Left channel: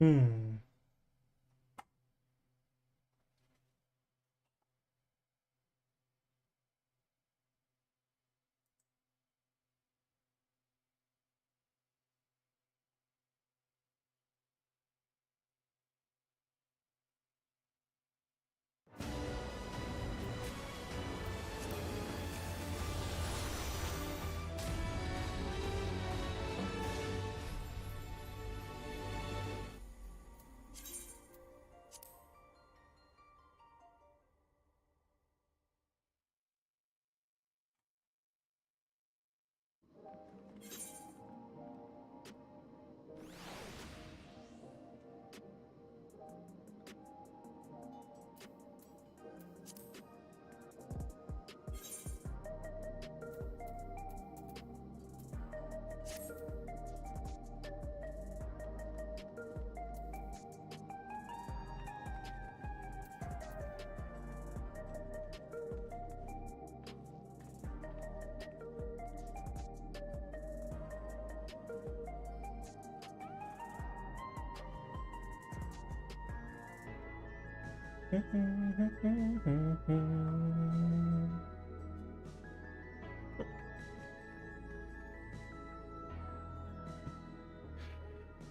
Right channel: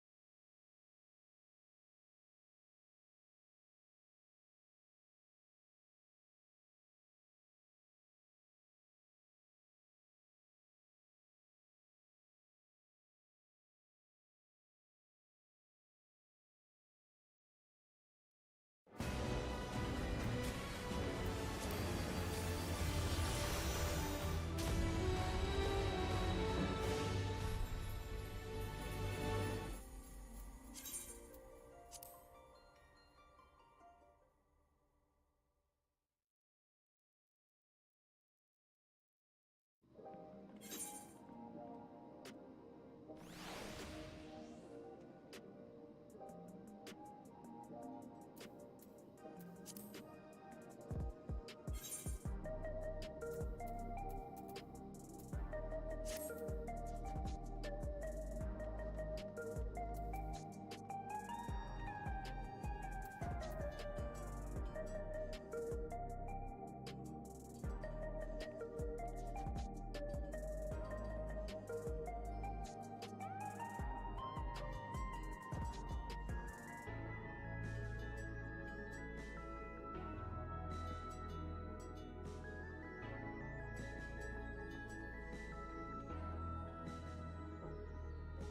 Hmm.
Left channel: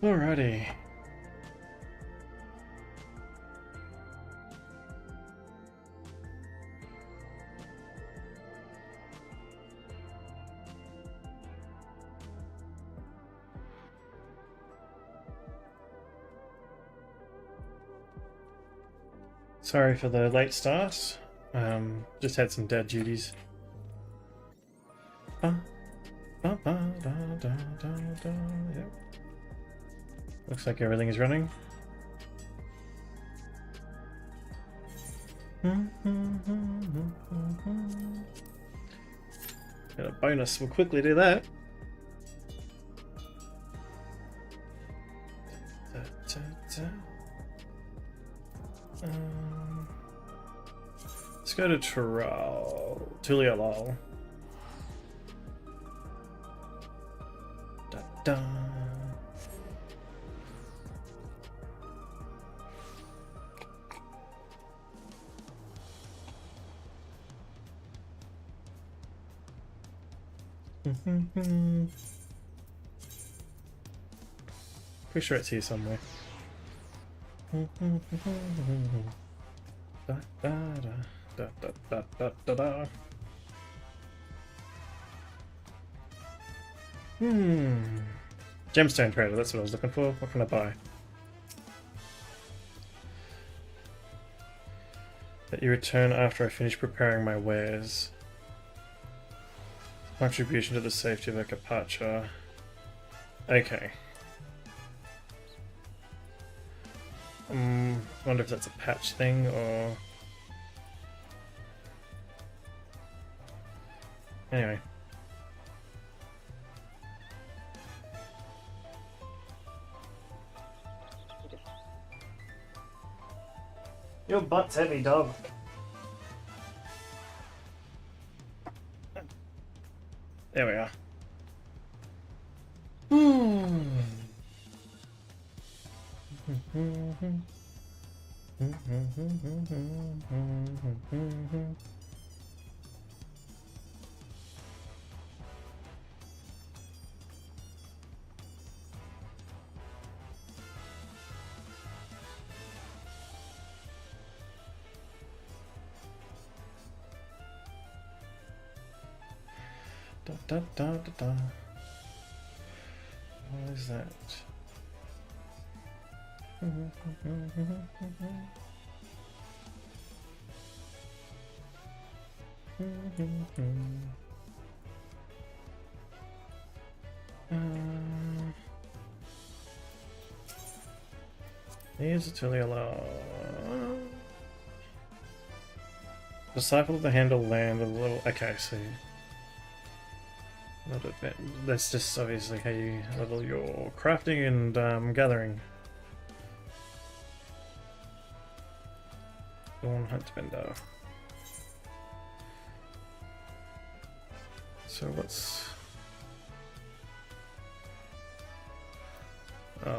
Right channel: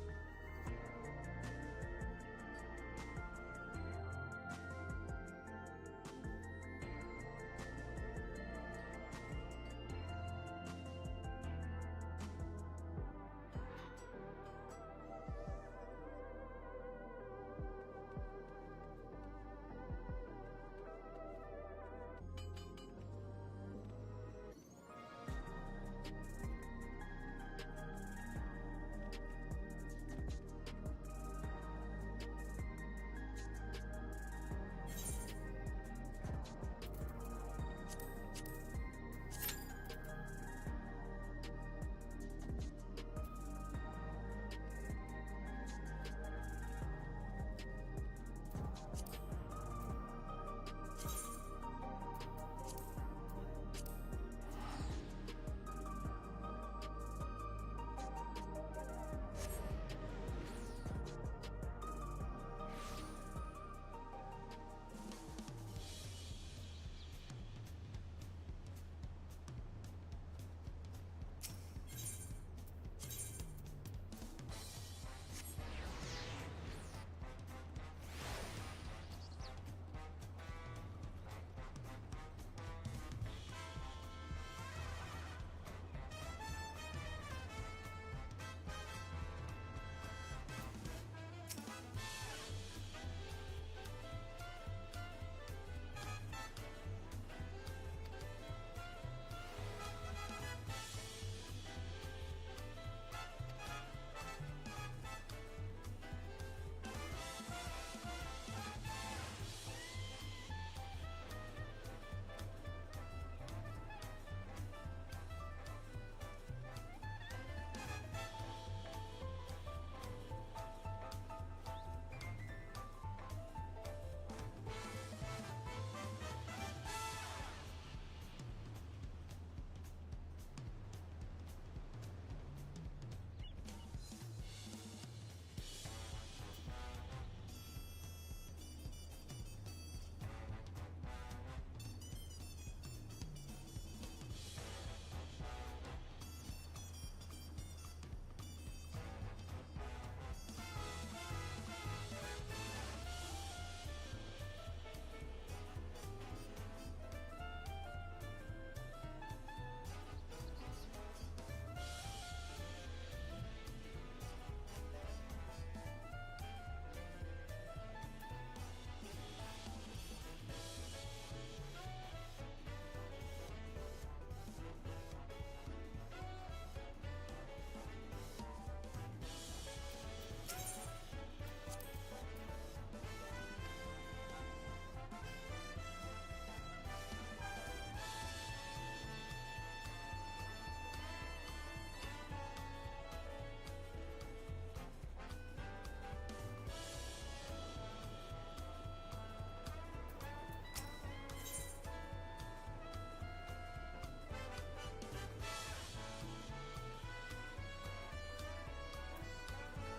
Alrighty. Sorry for the late start. Just had some dad duties. Yep. Looks like everything is running. Got a bonus, we'll quickly do that. Let's go to Tulia Lal. Da, da. Pretty sure it's here somewhere. Da, da, da, da, da, da, da. Gemstone trader, that's what I was looking for. What can I buy? That you return after I finish preparing my wares. Contribution to the safety of a Capacha. Okay. Wonder if that's a patch thing or... Anyway. Your butt's heavy, dog. There we are. Da, da, da, da. What is that? Here's a Tulia Lal. Disciple of the Handle land a little. Okay, so a little bit. That's just obviously how you level your crafting and gathering. Dawn Hunt Bender. So what's...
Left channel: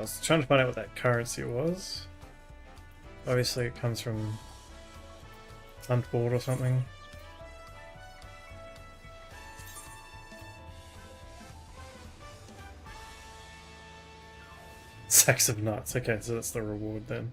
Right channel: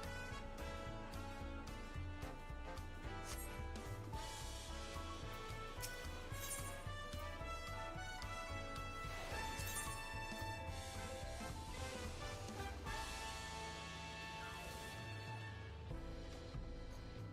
I was trying to find out what that currency was. Obviously it comes from Huntboard or something. Sacks of nuts. Okay, so that's the reward then.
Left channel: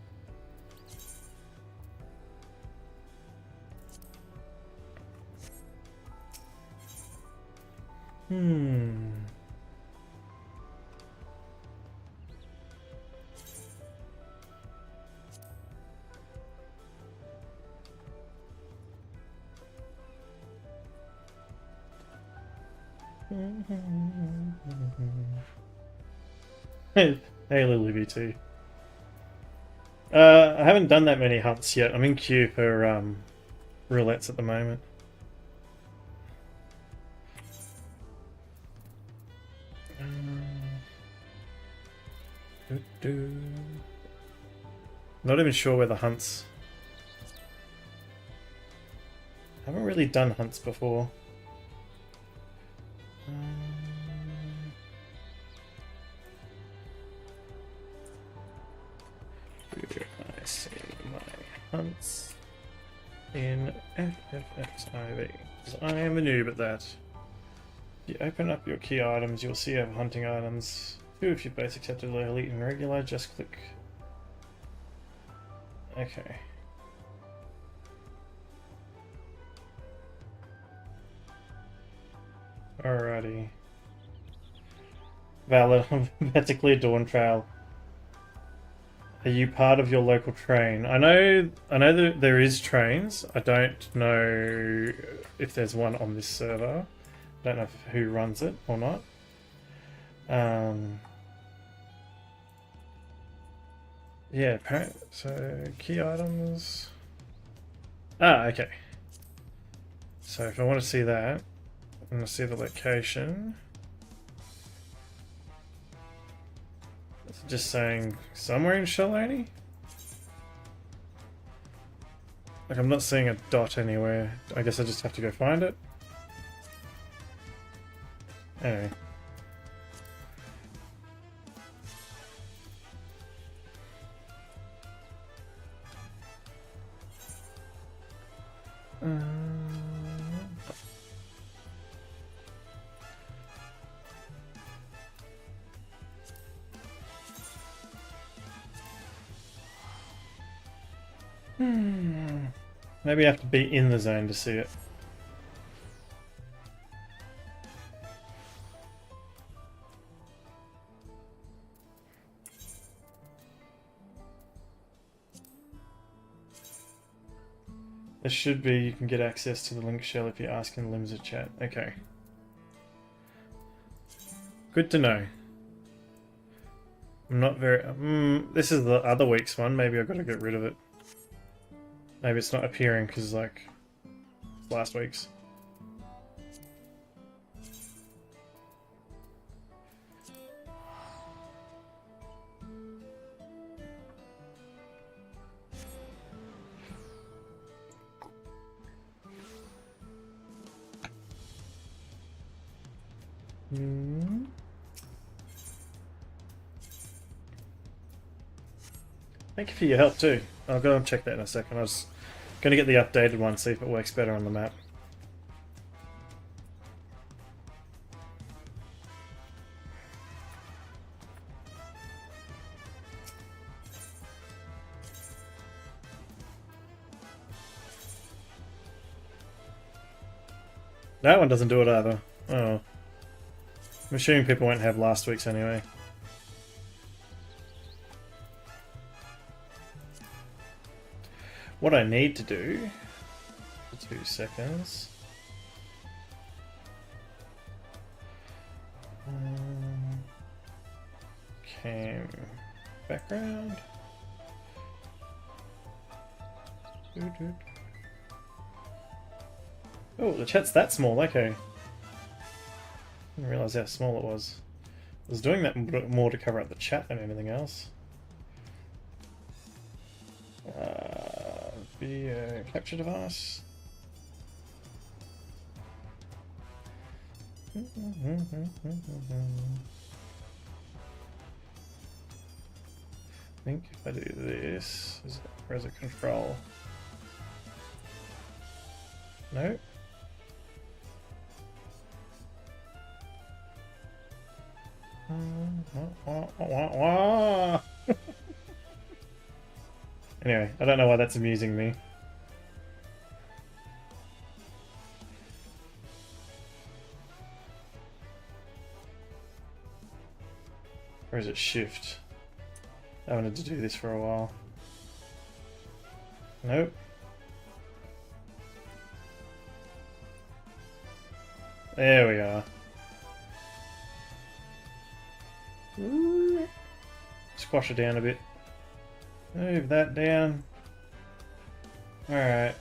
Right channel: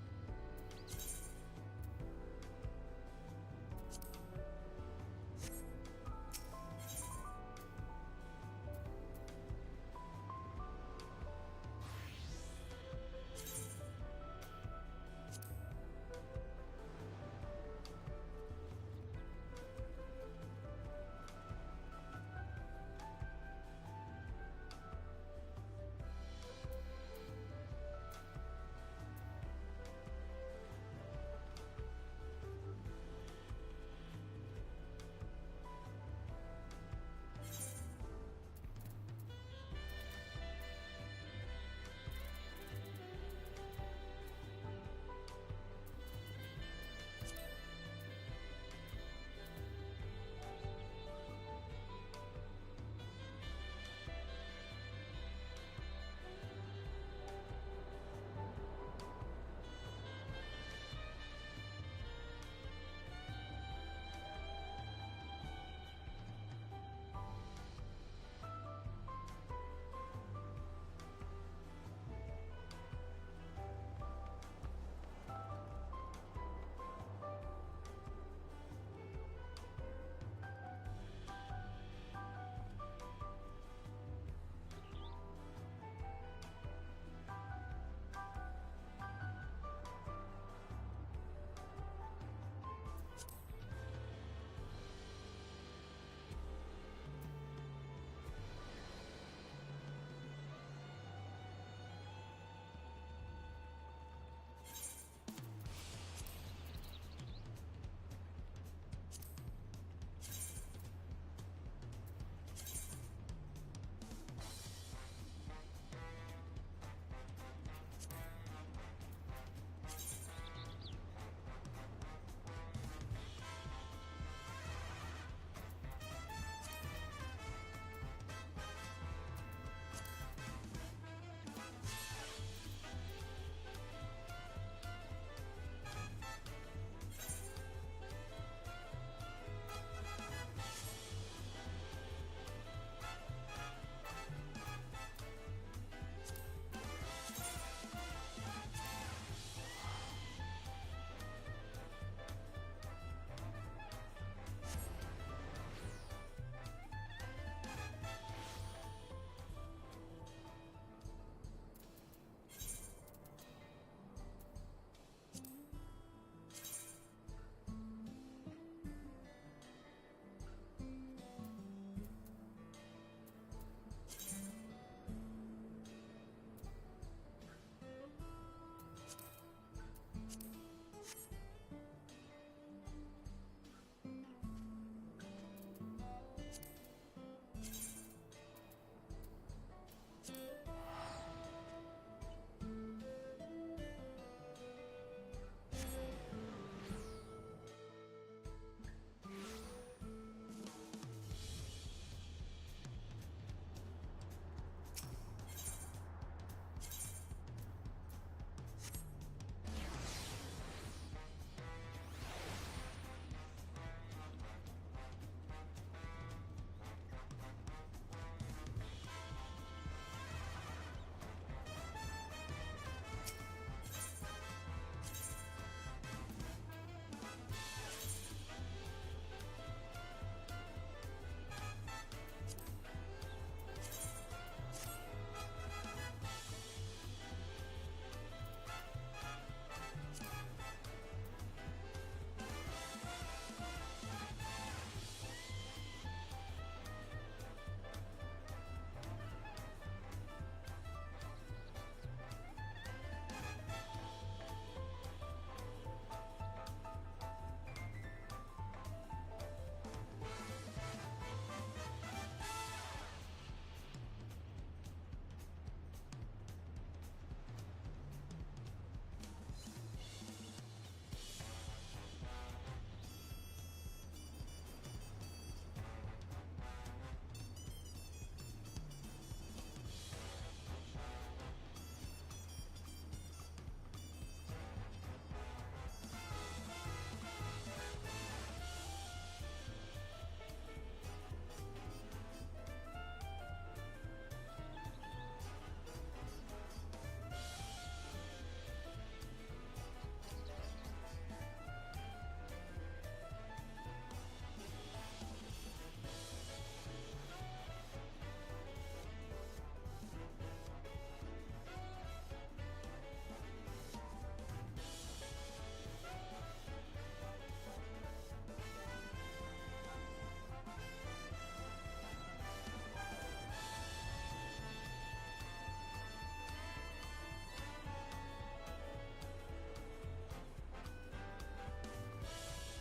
Hey, Lily BT. I haven't done that many hunts yet. I'm in queue for roulettes at the moment. Not even sure where the hunts. I haven't really done hunts before. I see my hunts in FFXIV. I am a noob at that. You open up your key items, you'll see you have hunting items. If you're both accepted elite and regular, just click. Okay. Alrighty. Valid. I'm about to clear Dawn Trail. Are you part of your local train? I know that there is trains. I don't know if there's one on this server. I don't know who runs it or not. Yeah, apparently. So, key items. Ah, okay. So if I want to see that, I'm going to see the location. It's just saying somewhere in Shalani? Like, I'm not seeing a dot anywhere. I guess I just have to go find it. Anyway. Maybe I have to be in the zone to see it. There should be, you can get access to the link shell if you ask in the limited chat. Okay. Good to know. I'm not very... this is the other week's one. Maybe I've got to get rid of it. Maybe it's not appearing because, like, last week's. Thank you for your help too. I'll go and check that in a second. I was going to get the updated one, see if it works better on the map. That one doesn't do it either. Oh. I'm assuming people won't have last week's anyway. What I need to do, 2 seconds. Cam background. Oh, the chat's that small, okay. Didn't realise how small it was. I was doing that more to cover up the chat than anything else. Video capture device. think if I do this, where's it control? No. Anyway, I don't know why that's amusing me. Or is it shift? I wanted to do this for a while. Nope. There we are. Ooh. Squash it down a bit. Move that down. Alright.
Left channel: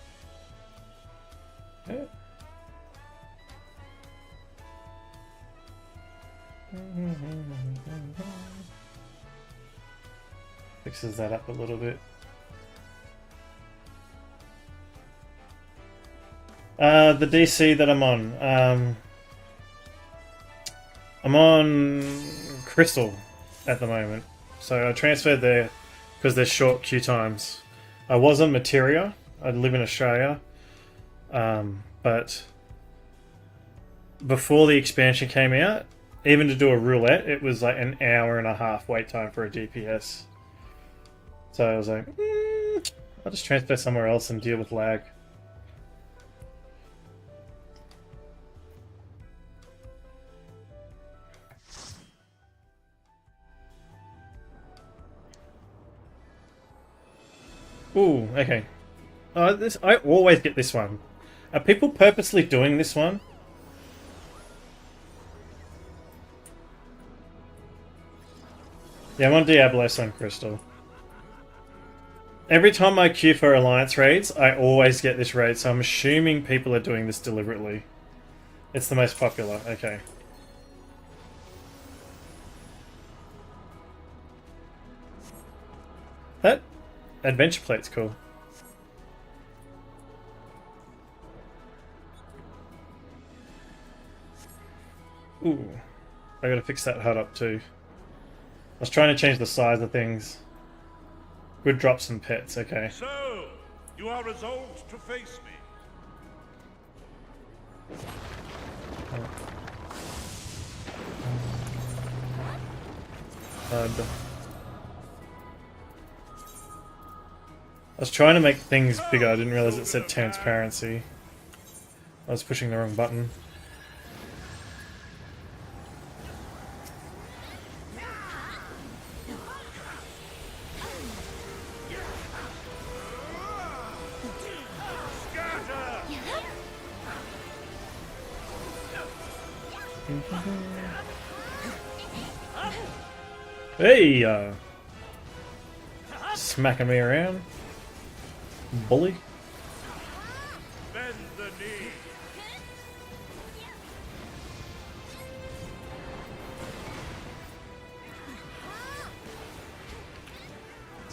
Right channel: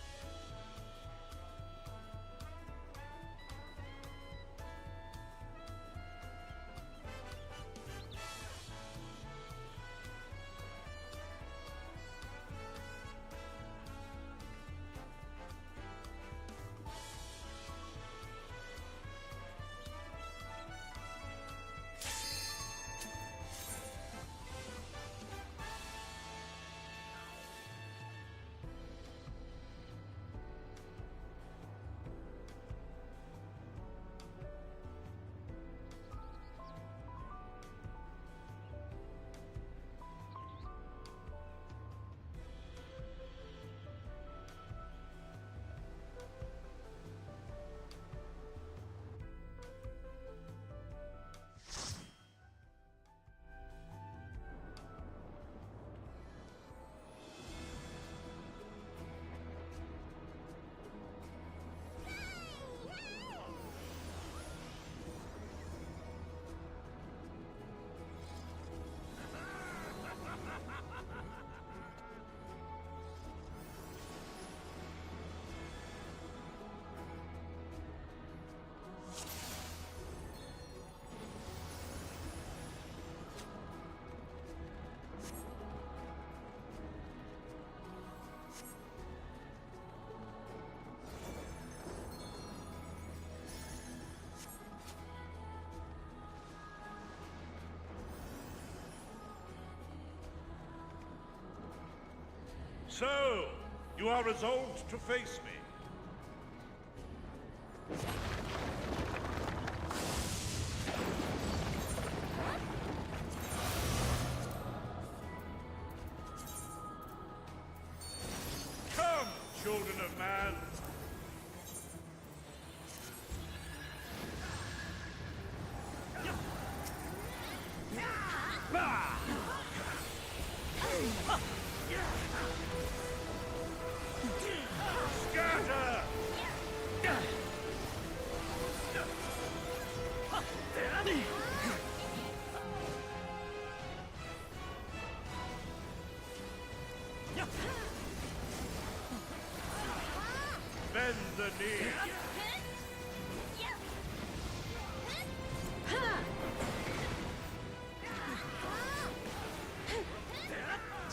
Fixes that up a little bit. The DC that I'm on. I'm on Crystal at the moment. So I transferred there because there's short queue times. I was on Materia. I live in Australia. But before the expansion came out, even to do a roulette, it was like an hour and a half wait time for a DPS. So I was like, I'll just transfer somewhere else and deal with lag. Ooh, okay. I always get this one. Are people purposely doing this one? Yeah, I'm on Diablos on Crystal. Every time I queue for Alliance raids, I always get this raid, so I'm assuming people are doing this deliberately. It's the most popular, okay. That adventure plate's cool. Ooh, I gotta fix that HUD up too. I was trying to change the size of things. Good drops and pets, okay. So, you are resolved to face me. I was trying to make things bigger, I didn't realize it said transparency. I was pushing the wrong button. Hey, smacking me around, bully. Bend the knee.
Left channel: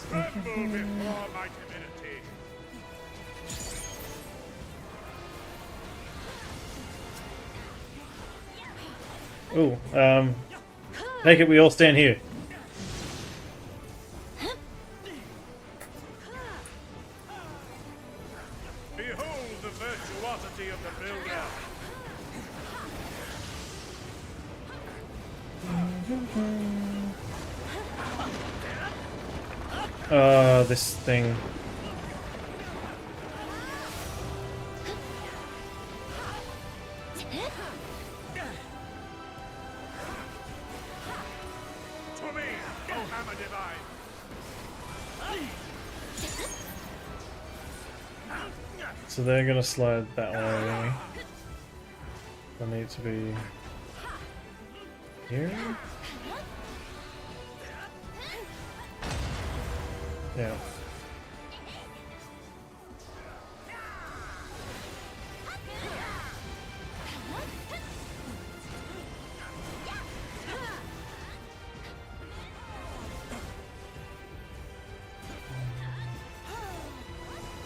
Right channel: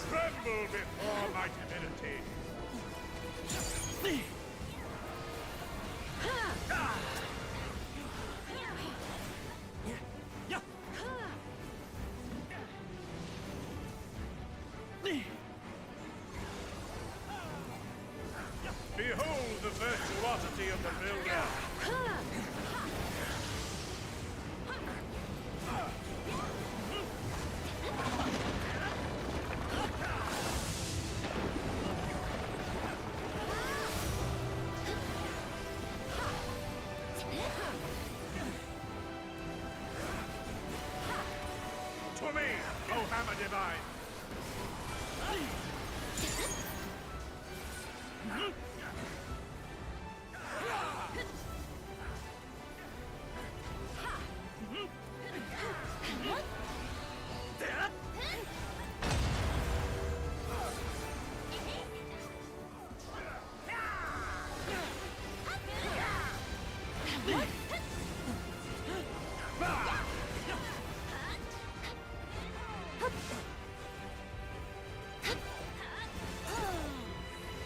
Tremble before my timidity. Ooh, make it we all stand here. Behold the virtuosity of the builder. This thing. To me, O hammer divine. So they're gonna slide that way. I need to be here. Yeah.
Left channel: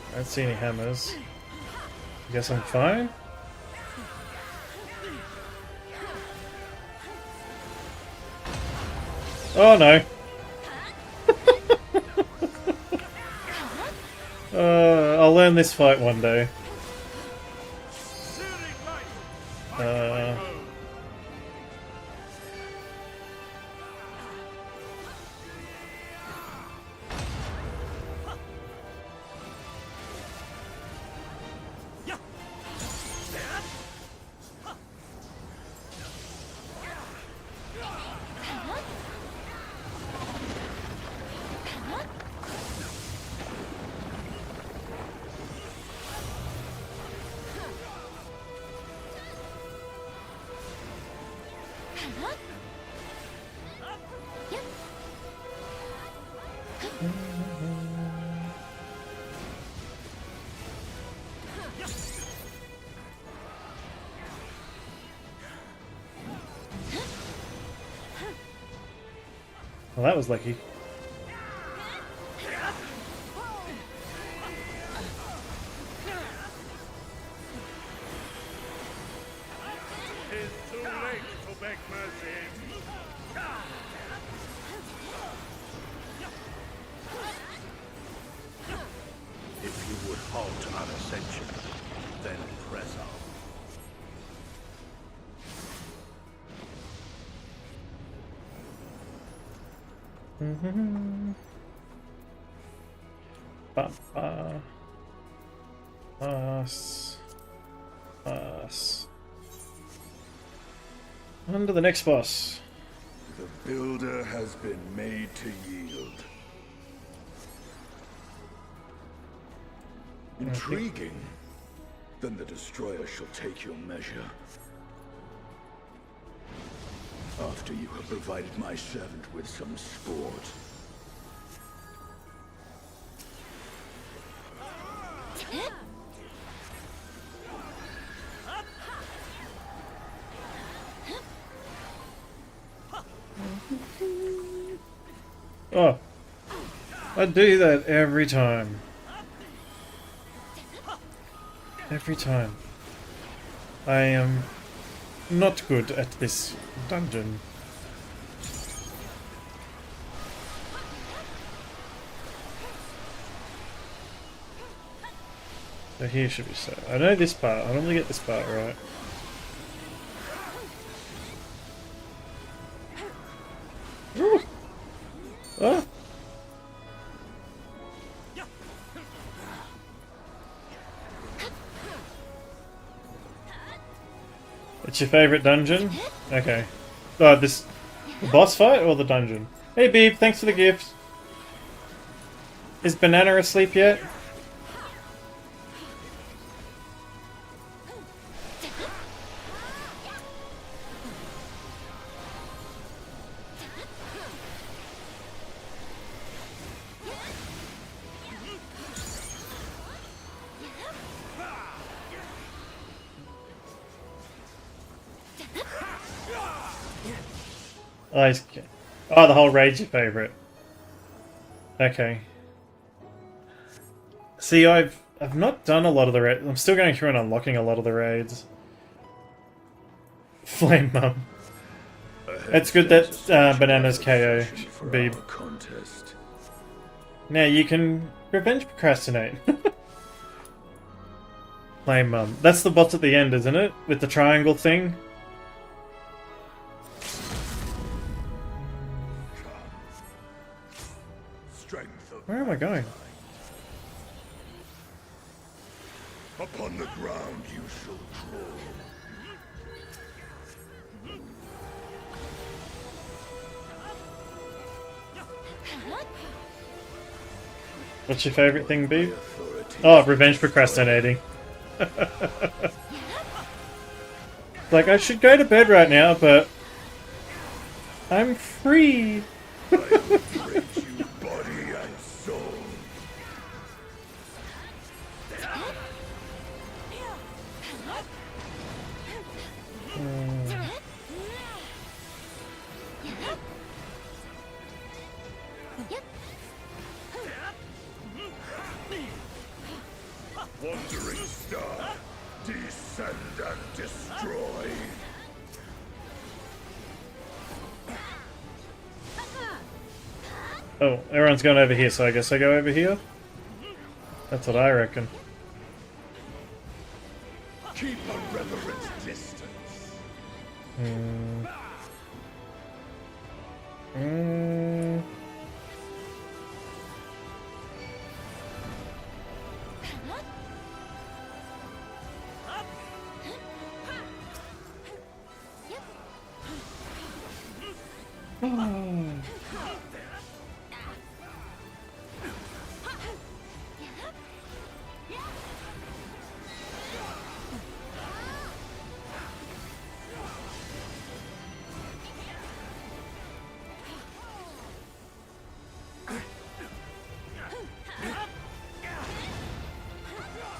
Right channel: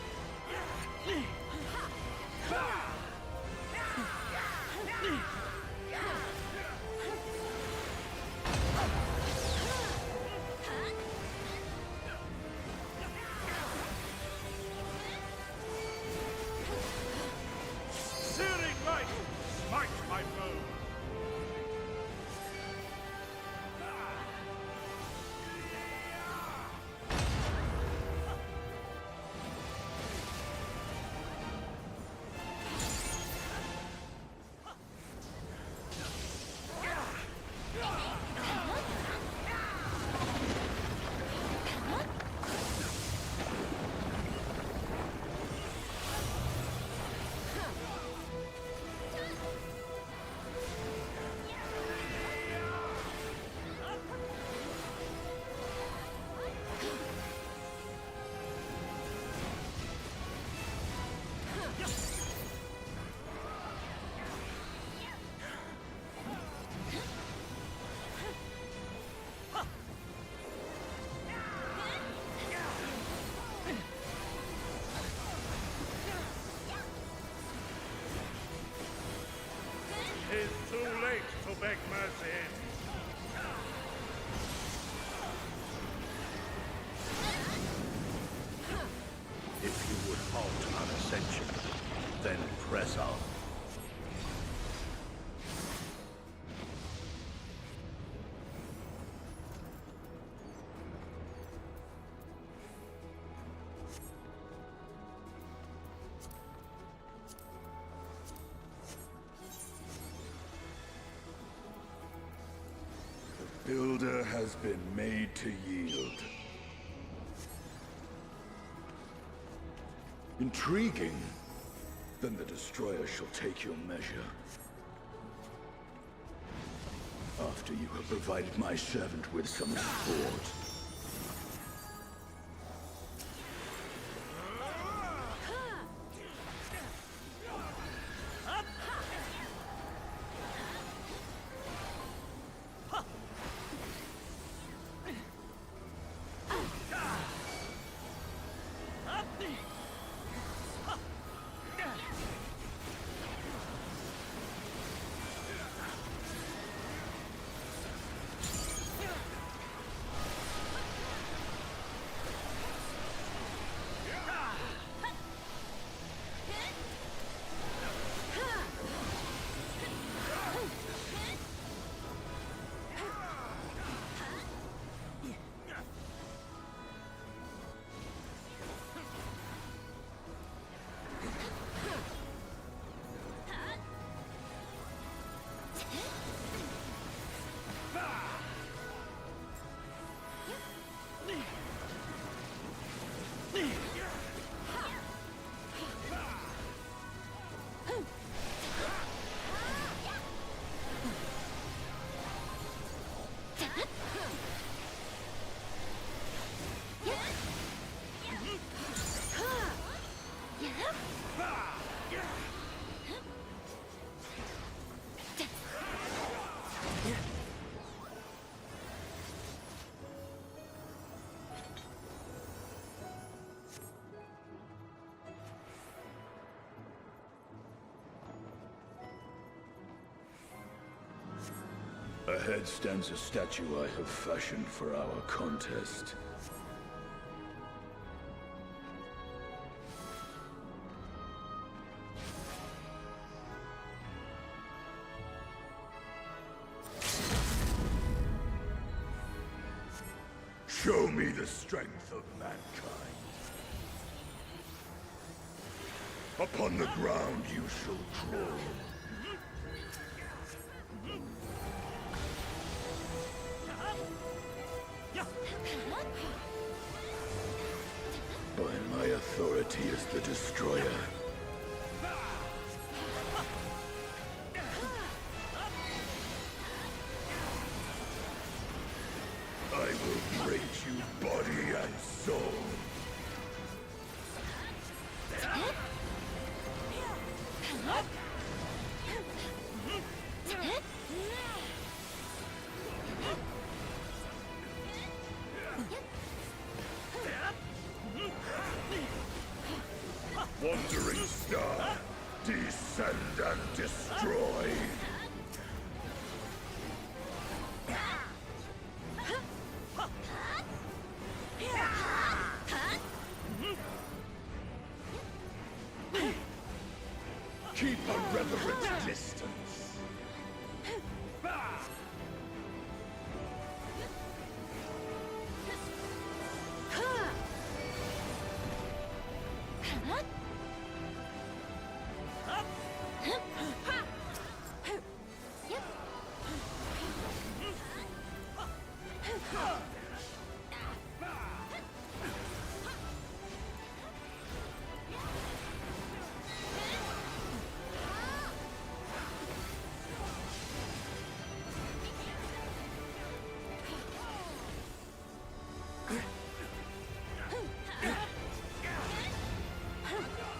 I don't see any hammers. Guess I'm fine. Oh no. I'll learn this fight one day. Searing light, smite my foe. Well, that was lucky. It's too late to beg mercy. If you would halt on ascension, then press on. On to the next boss. The builder has been made to yield. Intriguing. Then the destroyer shall take your measure. After you have provided my servant with some sport. Oh, I do that every time. Every time. I am not good at this dungeon. So here should be so. I know this part. I want to get this part right. Ooh. Ah. What's your favorite dungeon? Okay. Oh, the boss fight or the dungeon? Hey Beeb, thanks for the gift. Is Banana asleep yet? Oh, the whole raid's your favourite. Okay. See, I've not done a lot of the raids. I'm still going through and unlocking a lot of the raids. Flame Mum. It's good that Banana's KO, Beeb. Now you can revenge procrastinate. Flame Mum. That's the boss at the end, isn't it? With the triangle thing? Show me the strength of Where am I going? Upon the ground you shall crawl. What's your favourite thing, Beeb? Oh, revenge procrastinating. Like, I should go to bed right now, but I'm free. I will break you body and soul. Wandering star, descend and destroy. Oh, everyone's going over here, so I guess I go over here? That's what I reckon. Keep a reverent distance.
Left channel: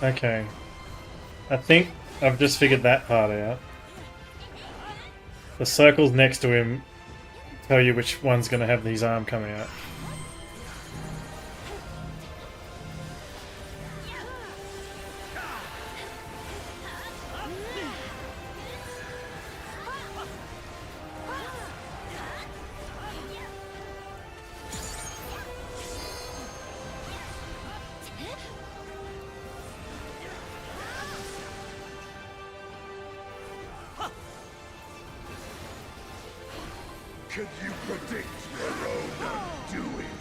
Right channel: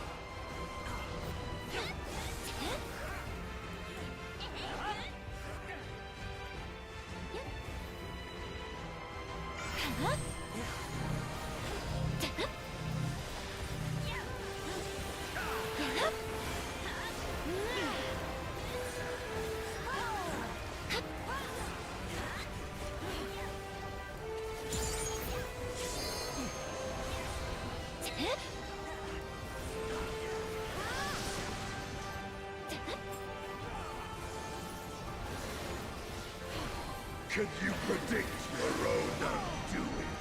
Okay. I think I've just figured that part out. The circles next to him tell you which one's going to have his arm coming out. Can you predict your own undoing?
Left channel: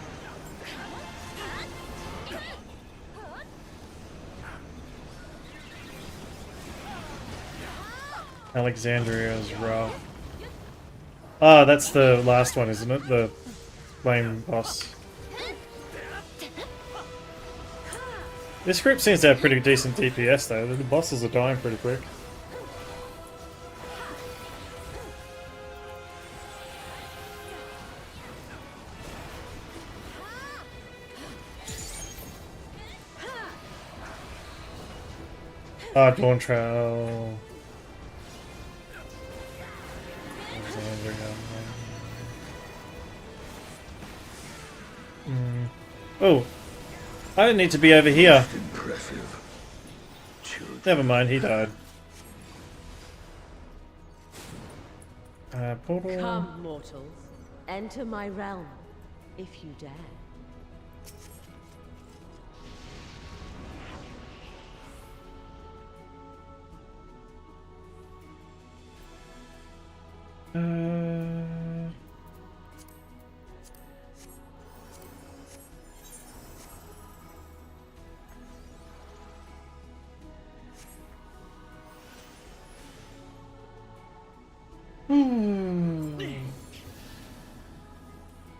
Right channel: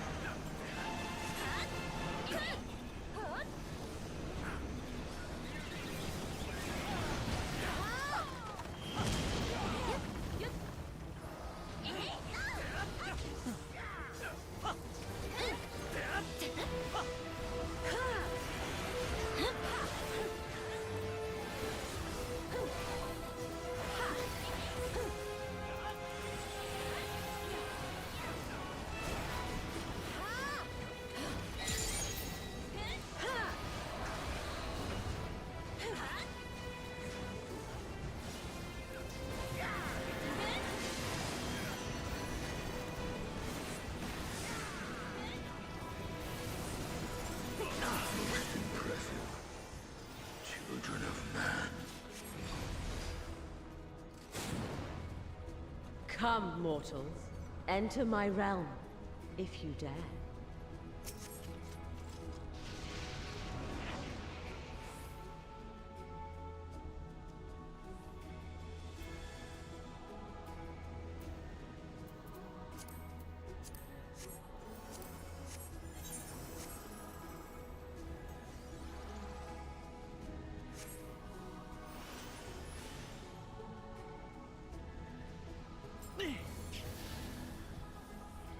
Alexandria's Ra. Ah, that's the last one, isn't it? The flame boss. This group seems to have pretty decent DPS though. The bosses are dying pretty quick. Ah, Dawn Trail. Oh, I didn't need to be over here. Impressive. Never mind, he died. Portal. Come, mortals. Enter my realm, if you dare.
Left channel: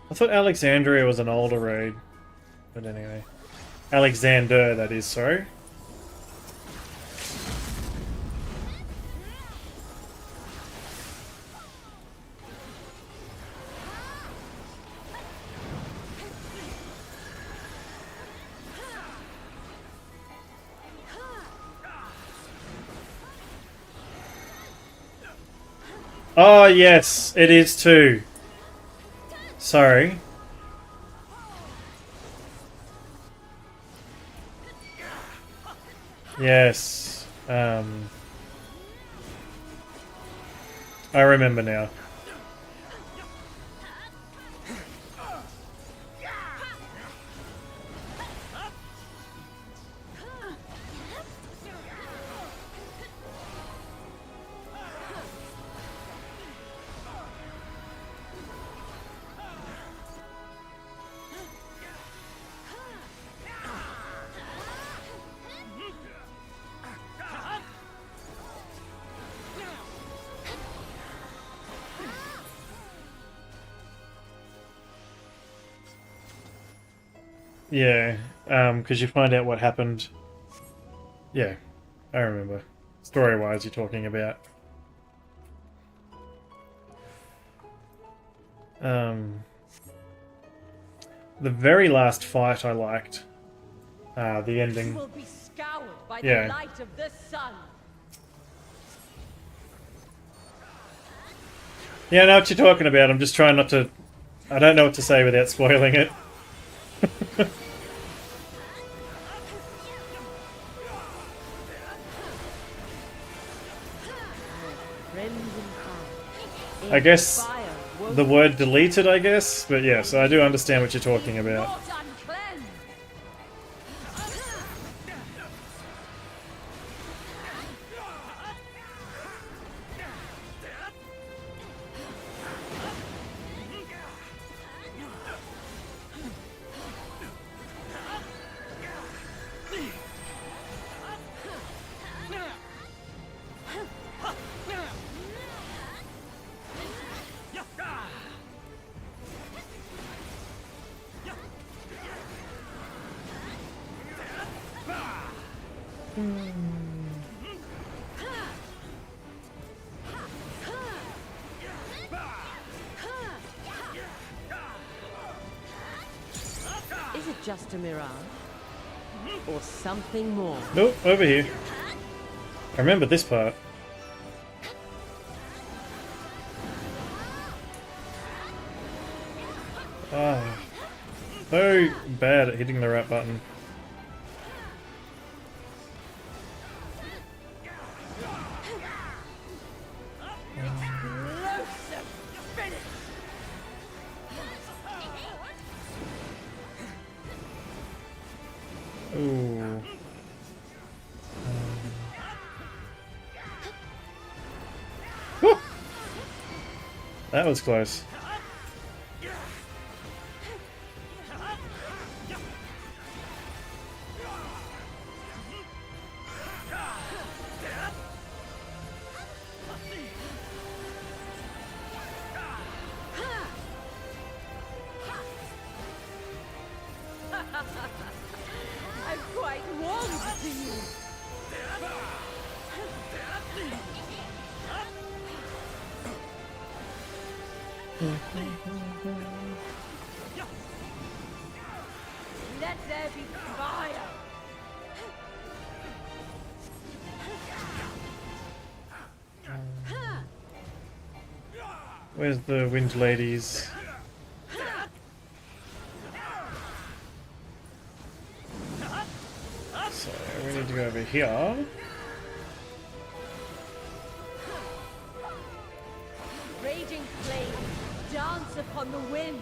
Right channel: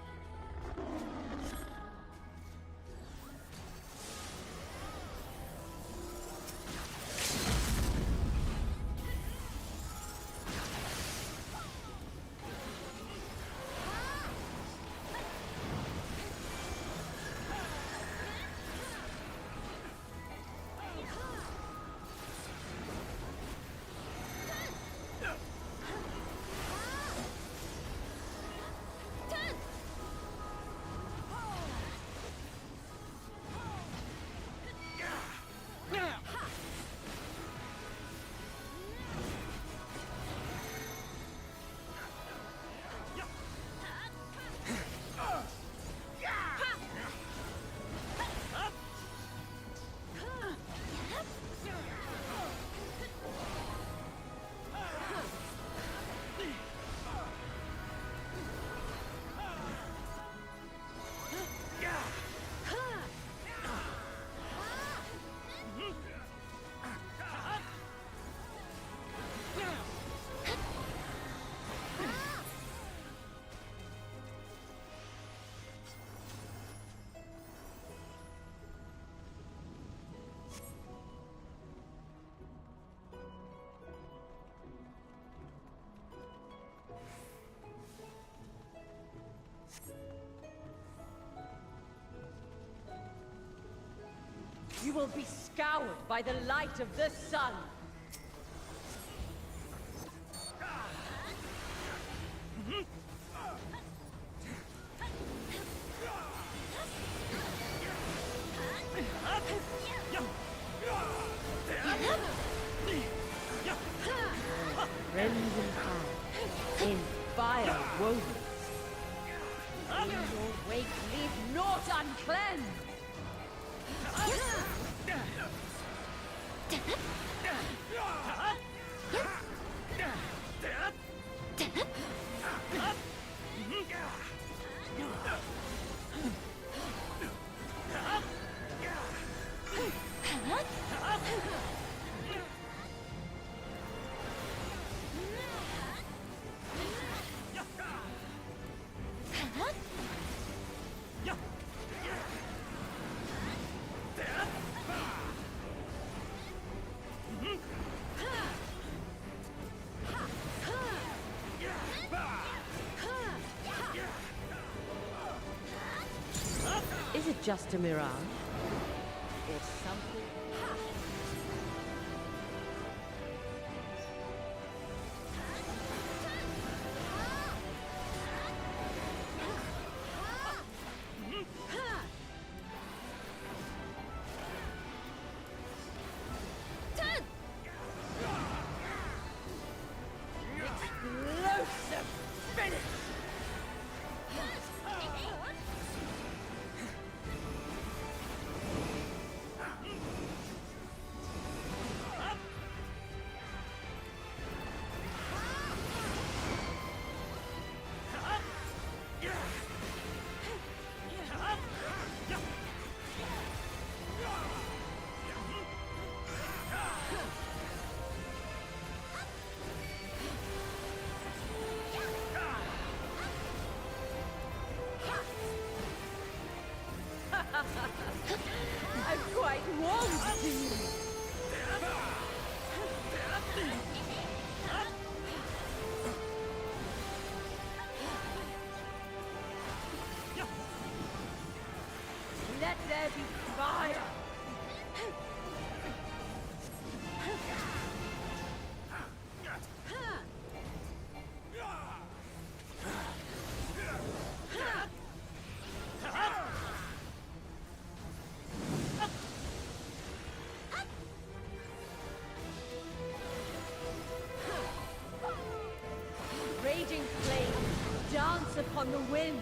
I thought Alexandria was an older raid, but anyway. Alexander, that is, sorry. Oh, yes, it is too. Sorry. Yes. I remember now. Yeah, because you find out what happened. Yeah, I remember. Story-wise, you're talking about. The very last fight I liked. The ending. You will be scoured by Yeah. the light of the sun. Yeah, I know what you're talking about. I'm just trying not to... I don't know what to say without spoiling it. I guess the word deleted, I guess, but yeah, so I do understand what you're talking about. Not uncleansed. just a mirage? Or something more? Nope, over here. I remember this part. Oh, so bad at hitting the right button. Ooh. Whew. That was close. I'm quite warm to you. Let there be fire. Where's the wind ladies? So we need to go over here. Raging flames dance upon the wind.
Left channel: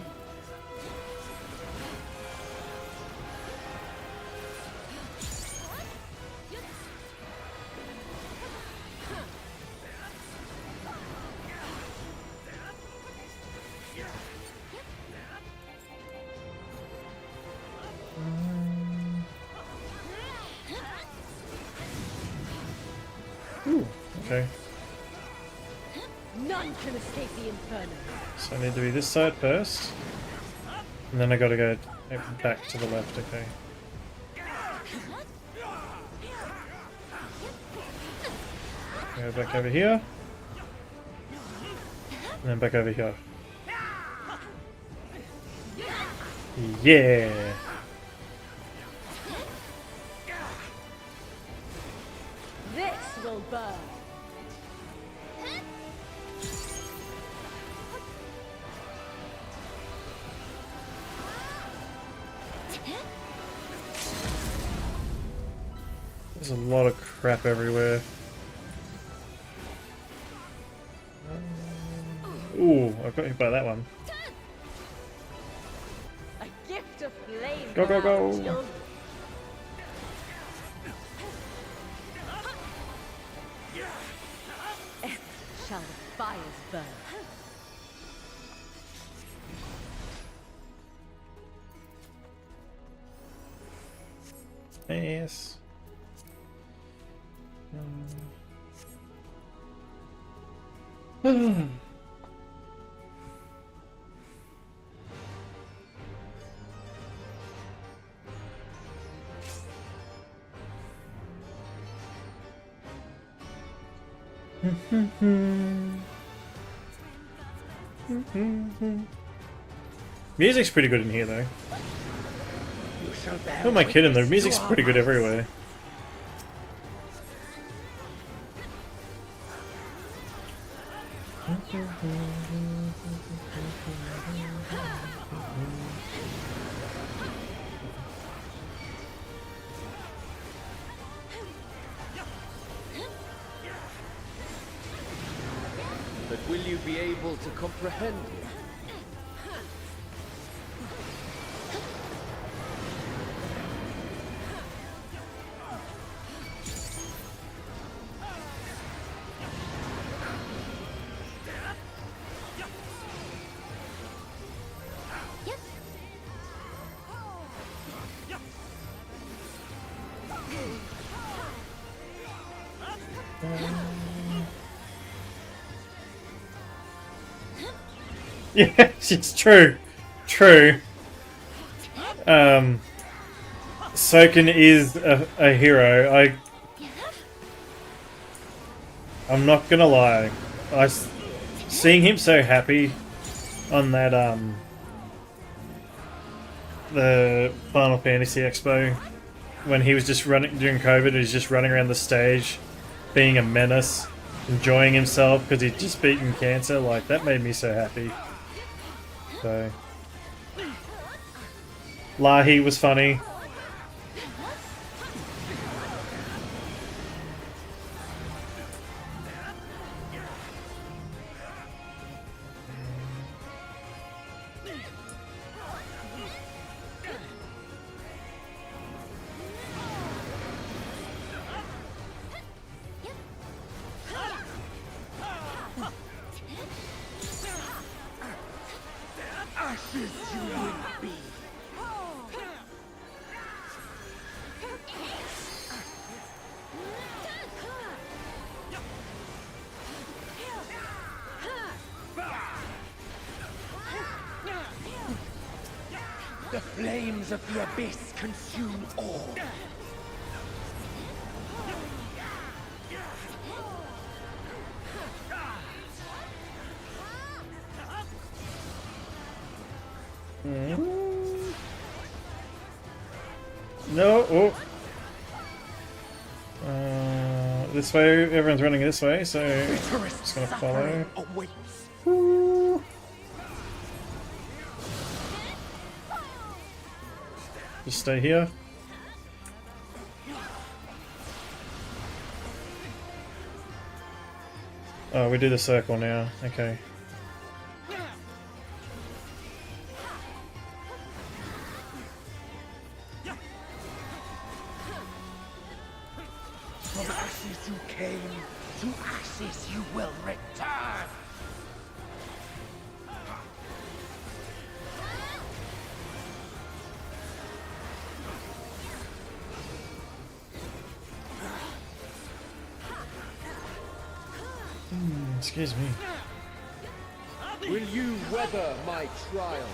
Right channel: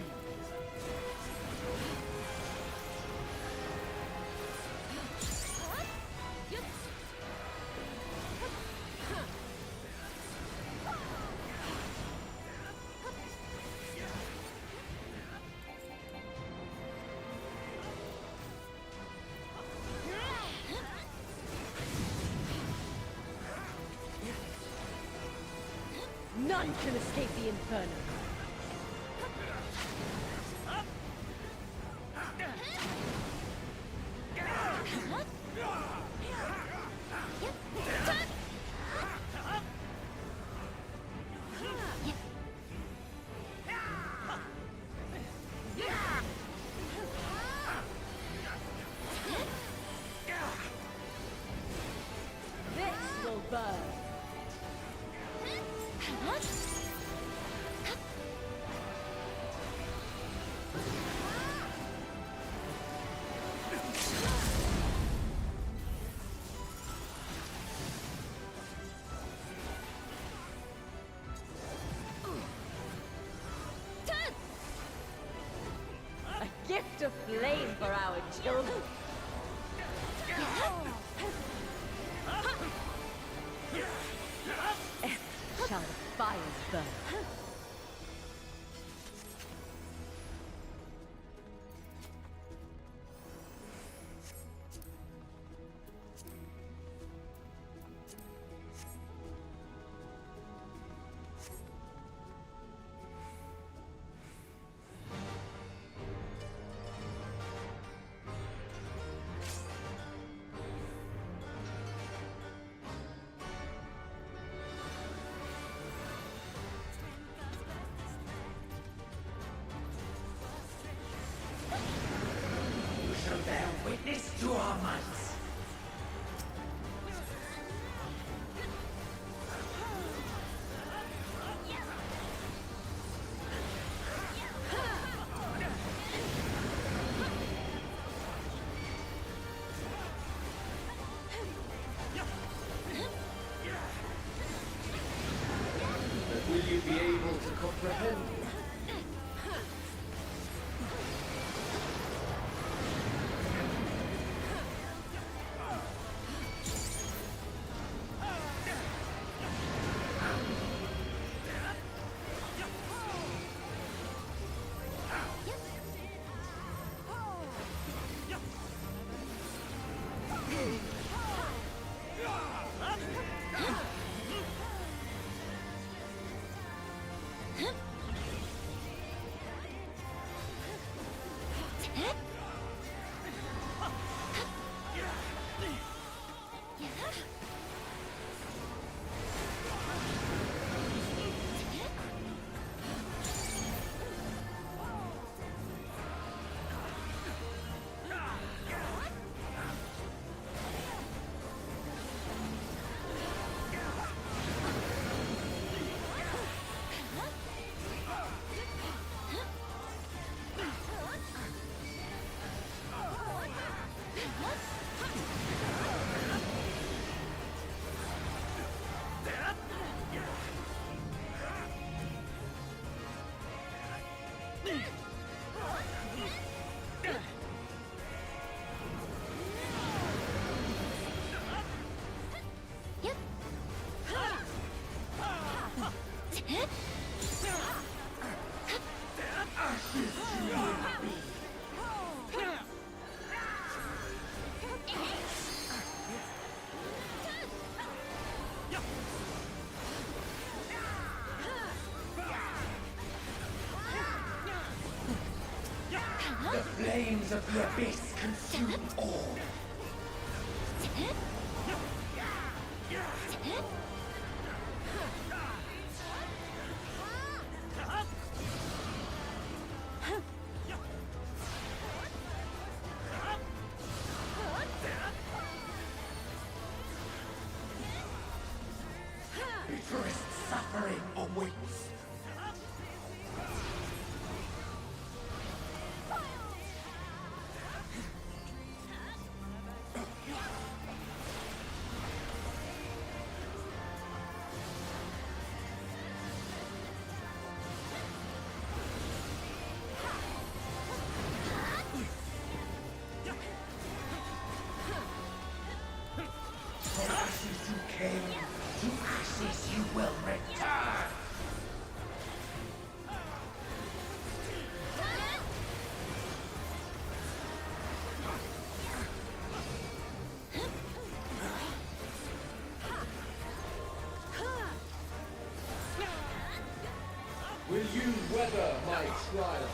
Okay, None can escape the inferno. so I need to be this side first. And then I gotta go back to the left, okay. Go back over here. And then back over here. Yeah! This will burn. There's a lot of crap everywhere. Ooh, I got hit by that one. A gift of flame Go, for go, our go. children. Shall the fires burn? Yes. Music's pretty good in here, though. Who am I kidding? The music's pretty good everywhere. But will you be able to comprehend it? Yes, it's true. True. Soken is a hero. I'm not gonna lie. Seeing him so happy on that the Final Fantasy Expo when he was just running during COVID. He was just running around the stage, being a menace, enjoying himself because he'd just beaten cancer. Like, that made me so happy. So, Lahi was funny. The flames of the abyss consume all. No, oh. This way, everyone's running this way, so just gonna follow. Woo. Just stay here. Oh, we do the circle now. Okay. From ashes you came, to ashes you will return. Excuse me. Will you weather my trial?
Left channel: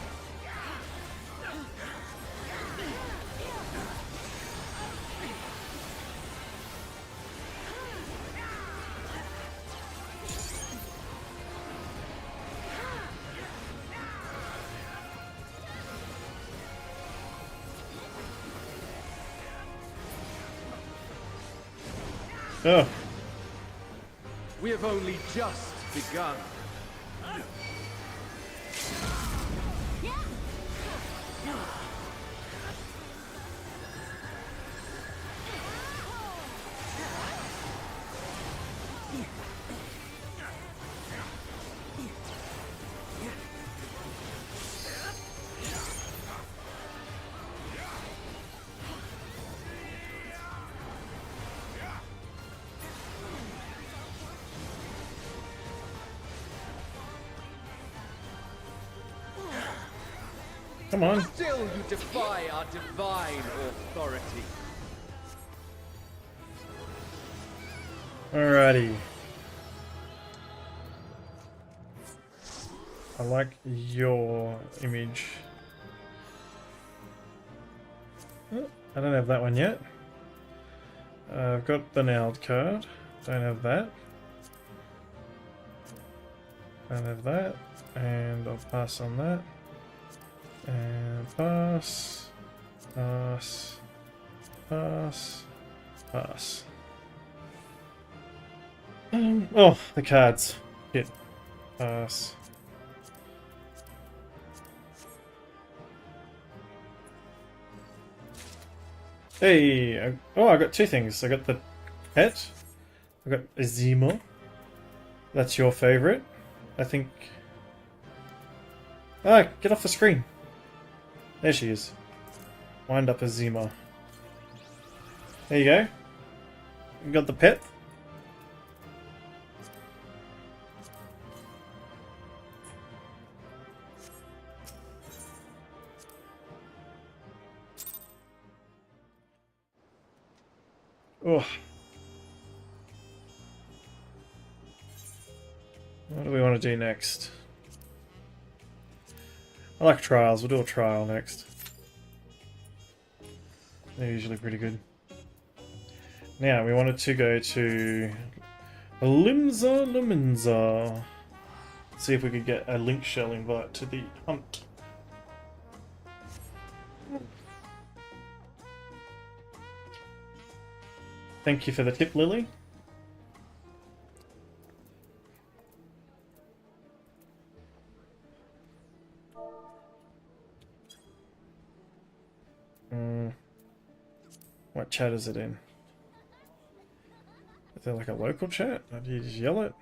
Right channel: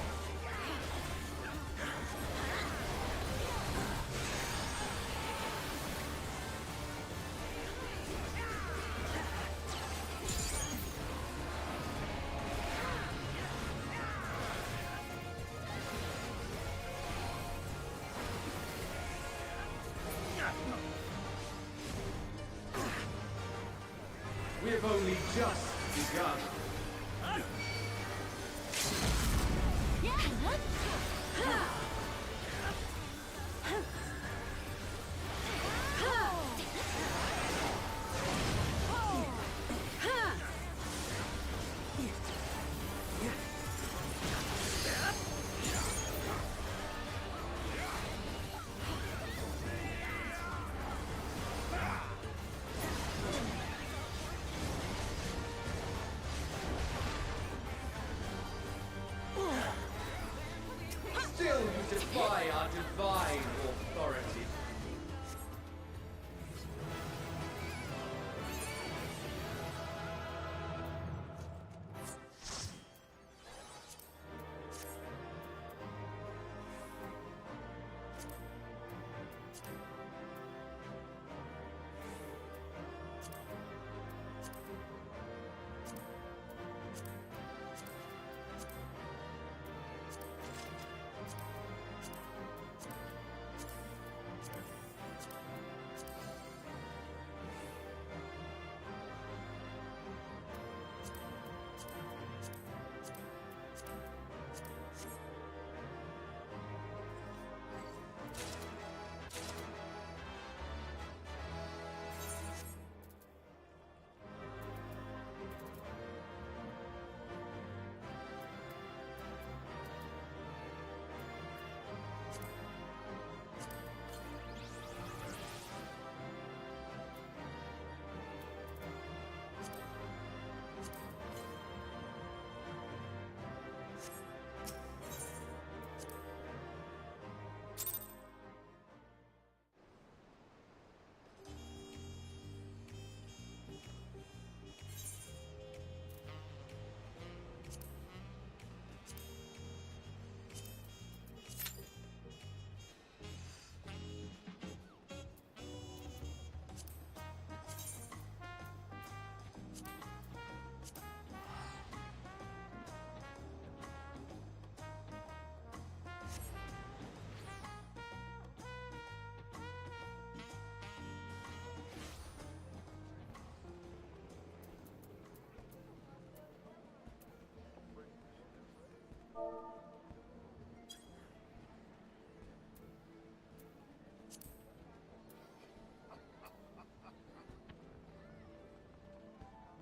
Oh. We have only just begun. Come on. Still you defy our divine authority. Alrighty. I like your image. Oh, I don't have that one yet. I've got the nailed card. Don't have that. Don't have that. And I'll pass on that. And pass. Pass. Pass. Pass. Oh, the cards. Hit. Pass. Hey! I got two things. I got the pet. I got Azima. That's your favorite, I think. Ah, get off the screen. There she is. Wind up Azima. There you go. You got the pet. Oh. What do we want to do next? I like trials. We'll do a trial next. They're usually pretty good. Now, we wanted to go to Limza Luminza. See if we could get a link shell invite to the hunt. Thank you for the tip, Lily. What chat is it in? Is there like a local chat? Or do you just yell it?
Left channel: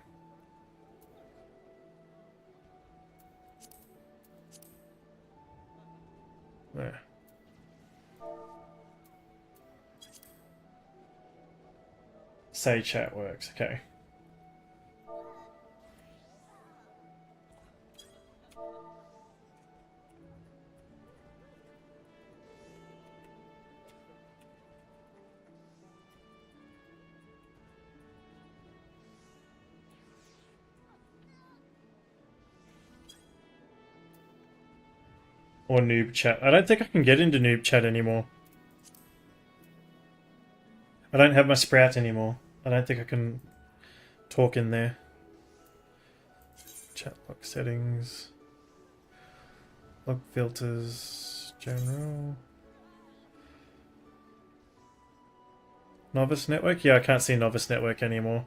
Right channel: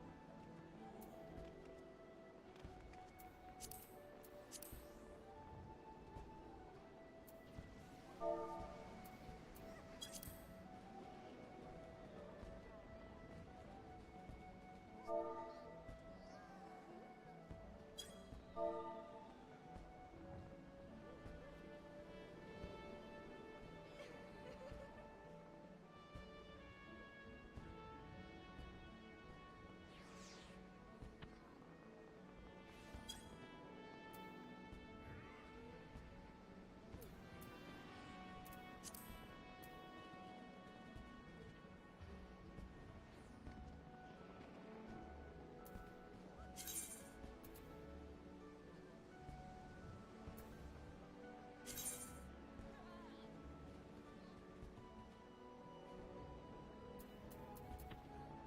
There. Say chat works, okay. Or noob chat. I don't think I can get into noob chat anymore. I don't have my sprout anymore. I don't think I can talk in there. Chat box settings. Log filters. General. Novice network? Yeah, I can't see novice network anymore.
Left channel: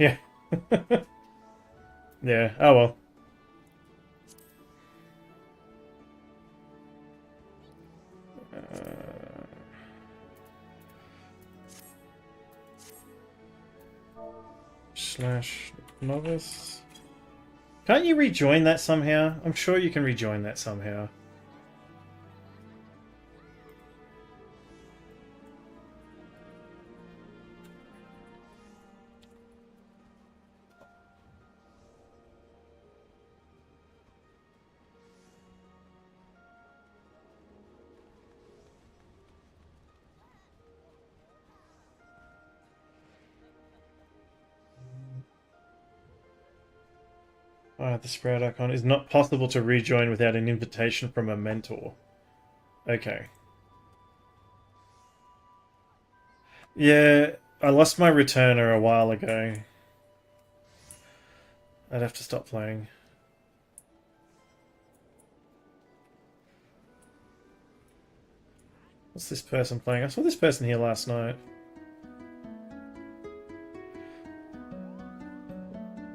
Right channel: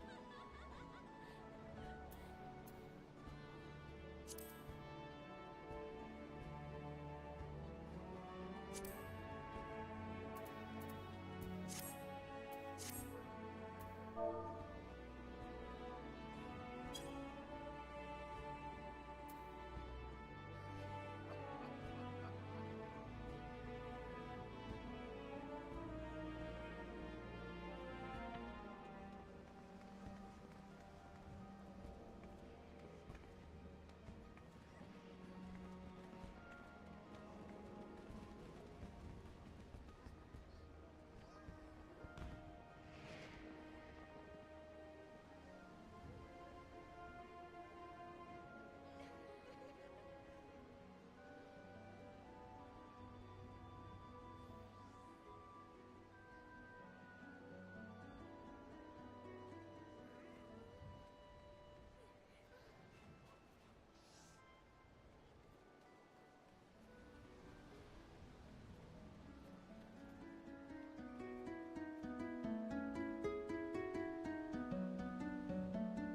Yeah. Yeah, oh well. Slash novice. Can't you rejoin that somehow? I'm sure you can rejoin that somehow. The sprout icon is not possible to rejoin without an invitation from a mentor. Okay. Yeah, I lost my returner a while ago. I'd have to stop playing. What's this person playing? I saw this person here last night.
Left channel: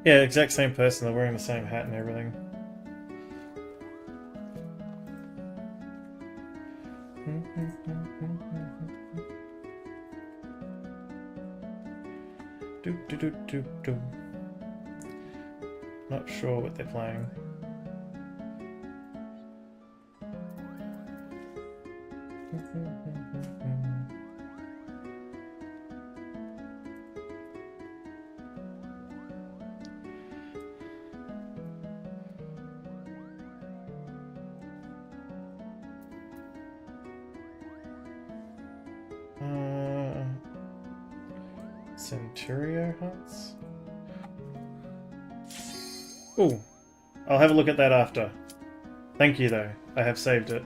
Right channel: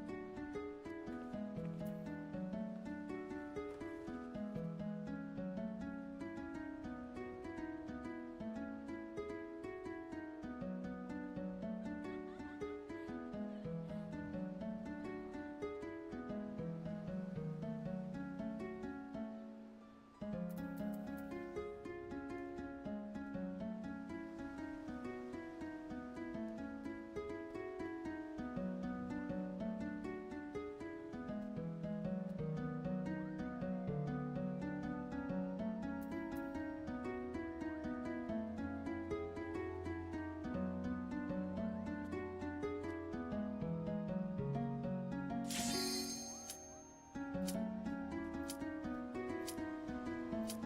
Yeah, exact same person. They're wearing the same hat and everything. Not sure what they're playing. Centurio hunts? Ooh, I'll have a look at that after. Thank you though, I have saved it.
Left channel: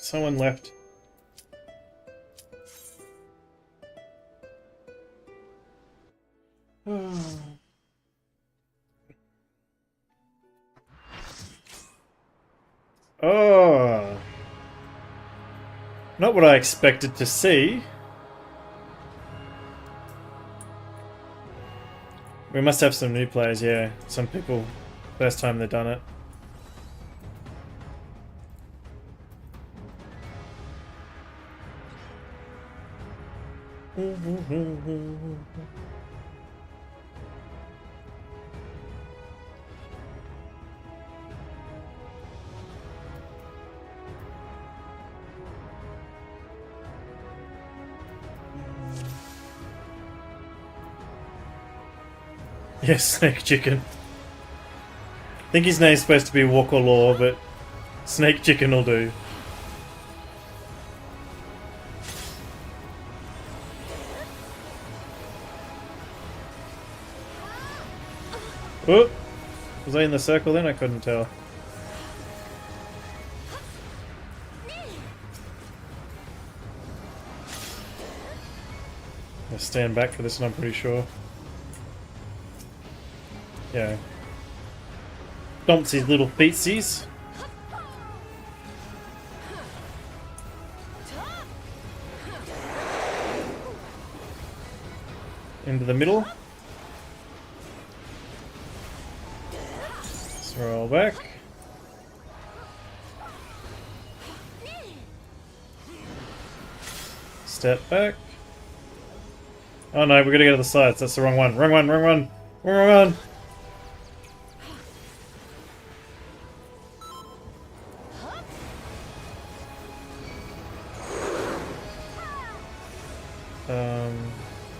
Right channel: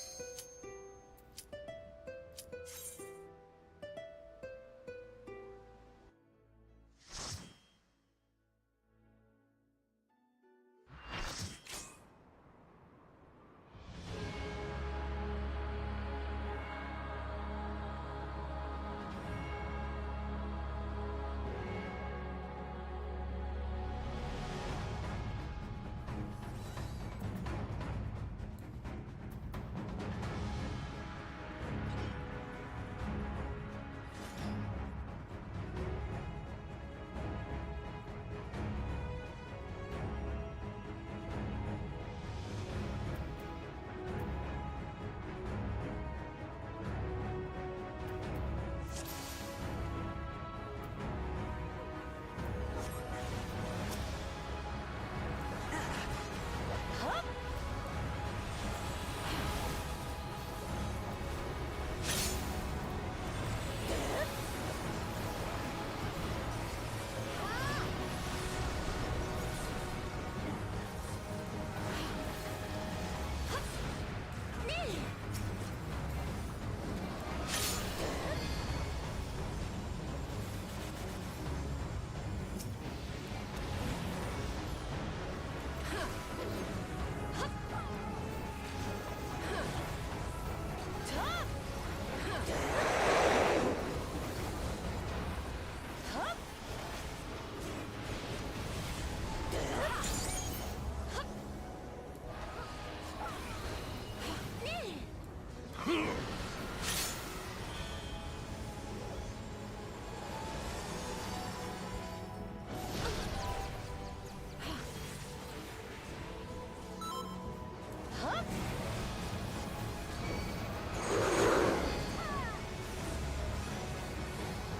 Someone left. Oh, not what I expected to see. We must have some new players, yeah. Some people, first time they've done it. Yes, Snake Chicken. I think his name's supposed to be Walker Law, but Snake Chicken will do. Oh! Was I in the circle then? I couldn't tell. I'll stand back for this one, I'm pretty sure. Yeah. Stomps his little feetsies. Into the middle. Roll back. Step back. Oh no, we gotta go to the sides. That's the wrong one. Wrong one, wrong one. Wrong one.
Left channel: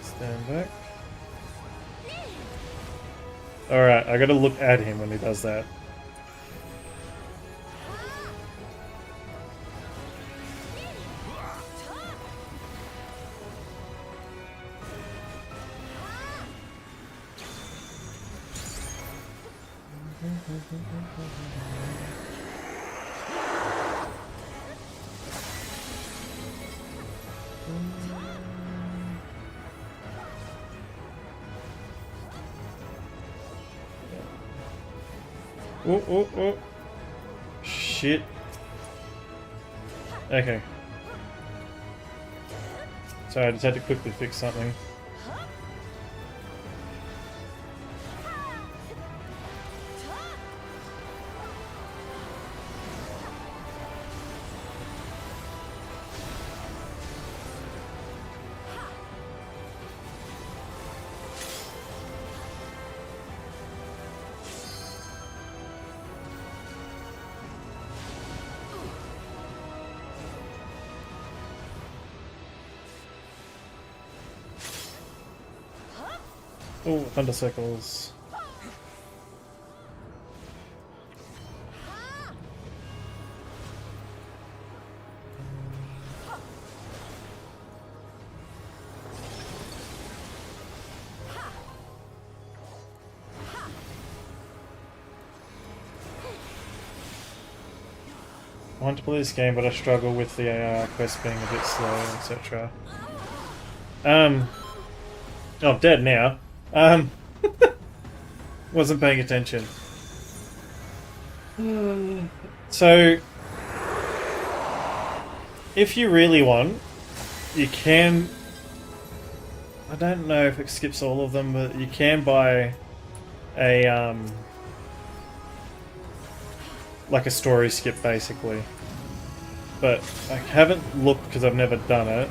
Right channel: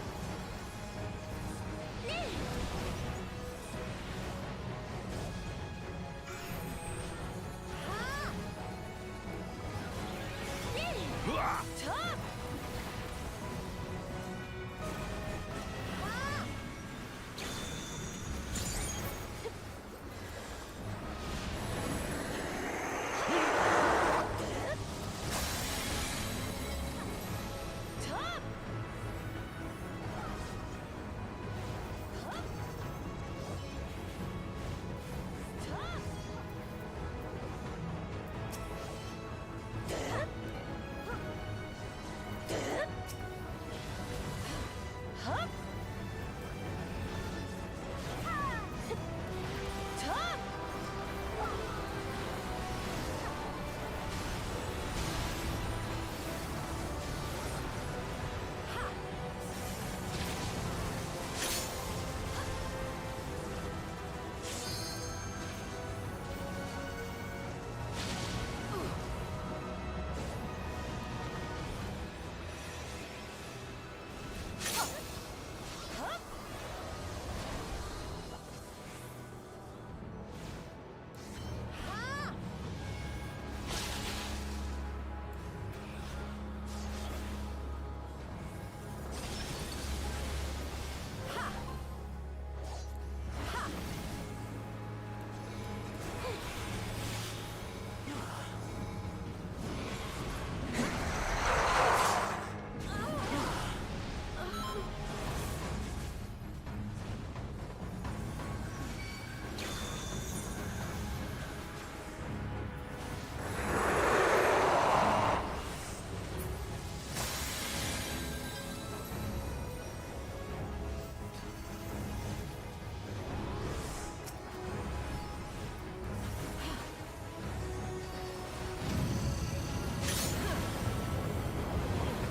Stand back. Alright, I gotta look at him when he does that. Oh, oh, oh. Shit. Okay. Sorry, I just had to quickly fix something. Oh, thunder circles. I want to play this game, but I struggle with the AI quest being a bit slow, etc. Oh, I'm dead now. Wasn't paying attention. So, if you really want, you can... I don't know if it skips all of them, but you can buy a, like a story skip, basically. But I haven't looked because I've never done it.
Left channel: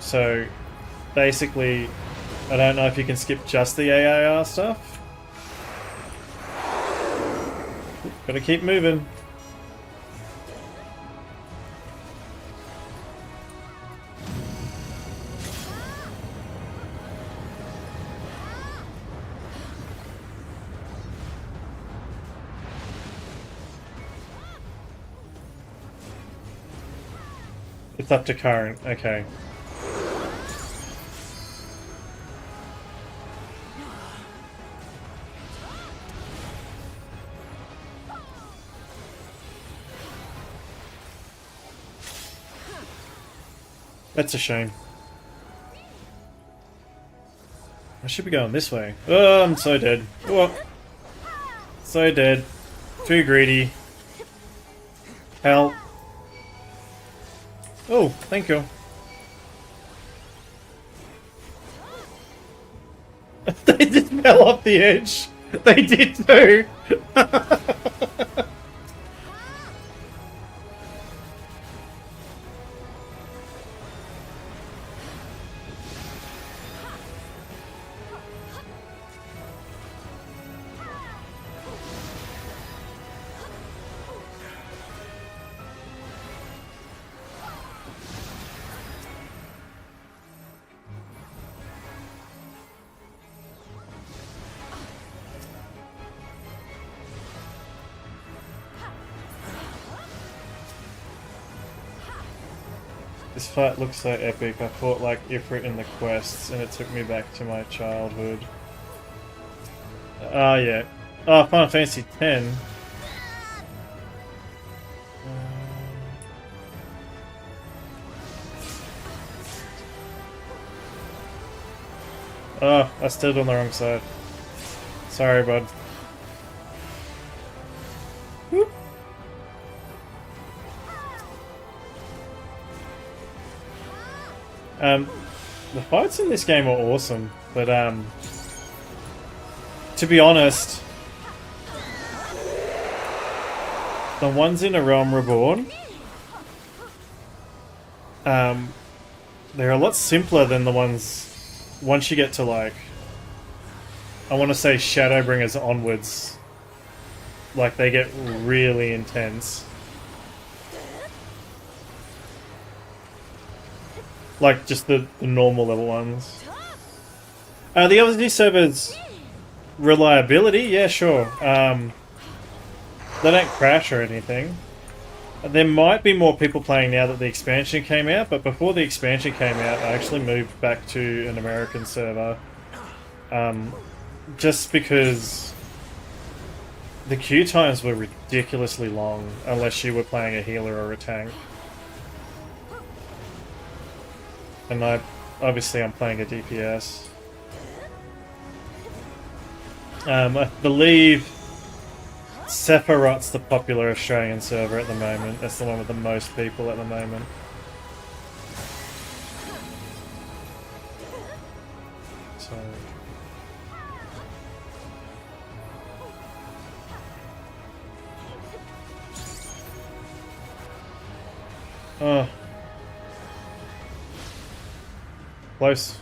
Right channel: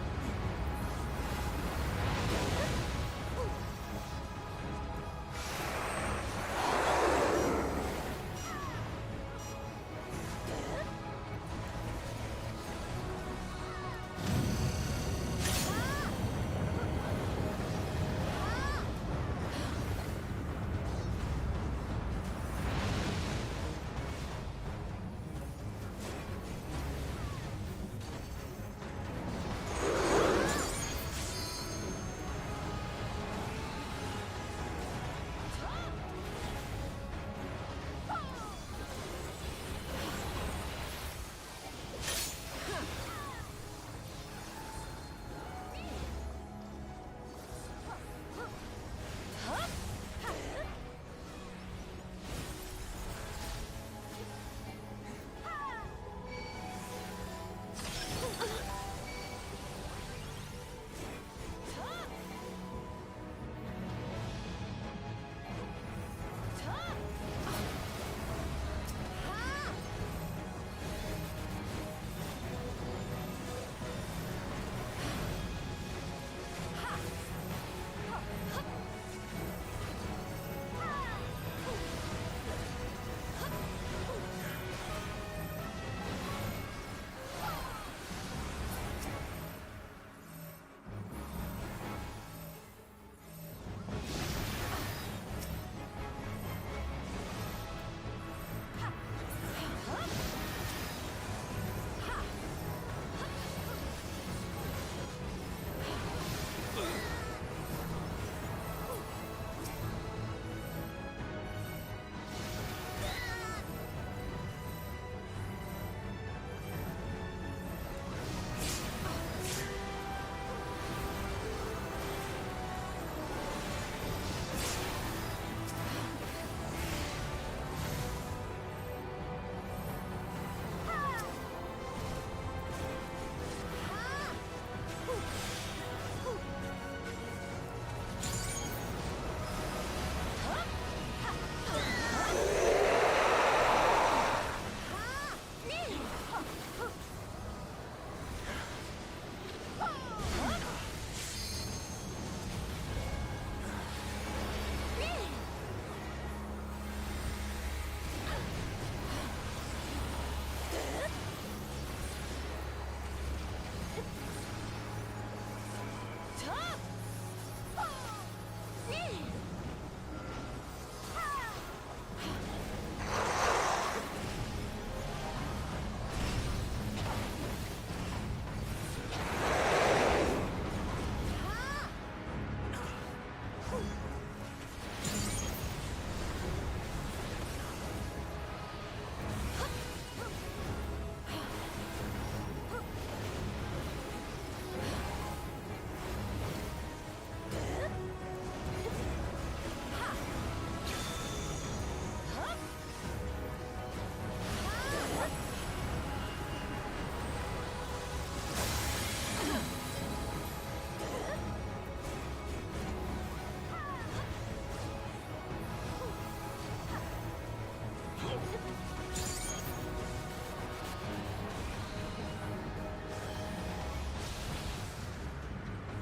So... basically, I don't know if you can skip just the AIR stuff. Gotta keep moving. It's up to current, okay. That's a shame. I should be going this way. Oh, I'm so dead. Oh, so dead. Too greedy. Help. Oh, thank you. They just fell off the edge. They did too. This fight looks so epic. I fought like Ifrit in the quests and it took me back to my childhood. Ah, yeah. Oh, Final Fantasy X. Oh, I stood on the wrong side. Sorry, bud. Whoop. The fights in this game are awesome, but to be honest, the ones in A Realm Reborn, they're a lot simpler than the ones once you get to, like, I want to say Shadowbringers onwards. Like, they get really intense. Like, just the normal level ones. The other new servers, reliability, yeah, sure. They don't crash or anything. There might be more people playing now that the expansion came out, but before the expansion came out, I actually moved back to an American server. Just because the queue times were ridiculously long, unless you were playing a healer or a tank. And obviously I'm playing a DPS. I believe Sephiroth's the popular Australian server at the moment. That's the one with the most people at the moment. Oh. Close.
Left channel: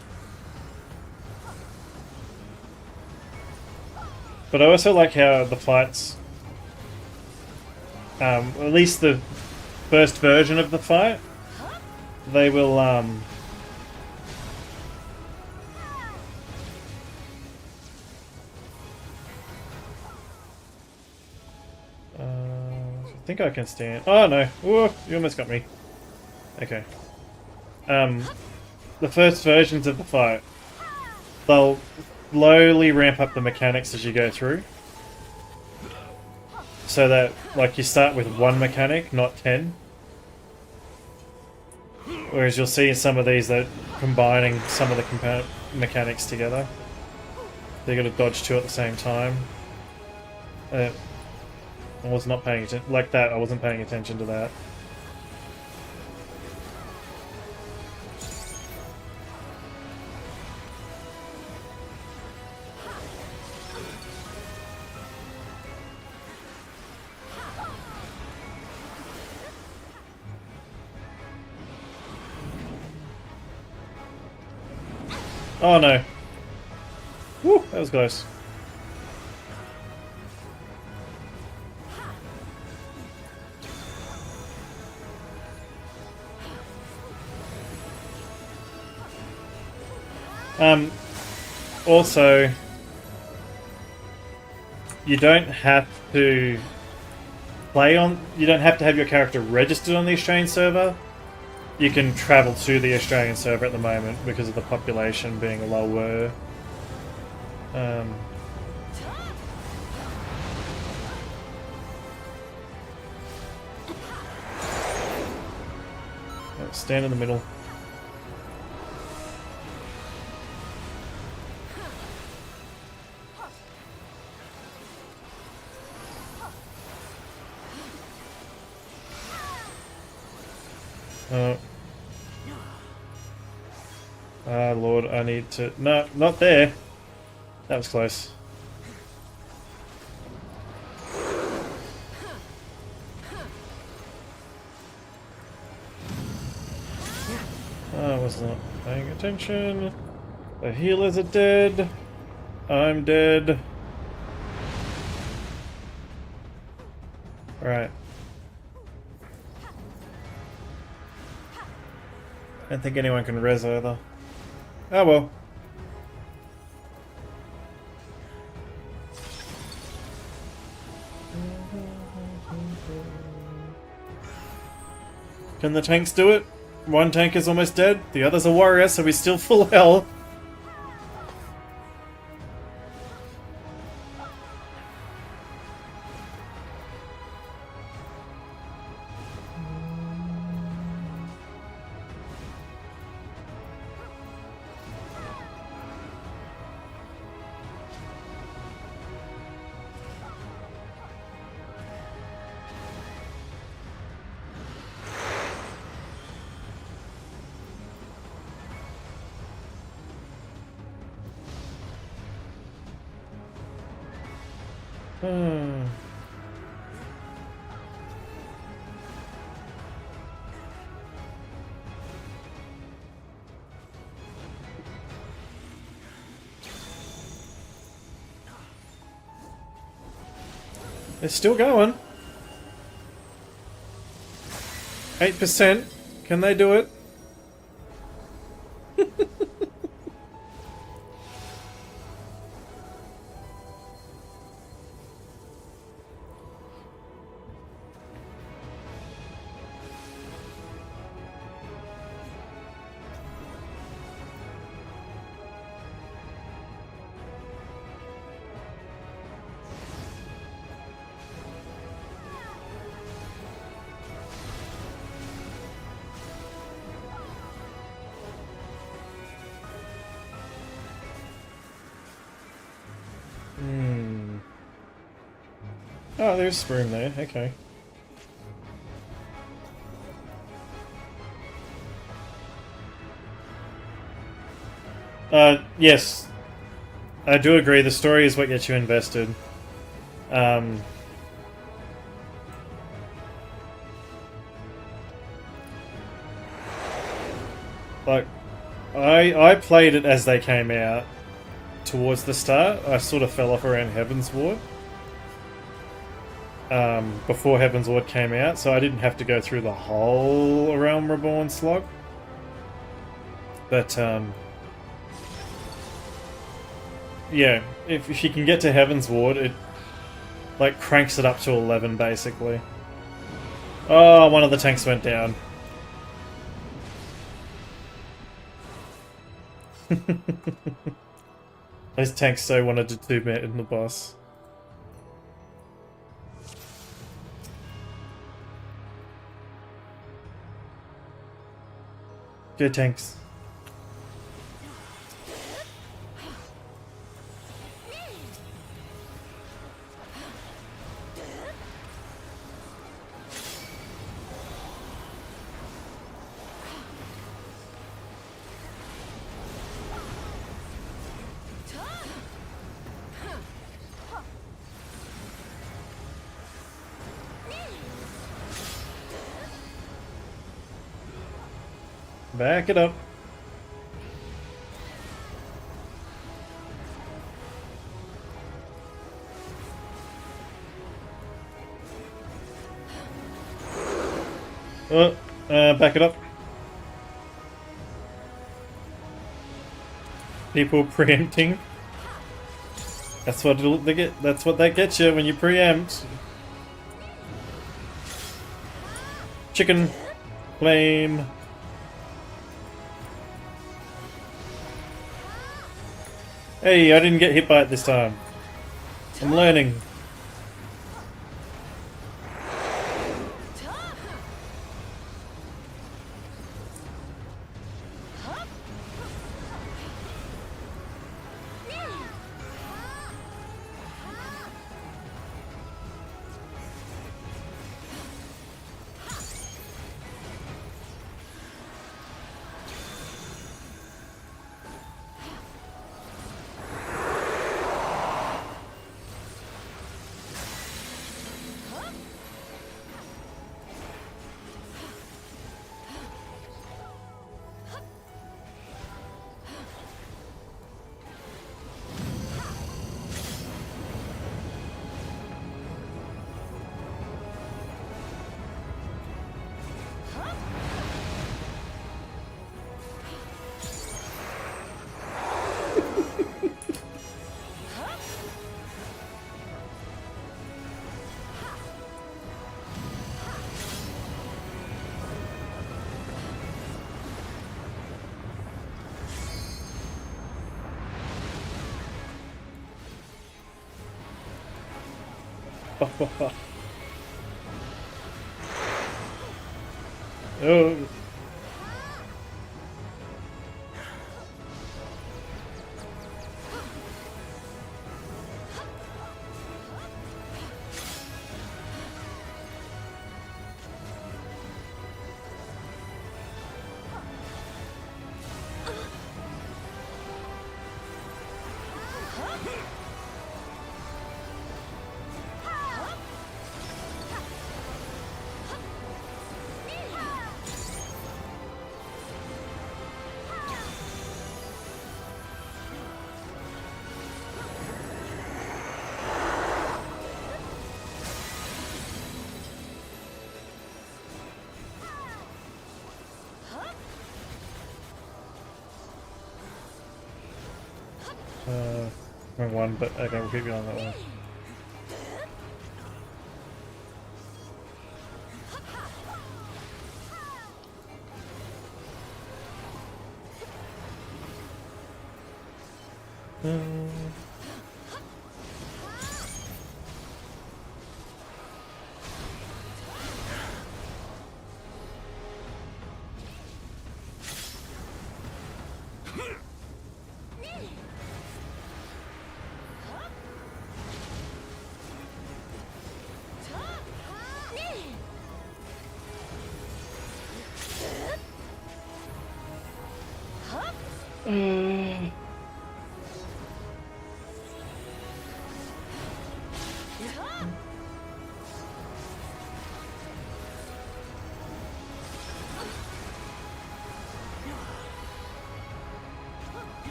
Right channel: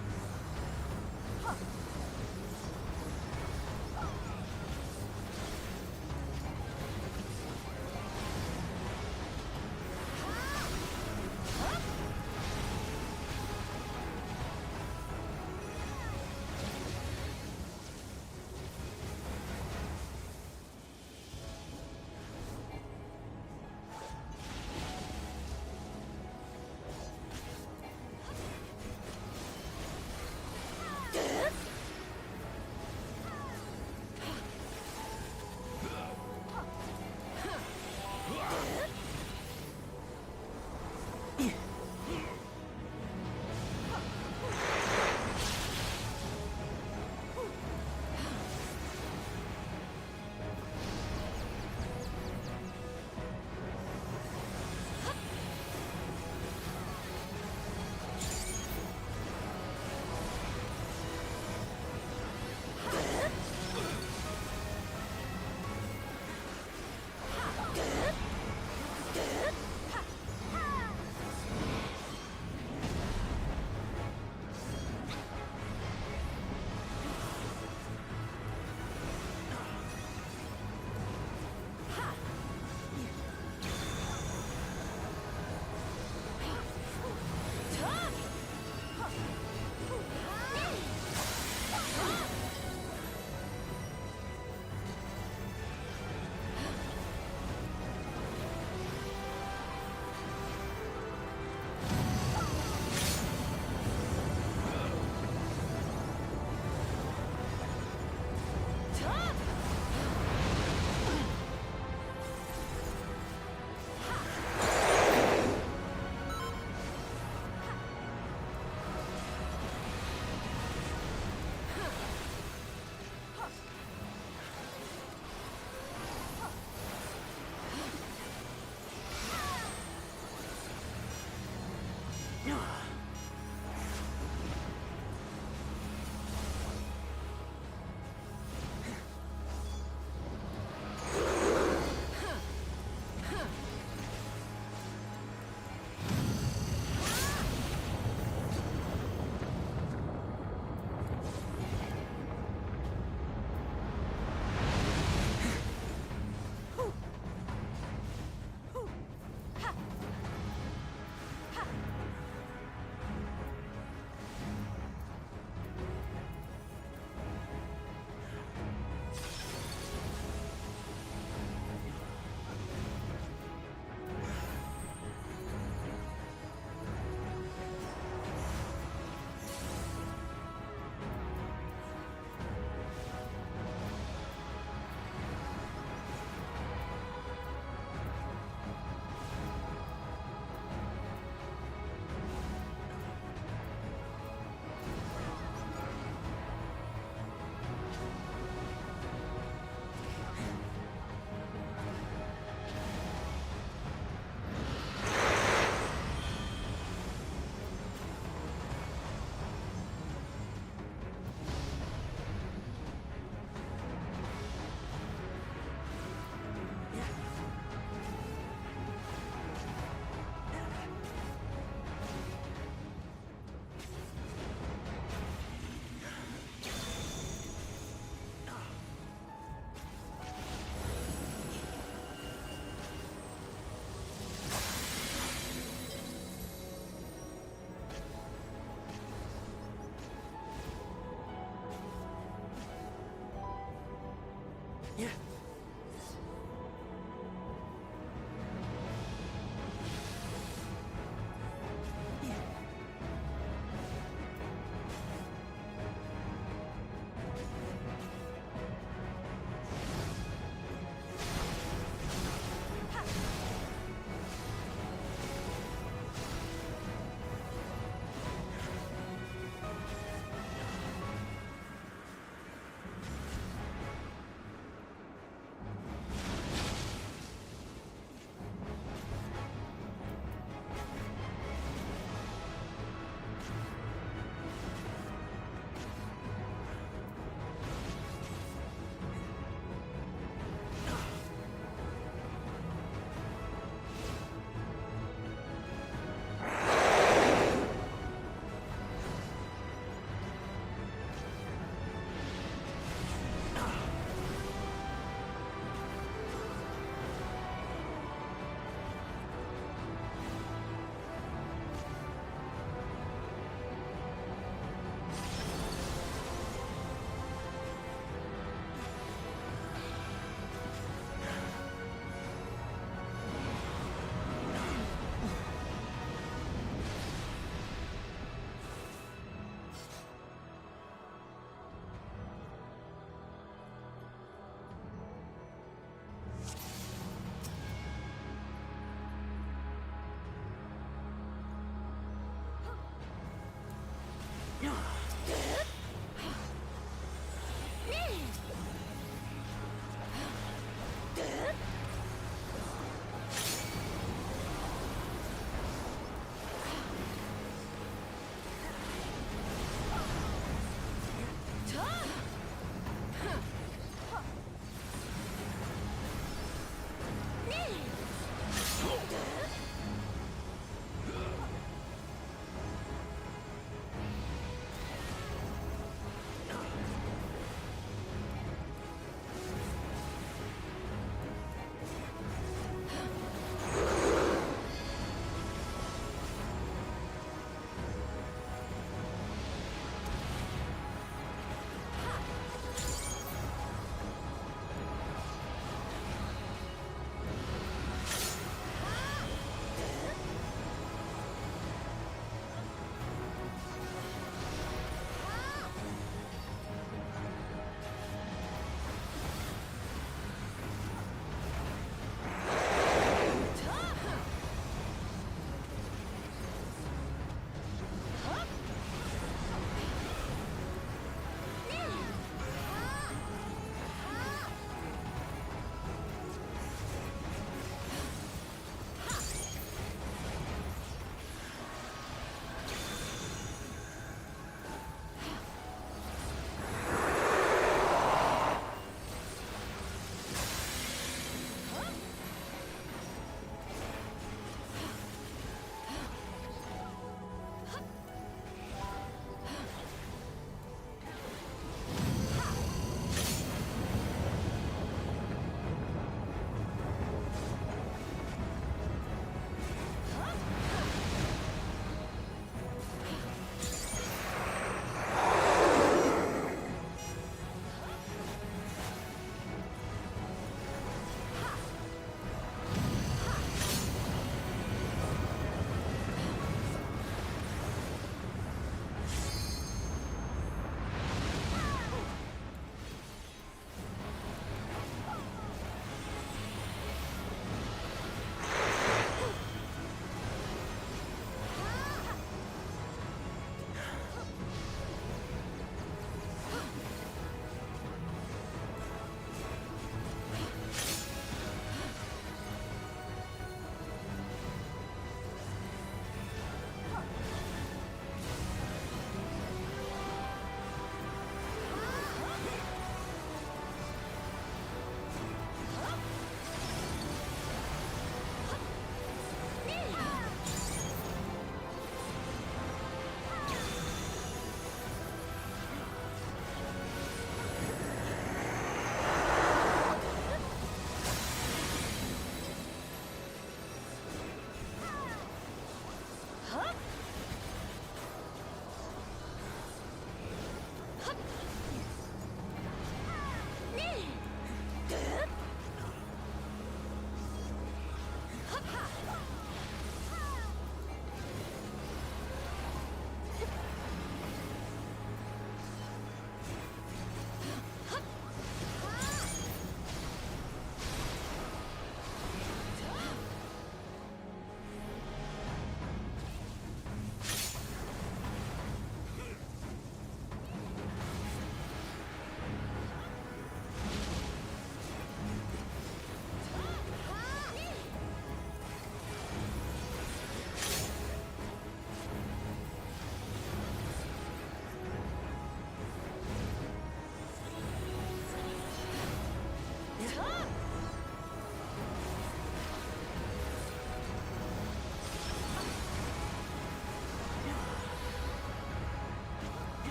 But I also like how the fights, at least the first version of the fight, they will, I think I can stand. Oh no! Ooh, you almost got me. Okay. The first versions of the fight, they'll slowly ramp up the mechanics as you go through. So that, like, you start with one mechanic, not 10. Whereas you'll see in some of these that combining some of the mechanics together. They're going to dodge two at the same time. I was not paying attention, like that, I wasn't paying attention to that. Oh no. Woo, that was close. Also, you don't have to you don't have to have your character registered on the Australian server. You can travel to the Australian server at the moment because of the population being lower. Stand in the middle. Lord, I need to... No, not there. That was close. I was not paying attention. The healers are dead. I'm dead. Right. I don't think anyone can res either. Oh well. Can the tanks do it? one tank is almost dead. The other's a warrior, so he's still full health. It's still going. 8%. Can they do it? Oh, there's Spoon there, okay. Yes. I do agree, the story is what gets you invested. Like, I played it as they came out towards the start. I sort of fell off around Heaven's Ward. Before Heaven's Ward came out, so I didn't have to go through the whole Realm Reborn slog. But, yeah, if you can get to Heaven's Ward, it, like, cranks it up to 11, basically. Oh, one of the tanks went down. Those tanks so wanted to two-man in the boss. Good tanks. Back it up. Back it up. People preempting. That's what they get. That's what that gets you when you preempt. Chicken, flame. Hey, I didn't get hit by it this time. I'm learning. Oh. Wrong one, but okay, we'll keep going on that one.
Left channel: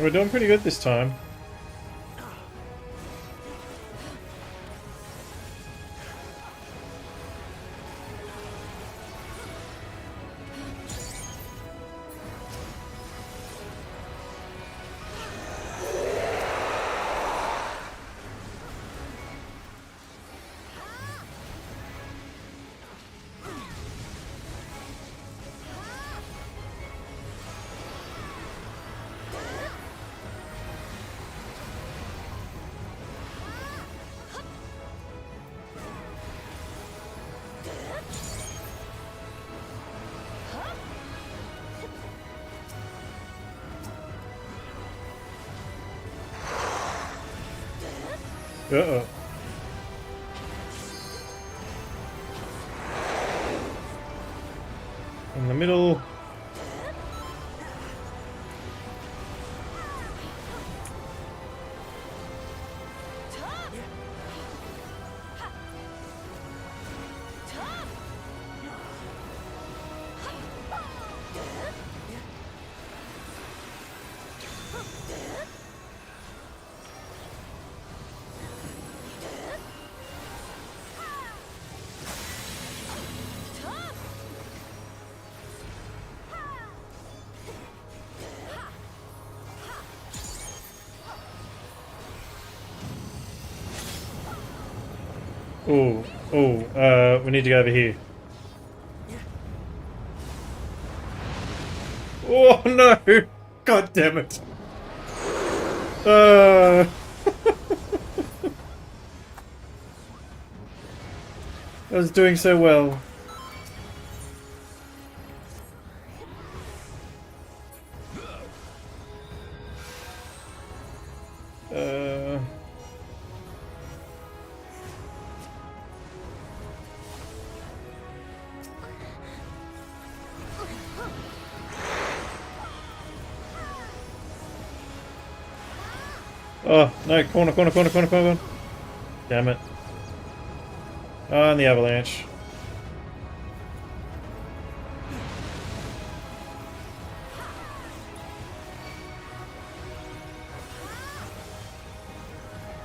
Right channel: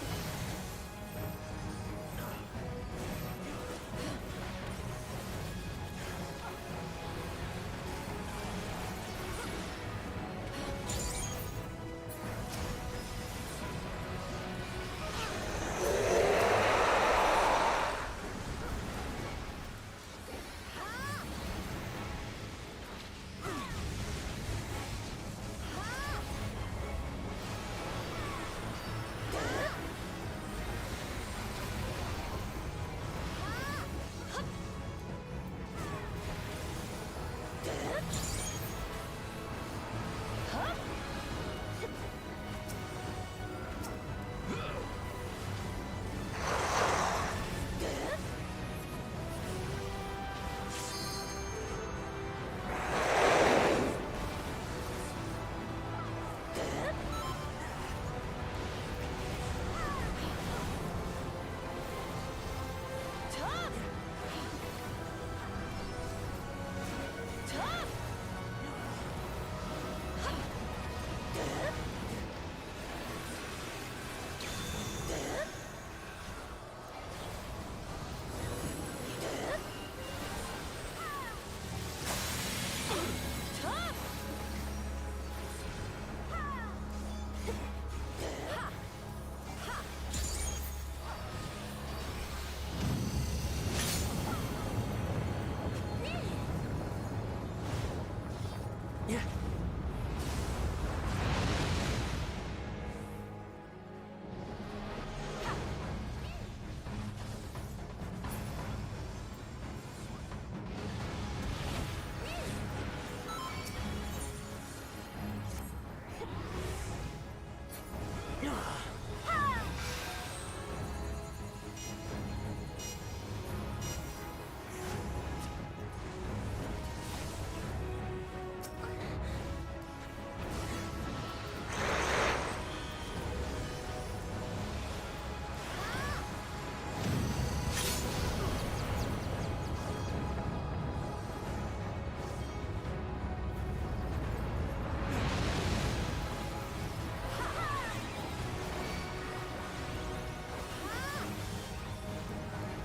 We're doing pretty good this time. Uh-oh. In the middle. We need to go over here. Oh no! God damn it! I was doing so well. Oh, no, corner, corner, corner, corner, corner. Damn it. Oh, and the avalanche.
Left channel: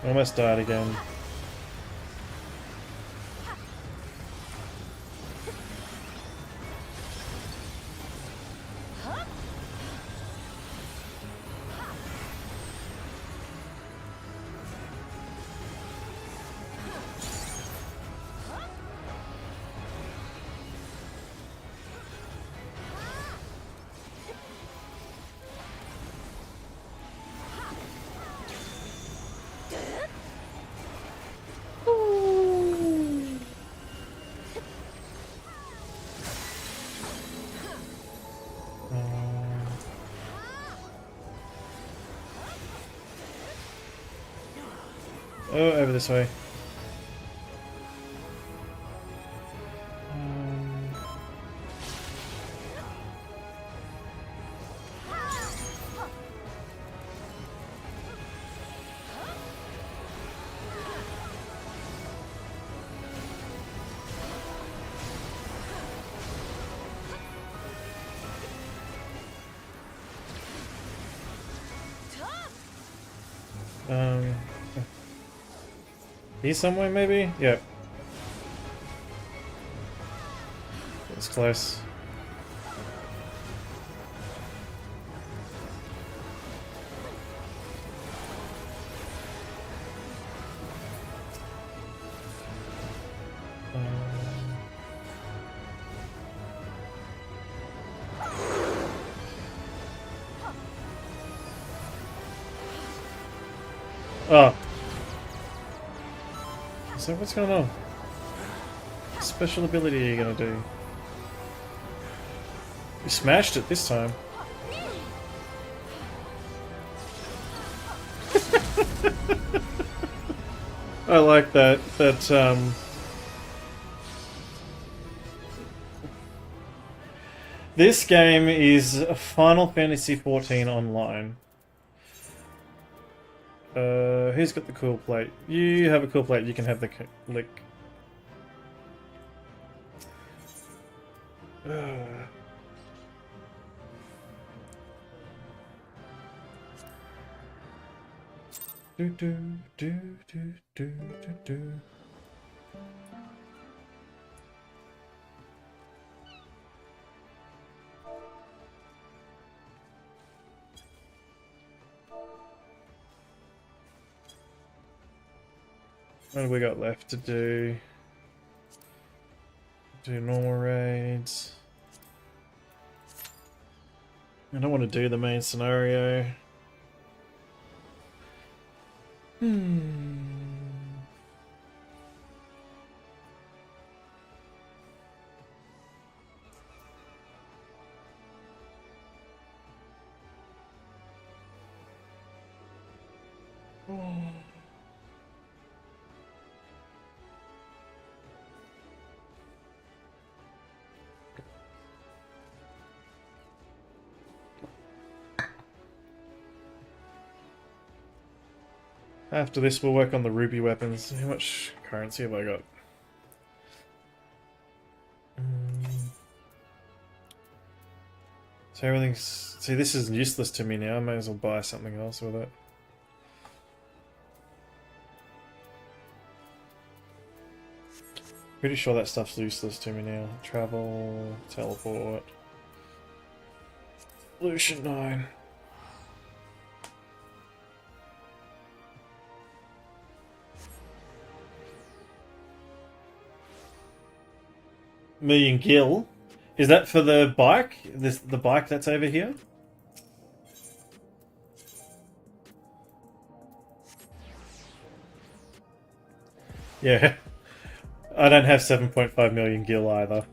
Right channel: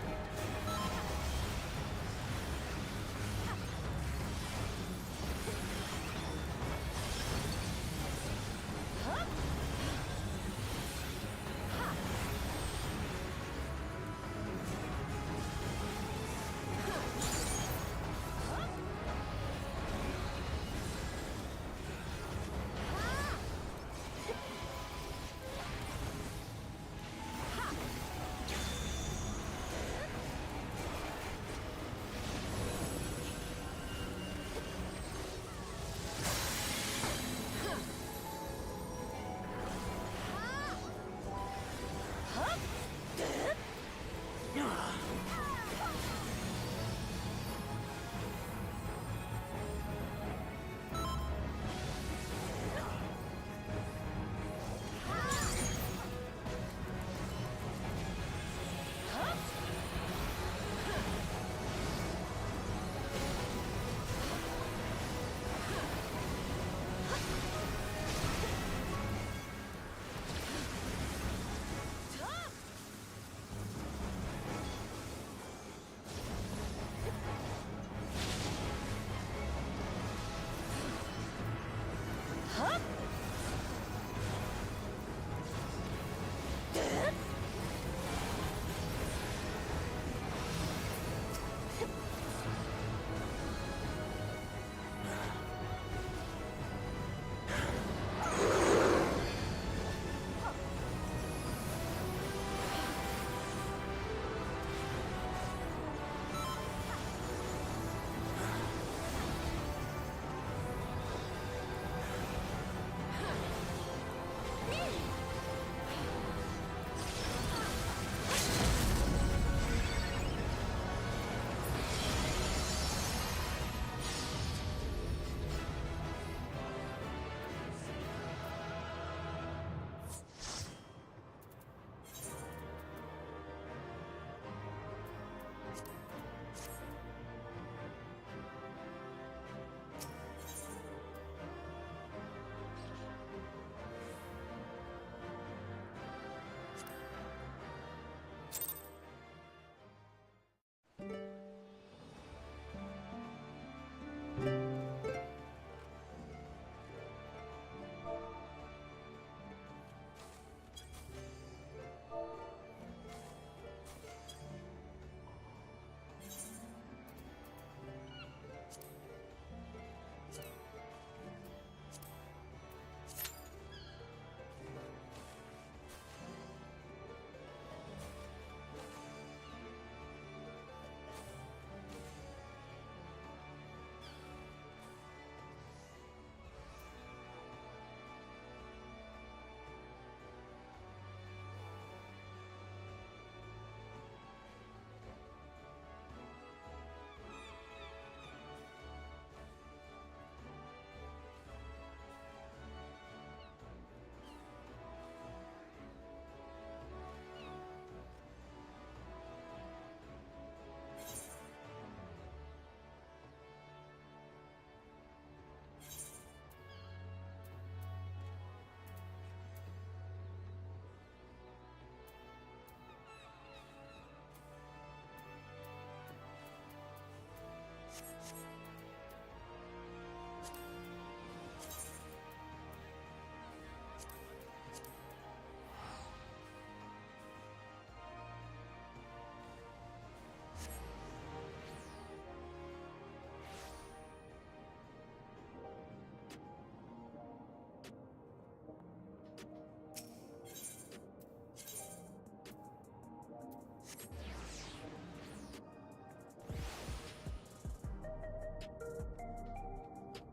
Almost died again. Oh, over this way. He's somewhere, maybe? Yep. It's close. Oh. So what's going on? What special ability are you gonna do? You smashed it this time. I like that. This game is Final Fantasy XIV Online. Who's got the cool plate? You have a cool plate, you can have the lick. Do do do do do do do. What have we got left to do? Do normal raids. I don't want to do the main scenario. After this, we'll work on the ruby weapons. How much currency have I got? So everything's... See, this is useless to me now. I might as well buy something else with it. Pretty sure that stuff's useless to me now. Travel, teleport... Lucian 9. Million gil. Is that for the bike? The bike that's over here? Yeah. I don't have 7.5 million gil either.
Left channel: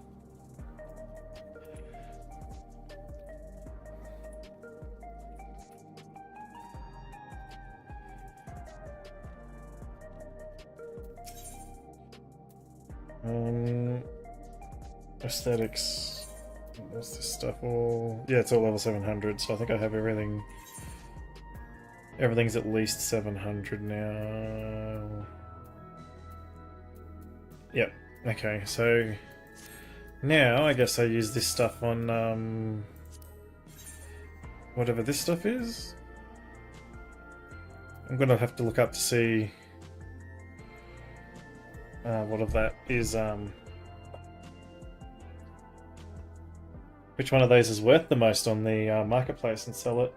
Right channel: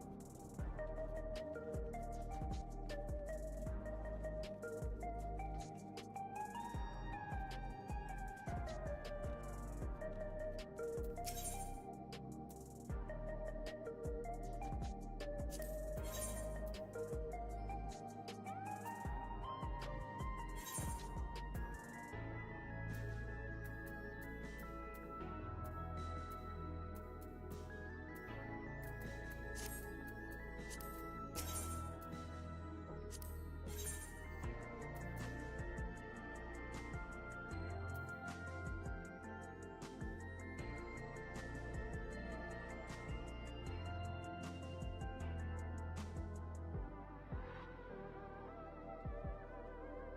Aesthetics. What's this stuff all? Yeah, it's all level 700, so I think I have everything Everything's at least 700 now. Yep. Okay, so now I guess I use this stuff on whatever this stuff is. I'm gonna have to look up to see what of that is. Which one of those is worth the most on the marketplace and sell it.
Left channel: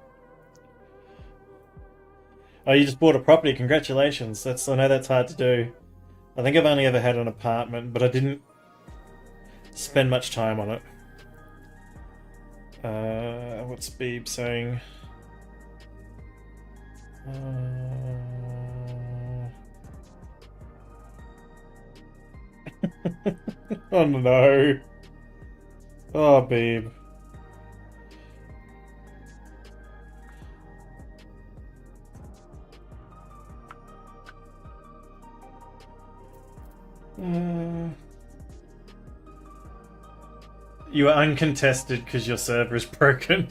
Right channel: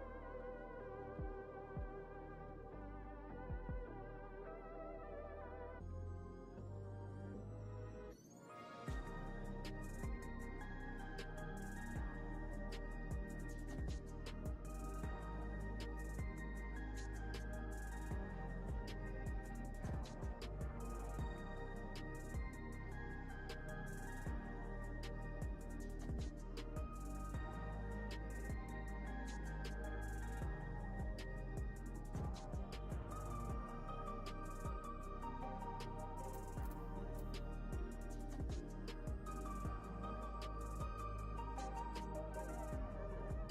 Oh, you just bought a property. Congratulations. I know that's hard to do. I think I've only ever had an apartment, but I didn't spend much time on it. What's Beeb saying? Oh no. Oh, Beeb. You are uncontested because your server is broken.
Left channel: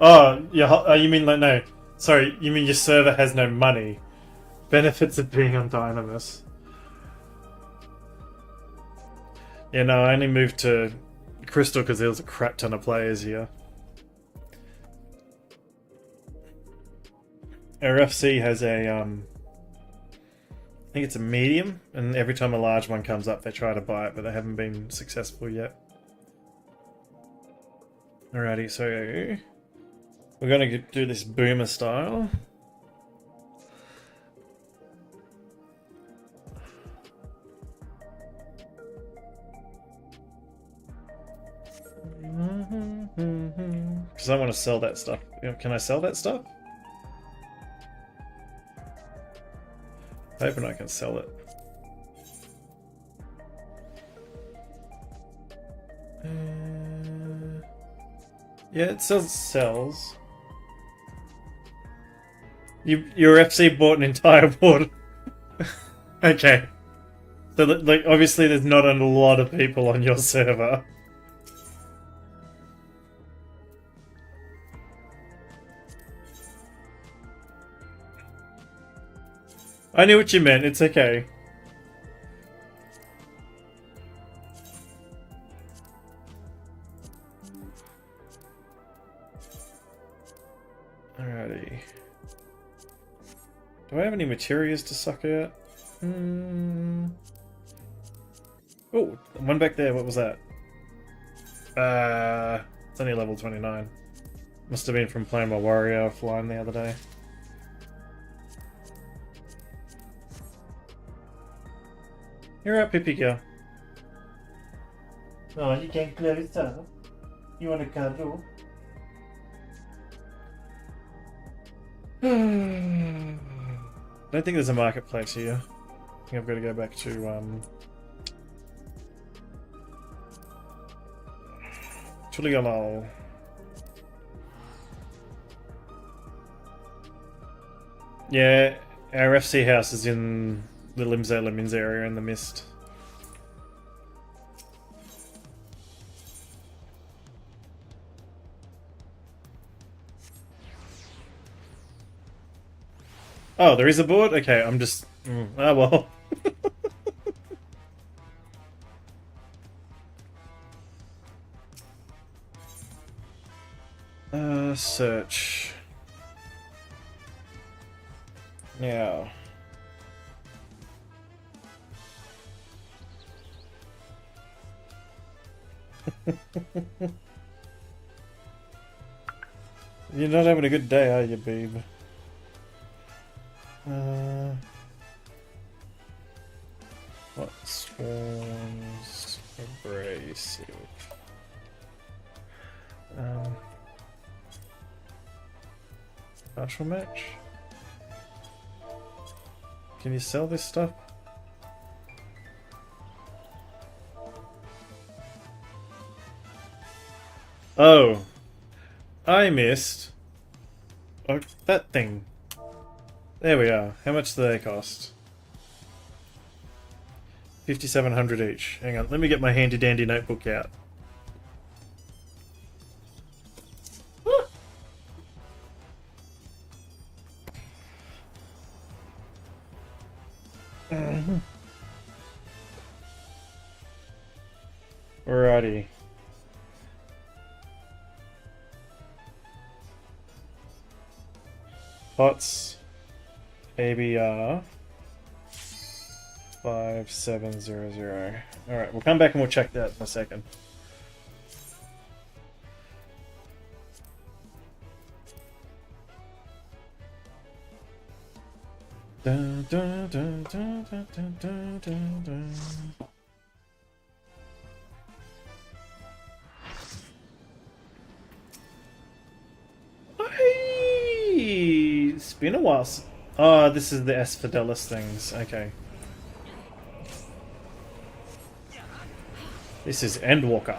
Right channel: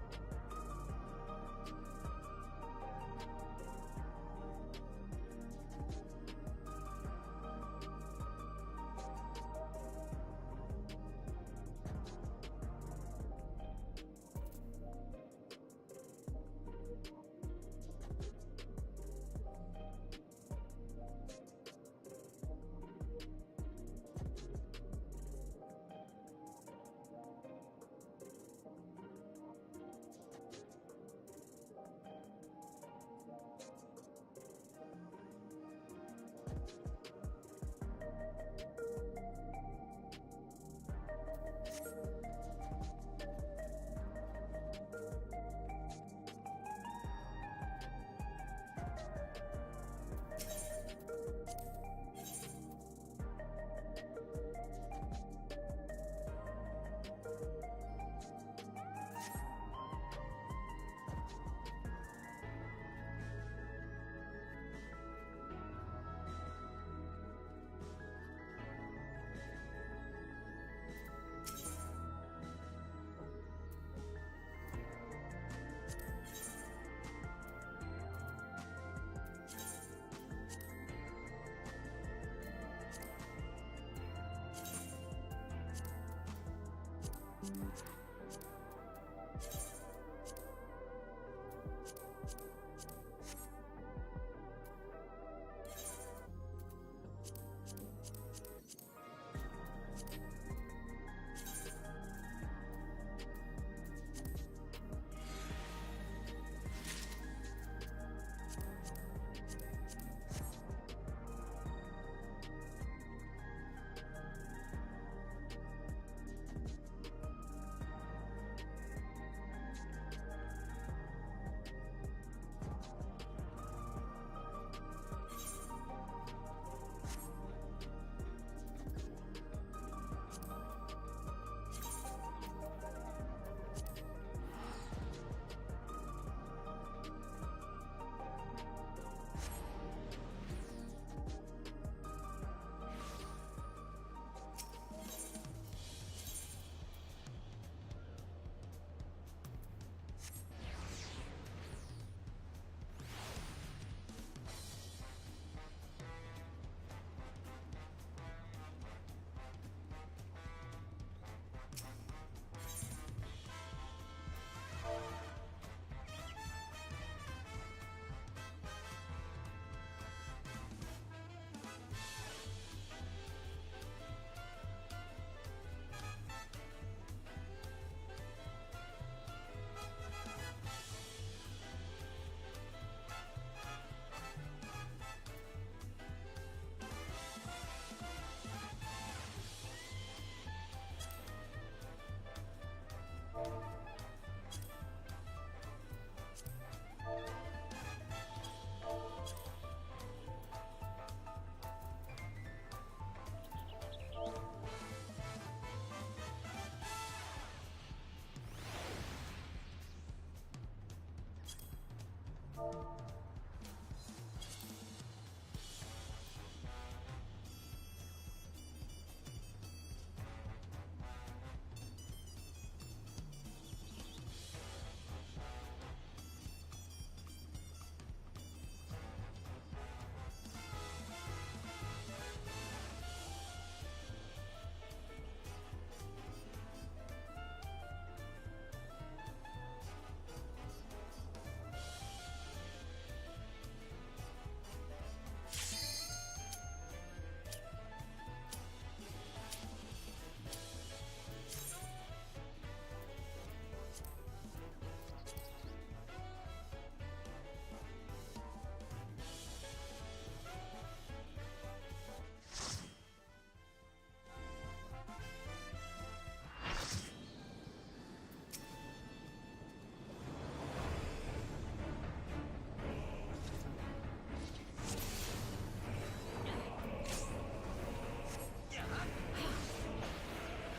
Oh, you mean like no? Sorry, you mean your server has no money? Benefits of being on Dynamis. Yeah, no, I only moved to Crystal because there was a crap ton of players here. Our FC has a I think it's a medium, and every time a large one comes up, they try to buy it, but they haven't been successful yet. Alrighty, so we're gonna do this boomer style. Because I want to sell that stuff. Can I sell that stuff? Hoping I can sell it. Yeah, it sells. Your FC bought an entire board. Okay. So, like, obviously there's not a lot of people on your server. I knew what you meant, it's okay. Alrighty. Do I have any materials to suck out? Oh, one back there, what was that? It's only level 29. Must have been from playing my warrior offline the other day. You're right, Pippi girl. Oh, you can't close up. You want to cuddle? I don't think there's a marketplace here. I think I've got to go back to Chuligamal. Yeah, our FC house is in the Limzo Lemons area in the mist. Oh, there is a board? Okay, I'm just... oh well. Search. Now. You're not having a good day, are you, babe? What swarms abrasive? Partial match? Can you sell this stuff? Oh, I missed. Oh, that thing. There we are. How much do they cost? 5,700 each. Hang on, let me get my handy dandy notebook out. Alrighty. Pots ABR 5700. Alright, we'll come back and we'll check that in a second. Dun, dun, dun, dun, dun, dun, dun, dun, dun. Hey, it's been a while. Oh, this is the Asphodelis things. Okay. This is Endwalker.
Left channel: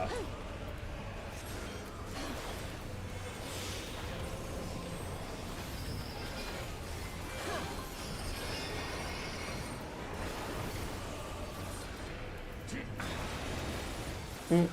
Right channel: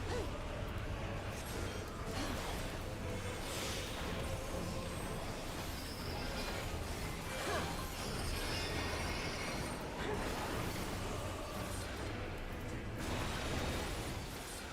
Mm.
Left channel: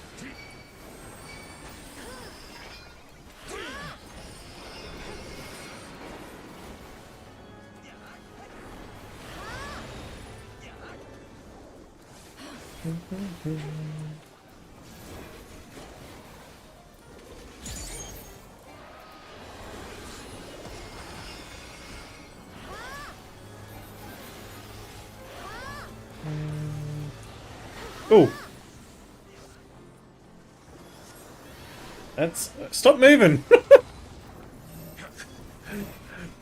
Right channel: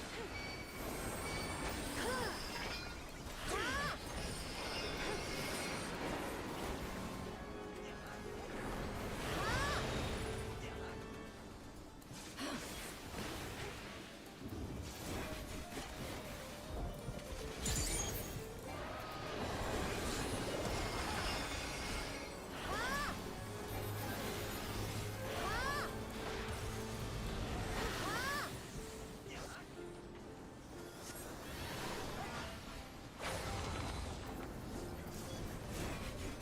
Oh, that's stop moving.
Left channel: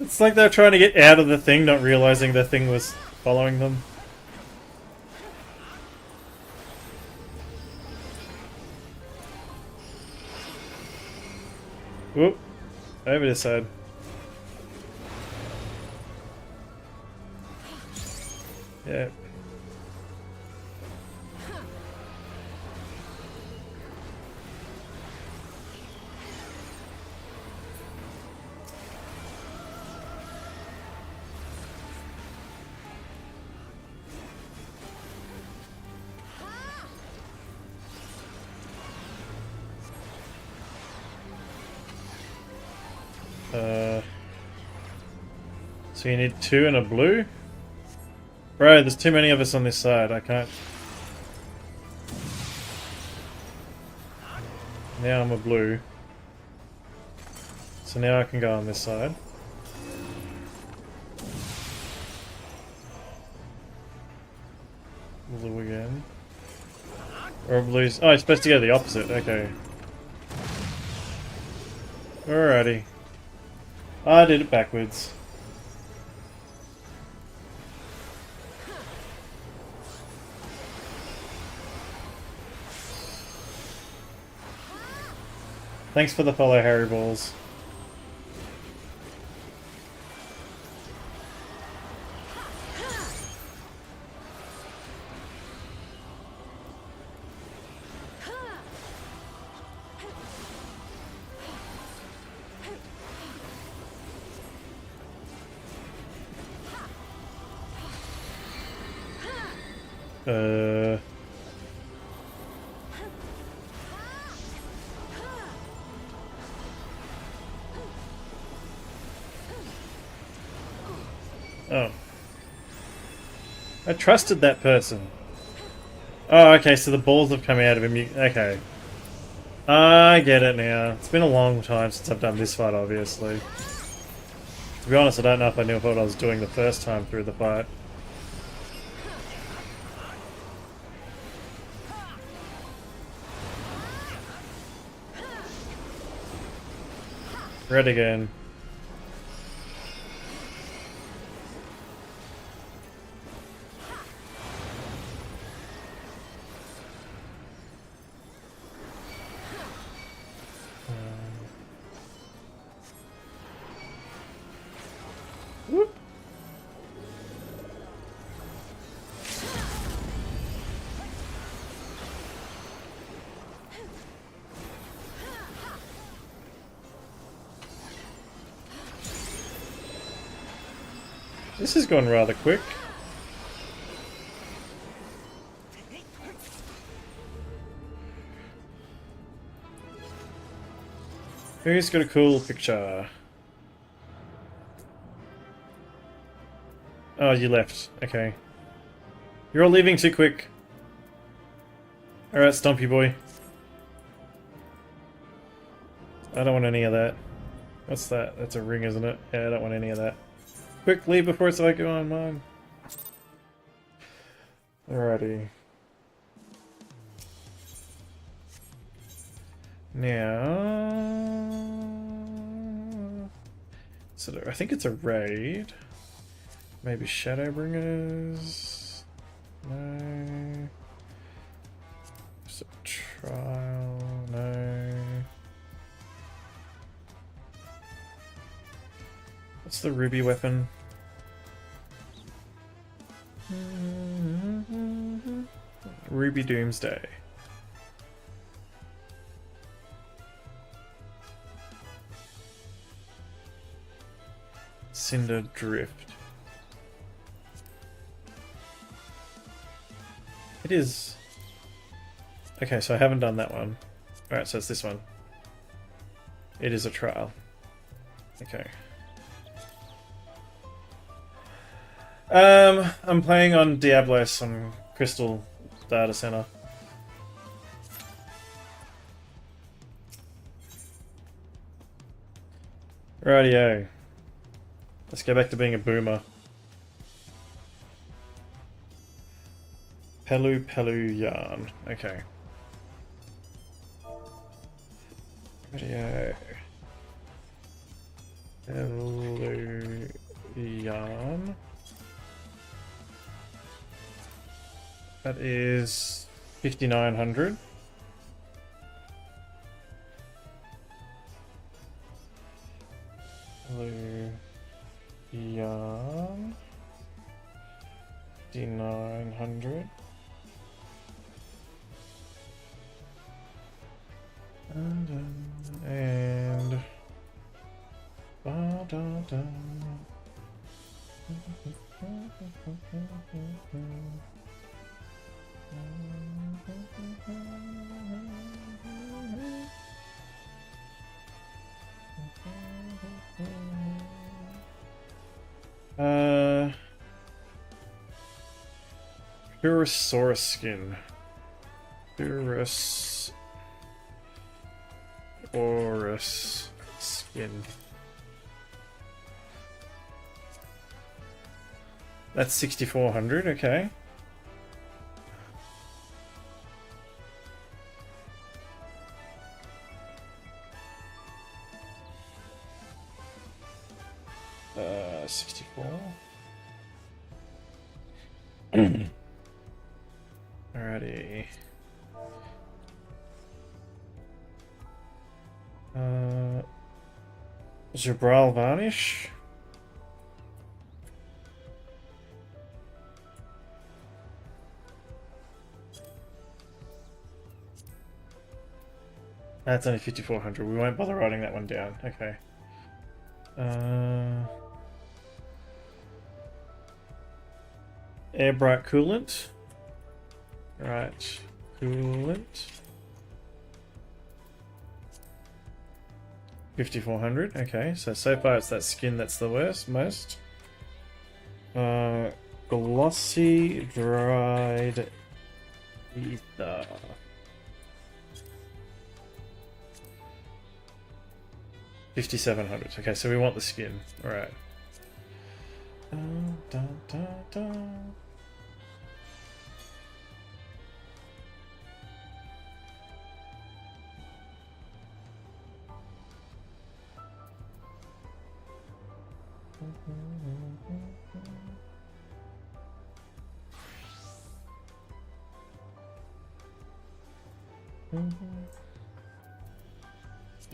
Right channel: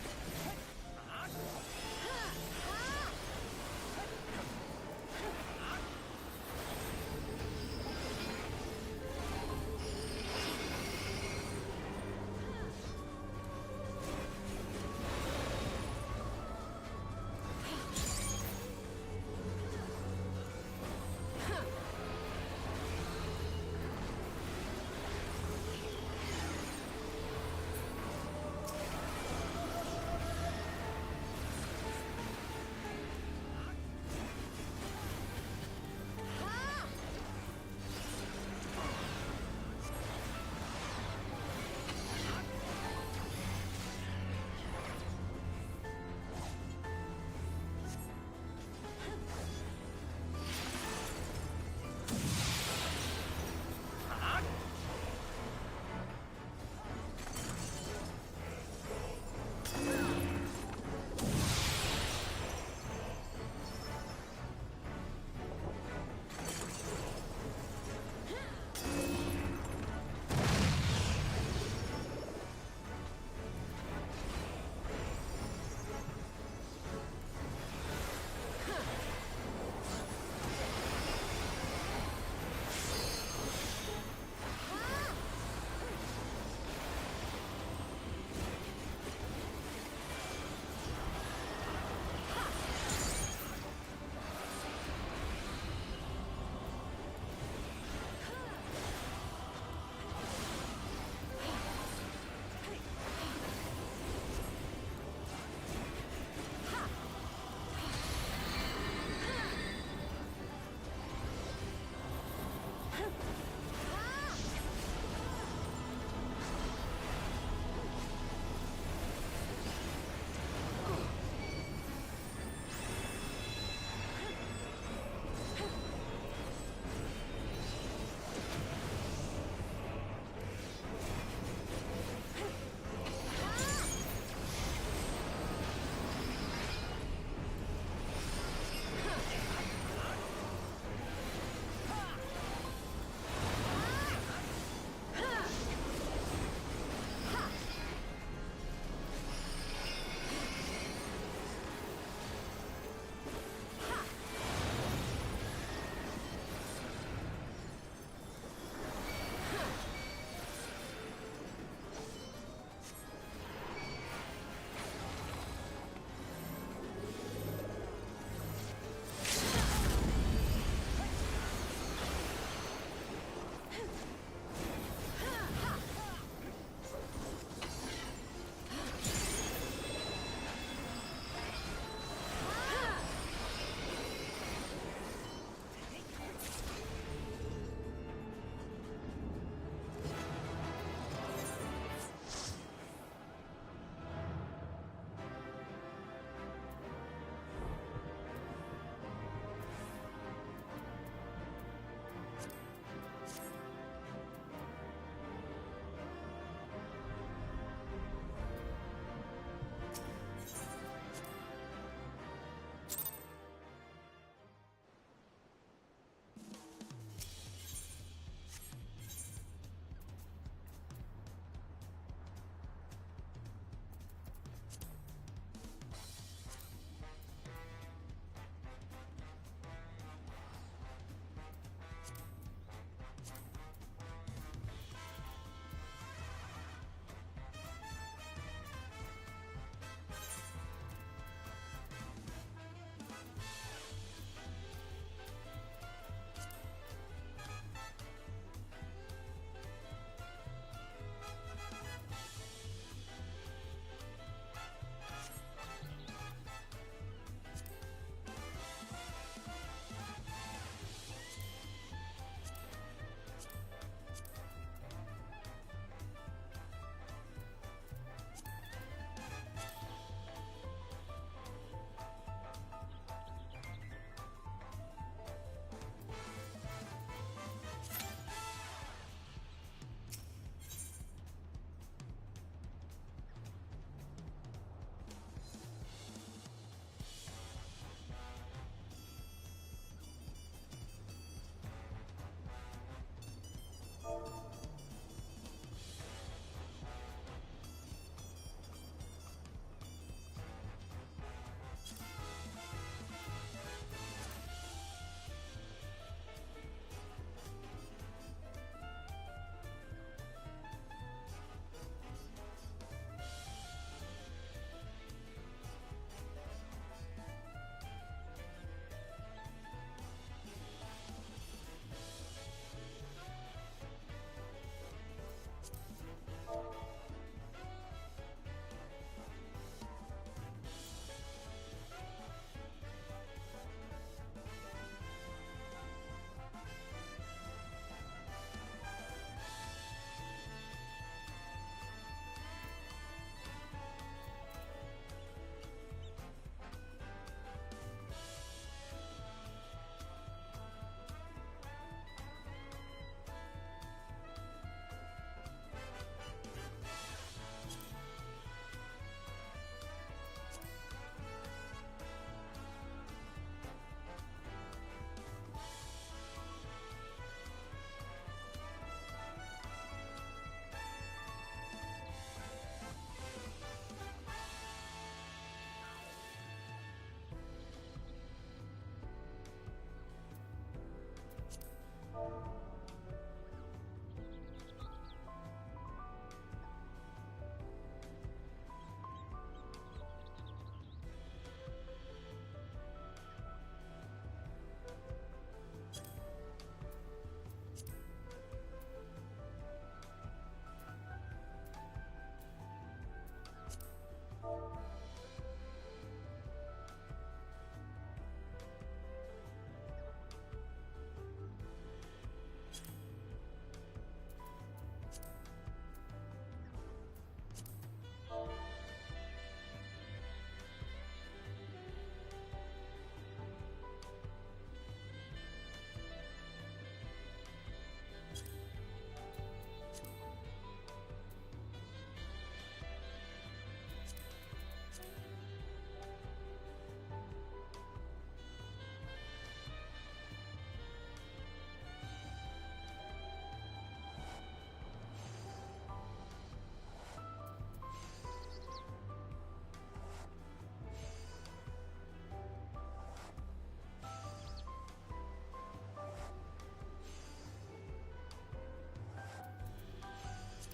It's like they're trying to get out of the thing, not realizing the thing was following them. Whoop, over this side. Yeah. So you need 2 and a blue? Bro, there's too many of us on this side. I can't. Now I'm a blue. So now I can go on this side. Blue again. Or blues. Oh, it's supposed to go the opposite. Okay. Alrighty. I did it backwards. Thanks for the follow, Harry Balls. Oh. I trusted that person. Oh, okay, so the balls have come out of him. Okay. I get it now. It's been a long time since I've done this fight, obviously. To be honest, I don't know if I knew what I was doing the first time through the fight. Red again. Whoop. This has gone rather quick. Who's got a cool picture? Oh, you left. Okay. You're all leaving too quick. Alright, Stumpy boy. I don't want any of that. What's that? That's a ring, isn't it? Yeah, I don't want any of that. Quick, leave before it's like, on mine. Alrighty. Now... So I think it's a raid. Maybe Shadowbringers? No. Just a trial? No. What's the ruby weapon? Ruby Doomsday. Cinder Drift. It is... Okay, so I haven't done that one. Alright, so it's this one. It is a trial. Okay. I'm playing on Diablos on Crystal Data Center. Rightio. Let's go back to being a boomer. Pelu yarn. Okay. Rightio. Pelu yarn. That is 5,900. Yarn. 5,900. And Purosaurus skin. Purosaurus skin. That's 6,400, okay. Uh, 64. Alrighty. Jabral Varnish. That's only 5,400. We won't bother writing that one down. Okay. Air Bright Coolant. Right. Coolant. 5,400. Okay, so far it's that skin that's the most. Glossy dried ether. $5,700. Okay, so we want the skin. All right.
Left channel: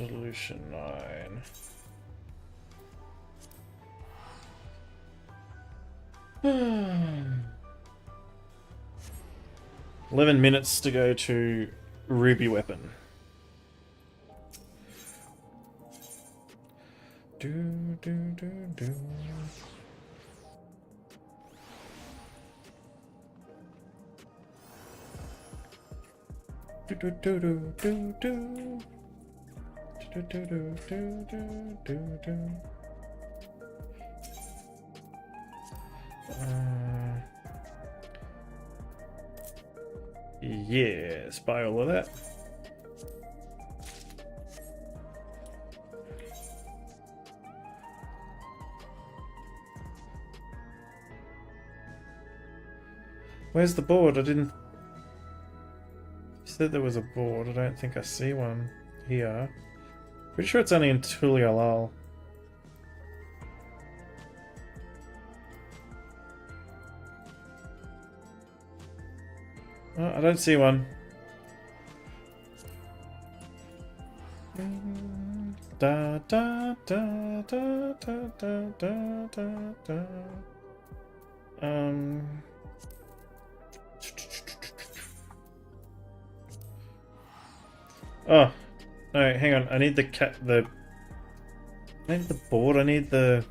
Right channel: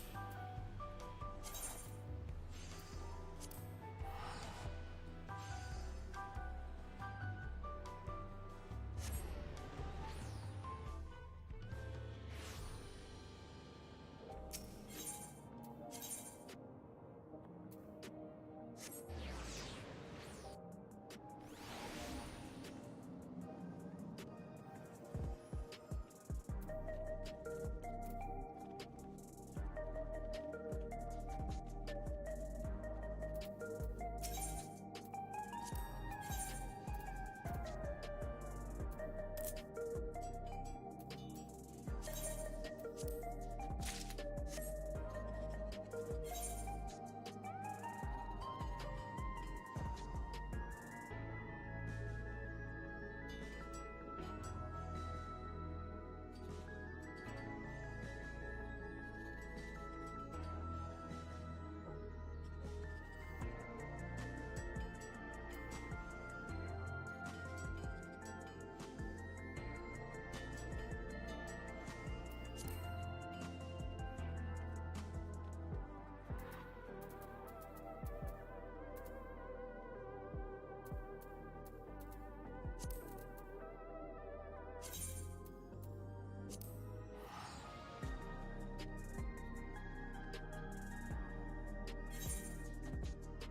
Evolution 9. 11 minutes to go to Ruby Weapon. Do, do, do, do. Do, do, do, do, do, do. Do, do, do, do, do, do. Yes, buy all of that. Where's the board? I didn't... You said there was a board. I don't think I see one here. Pretty sure it's only in Tulialal. Oh, I don't see one. Da da da da da da da da. Oh, no, hang on. I need I need the board. I need the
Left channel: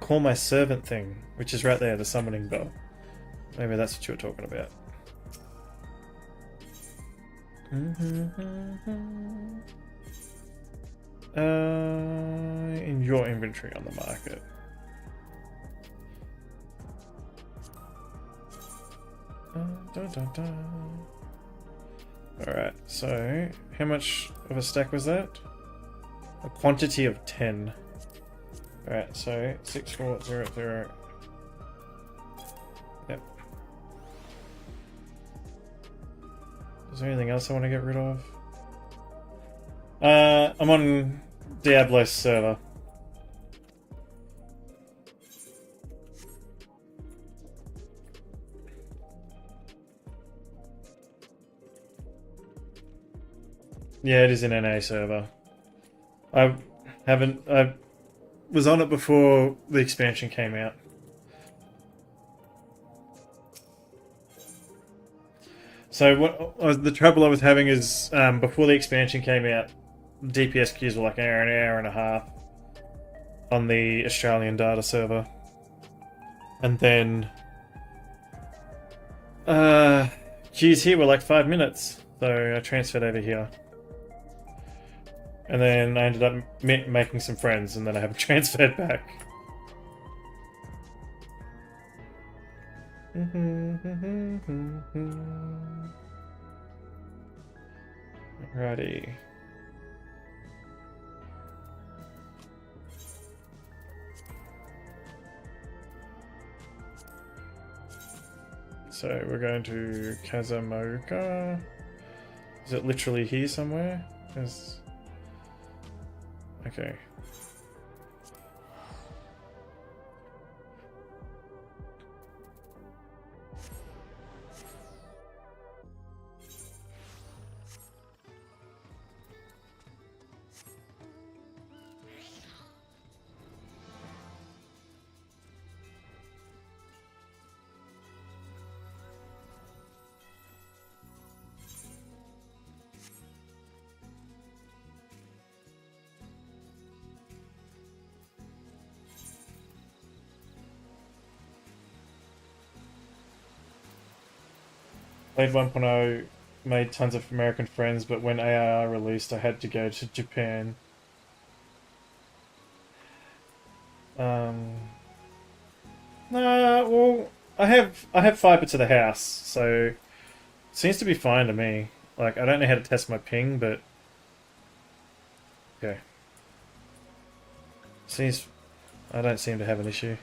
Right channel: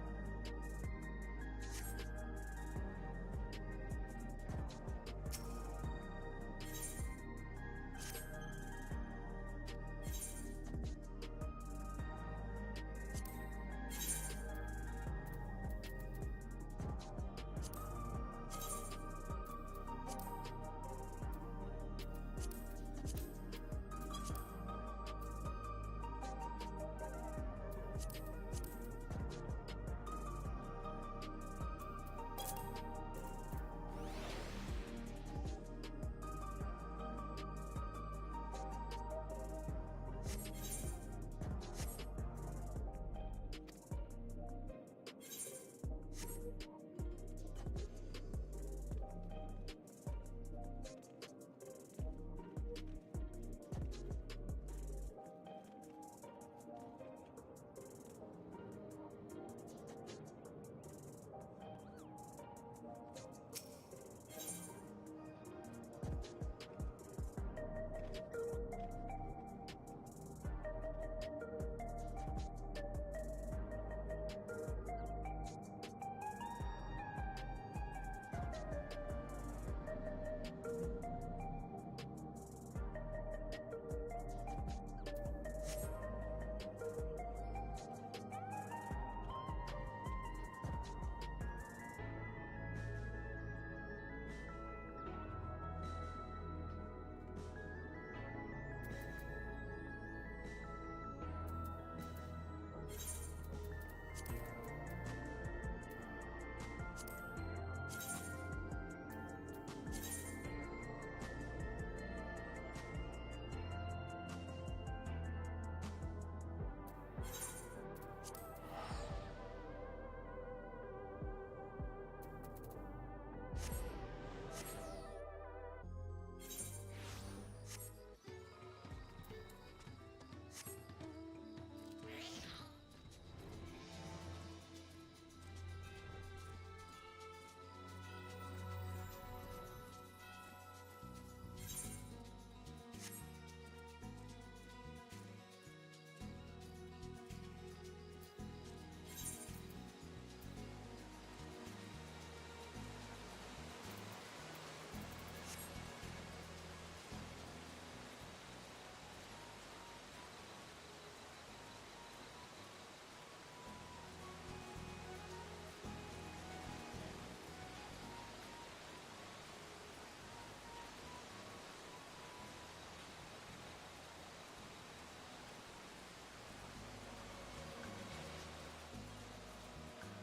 call my servant thing, which is right there, the summoning bell. Maybe that's what you were talking about. In your inventory on the market. Alright, so how much of a stack was that? A quantity of 10. Alright, so 6400. Yep. Is there anything else I want to get rid of? I'm on Diablo's server. Yeah, it is an NA server. I was on it before the expansion came out. So the trouble I was having is before the expansion came out, DPS queues were like an hour and a half on the Australian data server, and then queues here were like 5 minutes. So I transferred over here. And then I ended up making some friends, and then I haven't transferred back. Alrighty. So we're going to Kazamoka. Is it literally here somewhere? Okay. Played 1.0, made tons of American friends, but when AIR released, I had to go to Japan. Nah, well, I have fiber to the house, so it seems to be fine to me. Like, I don't know how to test my ping, but okay. I don't seem to have an issue.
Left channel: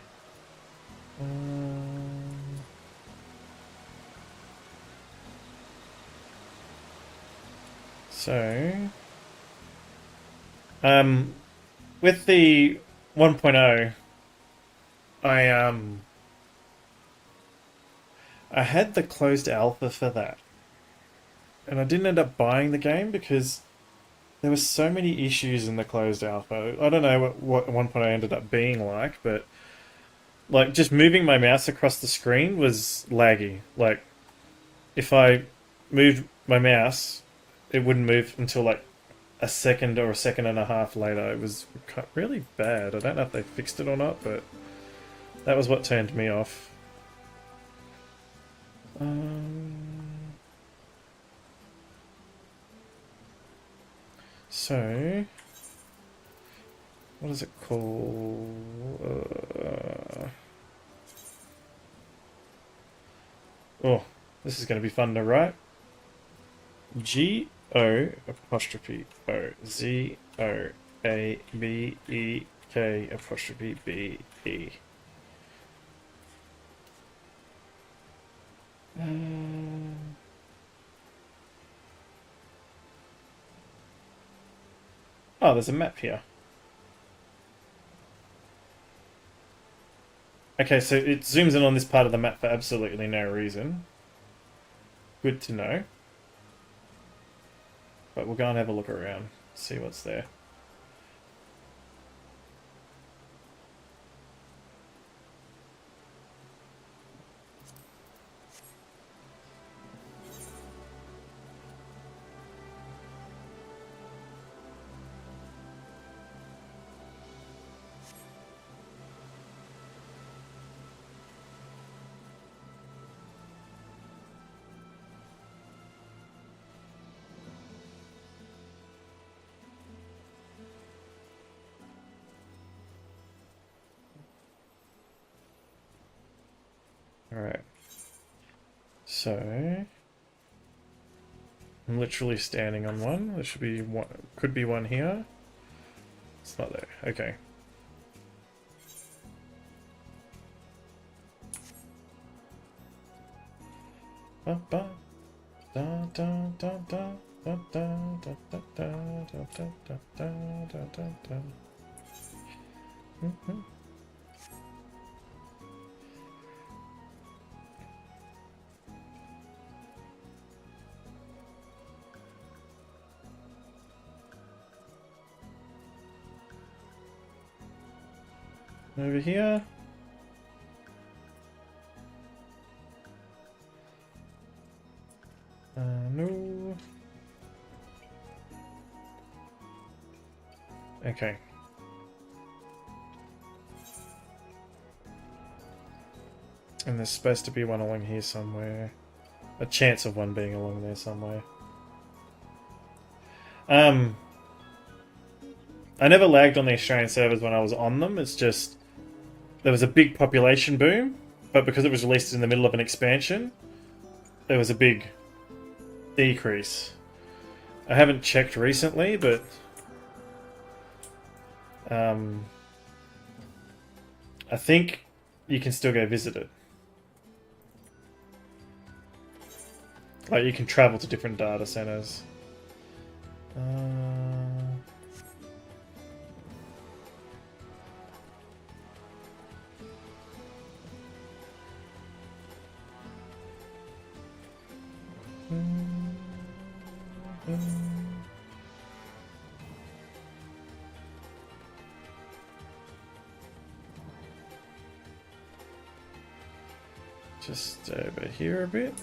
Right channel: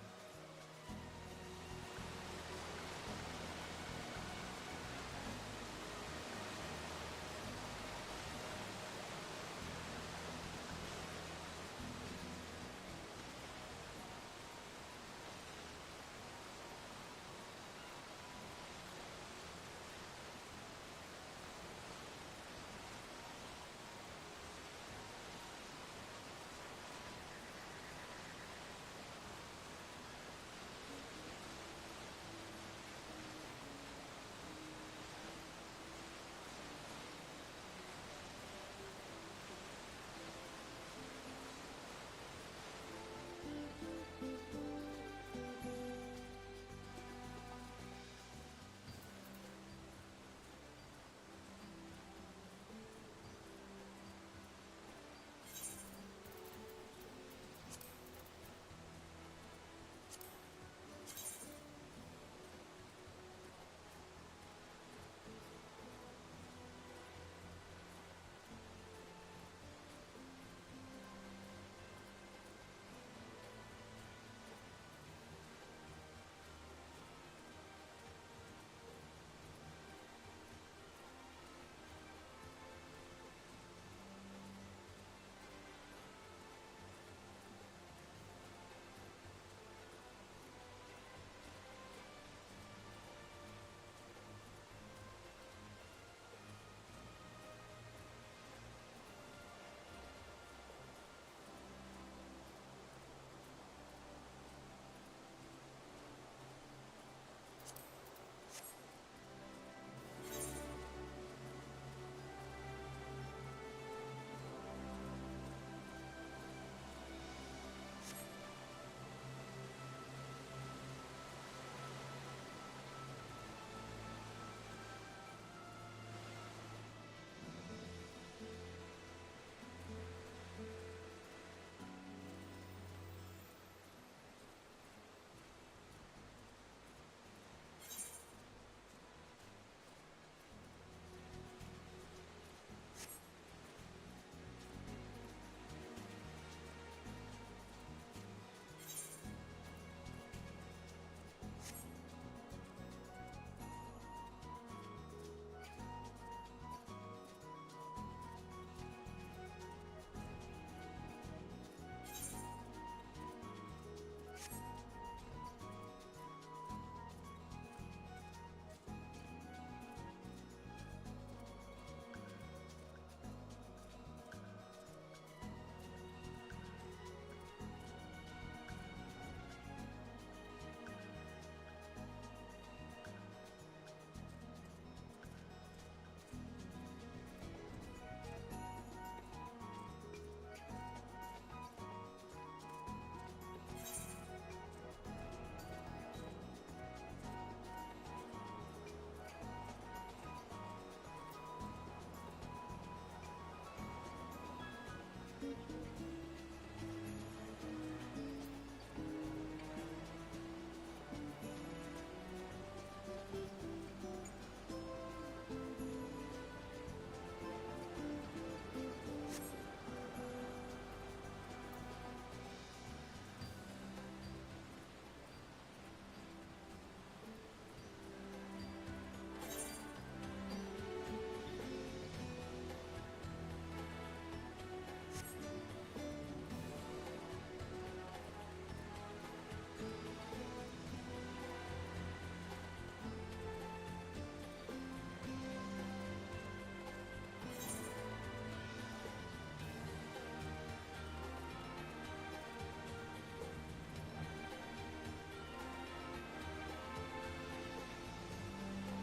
So, with the 1.0, I had the closed alpha for that, and I didn't end up buying the game because there were so many issues in the closed alpha. I don't know what 1.0 ended up being like, but like just moving my mouse across the screen was laggy. Like if I moved my mouse, it wouldn't move until like a second or a second and a half later. It was really bad. I don't know if they fixed it or not, but that was what turned me off. So, what is it called? Oh, this is going to be fun to write. G O apostrophe O Z O A B E K apostrophe B E. Oh, there's a map here. Okay, so it zooms in on this part of the map for absolutely no reason. Good to know. But we'll go and have a look around, see what's there. Alright. So I'm literally standing on one. There should be one, could be one here. It's not there. Okay. Ba ba da da da da da da da da da da da da da da. Over here. No. Okay. And there's supposed to be one along here somewhere. A chance of one being along there somewhere. I never lagged on the Australian servers when I was on them. It's just there was a big population boom, but because it was released in the middle of an expansion, there was a big decrease. I haven't checked recently, but I think you can still go visit it. Like, you can travel to different data centers. Just over here a bit.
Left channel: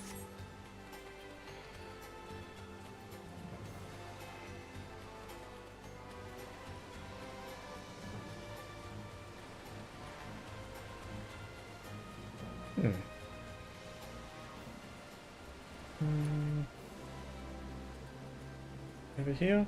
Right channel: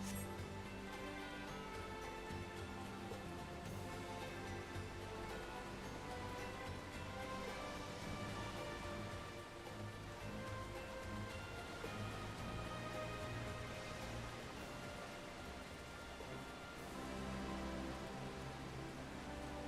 Over here.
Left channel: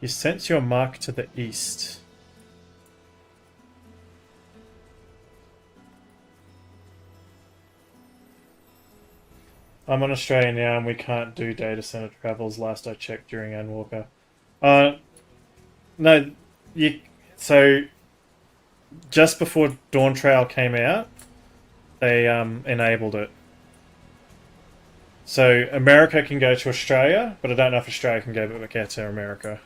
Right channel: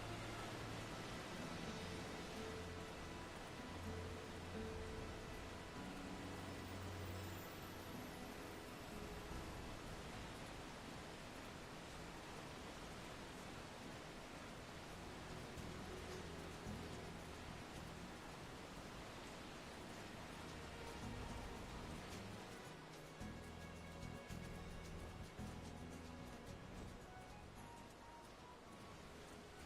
You sense your mark to the east. I'm on Australia now and we can't do data center travels last I checked during Anwalker. No, so just before Dawn Trail came out, they enabled it. So America can go to Australia, but I don't know if Australia can go back out to America.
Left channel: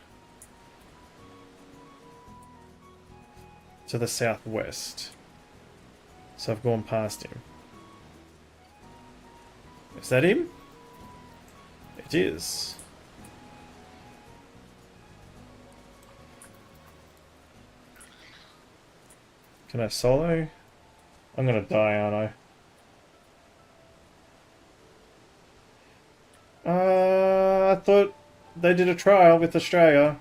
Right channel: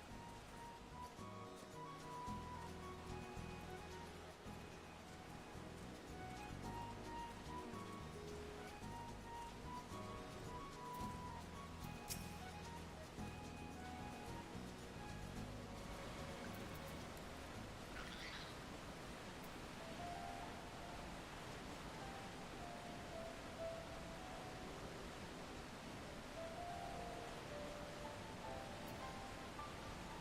To the southwest. So I've gone past him. Is that him? It is. Can I solo? I'm gonna die, aren't I? I thought they did a trial with Australia.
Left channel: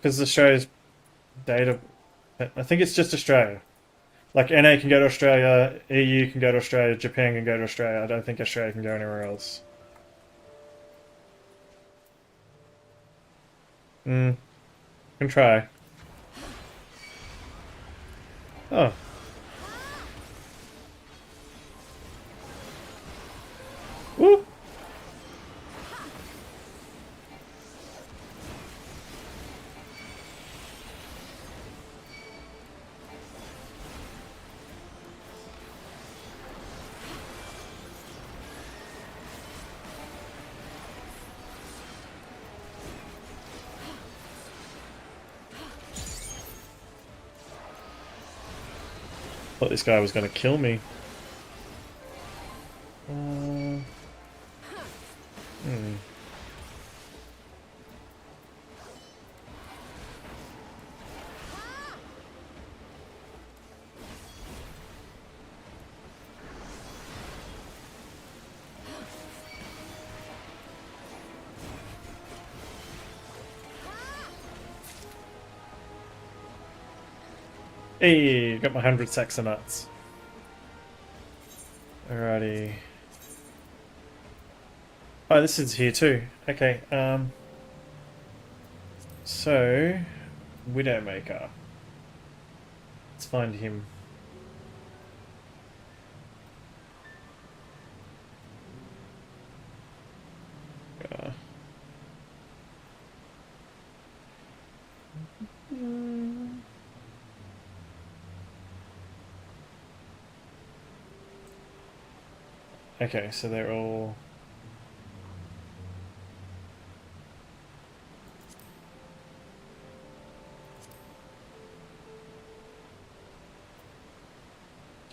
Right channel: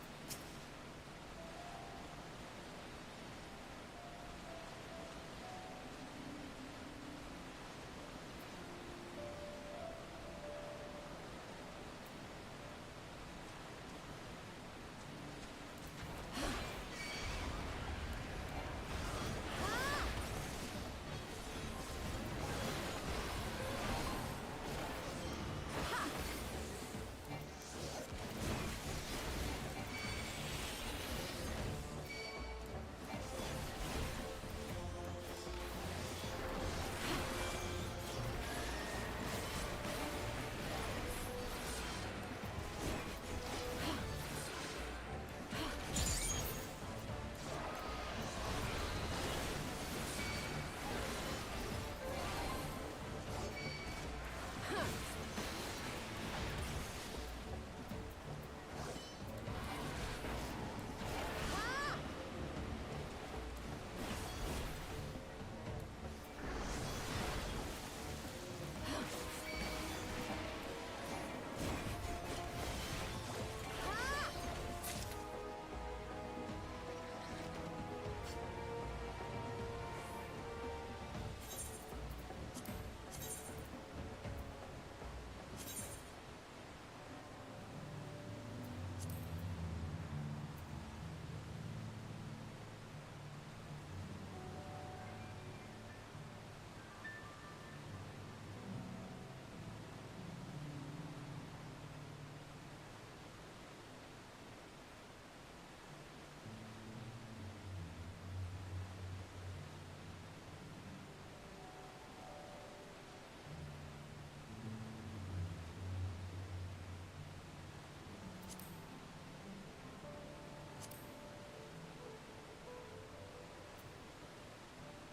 Because Australia's data... I think it's just Australia. Like, NA can go to Australia, EU can go to Australia, Japan can go to Australia. I don't think Australia can go anywhere else. Can try. Oh. Woo! Thought this guy was going to kill me. Hey, got my 100 Saxonuts. Alrighty. Oh, this is here too. Okay, so, Widowmaker. Let's find him. Okay, so they're all...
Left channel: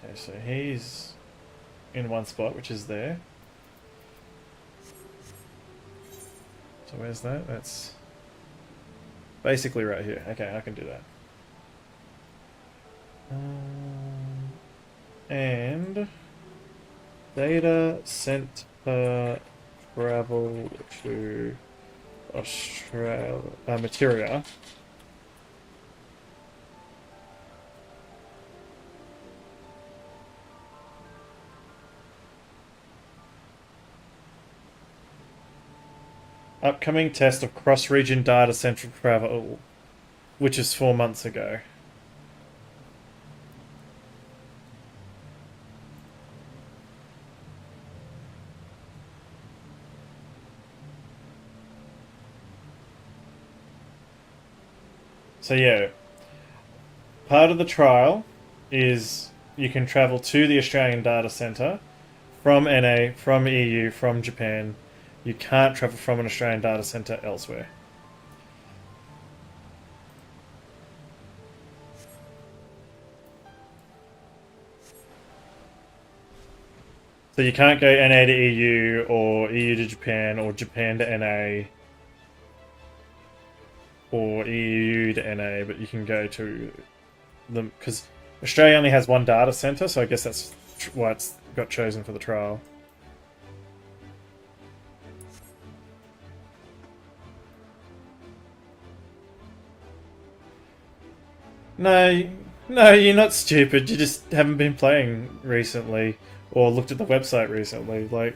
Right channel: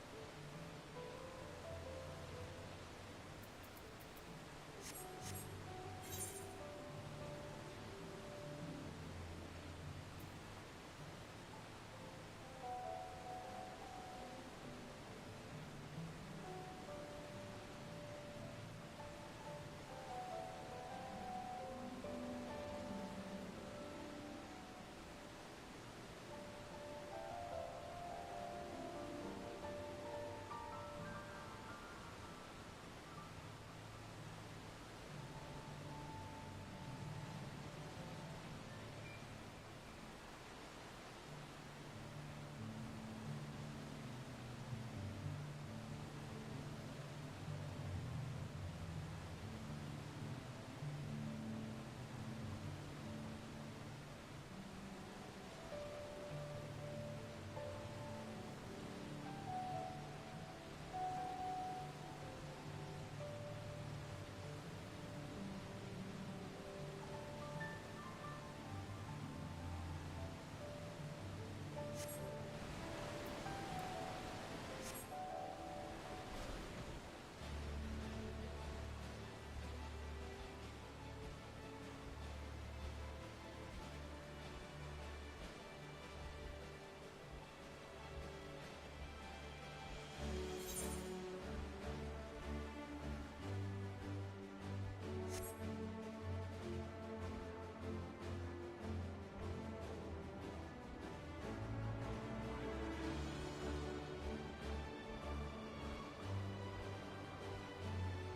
Okay, so he's in one spot, which is there. So where's that? That's basically right here. Okay, I can do that. And... Data sent travel to Australia, Materia. Upcoming test of cross-region data central travel, which is 4 months ago. So yeah, part of the trial is you can travel to the Australian data centre from NA, from EU, from Japan. You can't travel from an Australian data centre elsewhere. So you can't go NA to EU or EU to Japan or Japan to NA. Or EU to NA, but you can go to them because Australia only has one data center, so I guess that's why it's got chosen for the trial. No, you're not stupid. You just haven't been playing recently or looked at the website recently. Like,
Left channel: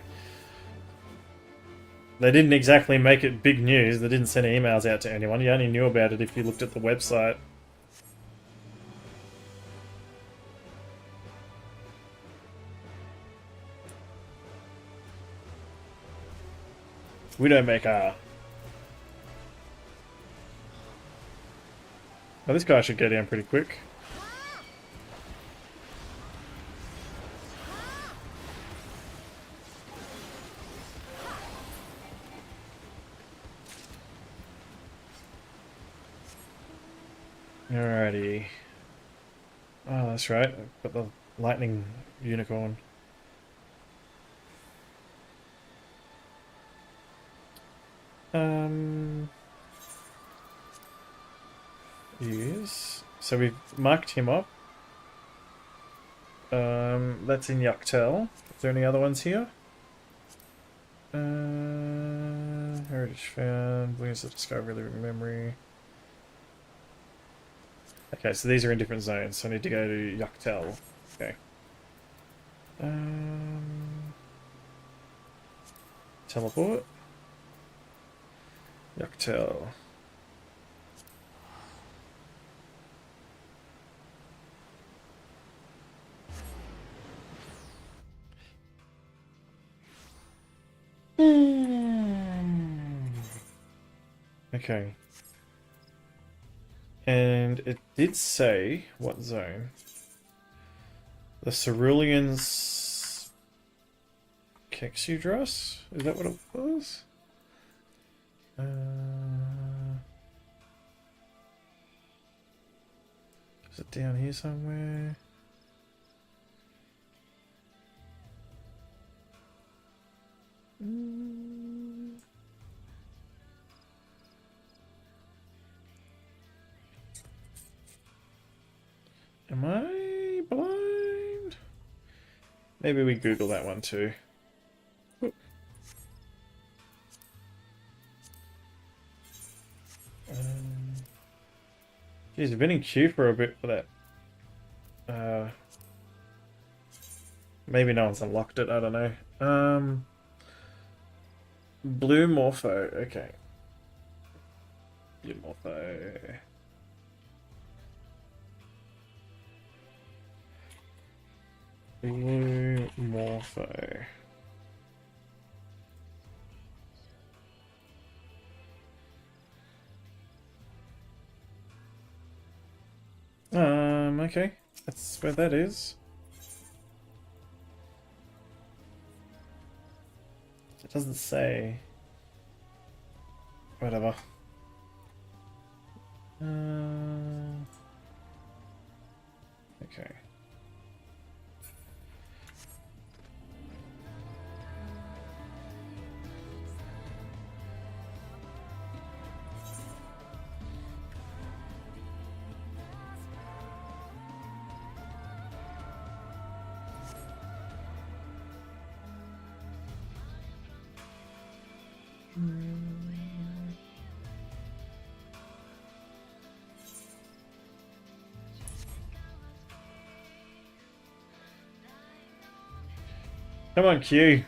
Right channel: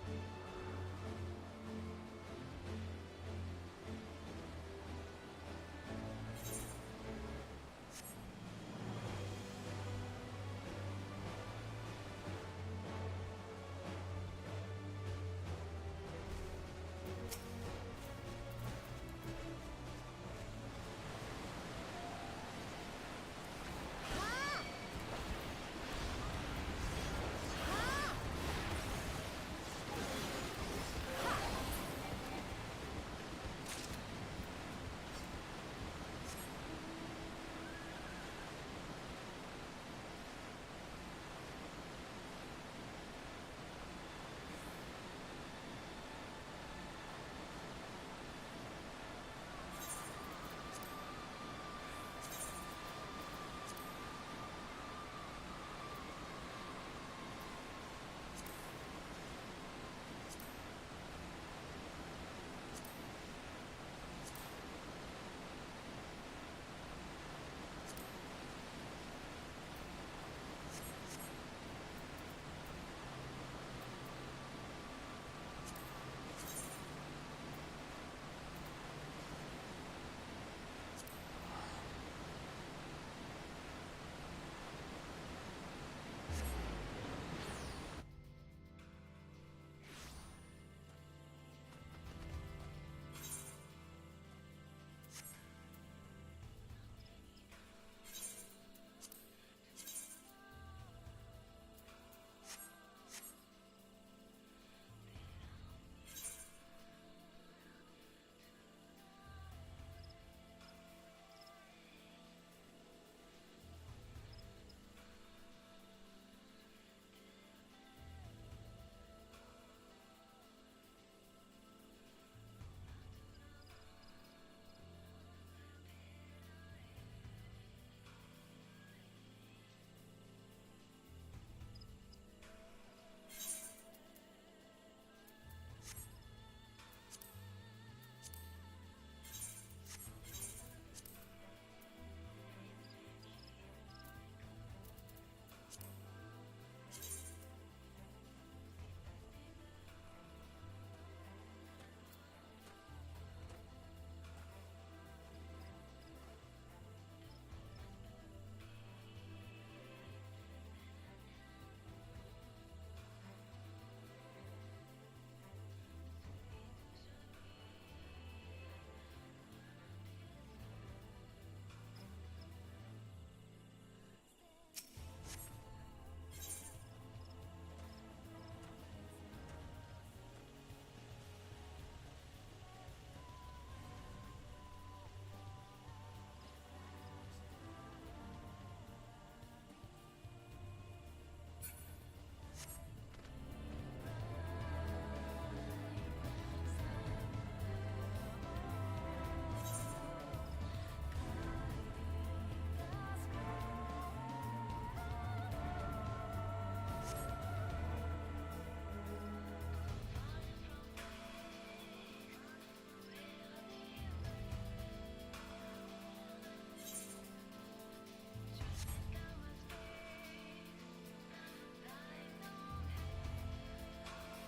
they didn't exactly make it big news. They didn't send emails out to anyone. You only knew about it if you looked at the website. Widowmaker. Oh, this guy should go down pretty quick. Alrighty. Oh, that's right. Got the lightning unicorn. Yes. So we've marked him up. That's in Yuctel. Is there any other ones here? Heritage found. Where's the discovery of living memory? Okay, so these are in different zones, so I need to go to Yuktel. Okay. Teleport. Yuktel. Okay. And it did say what zone? The Ceruleans Kexudras? Is that what it was? Is it down here somewhere? Am I blind? Maybe we Google that one too. Geez, I've been in queue for a bit for that. Maybe no one's unlocked it, I don't know. Blue Morpho, okay. Blue Morpho. Blue Morpho. Okay. That's where that is. It doesn't say. Whatever. Okay. Come on, Q.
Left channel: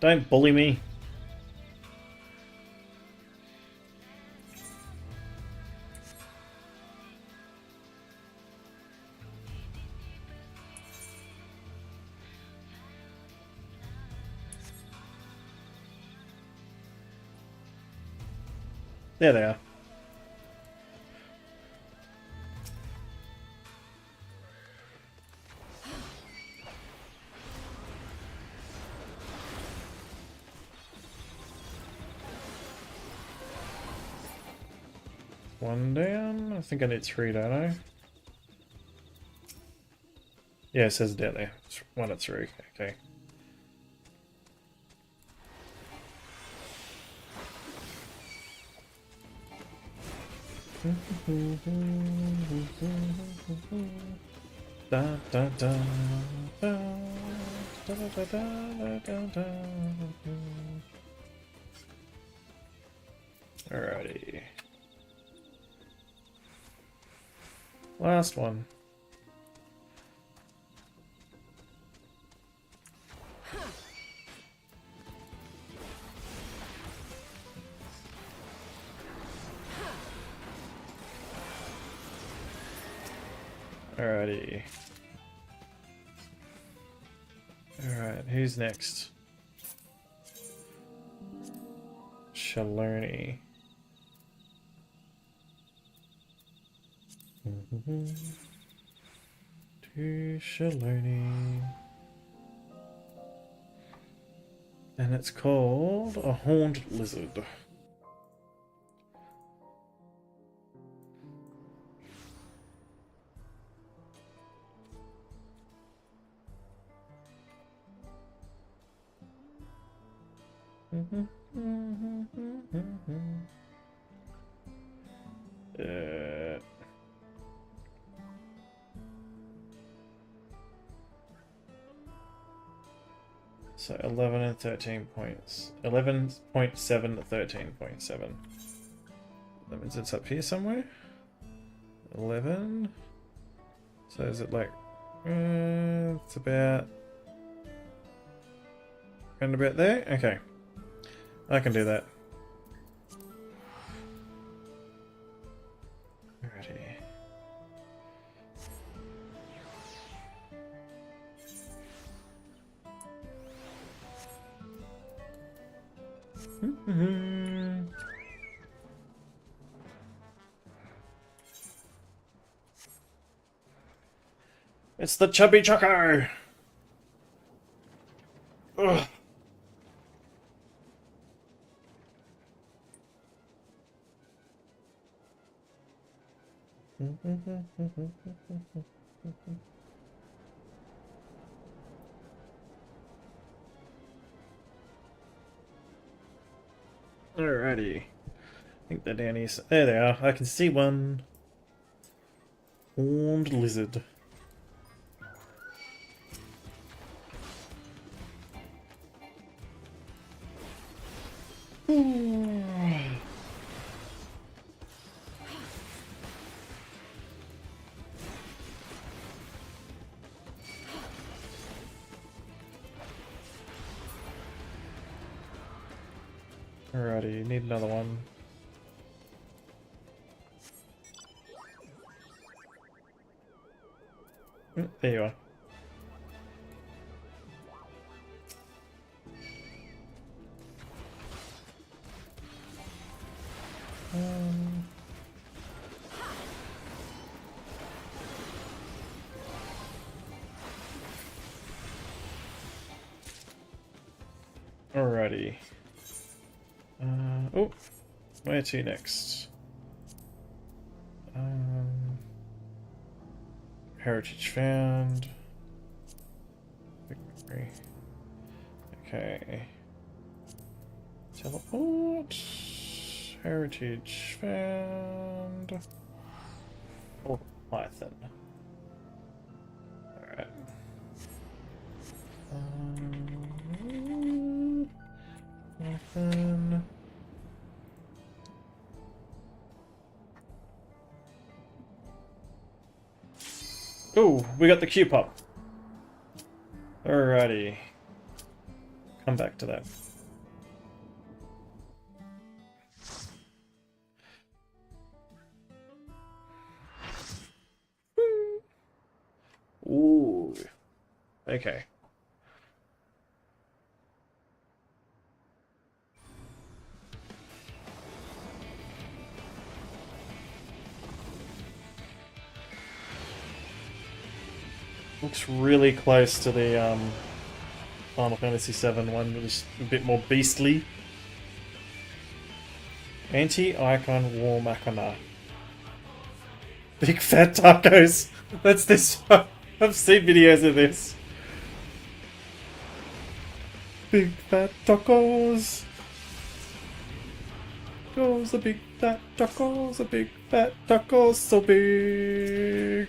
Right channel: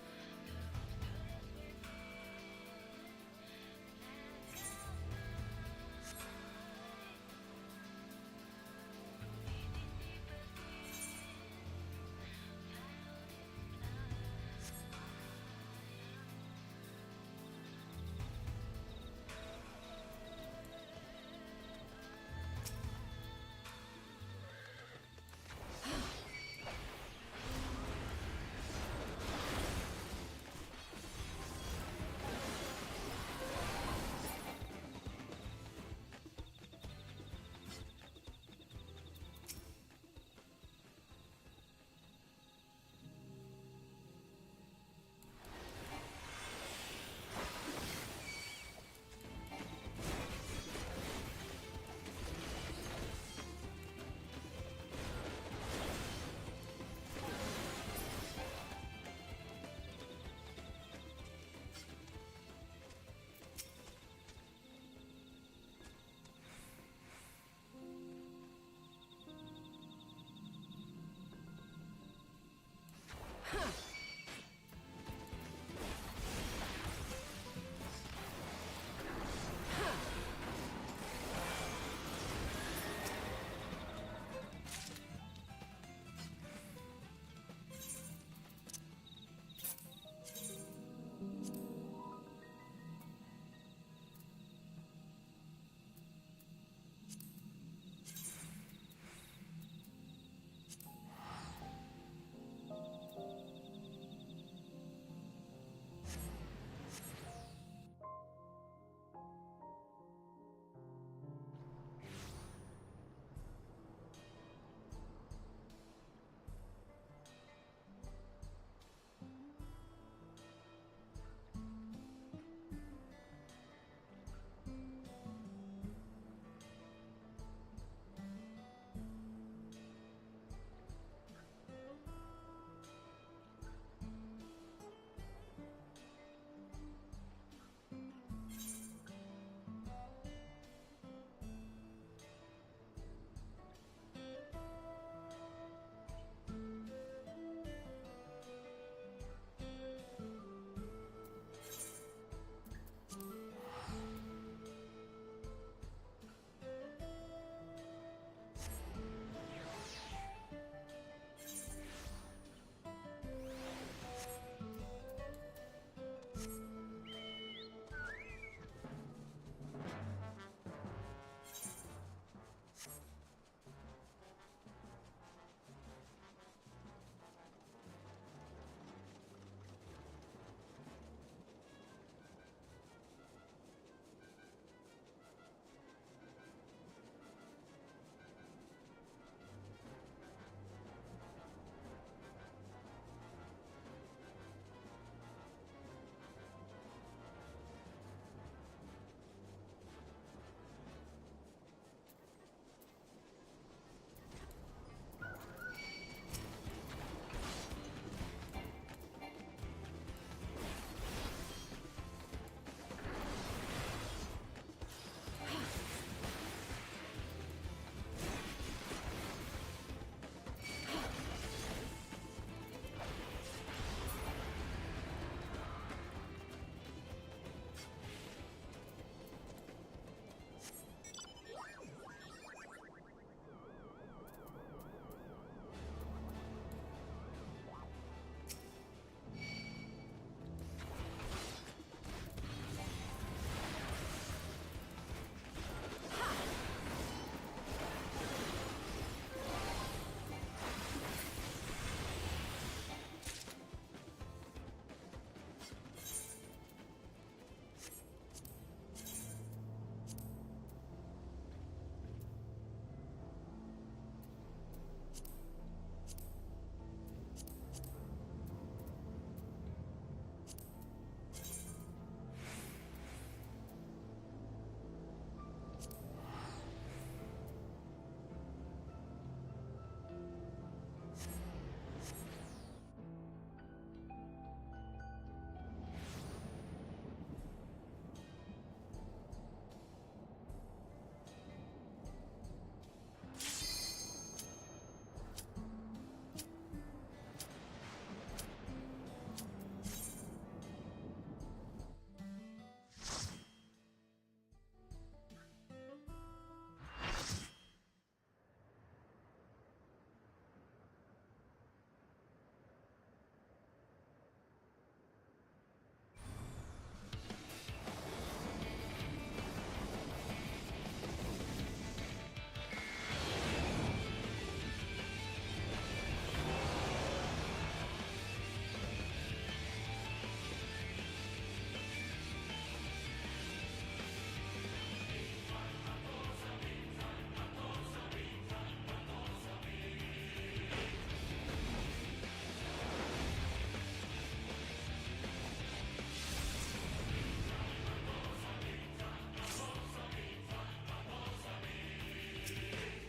Don't bully me. There they are. One down. I think I need 3, don't I? Yeah, it says down there. It's 1 at 3. Okay. Da, da, da, da, da, da, da, da. Alrighty. Last one. Alrighty. Alright, who's next? Shaloni. To Shaloni. And it's called a horned lizard. So 11 and 13 points. 11.7 to 13.7. That means it's up here somewhere. 11. So is it like it's about around about there? Okay. I can do that. Alrighty. It's the Chubby Choco! Ugh. Alrighty. I think they're down here. There they are. I can see one. Horned lizard. Alrighty, need another one. There you are. Alrighty. Oh, where to next? Heritage found. Victory. Okay. Teleport. Heritage found. Oh, Python. Alright. Python. Oh, we got the Q pop. Alrighty. Come back to that. Ooh. Okay. Looks really close to the Final Fantasy VII one. It was a bit more beastly. Anti-icon war machina. Big fat tacos. That's this one. I've seen videos of this. Big fat tacos. Tacos, the big fat tacos, the big fat tacos, so big.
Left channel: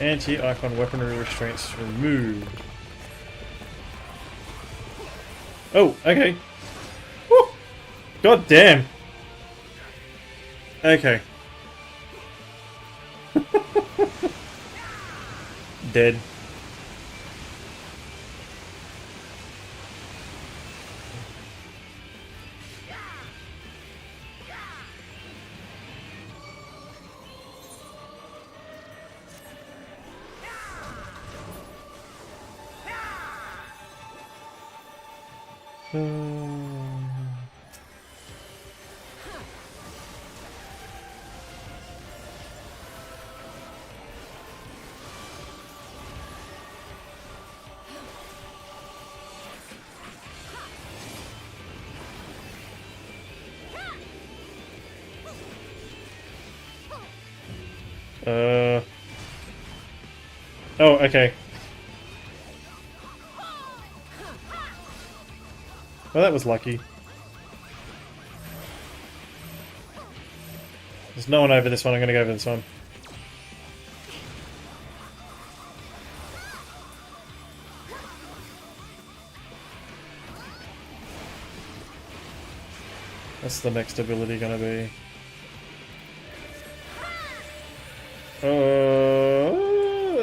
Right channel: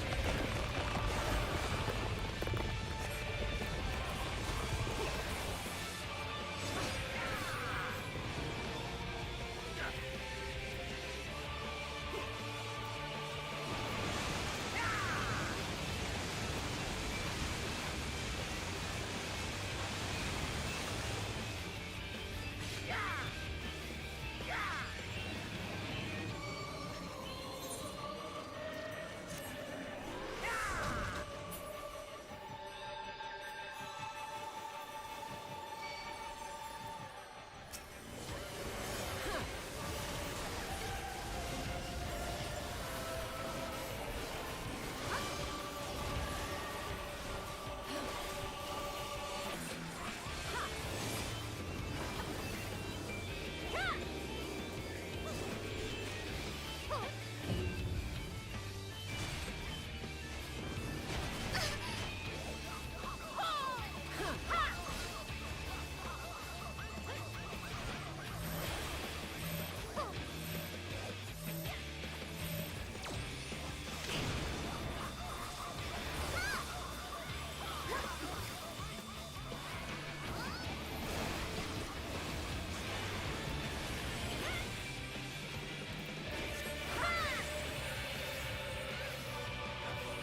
Anti-icon weaponry restraints removed. Oh, okay. Woo! God damn. Okay. Dead. Oh, okay. Well, that was lucky. There's no one over this one. I'm gonna go over this one. What's the next ability gonna be?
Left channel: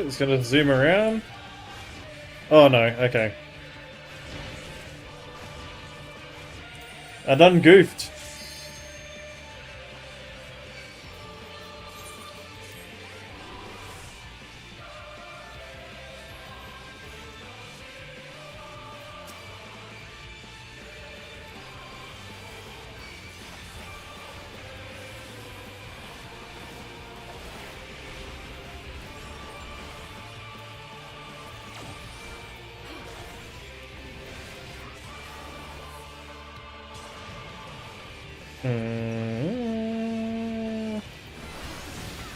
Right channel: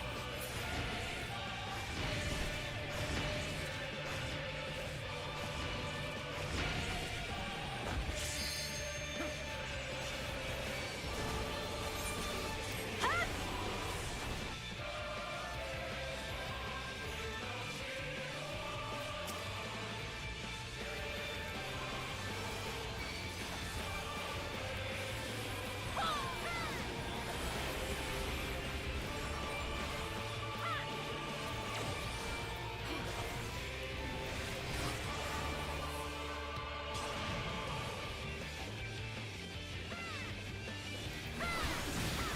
It's gonna zoom around. Oh no, okay. I done goofed.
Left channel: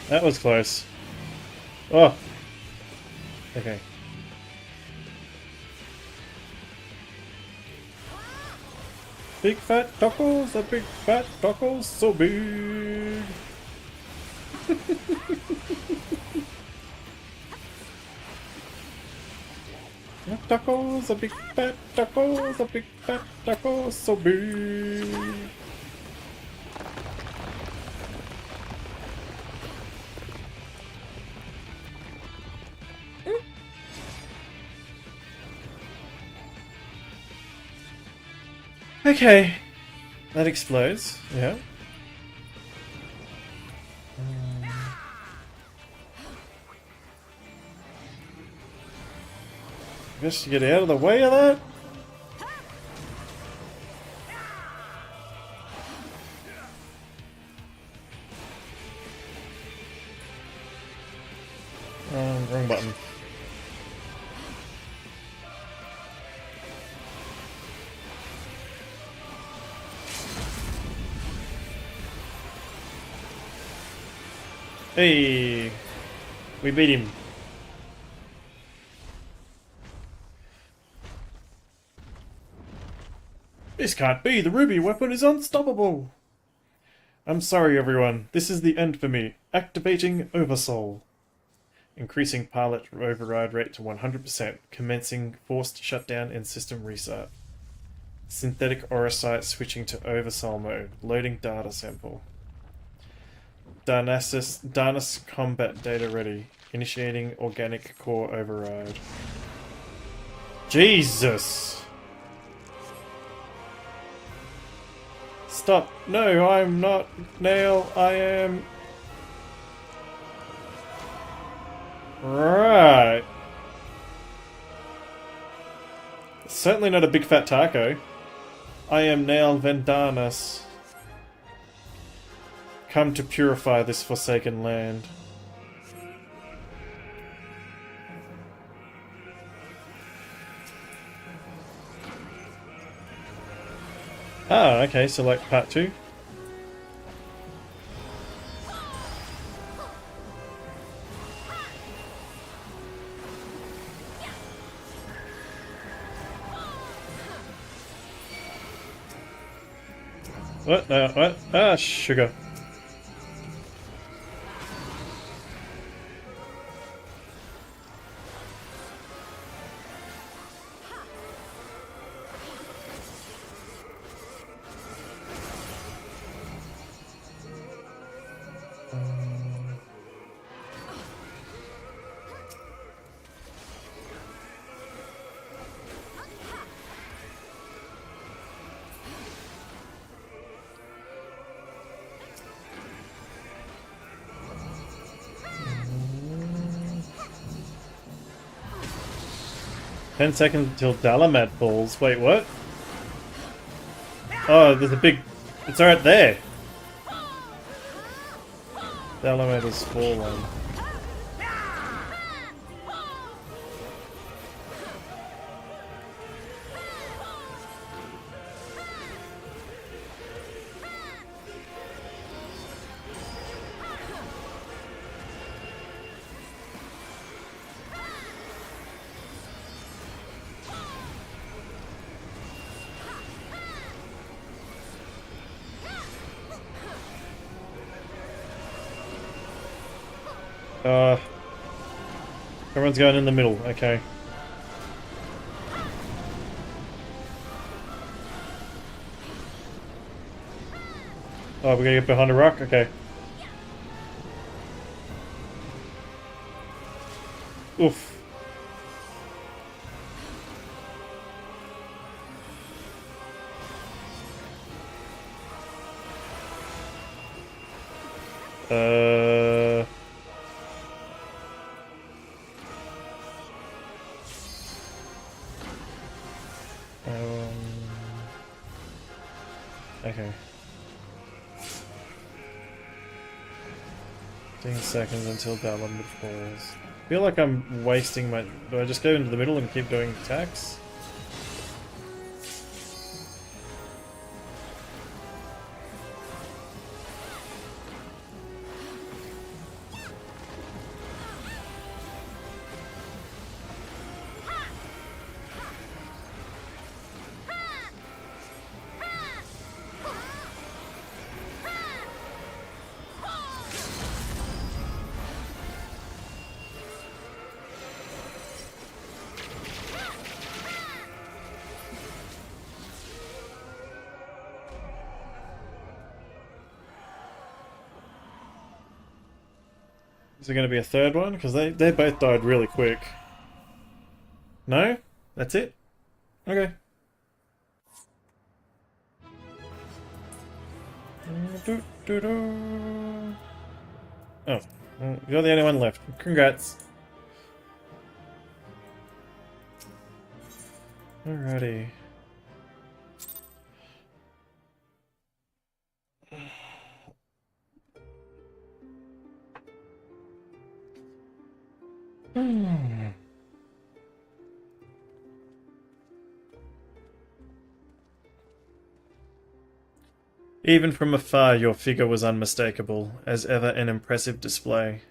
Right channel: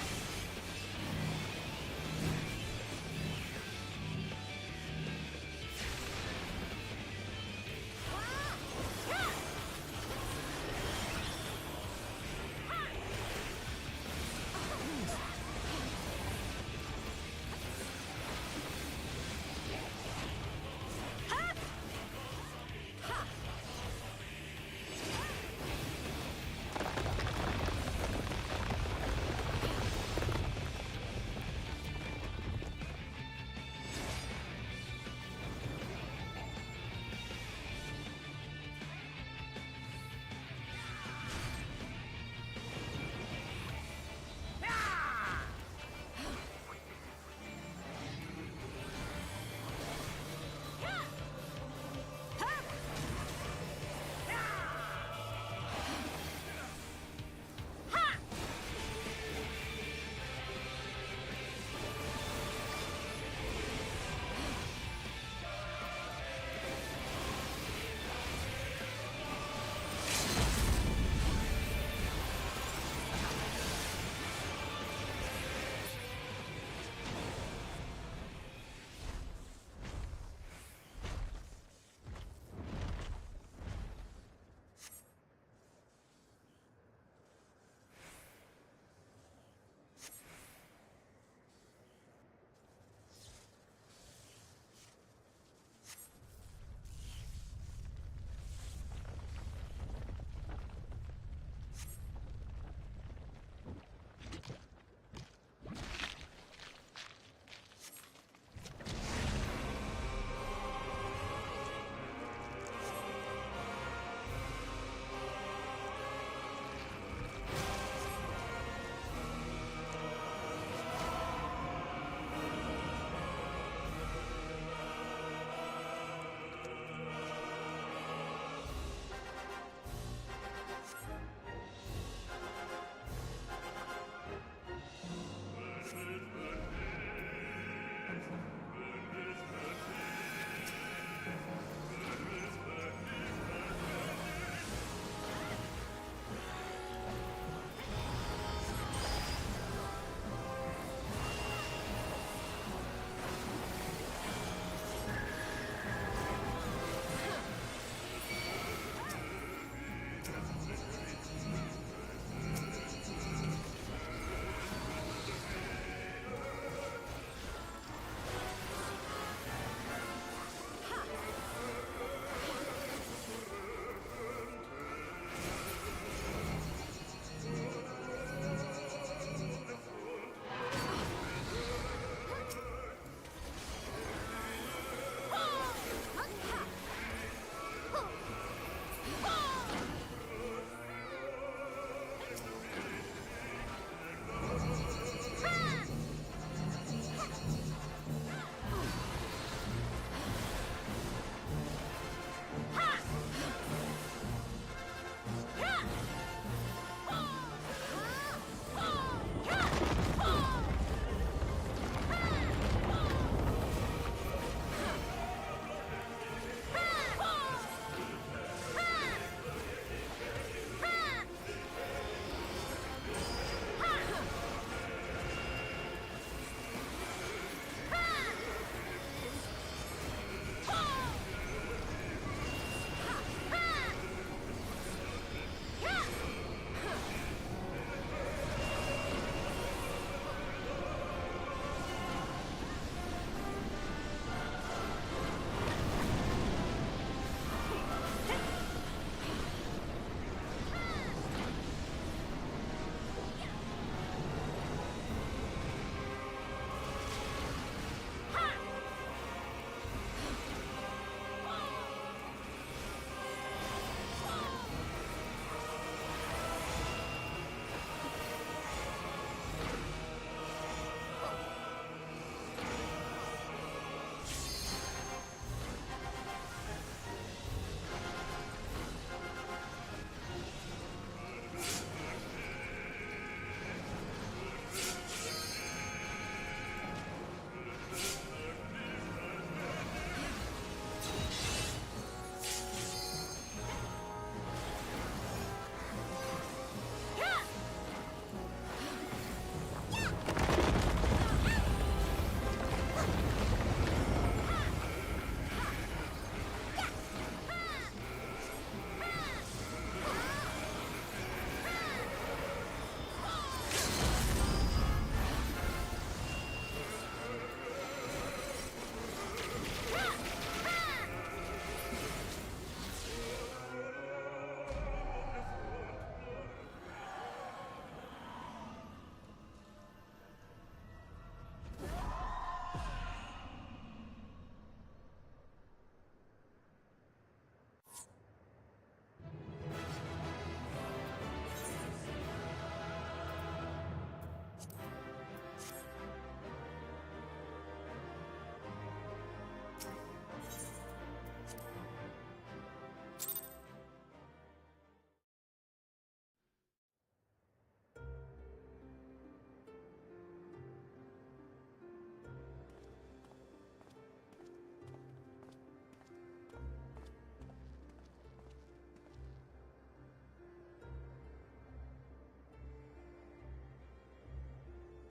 That was close. Oh. Okay. Big fat cockles, the big fat cockles, so big. Tacos, the big fat tacos, the big fat tacos, so big. Okay, that explodes, yeah. Just get out of the way of that. Wrong button. Hey, we beat him. This can't be. The ruby weapon is unstoppable. I'm sorry, everyone. This is the end for me. Activating Oversoul. Increasing pilot override rate to 100%. Commencing forced shutdown and system restart. Synthetic aura sight switching to Oversoul mode. Loading data sample. Darnus combat data ready. Initiating organic core override. Jesus! Stop. No, I'm not Nail. I am... Right. Certainly not a big fat taco. I am Nail Vendanas. Come to purify this forsaken land. Ah, okay, select part 2. What? Ah, sugar. Ten seconds until Dalamad falls. Wait, what? Oh, there's a big... It's right there. Dalamad is fallen. Everyone's going in the middle. Okay. Oh, we're gonna get behind a rock? Okay. Oof. Okay. 10 seconds until Garland falls. I feel like I'm wasting my... Do I just go into the middle and keep doing attacks? Is there going to be a third one? Because they both died really quick. No? That's it? Okay. Oh. You're the only one left. Congrats. Alrighty. Even from afar, your figure was unmistakable, as ever an impressive display.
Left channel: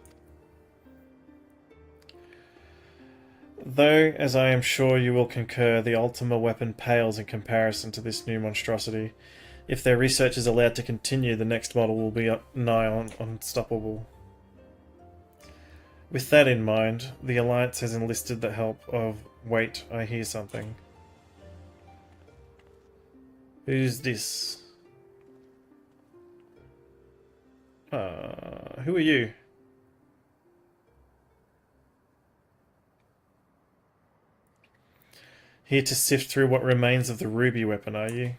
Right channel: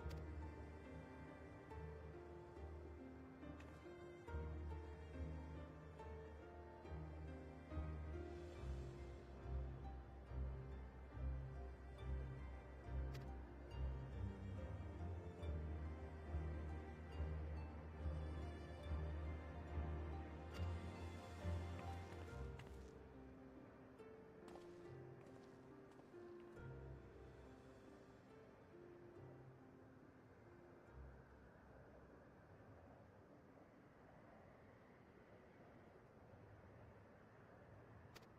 Though, as I am sure you will concur, the Ultima weapon pales in comparison to this new monstrosity. If their research is allowed to continue, the next model will be nigh on unstoppable. With that in mind, the Alliance has enlisted the help of... Wait, I hear something. Who's this? Who are you? Here to sift through what remains of the ruby weapon, are you?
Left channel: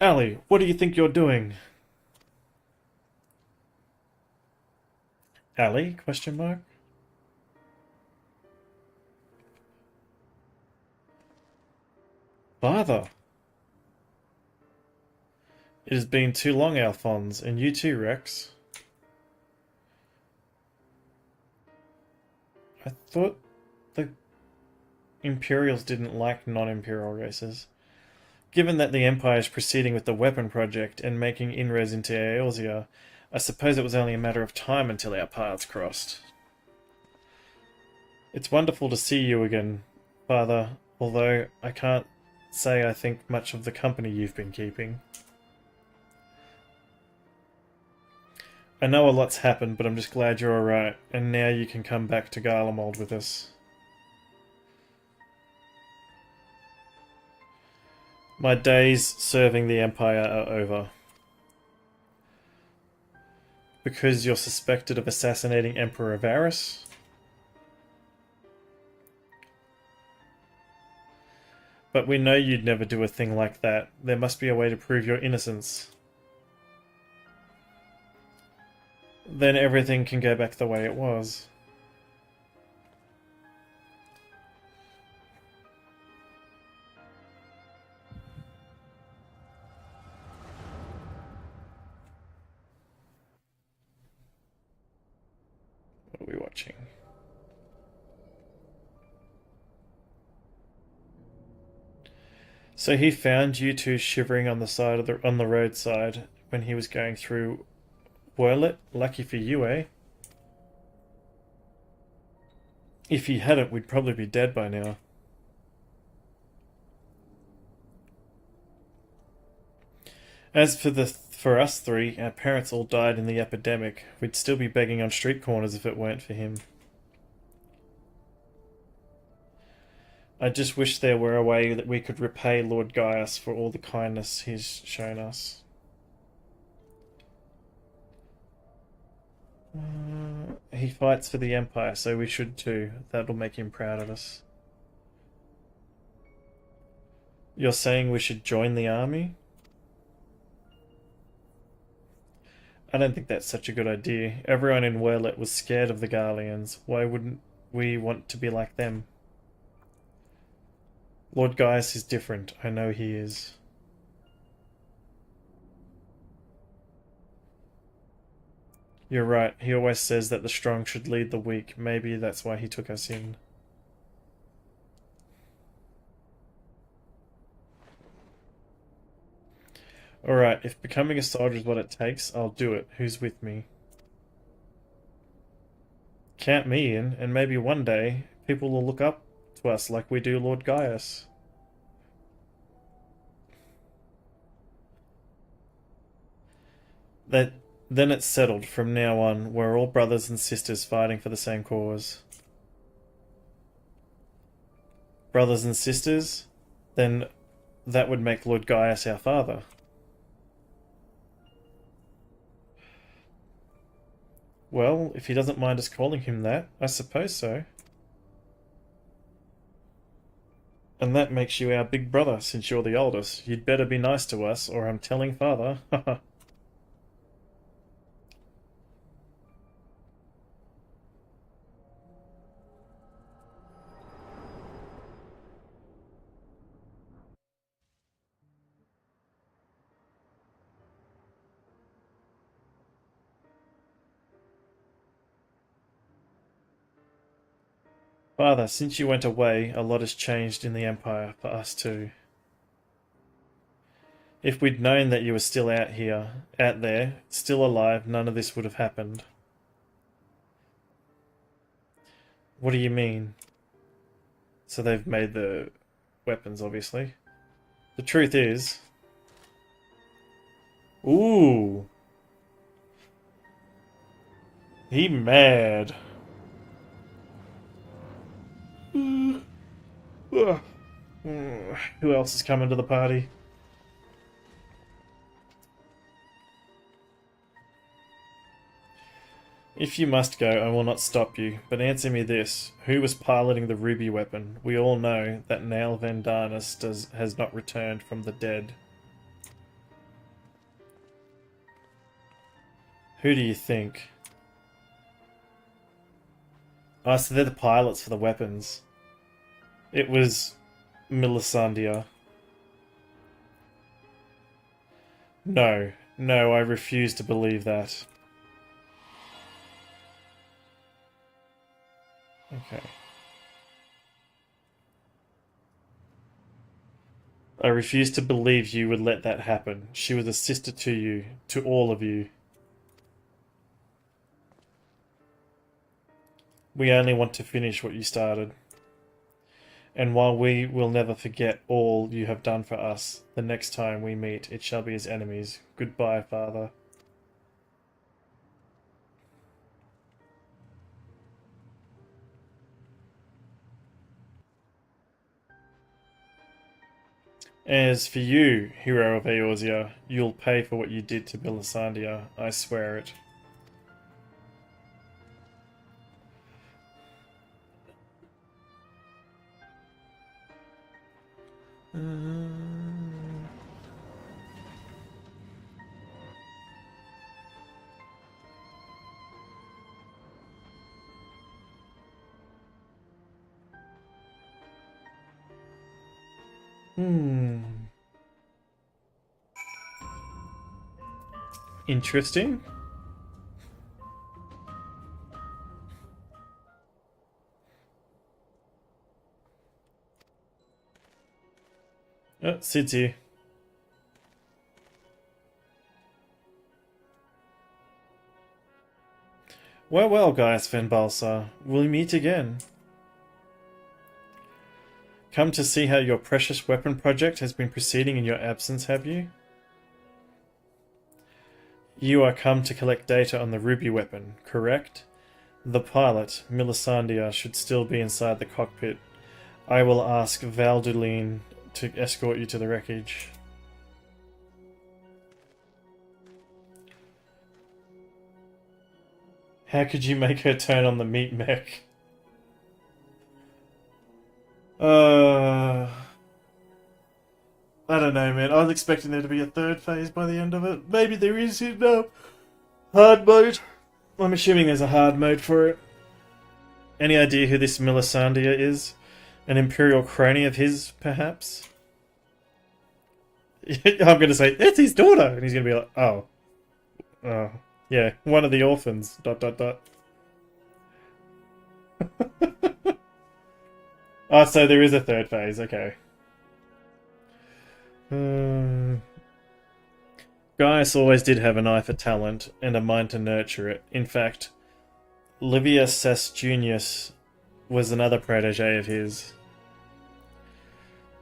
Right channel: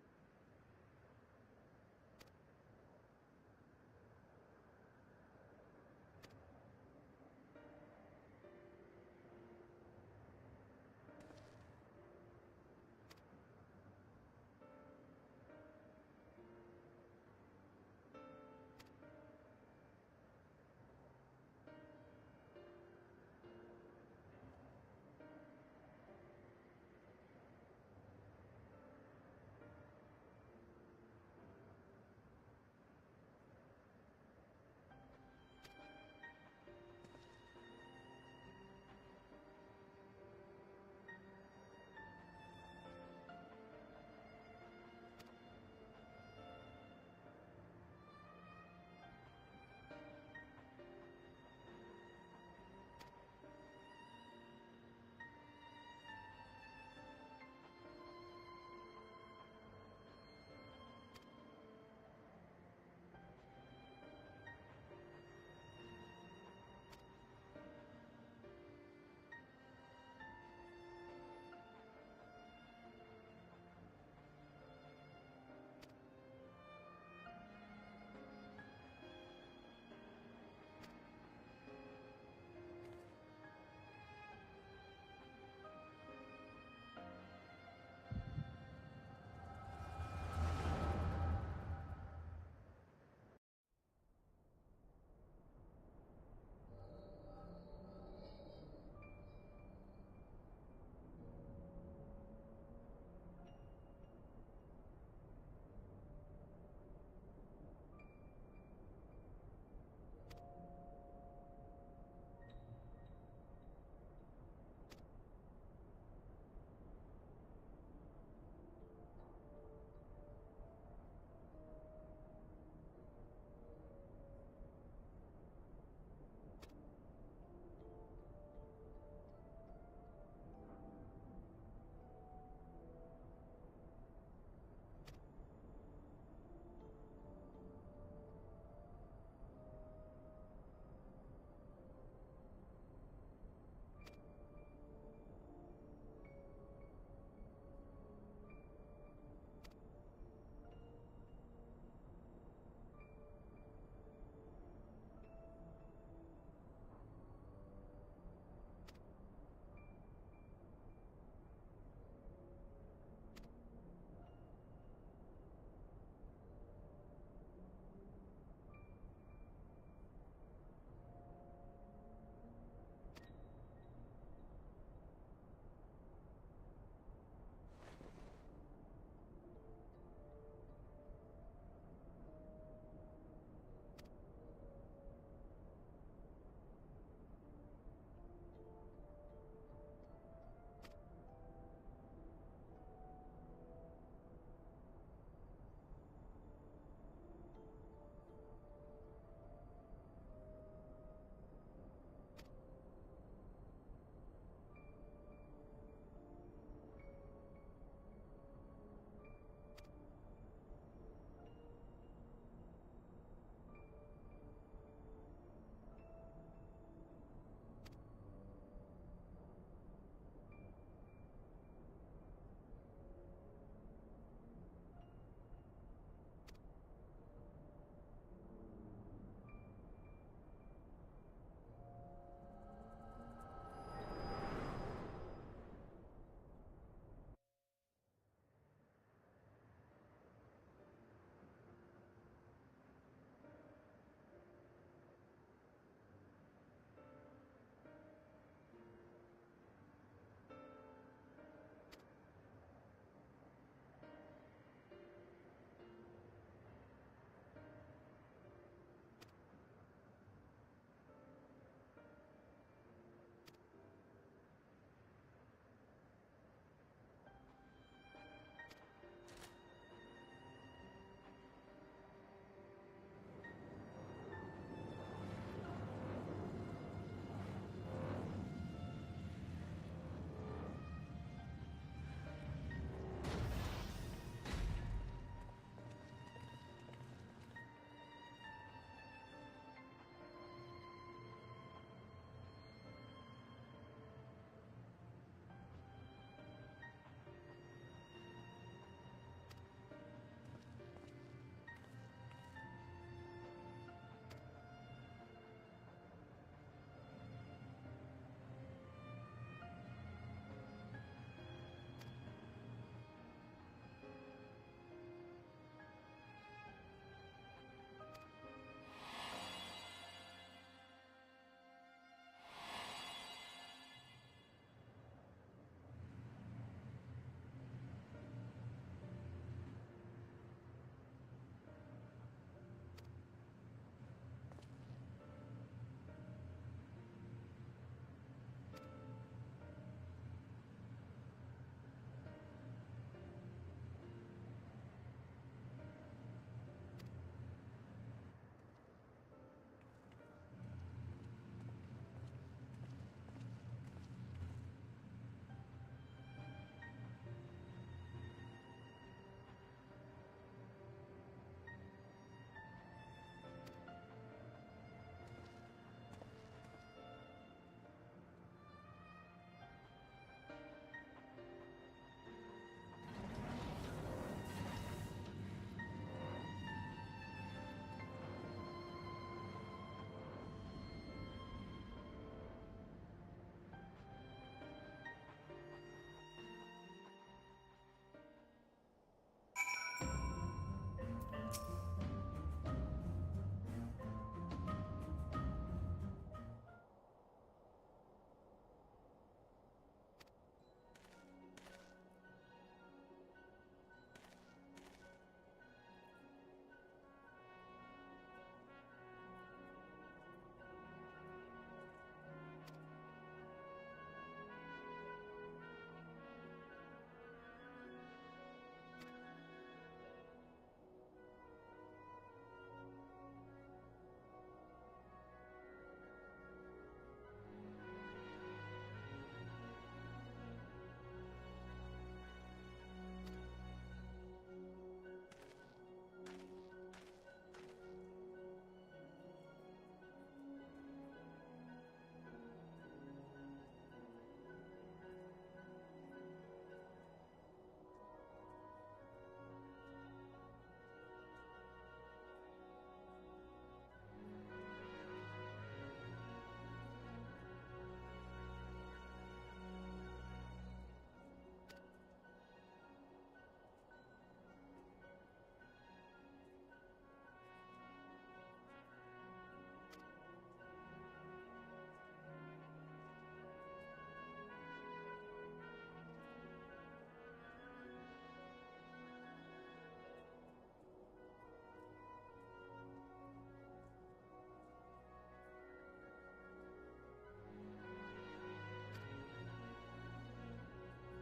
Ali, what do you think you're doing? Ali? Question mark. Father. It has been too long, Alphonse, and you too, Rex. I thought the Imperials didn't like non-Imperial races. Given that the Empire is proceeding with the weapon project and making inroads into Eorzea, I suppose it was only a matter of time until our paths crossed. It's wonderful to see you again, Father, although I can't say I think much of the company you've been keeping. I know a lot's happened, but I'm just glad you're alright, and now you can come back to Garlemald with us. My days serving the Empire are over. Because you're suspected of assassinating Emperor Varus? But we know you'd never do a thing like that. There must be a way to prove your innocence. Then everything can go back the way it was. What are we watching? So he found you two shivering on the side of on the roadside when he was going through Roulettes. Lucky for you, eh? If he hadn't, we'd probably be dead by now. As for us three, our parents all died in the epidemic. We'd still be begging on street corners if it weren't for him. I just wish there were a way that we could repay Lord Gaius for all the kindness he's shown us. He fights for the Empire, so we should too. That'll make him proud of us. You're saying we should join the army? I don't think that's such a good idea. Everyone in Werlet was scared of the Garleans. Why wouldn't we want to be like them? Lord Gaius is different. I know he is. You're right. He always says that the strong should lead the weak. Maybe that's why he took us in. Alright, if becoming a soldier is what it takes, I'll do it. Who's with me? Count me in, and maybe one day, people will look up to us like we do Lord Gaius. Then it's settled. From now on, we're all brothers and sisters fighting for the same cause. Brothers and sisters? Then that would make Lord Gaius our father. Well, if he doesn't mind us calling him that, I suppose so. And that makes you our big brother, since you're the oldest. You'd better be nice to us, or I'm telling father. Haha. Father, since you went away, a lot has changed in the Empire, for us too. If we'd known that you were still out there, still alive, none of this would have happened. What do you mean? So they've made the weapons, obviously. The truth is... Ooh! He mad. Who else is coming to the party? If you must go, I will not stop you, but answer me this. Who was piloting the ruby weapon? We all know that Nail Vandarnus has not returned from the dead. Who do you think? Oh, so they're the pilots for the weapons. It was Melisandre. No, I refuse to believe that. Okay. I refuse to believe you would let that happen. She was a sister to you, to all of you. We only want to finish what you started. And while we will never forget all you have done for us, the next time we meet, it shall be as enemies. Goodbye, Father. As for you, hero of Eorzea, you'll pay for what you did to Melisandre. I swear it. Interesting. Oh, Sid's here. Well, Gaius Van Balsar, we'll meet again. Come to see how your precious weapon project has been proceeding in your absence, have you? You are come to collect data on the ruby weapon, correct? The pilot, Milisandia, should still be inside the cockpit. I will ask Valduline to escort you to the wreckage. How could you make her turn on the meat mech? I don't know, man. I was expecting there to be a third phase by the end of it. Maybe there is in hard mode. I'm assuming there's a hard mode for it. Any idea who this Milisandia is? An Imperial crony of his, perhaps? I'm going to say, it's his daughter! And he's going to be like, oh. Oh. Yeah, one of the orphans. ... Oh, so there is a third phase, okay. Gaius always did have an eye for talent and a mind to nurture it. In fact, Livius Sestunius was another protege of his.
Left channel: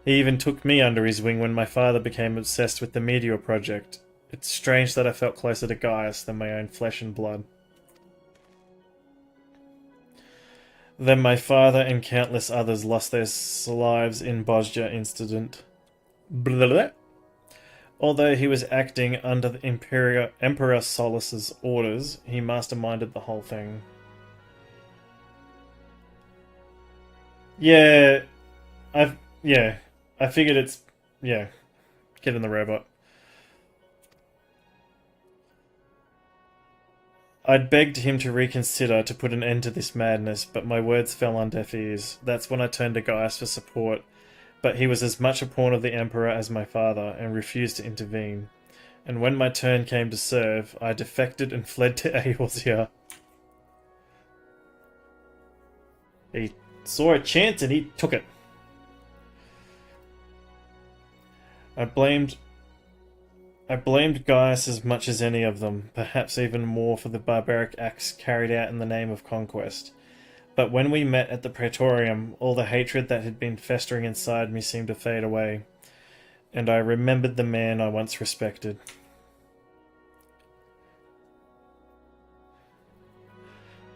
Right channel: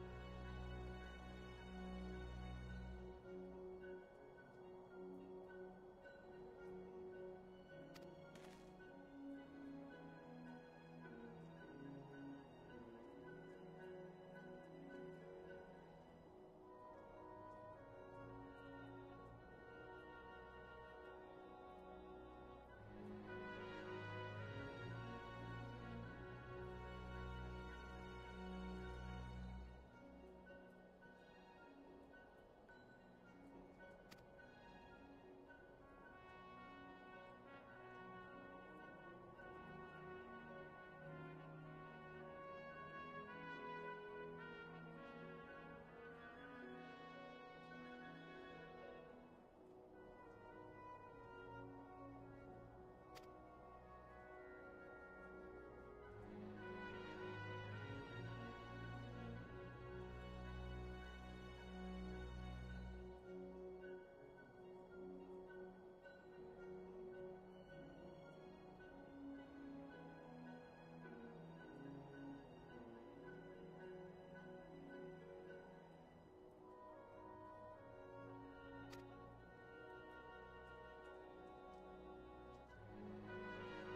He even took me under his wing when my father became obsessed with the Meteor Project. It's strange that I felt closer to Gaius than my own flesh and blood. Then my father and countless others lost their lives in Bosja incident. Blah, blah. Although he was acting under the Emperor Solus's orders, he masterminded the whole thing. Yeah, I figured it's, get in the robot. I'd begged him to reconsider to put an end to this madness, but my words fell on deaf ears. That's when I turned to Gaius for support, but he was as much a pawn of the Emperor as my father, and refused to intervene. And when my turn came to serve, I defected and fled to Eorzea. He saw a chance and he took it. I blamed Gaius as much as any of them, perhaps even more for the barbaric acts carried out in the name of conquest. But when we met at the Praetorium, all the hatred that had been festering inside me seemed to fade away, and I remembered the man I once respected.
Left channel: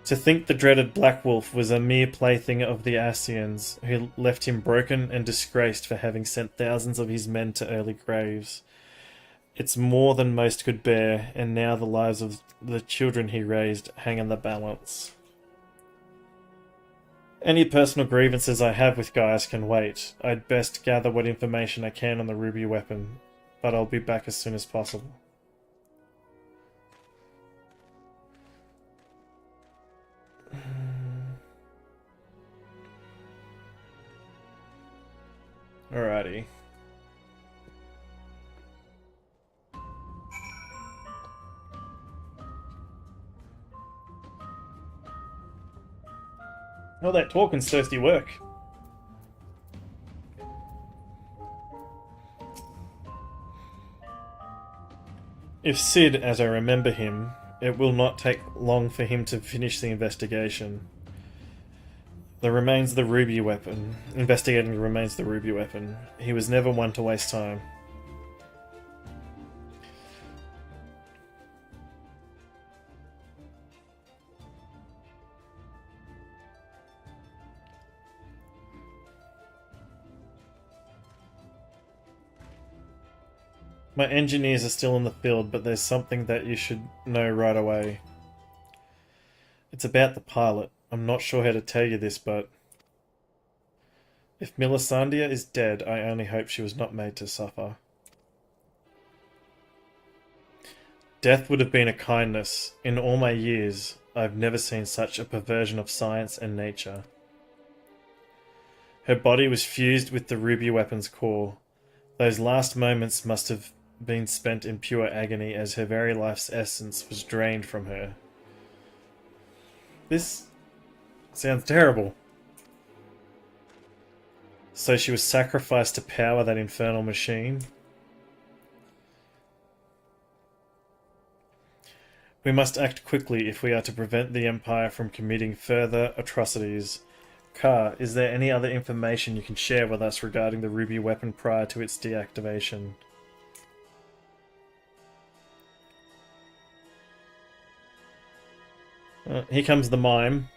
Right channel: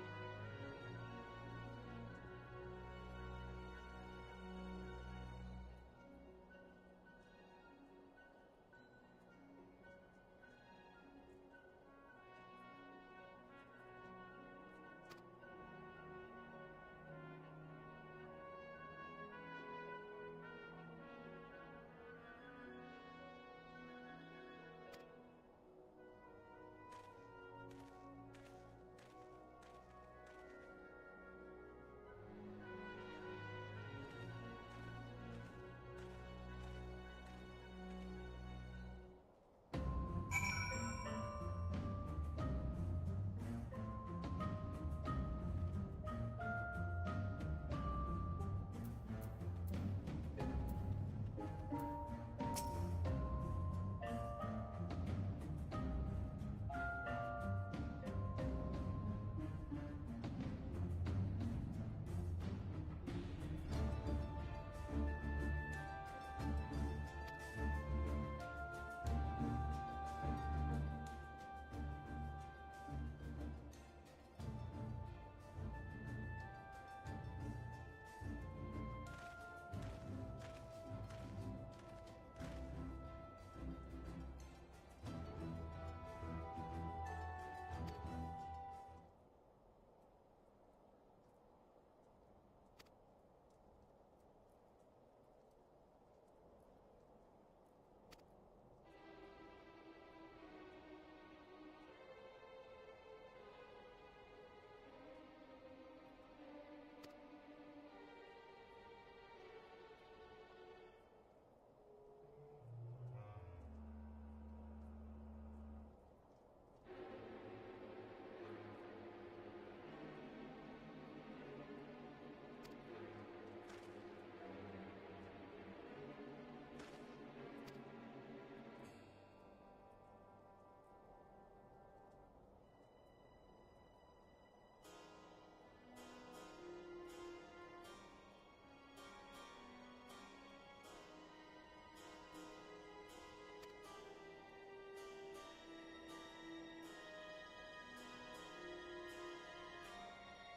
To think the dreaded Black Wolf was a mere plaything of the Ascians, who left him broken and disgraced for having sent thousands of his men to early graves. It's more than most could bear, and now the lives of the children he raised hang in the balance. Any personal grievances I have with Gaius can wait. I'd best gather what information I can on the ruby weapon, but I'll be back as soon as possible. Alrighty. Oh, that talking's thirsty work. If Sid, as I remember him, it will not take long for him to finish the investigation. The remains of the ruby weapon. Investigating the remains of the ruby weapon. He was never one to waste time. My engineers are still in the field, but there's something that you should know right away. It's about the pilot. I'm not sure how to tell you this, but if Milisandia is dead, I only hope she was not made to suffer. Death would have been a kindness. In all my years, I've never seen such a perversion of science and nature. Her body was fused with the ruby weapon's core. Those last moments must have been spent in pure agony as her very life's essence was drained from her. This sounds terrible. So she was sacrificed to power that infernal machine. We must act quickly if we are to prevent the Empire from committing further atrocities. Carr, is there any other information you can share with us regarding the ruby weapon prior to its deactivation? Here comes the mime.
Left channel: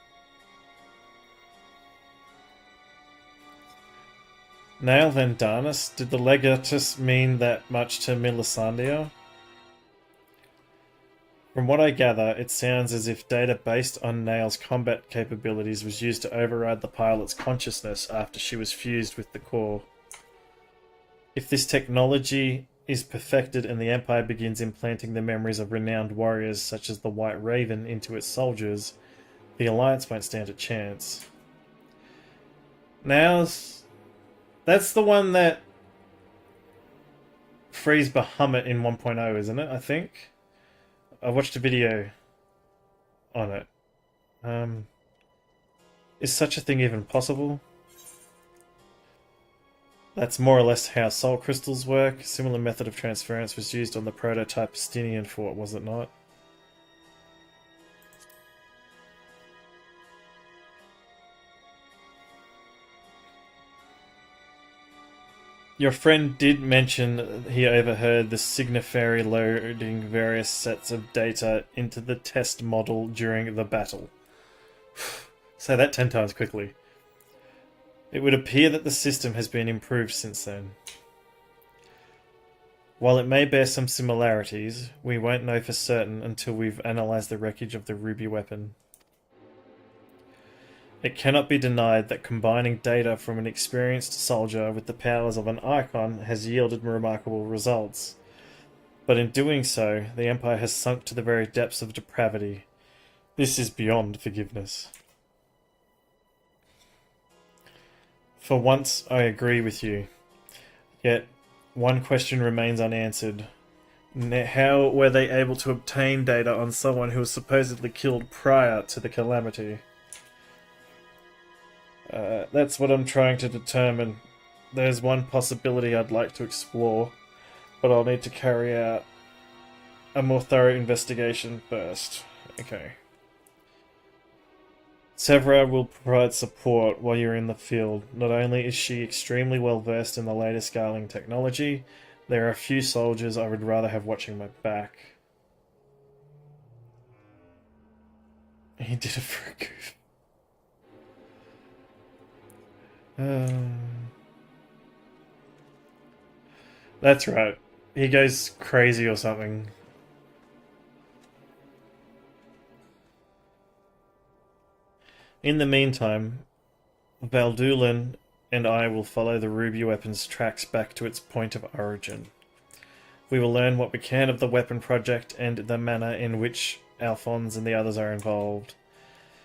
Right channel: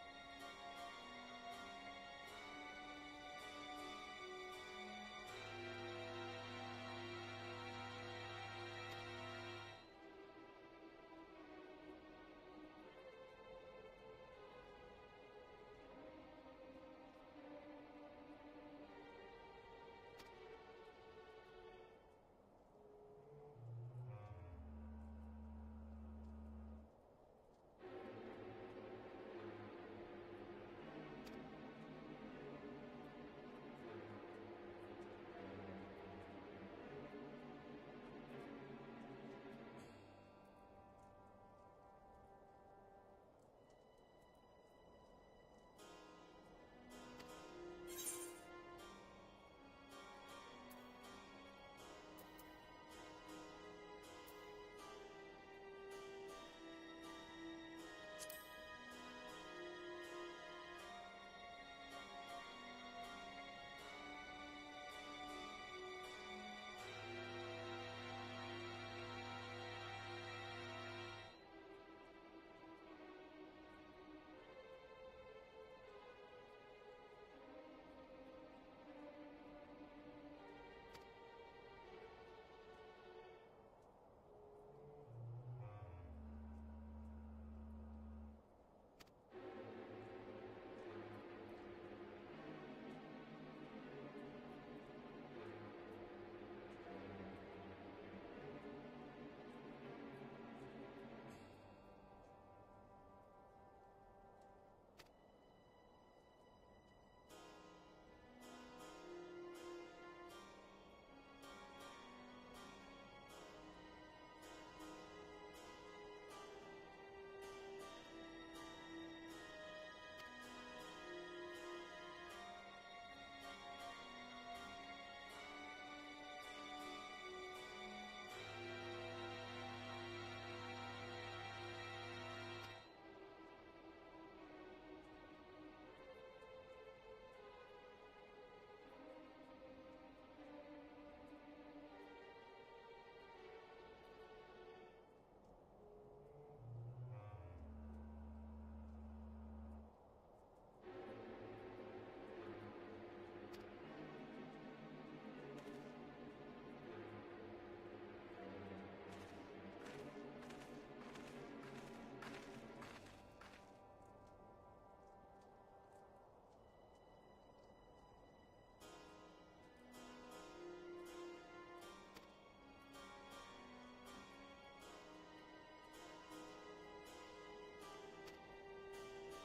Nail Vendanus? Did the Legatus mean that much to Milisandia? From what I gather, it sounds as if data based on Nail's combat capabilities was used to override the pilot's consciousness after she was fused with the core. If this technology is perfected and the Empire begins implanting the memories of renowned warriors such as the White Raven into its soldiers, the Alliance won't stand a chance. Nail's... That's the one that frees Bahamut in 1.0, isn't it? I think. I watched a video on it. Is such a thing even possible? That's more or less how soul crystals work. A similar method of transference was used on the prototype Stinian fort, was it not? Your friend did mention he overheard the Signiferi loading various sets of data into the test model during the battle. Say that 10 times quickly. It would appear that the system has been improved since then. While it may bear some similarities, we won't know for certain until we've analysed the wreckage of the Ruby weapon. It cannot be denied that combining data from an experienced soldier with the powers of an icon has yielded remarkable results. But in doing so, the Empire has sunk to the very depths of depravity. This is beyond forgiveness. For once, I agree with you. Yet, one question remains unanswered. How were they able to obtain data on someone who was supposedly killed prior to the calamity? That's what I'm trying to determine. There's one possibility I'd like to explore, but I'll need to carry out a more thorough investigation first. Okay. Severa will provide support while you're in the field. Not only is she extremely well versed in the latest scaling technology, there are a few soldiers I would rather have watching my back. He did it for a goof. That's right. He goes crazy or something. In the meantime, Valdulan and I will follow the Ruby weapon's tracks back to its point of origin. We will learn what we can of the weapon project and the manner in which Alphonse and the others are involved.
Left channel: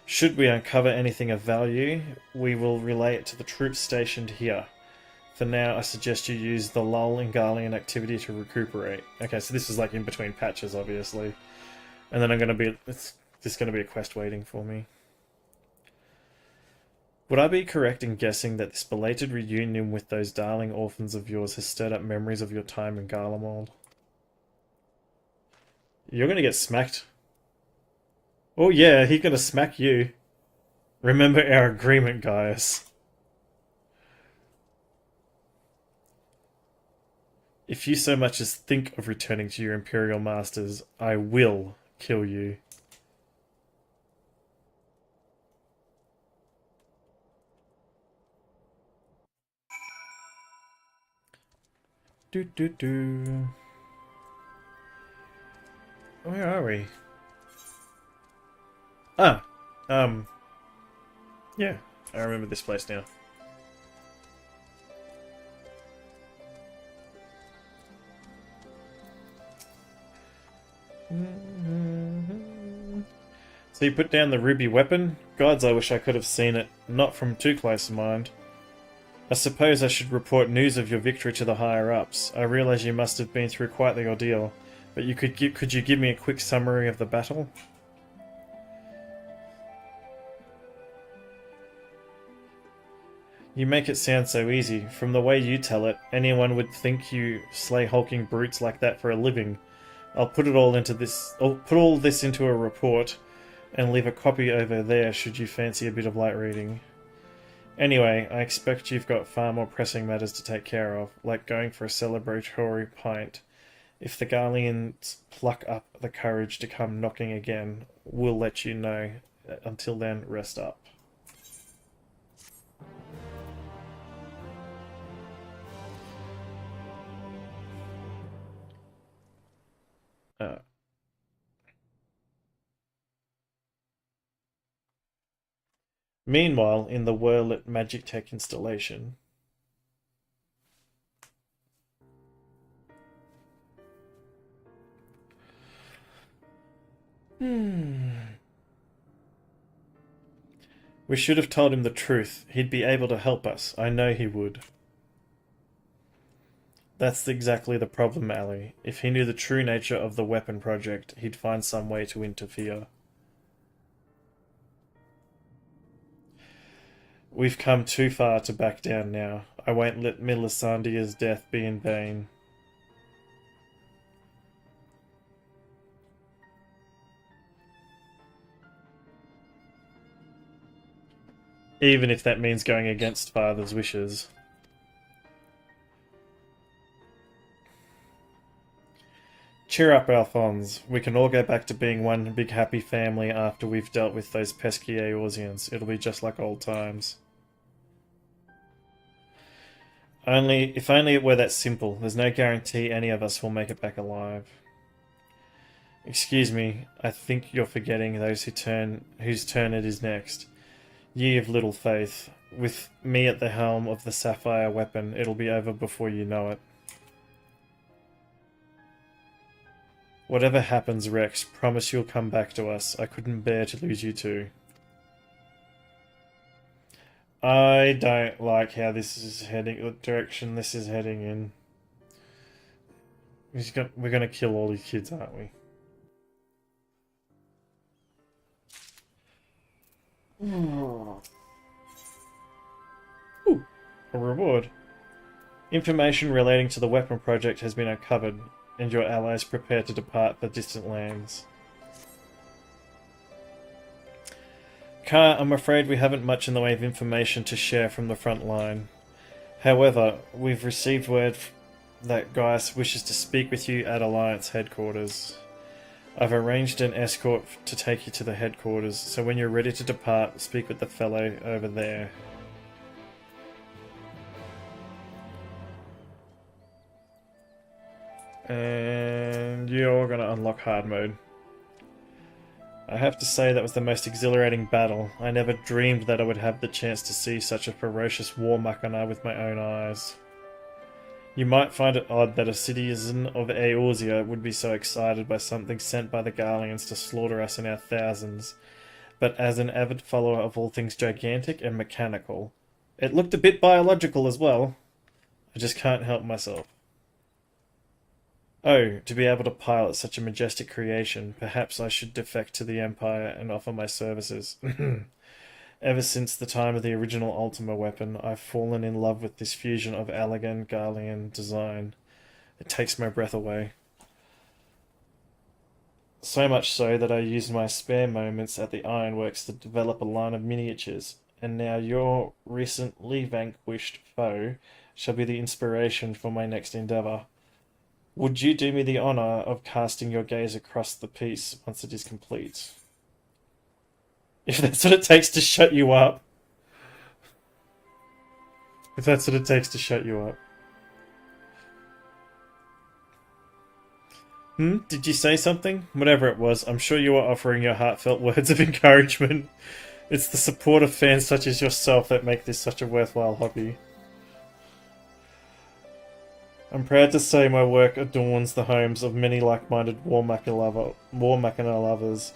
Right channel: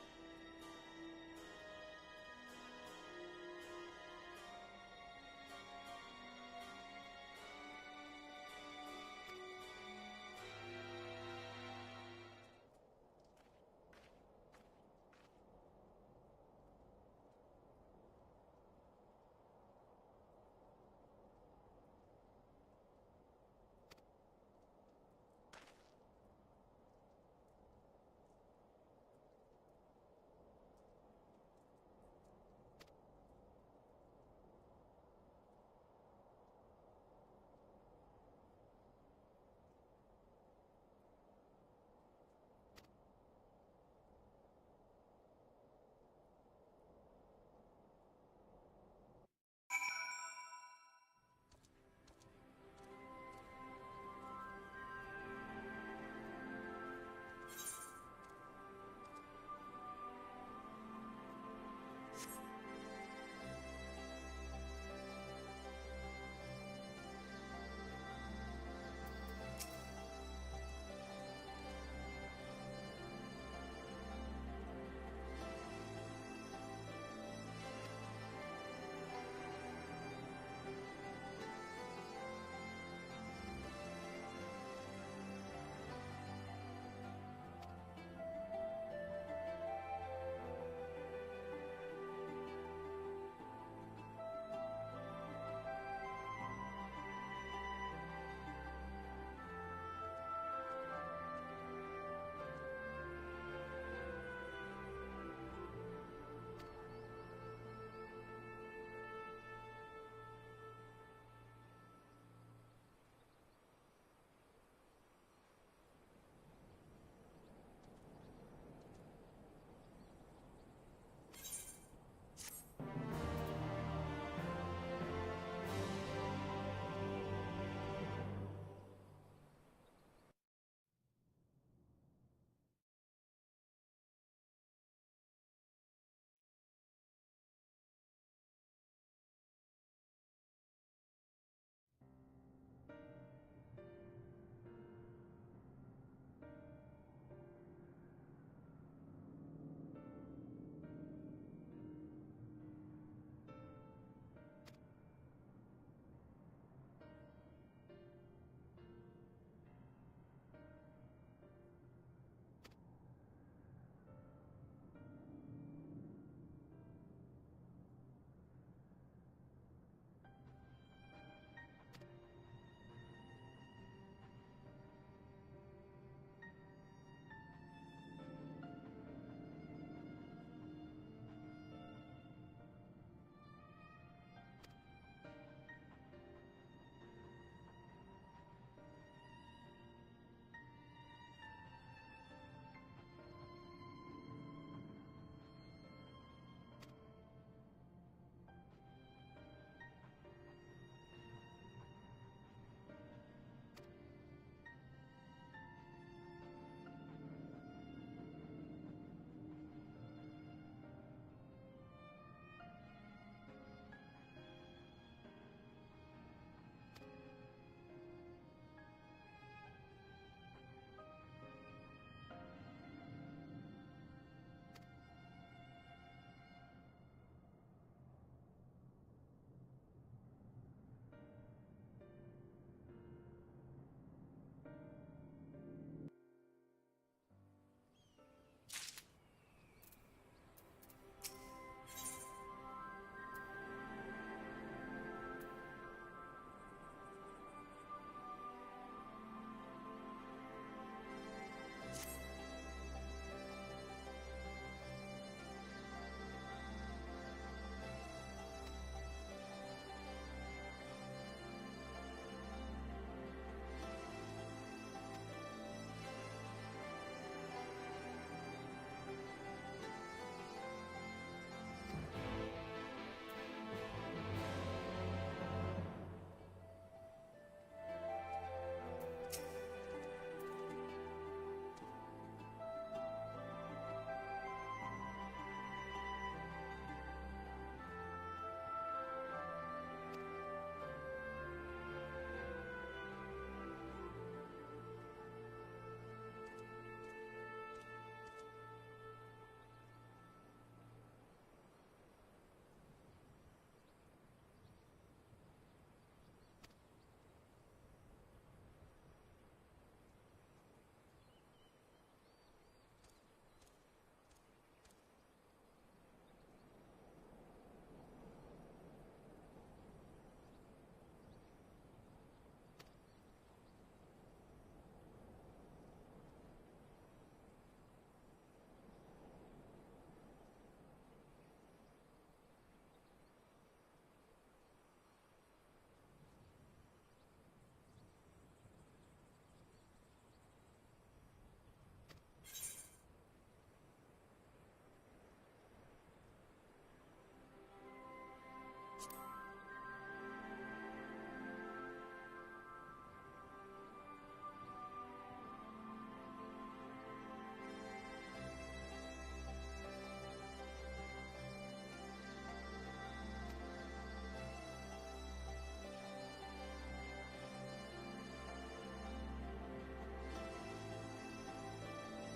Should we uncover anything of value, we will relay it to the troops stationed here. For now, I suggest you use the lull in Garlean activity to recuperate. Okay, so this is like in between patches, obviously. And then it's just going to be a quest waiting for me. Would I be correct in guessing that this belated reunion with those darling orphans of yours has stirred up memories of your time in Garlemald? You're going to get smacked. Oh yeah, he's going to smack you. Remember our agreement, Gaius. If you so much as think of returning to your Imperial Masters, I will kill you. Where are we? Ah, yeah, I remember this place now. So you put down the ruby weapon? Gods, I wish I could have seen it. Not from too close a mind. I suppose I should report news of your victory to the higher-ups. I realise you must have been through quite the ordeal, but could you give me a quick summary of the battle? You make it sound so easy. From the way you tell it, anyone would think you slay hulking brutes like that for a living. I'll put all this into a report and leave a copy over there should you fancy a bit of light reading. Anyway, I expect you've got far more pressing matters to take care of, like going for a celebratory pint. If the Garleans pluck up the courage to come knocking again, we'll let you know. Until then, rest up. Meanwhile, in the Whirlet Magic Tech installation. We should have told him the truth. He'd be able to help us. I know he would. That's exactly the problem, Ali. If he knew the true nature of the weapon project, he'd find some way to interfere. We've come too far to back down now. I won't let Melisandre's death be in vain. Even if that means going against Father's wishes. Cheer up, Alphonse. We can all go back to being one big happy family after we've dealt with those pesky Eorzeans. It'll be just like old times. If only it were that simple. There's no guarantee any of us will make it back alive. Excuse me, I think you're forgetting those whose turn it is next. Ye of little faith. With me at the helm of the Sapphire weapon, it'll be over before you know it. Whatever happens, Rex, promise you'll come back to us. I couldn't bear to lose you too. I don't like how this is heading, the direction this is heading in. We're gonna kill all these kids, aren't we? Ooh, a reward. Information relating to the weapon project has been uncovered, and your allies prepare to depart the distant lands. Car, I'm afraid we haven't much in the way of information to share from the front line. However, we've received word that Gaius wishes to speak with you at Alliance headquarters. I've arranged an escort to take you to the headquarters, so when you're ready to depart, speak with the fellow over there. And you're gonna unlock hard mode. I have to say that was the most exhilarating battle. I never dreamed that I would have the chance to see such a ferocious war machina with my own eyes. You might find it odd that a citizen of Eorzea would be so excited by something sent by the Garleans to slaughter us in our thousands, but as an avid follower of all things gigantic and mechanical, it looked a bit biological as well. I just can't help myself. Oh, to be able to pilot such a majestic creation, perhaps I should defect to the Empire and offer my services. Ever since the time of the original Ultima weapon, I've fallen in love with this fusion of elegant Garlean design. It takes my breath away. So much so that I used my spare moments at the Ironworks to develop a line of miniatures, and now your recently vanquished foe shall be the inspiration for my next endeavour. Would you do me the honour of casting your gaze across the piece once it is complete? If that's what it takes to shut you up. If that's what it takes to shut you up. Did you say something? Whatever it was, I'm sure you were offering your heartfelt words of encouragement. It's the support of fans such as yourself that make this such a worthwhile hobby. I'm proud to say my work adorns the homes of many like-minded War Machina lovers.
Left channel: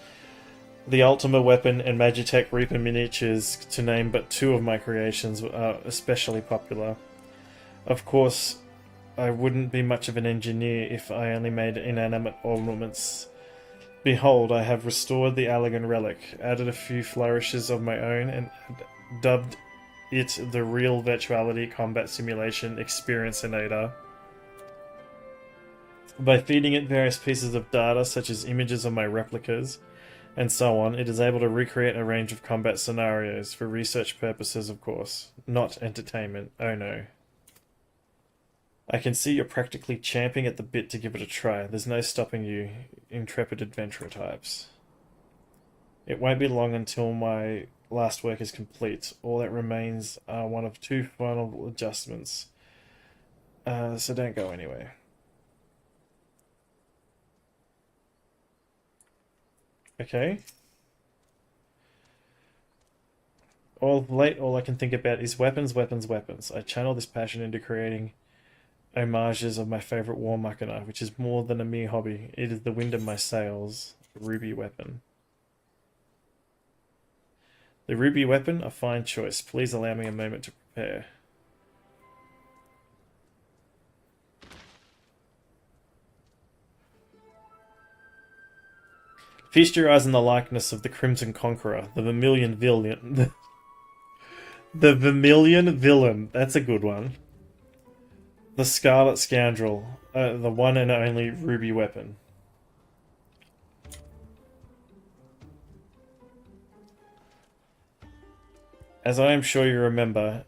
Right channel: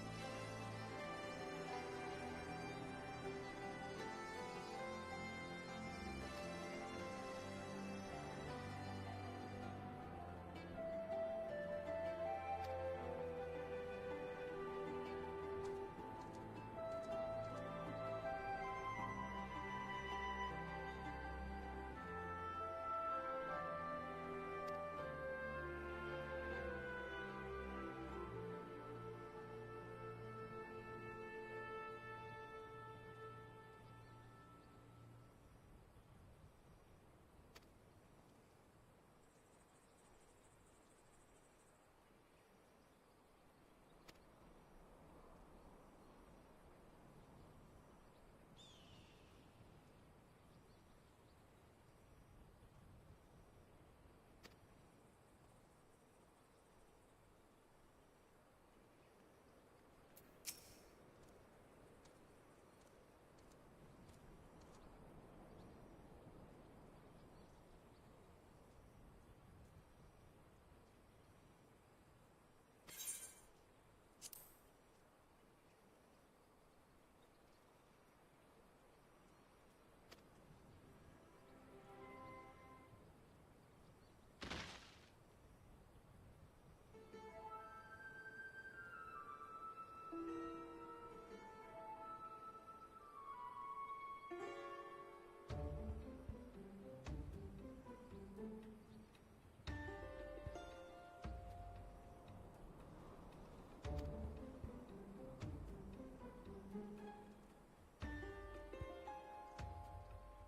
The Ultima weapon and Magitech Reaper miniatures, to name but two of my creations, are especially popular. Of course, I wouldn't be much of an engineer if I only made inanimate ornaments. Behold, I have restored the Allagan relic, added a few flourishes of my own, and dubbed it the Real Virtuality Combat Simulation Experiencinator. By feeding it various pieces of data, such as images of my replicas, and so on, it is able to recreate a range of combat scenarios, for research purposes of course, not entertainment, oh no. I can see you're practically champing at the bit to give it a try. There's no stopping you, intrepid adventurer types. It won't be long until my last work is complete. All that remains are one of two final adjustments. So don't go anywhere. Okay. All I can think about is weapons, weapons, weapons. I channel this passion into creating homages of my favorite war machina, which is more than a mere hobby. It is the wind in my sails. The ruby weapon. The ruby weapon, a fine choice. Please allow me a moment to prepare. Feast your eyes on the likeness of the Crimson Conqueror, the Vermilion Villain. The Vermilion Villain, that's a good one. The Scarlet Scoundrel, the one and only ruby weapon. As I am sure you remember,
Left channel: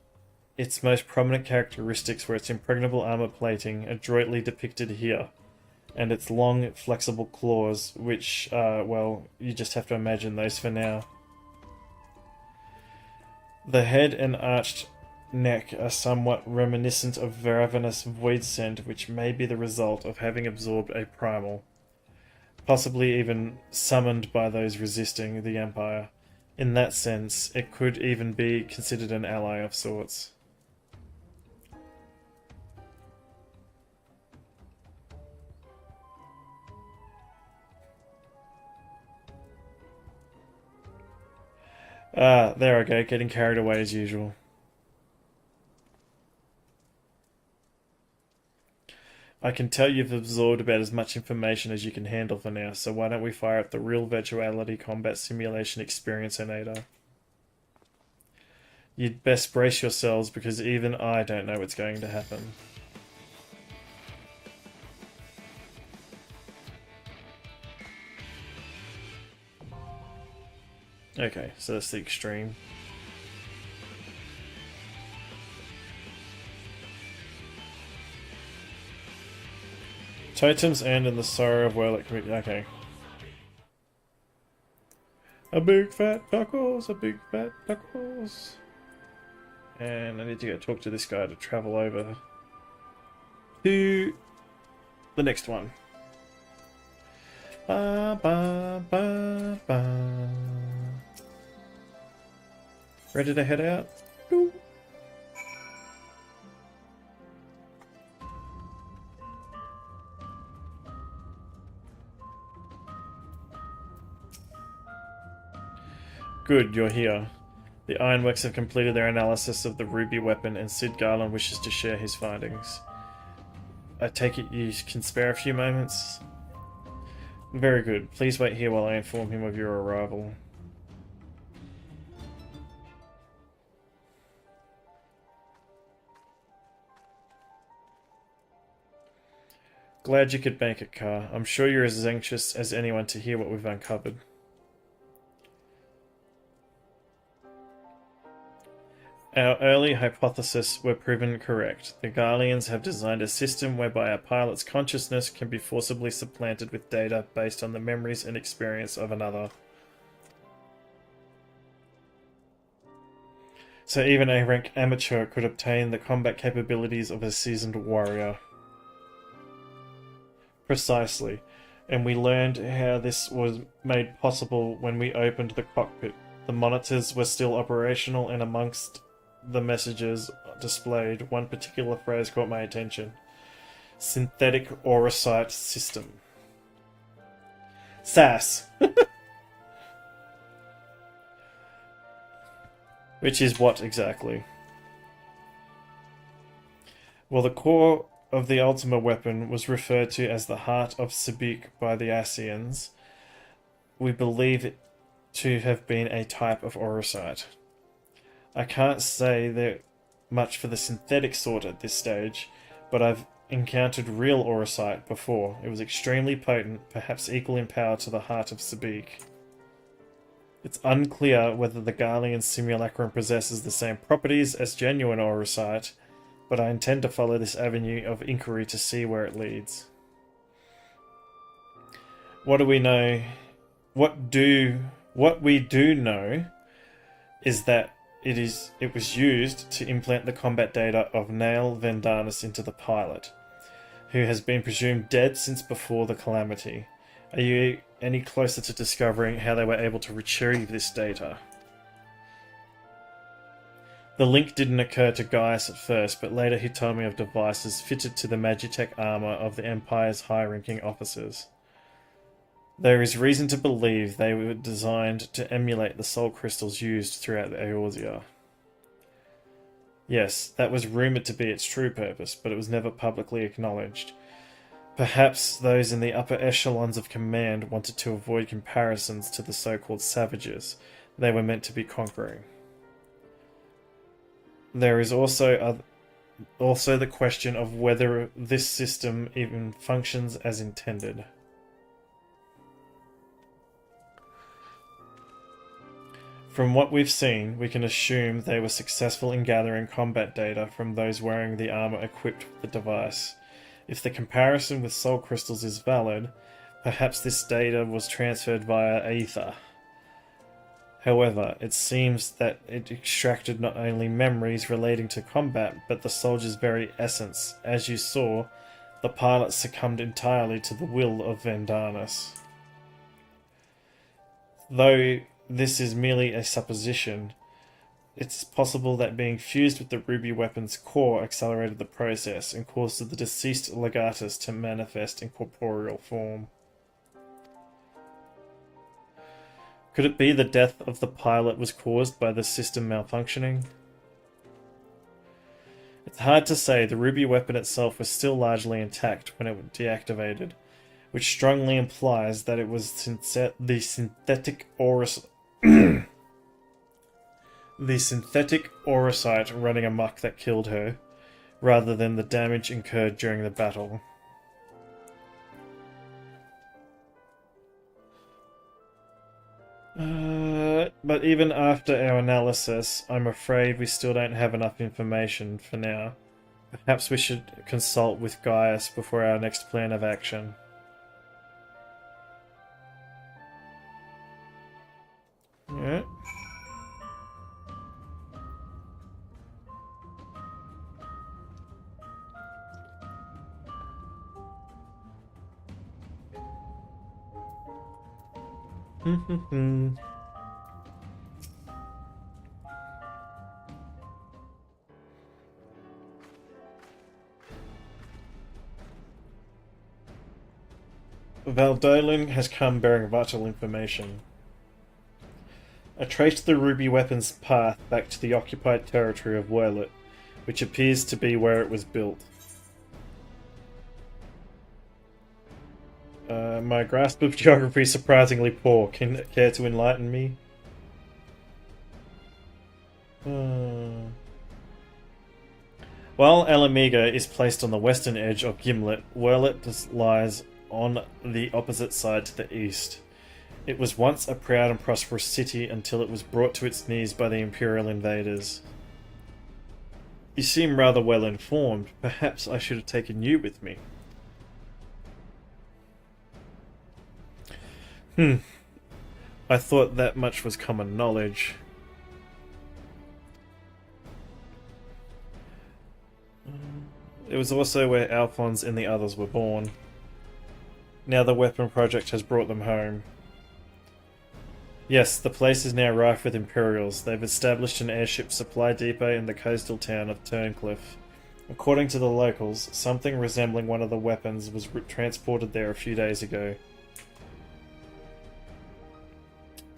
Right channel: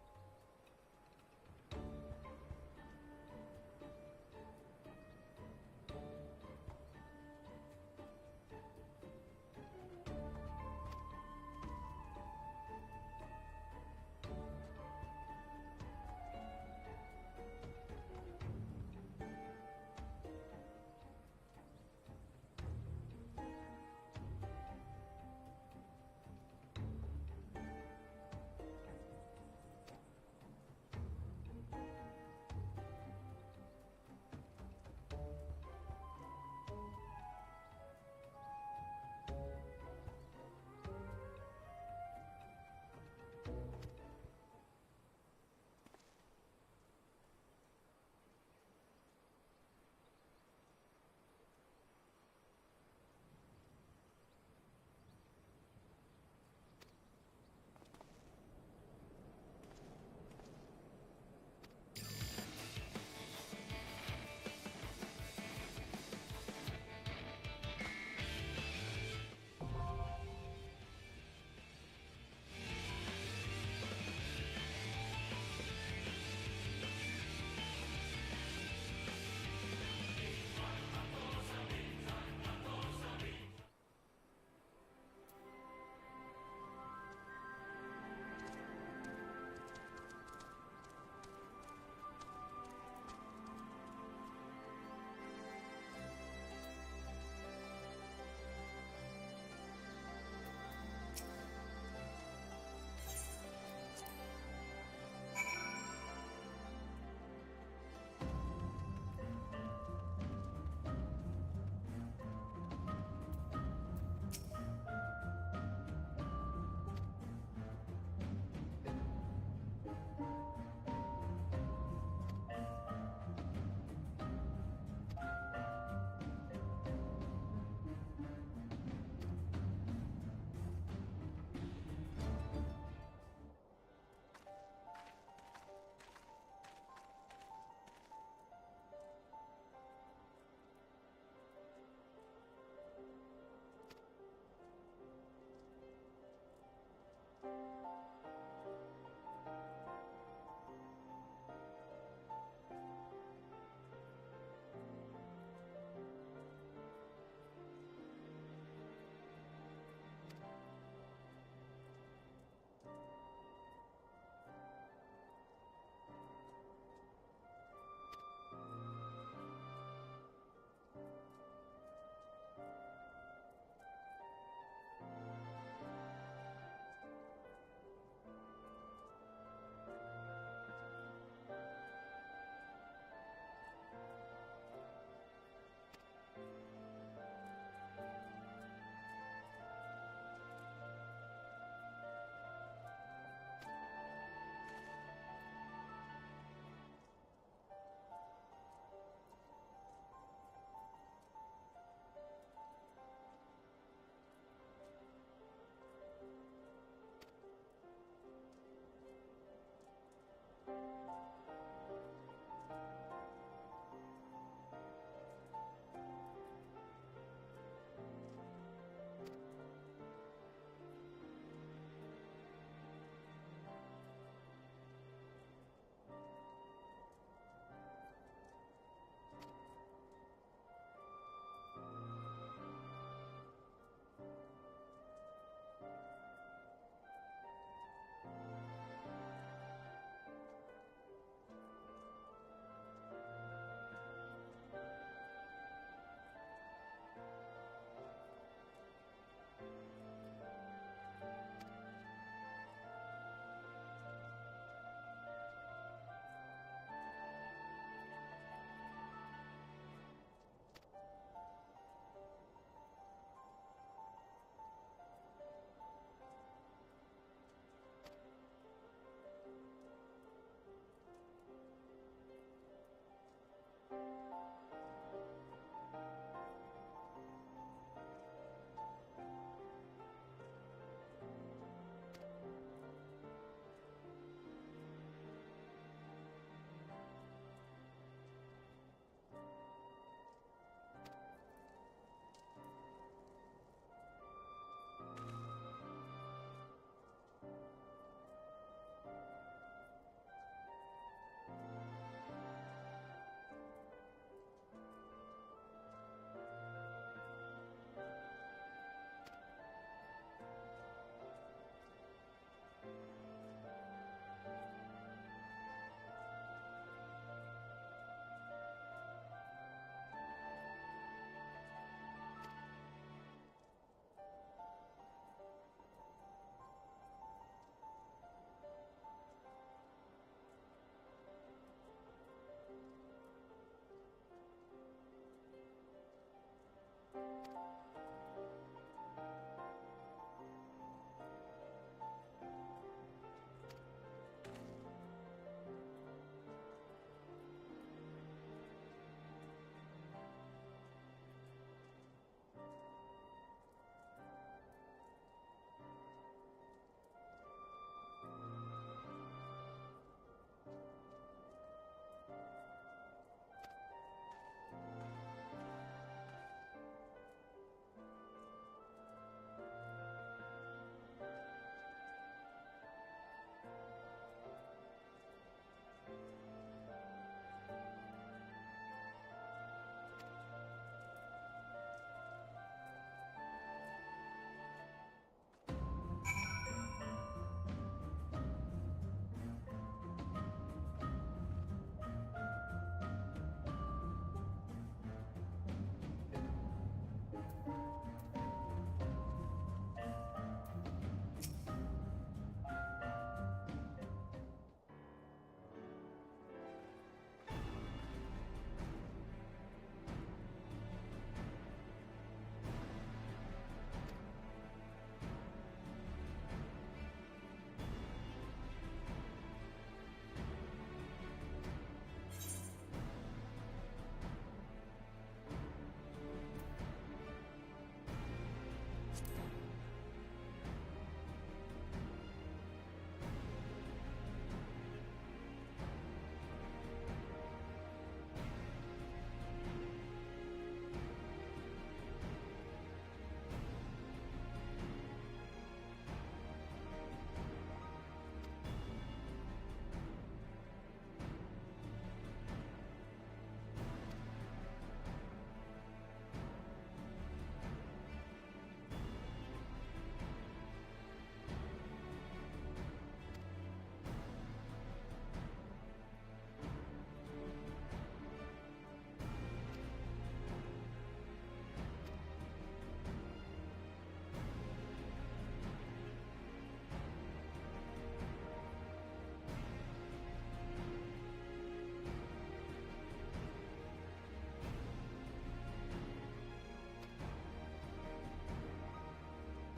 its most prominent characteristics were its impregnable armor plating, adroitly depicted here, and its long, flexible claws, which, well, you just have to imagine those for now. The head and arched neck are somewhat reminiscent of ravenous void scent, which may be the result of having absorbed a primal, possibly even summoned by those resisting the Empire. In that sense, it could even be considered an ally of sorts. Ah, there I go, getting carried away as usual. I can tell you've absorbed about as much information as you can handle for now, so why don't we fire up the real virtuality combat simulation experiencinator? You'd best brace yourselves because even I don't know what's going to happen. Okay, so that's the extreme. Totems end in the sorrow of well. Okay. A big fat knuckles, a big fat knuckles. And I need to go talk to this guy to travel over to the next one. Ba, ba, ba, ba. Ready to head out? Doo. Good, you're here. The Ironworks have completed their analysis of the ruby weapon and Sid Garland wishes to share his findings. I take it you can spare a few moments? Very good. Please wait here while I inform him of your arrival. Glad you could make it, Carr. I'm sure you're as anxious as anyone to hear what we've uncovered. Our early hypotheses were proven correct. The Garleans have designed a system whereby a pilot's consciousness can be forcibly supplanted with data based on the memories and experience of another. So even a rank amateur could obtain the combat capabilities of a seasoned warrior. Precisely. And we learned how this was made possible when we opened the cockpit. The monitors were still operational, and amongst the messages displayed, one particular phrase caught my attention. Synthetic Aurosite System. SAS! Which is what exactly? Well, the core of the Ultima weapon was referred to as the Heart of Sabik by the Ascians. We believe it to have been a type of Aurosite. I can't say that much for the synthetic sort at this stage, but I've encountered real Aurosite before. It was extremely potent, perhaps equal in power to the Heart of Sabik. It's unclear whether the Garlean simulacrum possesses the same properties as genuine Aurosite, but I intend to follow this avenue of inquiry to see where it leads. What do we know What we do know is that it was used to implant the combat data of Nail Vendanis into the pilot, who has been presumed dead since before the calamity. Are you any closer to discovering how they were able to retrieve this data? The link didn't occur to Gaius at first, but later he told me of devices fitted to the Magitech armor of the Empire's high-ranking officers. There is reason to believe they were designed to emulate the soul crystals used throughout Eorzea. Yes, that was rumoured to be its true purpose, but it was never publicly acknowledged. Perhaps those in the upper echelons of command wanted to avoid comparisons to the so-called savages they were meant to be conquering. There is also the question of whether this system even functions as intended. From what we've seen, we can assume they were successful in gathering combat data from those wearing the armor equipped with the device. If the comparison with soul crystals is valid, perhaps this data was transferred via ether. However, it seems that it extracted not only memories relating to combat, but the soldier's very essence. As you saw, the pilot succumbed entirely to the will of Vendanis. Though this is merely a supposition, it's possible that being fused with the ruby weapon's core accelerated the process and caused the deceased legatus to manifest in corporeal form. Could it be the death of the pilot was caused by the system malfunctioning? It's hard to say. The ruby weapon itself was still largely intact when it was deactivated, which strongly implies that it was the synthetic aurosite running amok that killed her, rather than the damage incurred during the battle. But even after our analysis, I'm afraid we still don't have enough information for now. Perhaps we should consult with Gaius before our next plan of action. Yeah. Valdolin has come bearing vital information. I traced the ruby weapon's path back to the occupied territory of Roulettes, which appears to be where it was built. My grasp of geography is surprisingly poor. Care to enlighten me? While Alamiga is placed on the western edge of Gimlet, Roulettes lies on the opposite side to the east. It was once a proud and prosperous city until it was brought to its knees by the Imperial invaders. You seem rather well informed. Perhaps I should have taken you with me. I thought that much was common knowledge. It was also where Alphonse and the others were born. Now the weapon project has brought them home. Yes, the place is now rife with Imperials. They've established an airship supply depot in the coastal town of Turncliffe. According to the locals, something resembling one of the weapons was transported there a few days ago.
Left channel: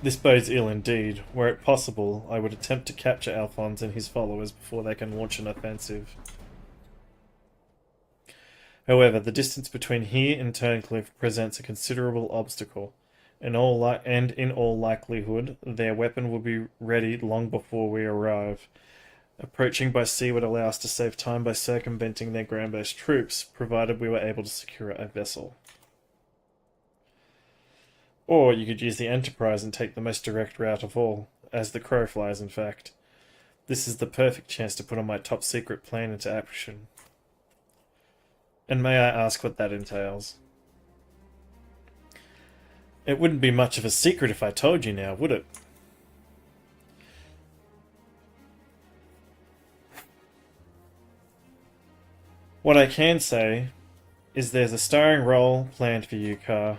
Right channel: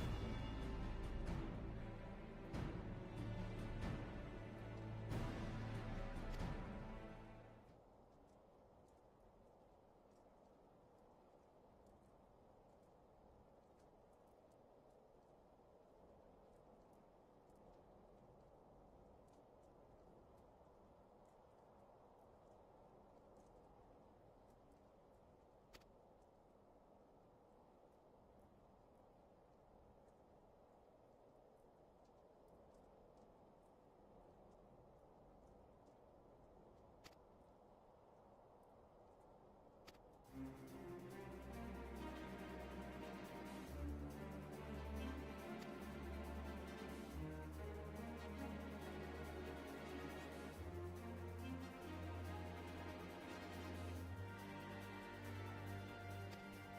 This bodes ill indeed. Were it possible, I would attempt to capture Alphonse and his followers before they can launch an offensive. However, the distance between here and Turncliffe presents a considerable obstacle. In all likelihood, their weapon will be ready long before we arrive. Approaching by sea would allow us to save time by circumventing their ground-based troops, provided we were able to secure a vessel. Or you could use the Enterprise and take the most direct route of all, as the crow flies in fact. This is the perfect chance to put on my top secret plan into action. And may I ask what that entails? It wouldn't be much of a secret if I told you now, would it? What I can say is there's a starring role planned for you, Car.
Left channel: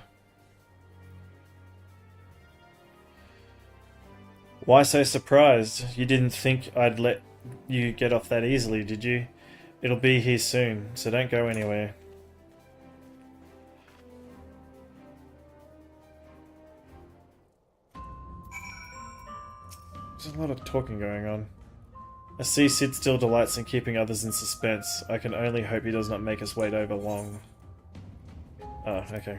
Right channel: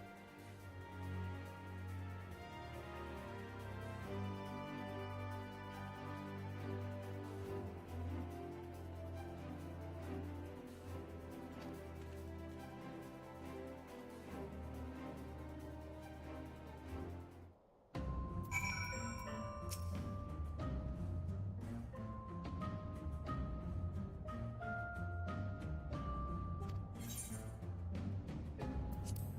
Why so surprised? You didn't think I'd let you get off that easily, did you? It'll be here soon, so don't go anywhere. There's a lot of talking going on. I see Sid still delights in keeping others in suspense. I can only hope he does not make us wait over long. Oh, okay.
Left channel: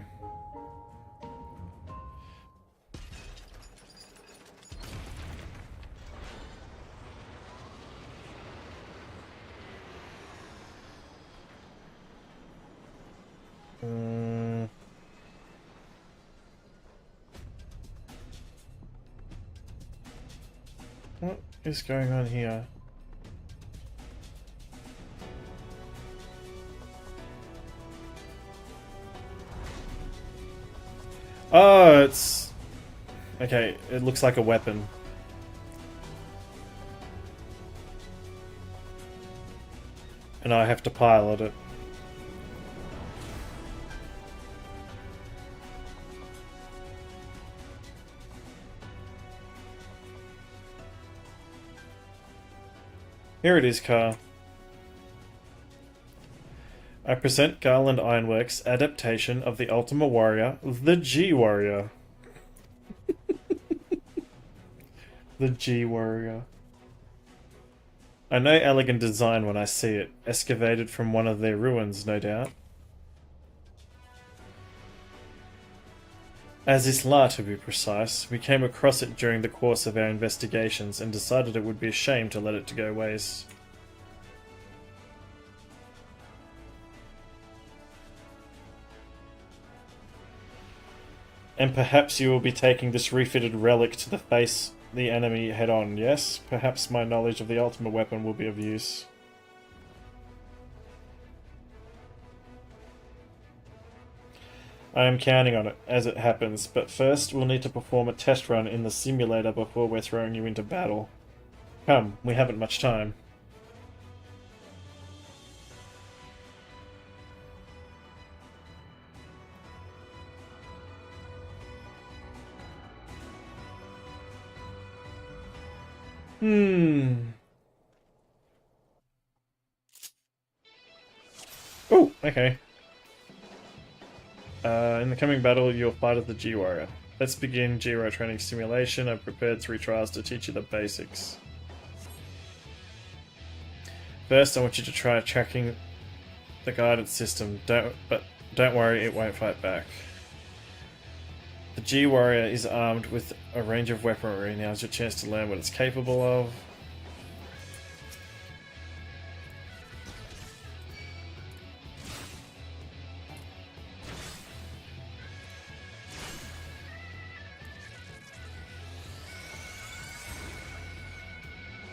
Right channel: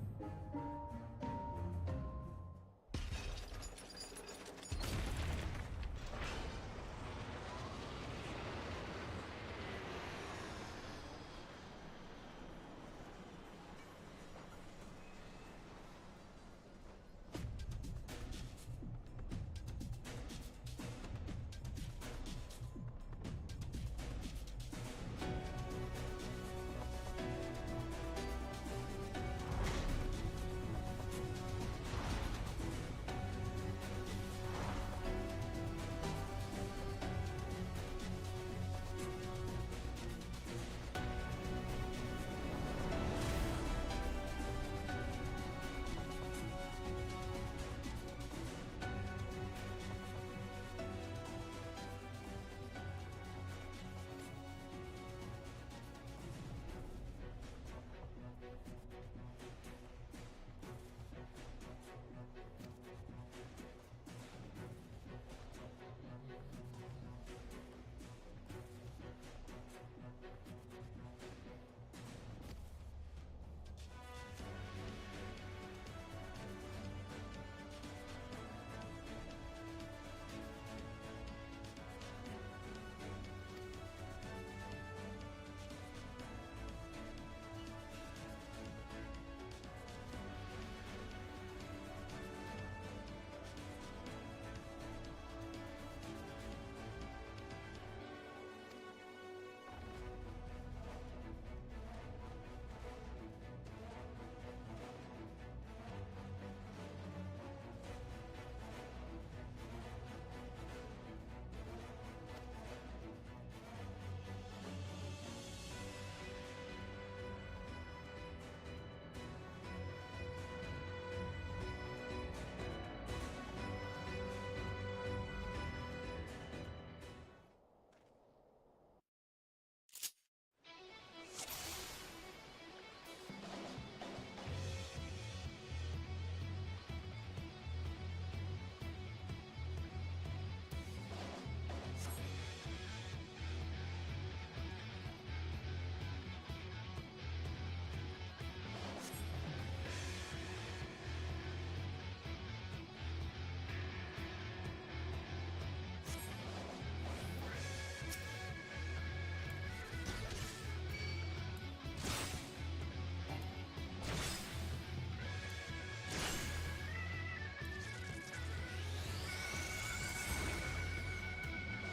What is going on here? Oh, it's... Okay, it looks like a weapon. And I have to pilot it. Here it is, Car. I present Garland Ironworks' adaptation of the Ultima Warrior, the G Warrior. The G Warrior. I know elegant design when I see it, excavated from one of their ruins, no doubt. As Isla, to be precise, we came across it during the course of our investigations and decided it would be a shame to let it to go waste. And perhaps you will be taking this refitted relic to face the enemy head-on, yes? Perhaps my knowledge of the ultimate weapon will be of use. I am counting on it, as it happens, but first we'll need to perform a test run in the simulator before we're throwing you into battle. Come, we haven't much time. Oh, okay. In the coming battle, you'll fight as the G-Warrior. Let's begin G-Warrior training simulation. I've prepared 3 trials to teach you the basics. First, I want you to try tracking the guidance system. Don't worry, it won't fight back. The G-Warrior is armed with a range of weaponry. Now's your chance to learn what it's capable of.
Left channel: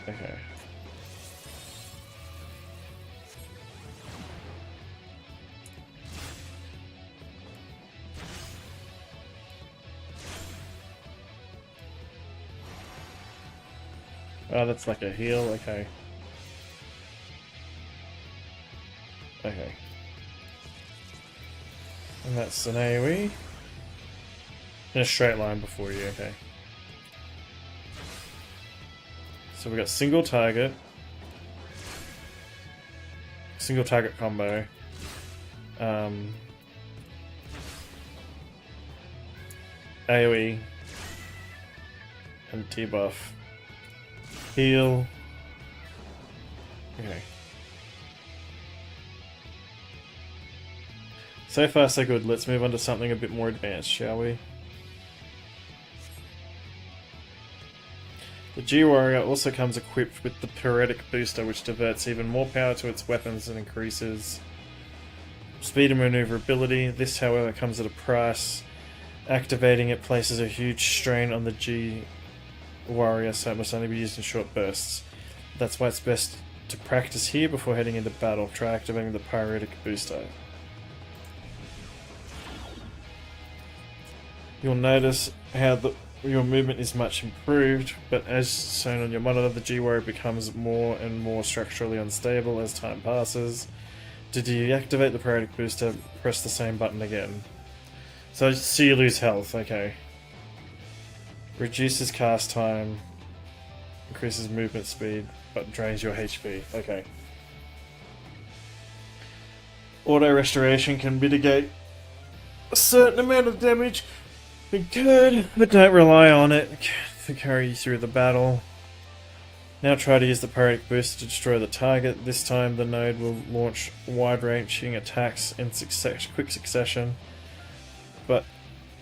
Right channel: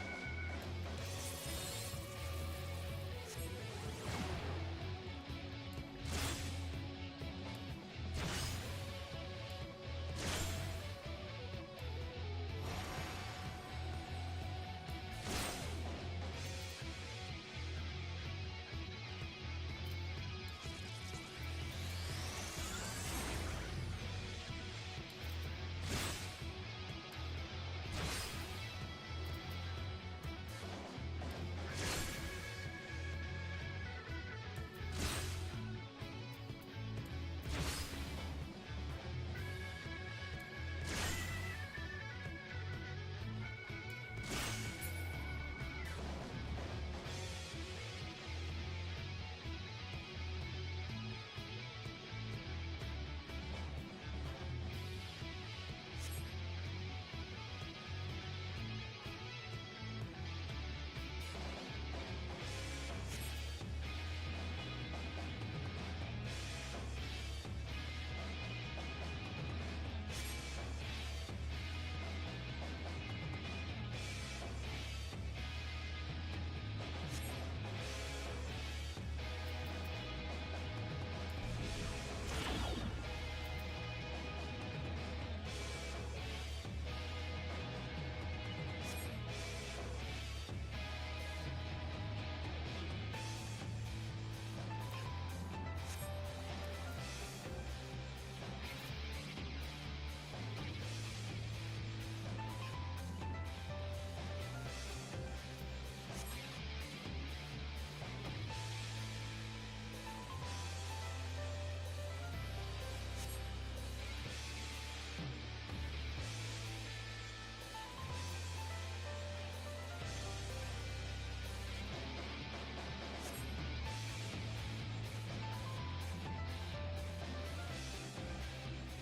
Okay. Oh, that's like a heal, okay. Okay. And that's an AoE. In a straight line before you, okay. So we got single target combo. AoE and debuff. Heal. Okay. So far so good. Let's move on to something a bit more advanced, shall we? The G-Warrior also comes equipped with the Periodic Booster, which diverts even more power to its weapons and increases speed and maneuverability. This, however, comes at a price. Activating it places a huge strain on the G-Warrior, so it must only be used in short bursts. That's why it's best to practice here before heading into battle. Try activating the Periodic Booster. You'll notice how your movement is much improved, but as shown on your monitor, the G-Warrior becomes more and more structurally unstable as time passes. To deactivate the periodic booster, press the same button again. So you lose health, okay. Reduces cast time, increases movement speed, but drains your HP, okay. Auto restoration can mitigate a certain amount of damage incurred, but don't rely on it to carry you through the battle. Now try to use the periodic booster to destroy the target. This time the node will launch wide-ranging attacks in quick succession, but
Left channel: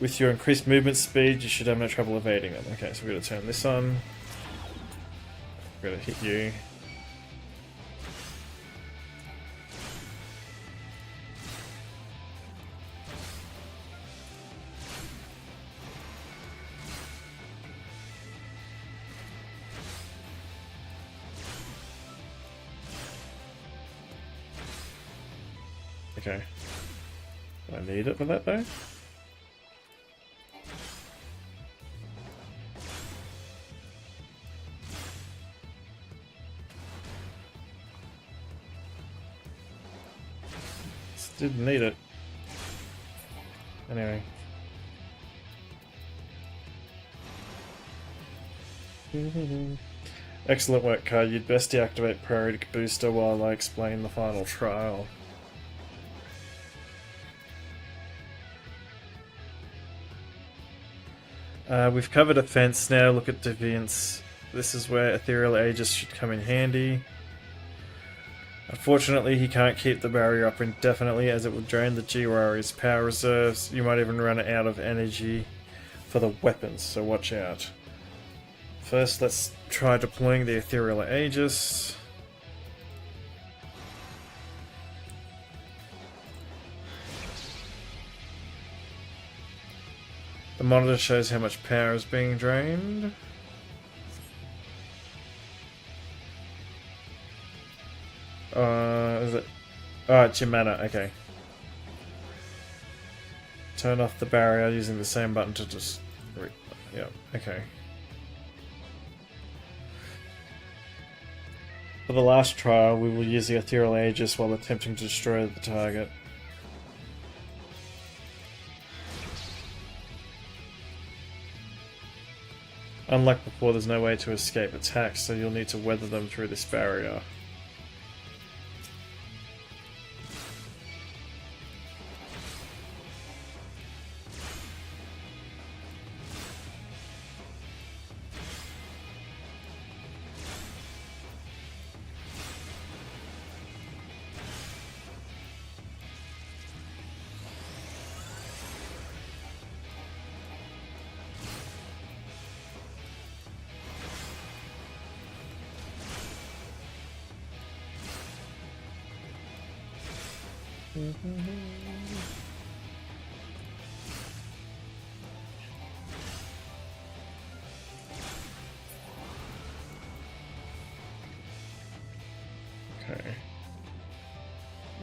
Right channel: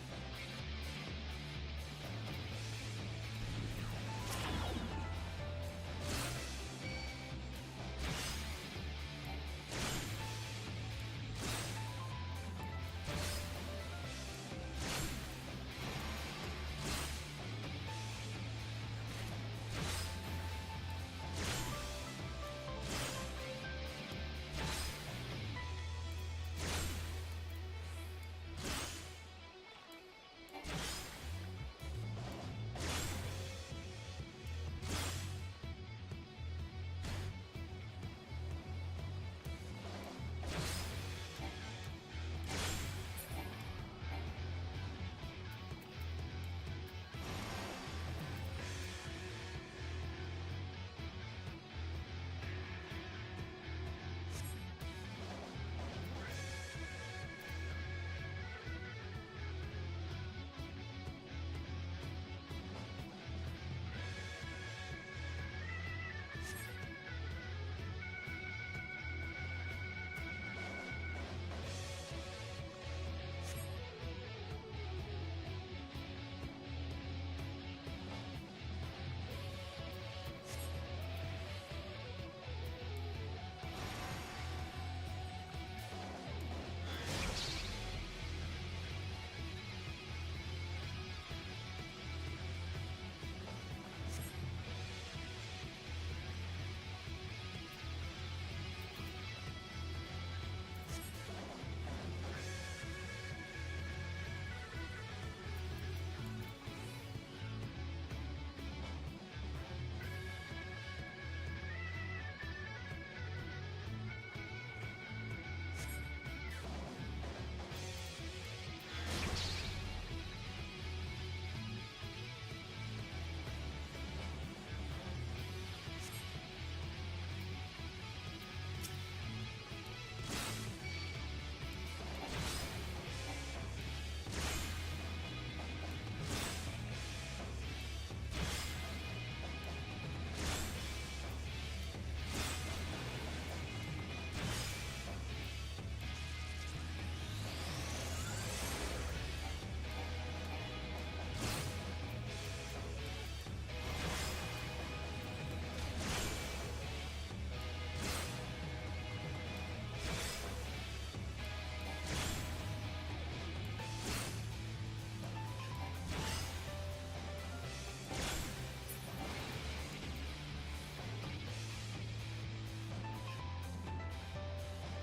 with your increased movement speed you should have no trouble evading them. Okay, so we're going to turn this on. We're going to hit you. Okay. I need it for that though. Didn't need it. Anyway. Excellent work, Kai. You'd best deactivate periodic booster while I explain the final trial. We've covered offense now. Look at deviance. This is where Ethereal Aegis should come in handy. Unfortunately, he can't keep the barrier up indefinitely as it will drain the G-Warrior's power reserves. You might even run out of energy for the weapons, so watch out. First, let's try deploying the Ethereal Aegis. The monitor shows how much power is being drained. Is it? Oh, it's your mana, okay. Turn off the barrier using the same button to just... yeah, okay. For the last trial, we will use the Ethereal Aegis while attempting to destroy the target. Unlike before, there's no way to escape attacks, so you'll need to weather them through this barrier.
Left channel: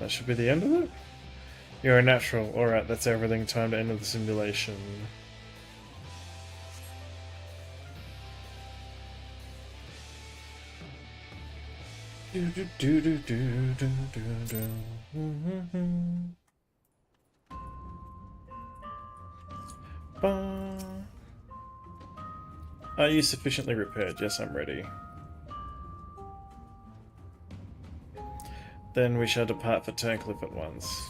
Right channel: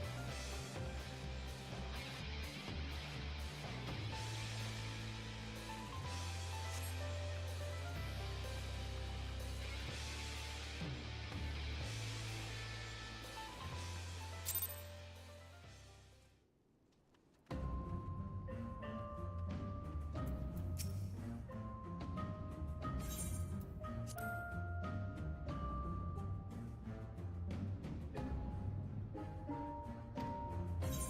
That should be the end of it? You're a natural. Alright, that's everything. Time to end the simulation. Are you sufficiently repaired? Yes, I'm ready. Then we shall depart for Turncliffe at once.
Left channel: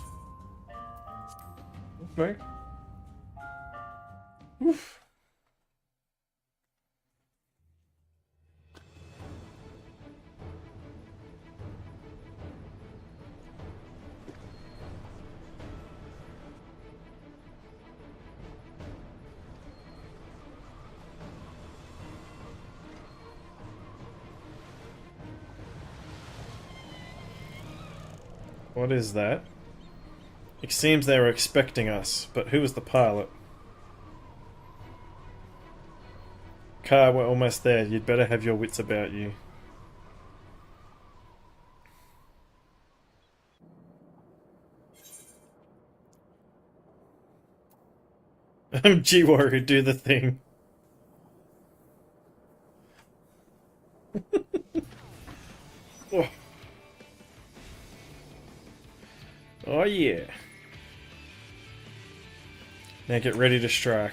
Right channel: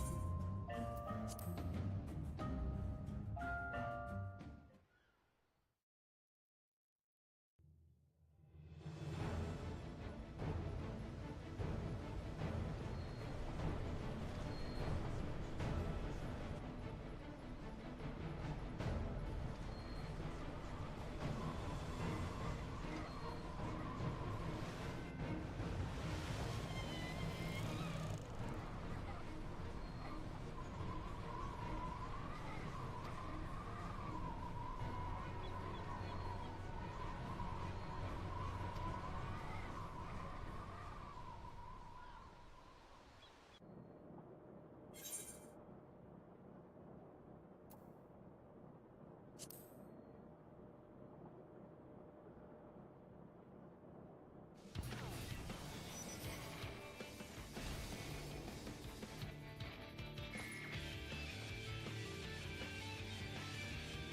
Okay. Oof. What is that? It seems they were expecting us, but who was the pilot? Car, we're almost there. You'd better have your wits about you. G-Warrior, do the thing. Oh. Oh yeah. Now get ready to strike.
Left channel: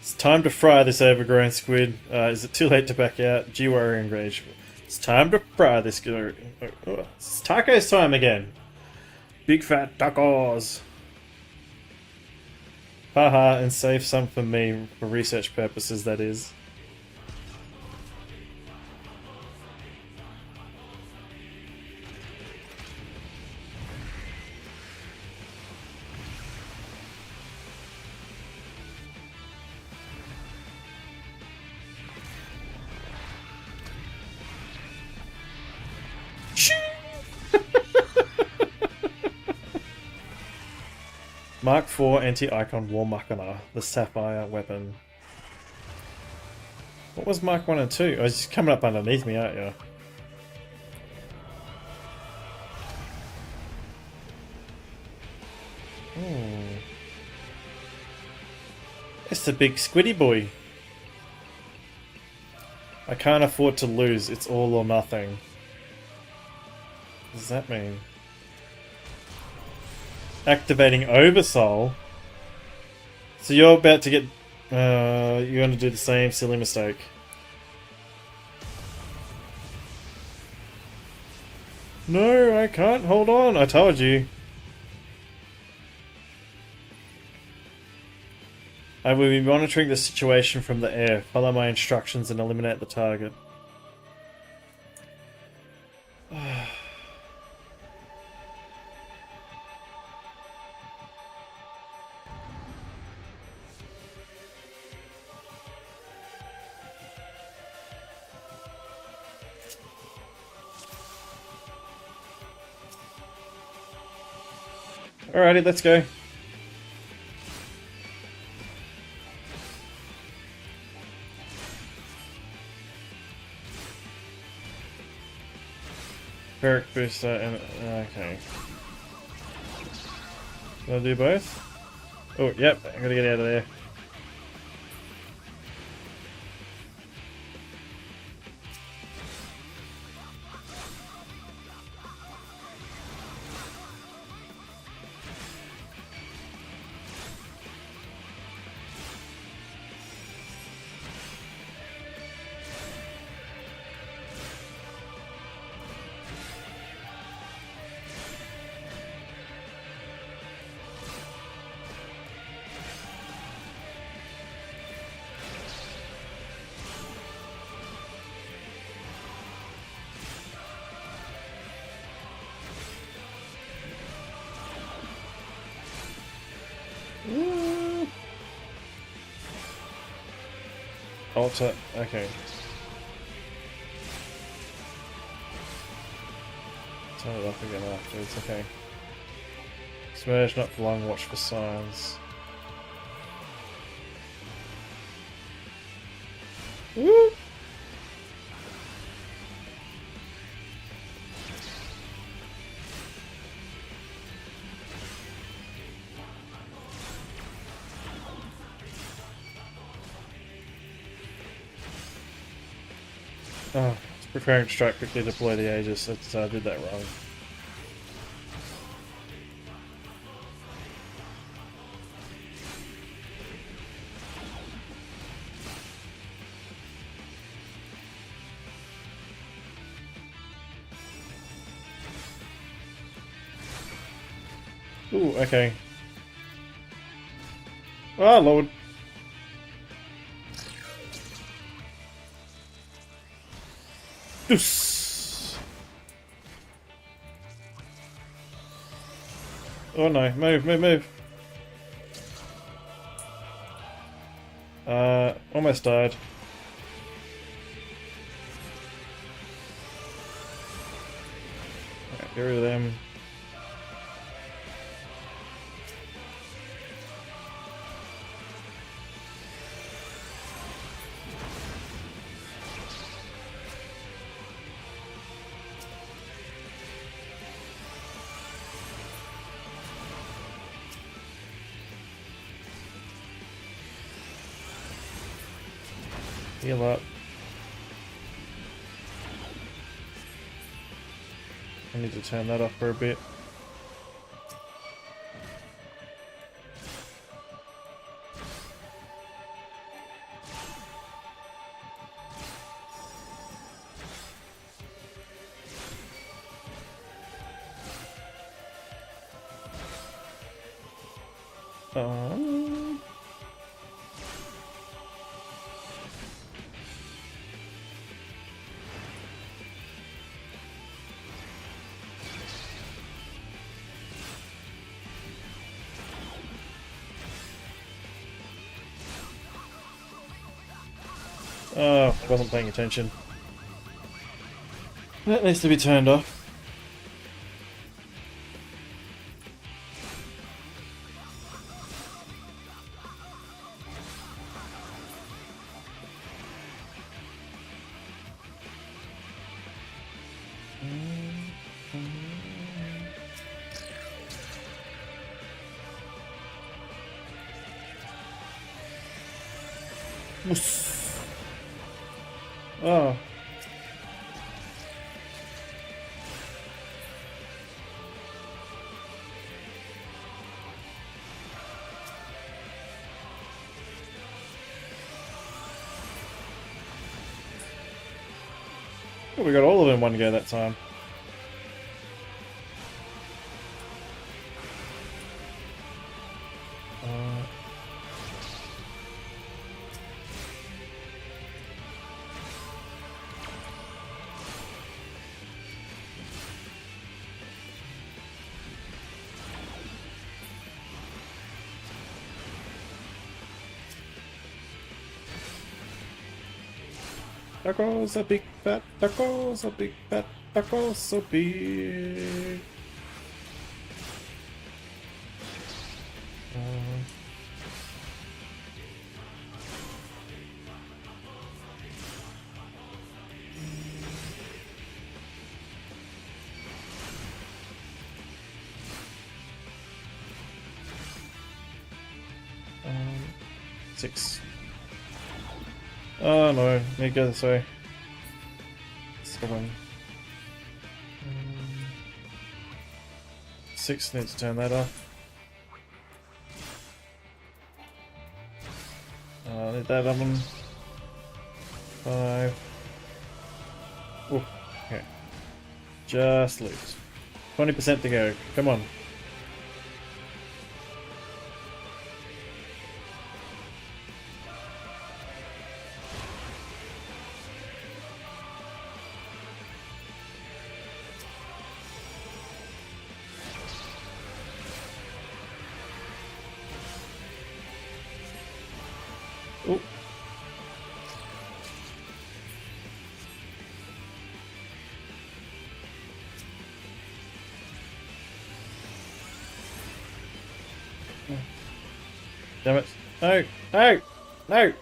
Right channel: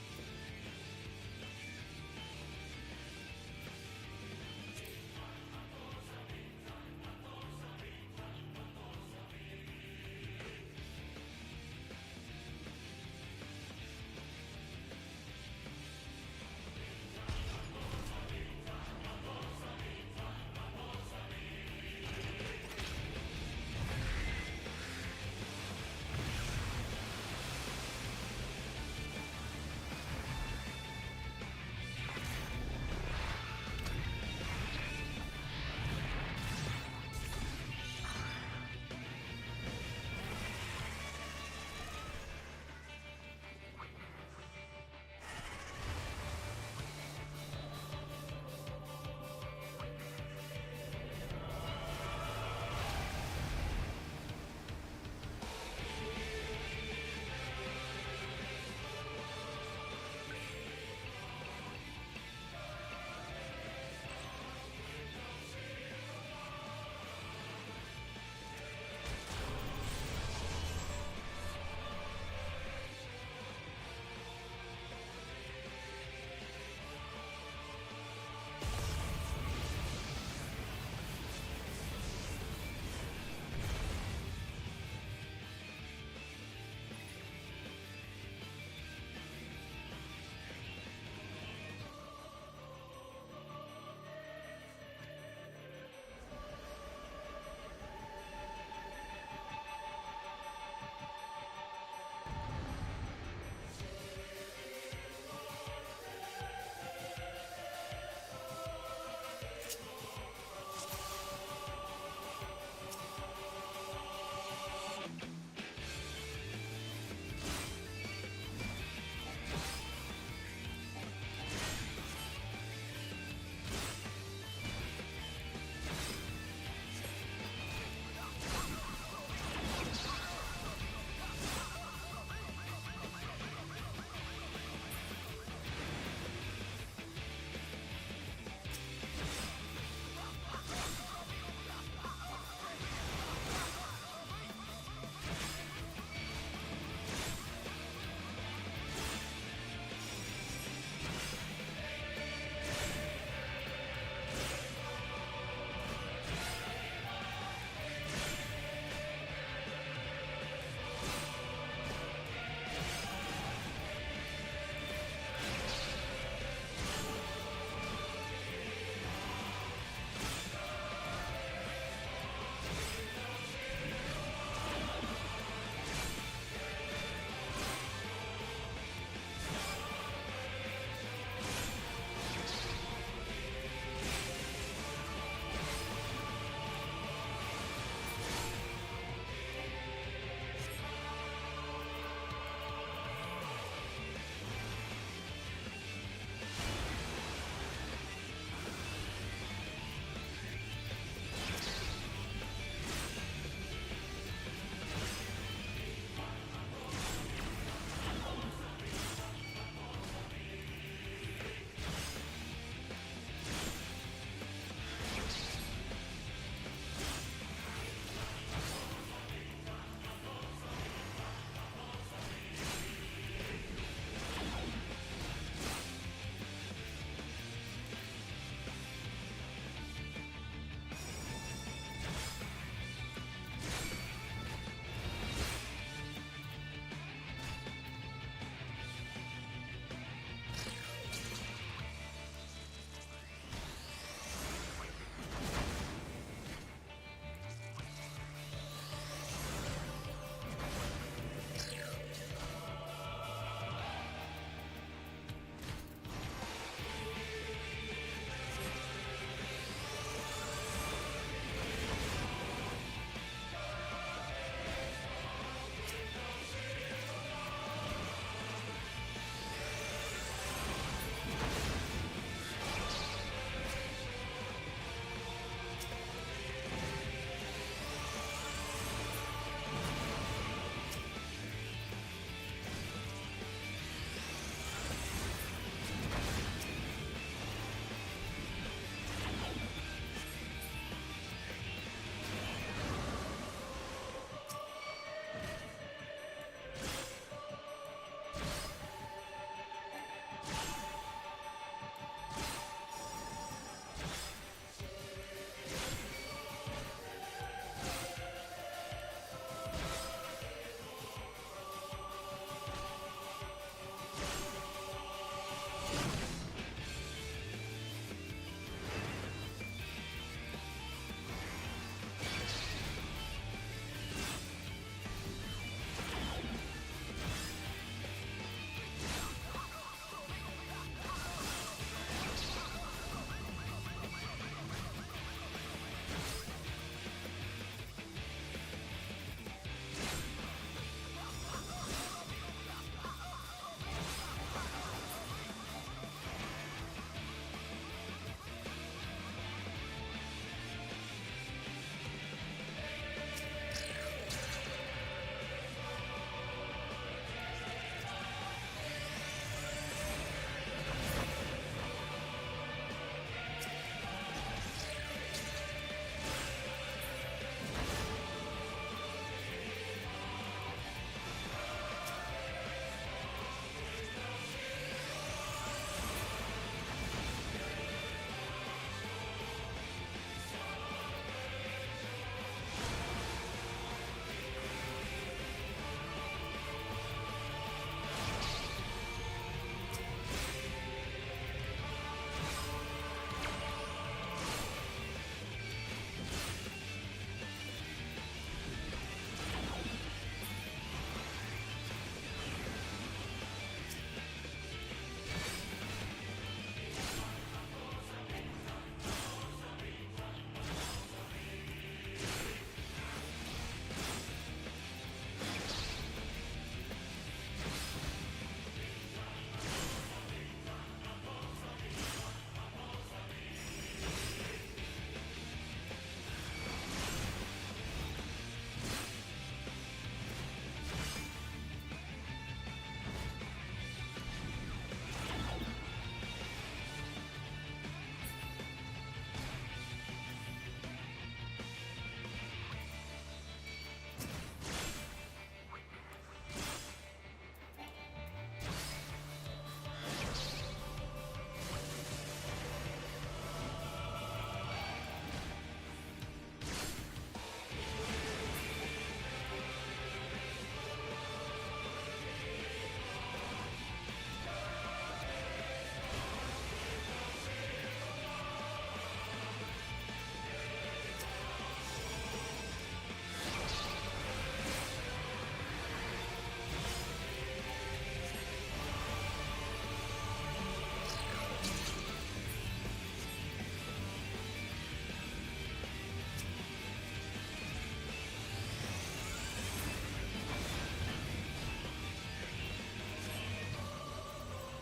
It's time to fry this overgrown squid. Is it too late to back out? G-Warrior engage. It's time to fry this squid. It's tacos time again. Big fat tacos. Haha, and save some for me, for research purposes, that is. Mark IV Anti-Icon War Machina, the Sapphire weapon. What was Mark 1 and 2? Oh, it's just coming up underneath me, aren't you? It's the big squiddy boy. I can't afford to lose, it's all or nothing. What does that mean? Activating Oversoul. So you're about to get... you're going to do the same silly mistake. No, I can't hold on. I told you. I will be monitoring the situation from the air. Follow my instructions and eliminate the target. Alrighty, let's go. Barrack booster and okay. I'll do both. Oh, yep, I gotta get out of there. Alter, okay. Turn it off again afterwards, okay. Smash, not for long, watch for signs. Woo! Oh, preparing to strike, quickly deploy the Aegis. That's, I did that wrong. Ooh, okay. Oh, Lord. Oh no, move, move, move. Almost died. Get rid of them. Heal up. I need to turn that off for a bit. Oh, wasn't paying attention. That needs to be turned off. Oh. Oh, we got all of them in one go that time. Tacos are big fat, tacos are big fat, tacos so big. Six. Oh no, need to go this way. 7. 6, need to turn that off. Need that oven. 5. Ooh, okay. Just lose. 20% to go. Come on. Ooh. Damn it. No! No! No!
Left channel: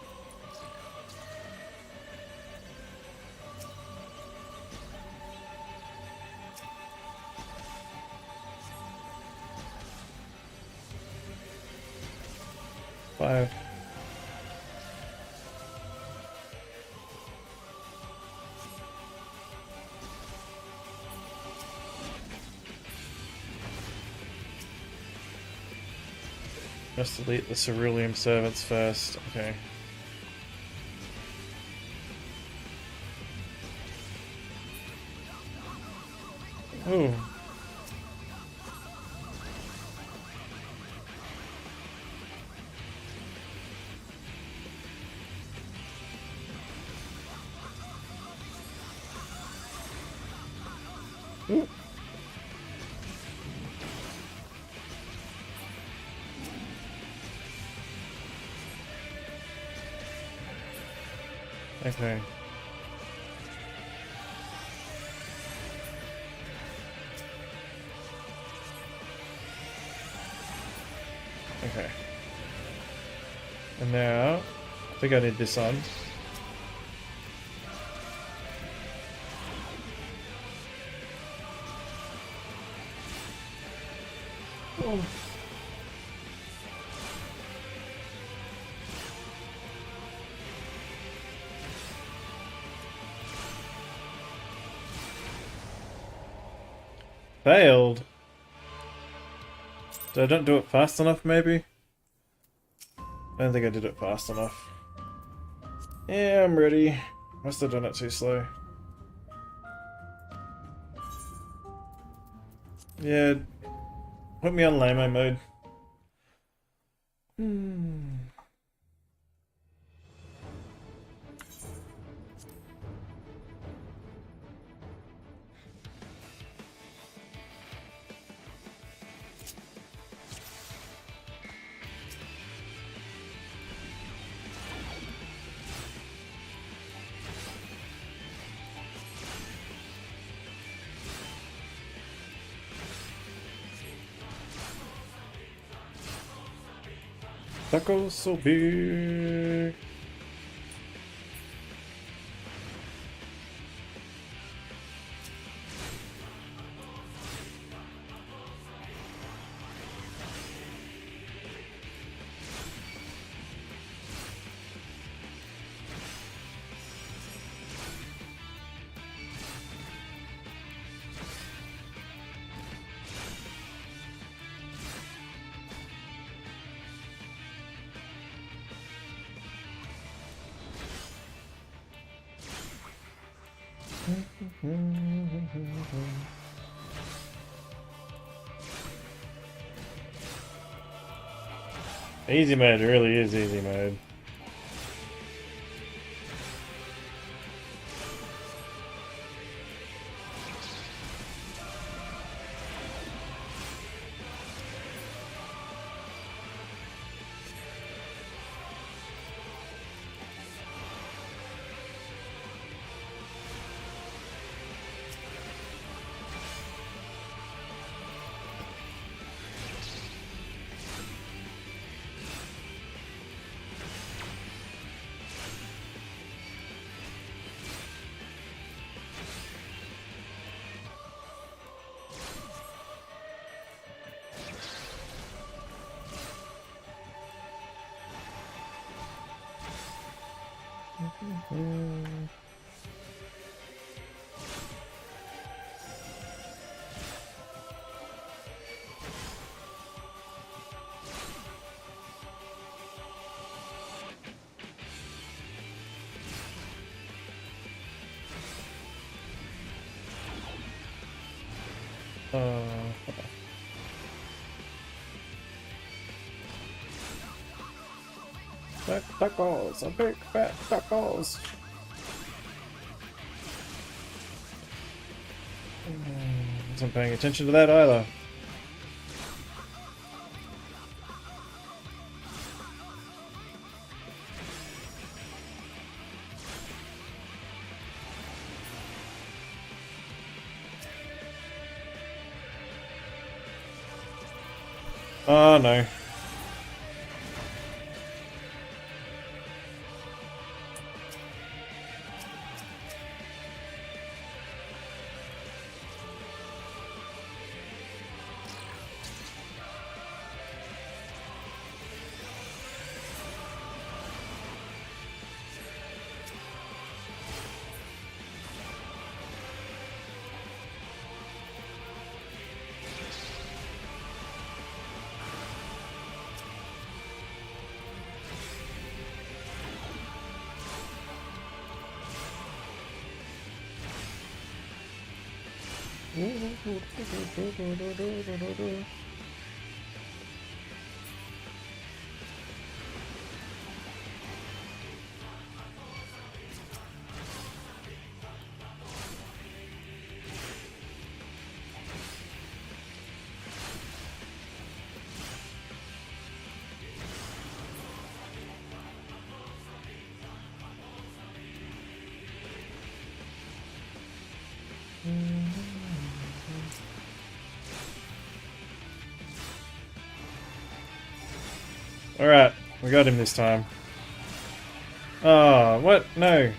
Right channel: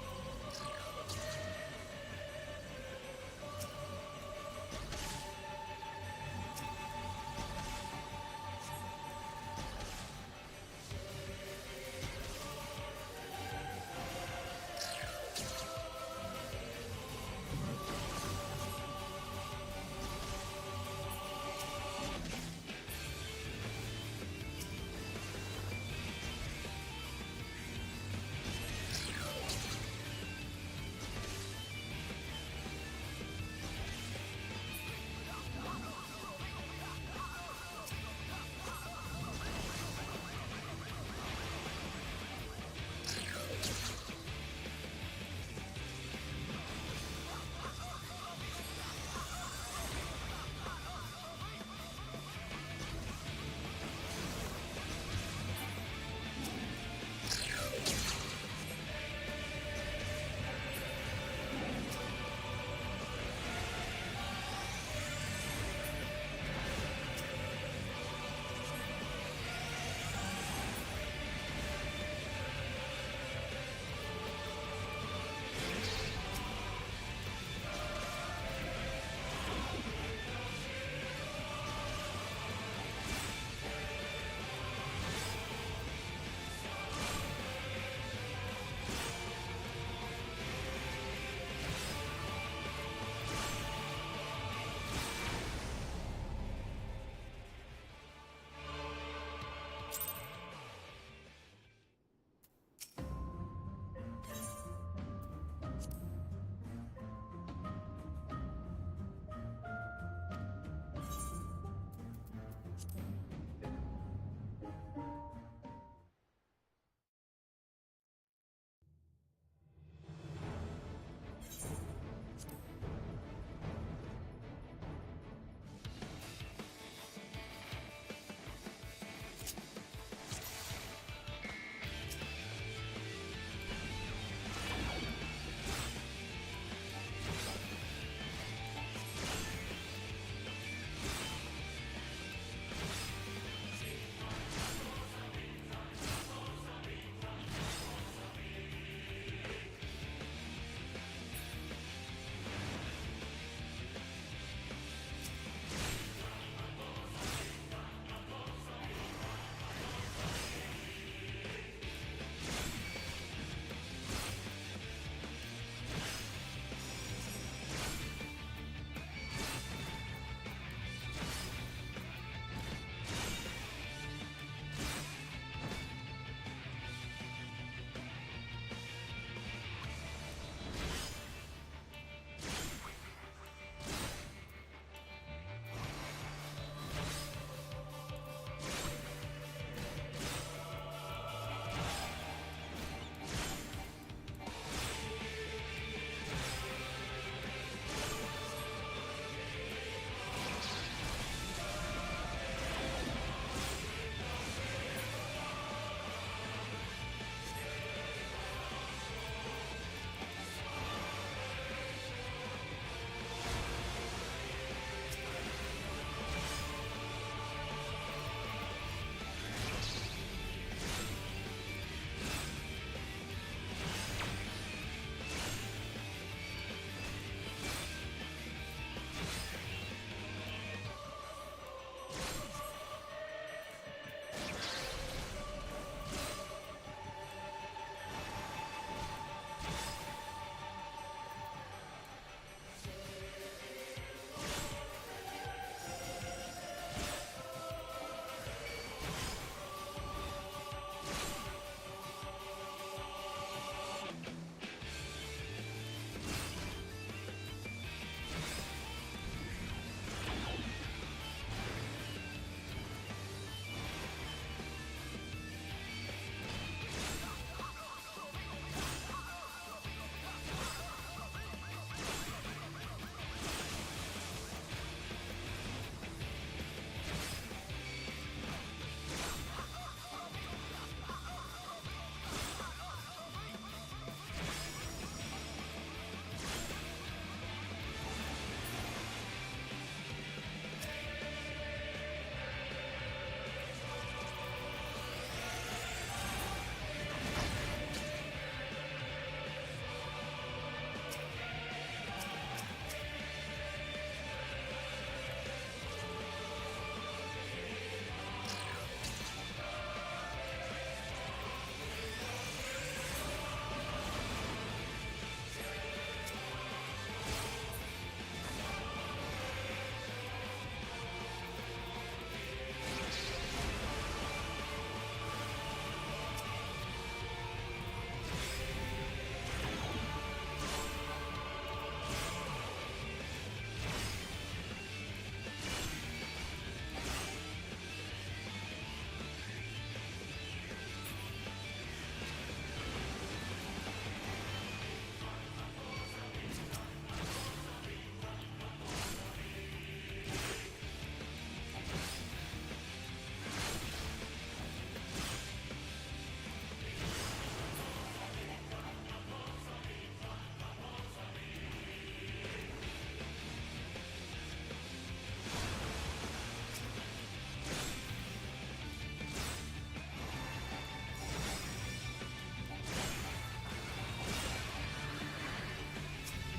Five. Just delete the cerulean servants first. Okay. Ooh. Ooh. Okay. Okay. And now, I think I need this on. failed. Did I don't do it fast enough, maybe? I don't think I did it fast enough. Yeah, I'm ready. Must have done it too slow. Yeah, put me on lame mode. Tacos so big. Easy mode really is easy mode. Duck balls, a big fat duck balls. Wasn't paying attention to that either. Oh no. Alright, we got him this time. Oh, what? No.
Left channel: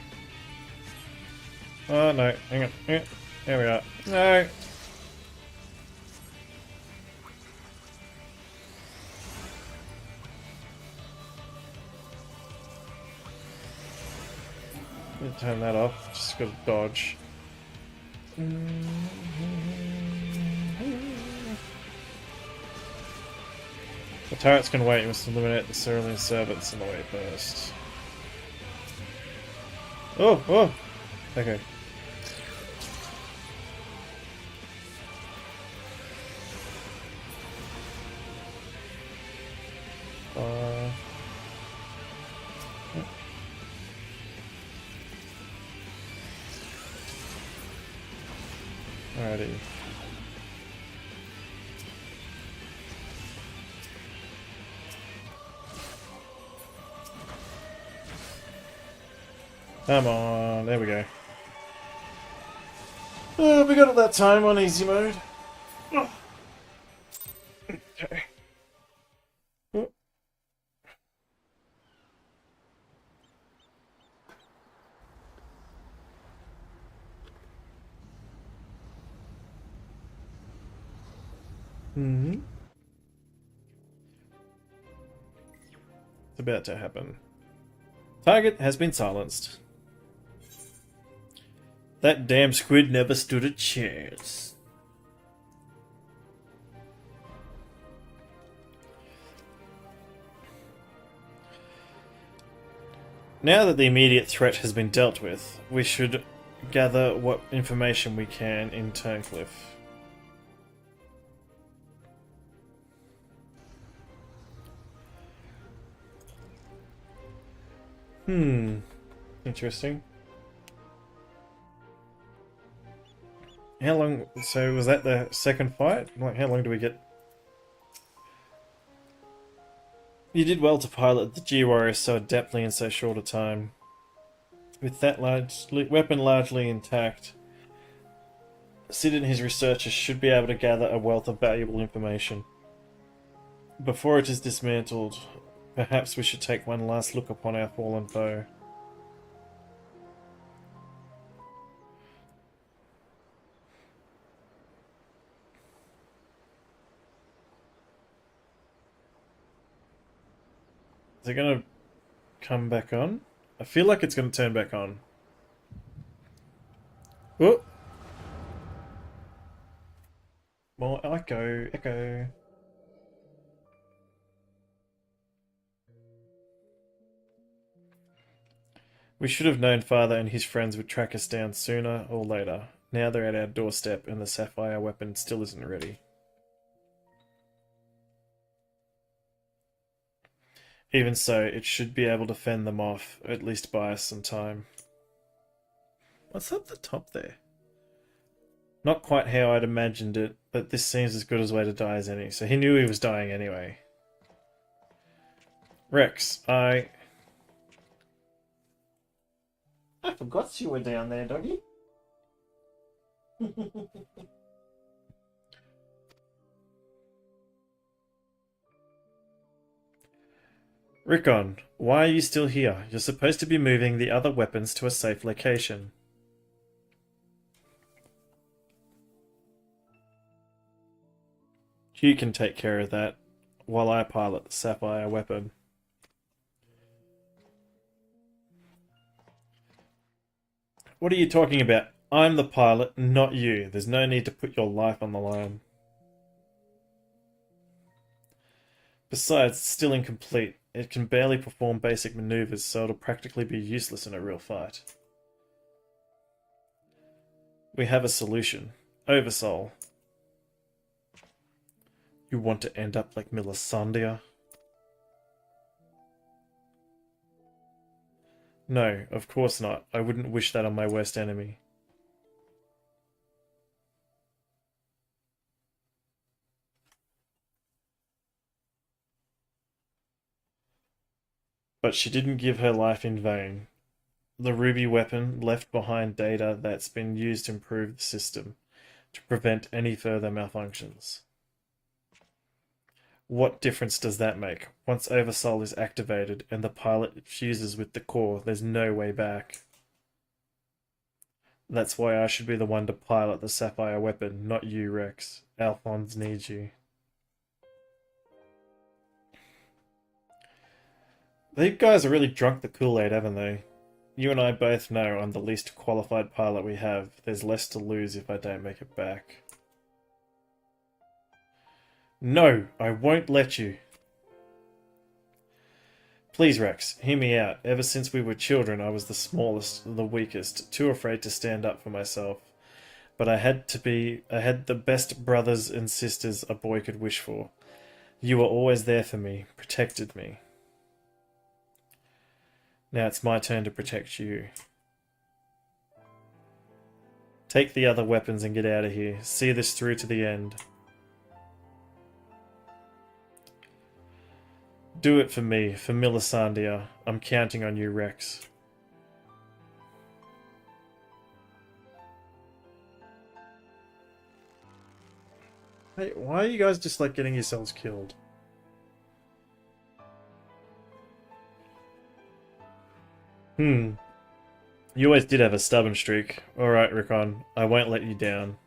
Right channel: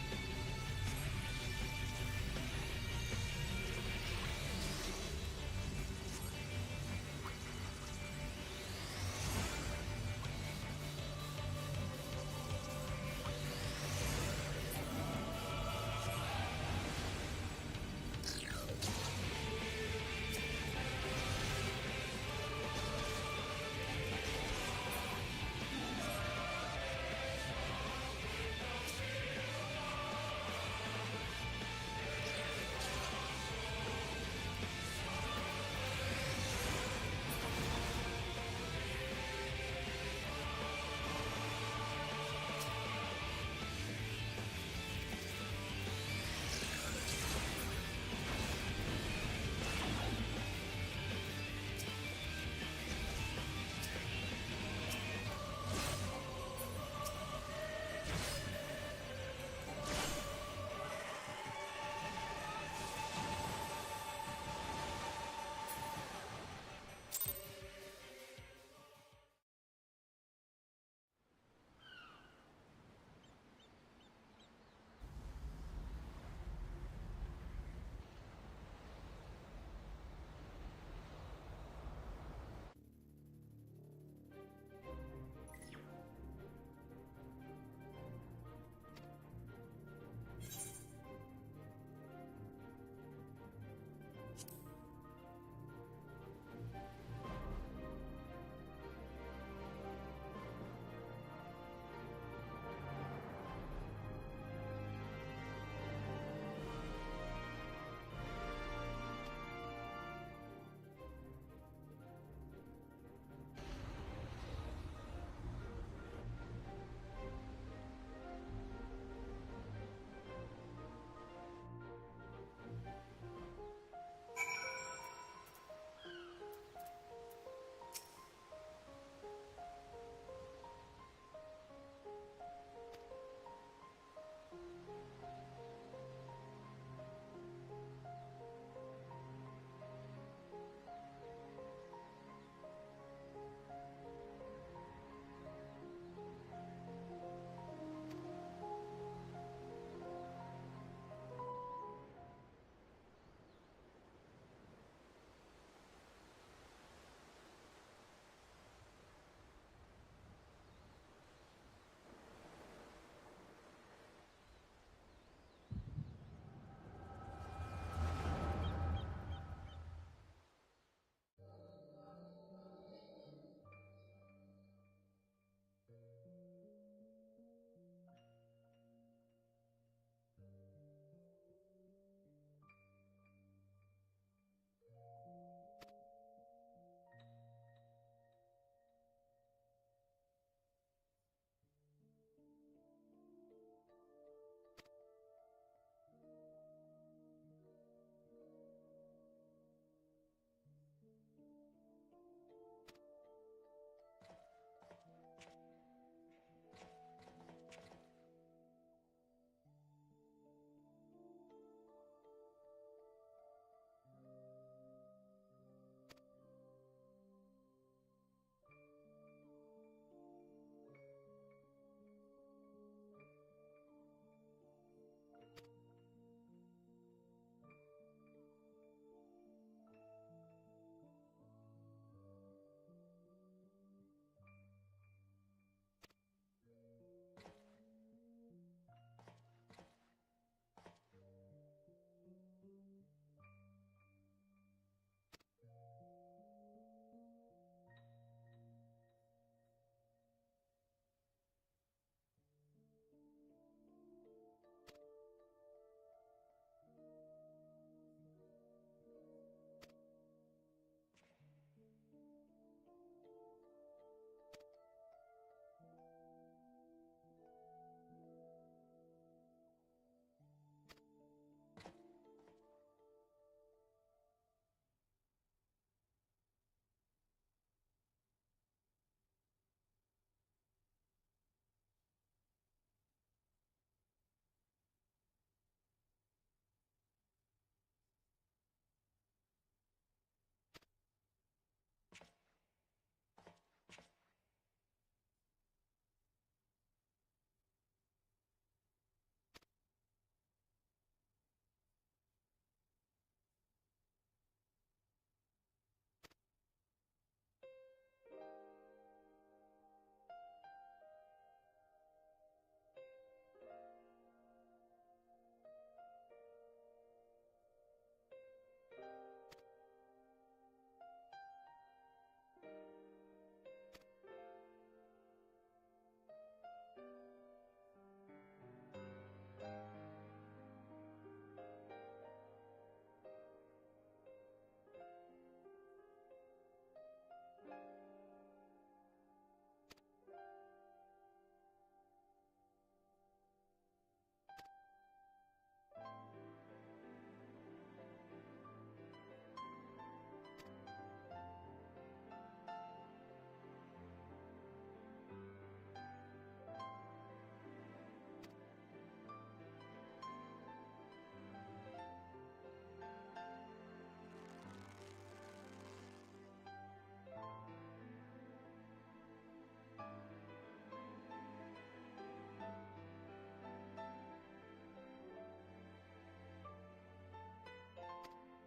Oh no, hang on. Yeah, there we are. No. Turn that off, just gotta dodge. turrets can wait. You must eliminate the cerulean servants in the way first. Oh, oh! Okay. Alrighty. Come on, there we go. We got it that time on easy mode. Oh. Okay. Oh. Mm-hmm. It's about to happen. Target has been silenced. That damn squid never stood a chance. Now that the immediate threat has been dealt with, we should gather what information we can in Turncliffe. Interesting. How long... So was that the second fight? Like, how long do we get? You did well to pilot the G-Warrior so adeptly in so short a time. With that weapon largely intact, Sid and his researchers should be able to gather a wealth of valuable information. Before it is dismantled, perhaps we should take one last look upon our fallen foe. Is it gonna come back on? I feel like it's gonna turn back on. Oh! More echo, echo. We should have known Father and his friends would track us down sooner or later. Now they're at our doorstep and the sapphire weapon still isn't ready. Even so, it should be able to fend them off, at least buy us some time. What's up the top there? Not quite how I'd imagined it, but this seems as good a way to die as any. So he knew he was dying anyway. Rex, I forgot you were down there, doggy. Rickon, why are you still here? You're supposed to be moving the other weapons to a safe location. You can take care of that while I pilot the sapphire weapon. What are you talking about? I'm the pilot, not you. There's no need to put your life on the line. Besides, it's still incomplete. It can barely perform basic maneuvers, so it'll practically be useless in a real fight. We have a solution. Oversoul. You want to end up like Melisandre? No, of course not. I wouldn't wish that on my worst enemy. But she didn't give her life in vain. The ruby weapon left behind data that's been used to improve the system, to prevent any further malfunctions. What difference does that make? Once Oversoul is activated and the pilot fuses with the core, there's no way back. That's why I should be the one to pilot the sapphire weapon, not you, Rex. Alphonse needs you. These guys are really drunk the Kool-Aid, haven't they? You and I both know I'm the least qualified pilot we have. There's less to lose if I don't make it back. No, I won't let you. Please, Rex, hear me out. Ever since we were children, I was the smallest, the weakest, too afraid to stand up for myself. But I had the best brothers and sisters a boy could wish for. You were always there for me, protected me. Now it's my turn to protect you. Take the other weapons and get out of here. See this through to the end. Do it for me, for Milisandia. I'm counting on you, Rex. Hey, why are you guys just like getting yourselves killed? You always did have a stubborn streak. Alright, Rickon. I won't let you down.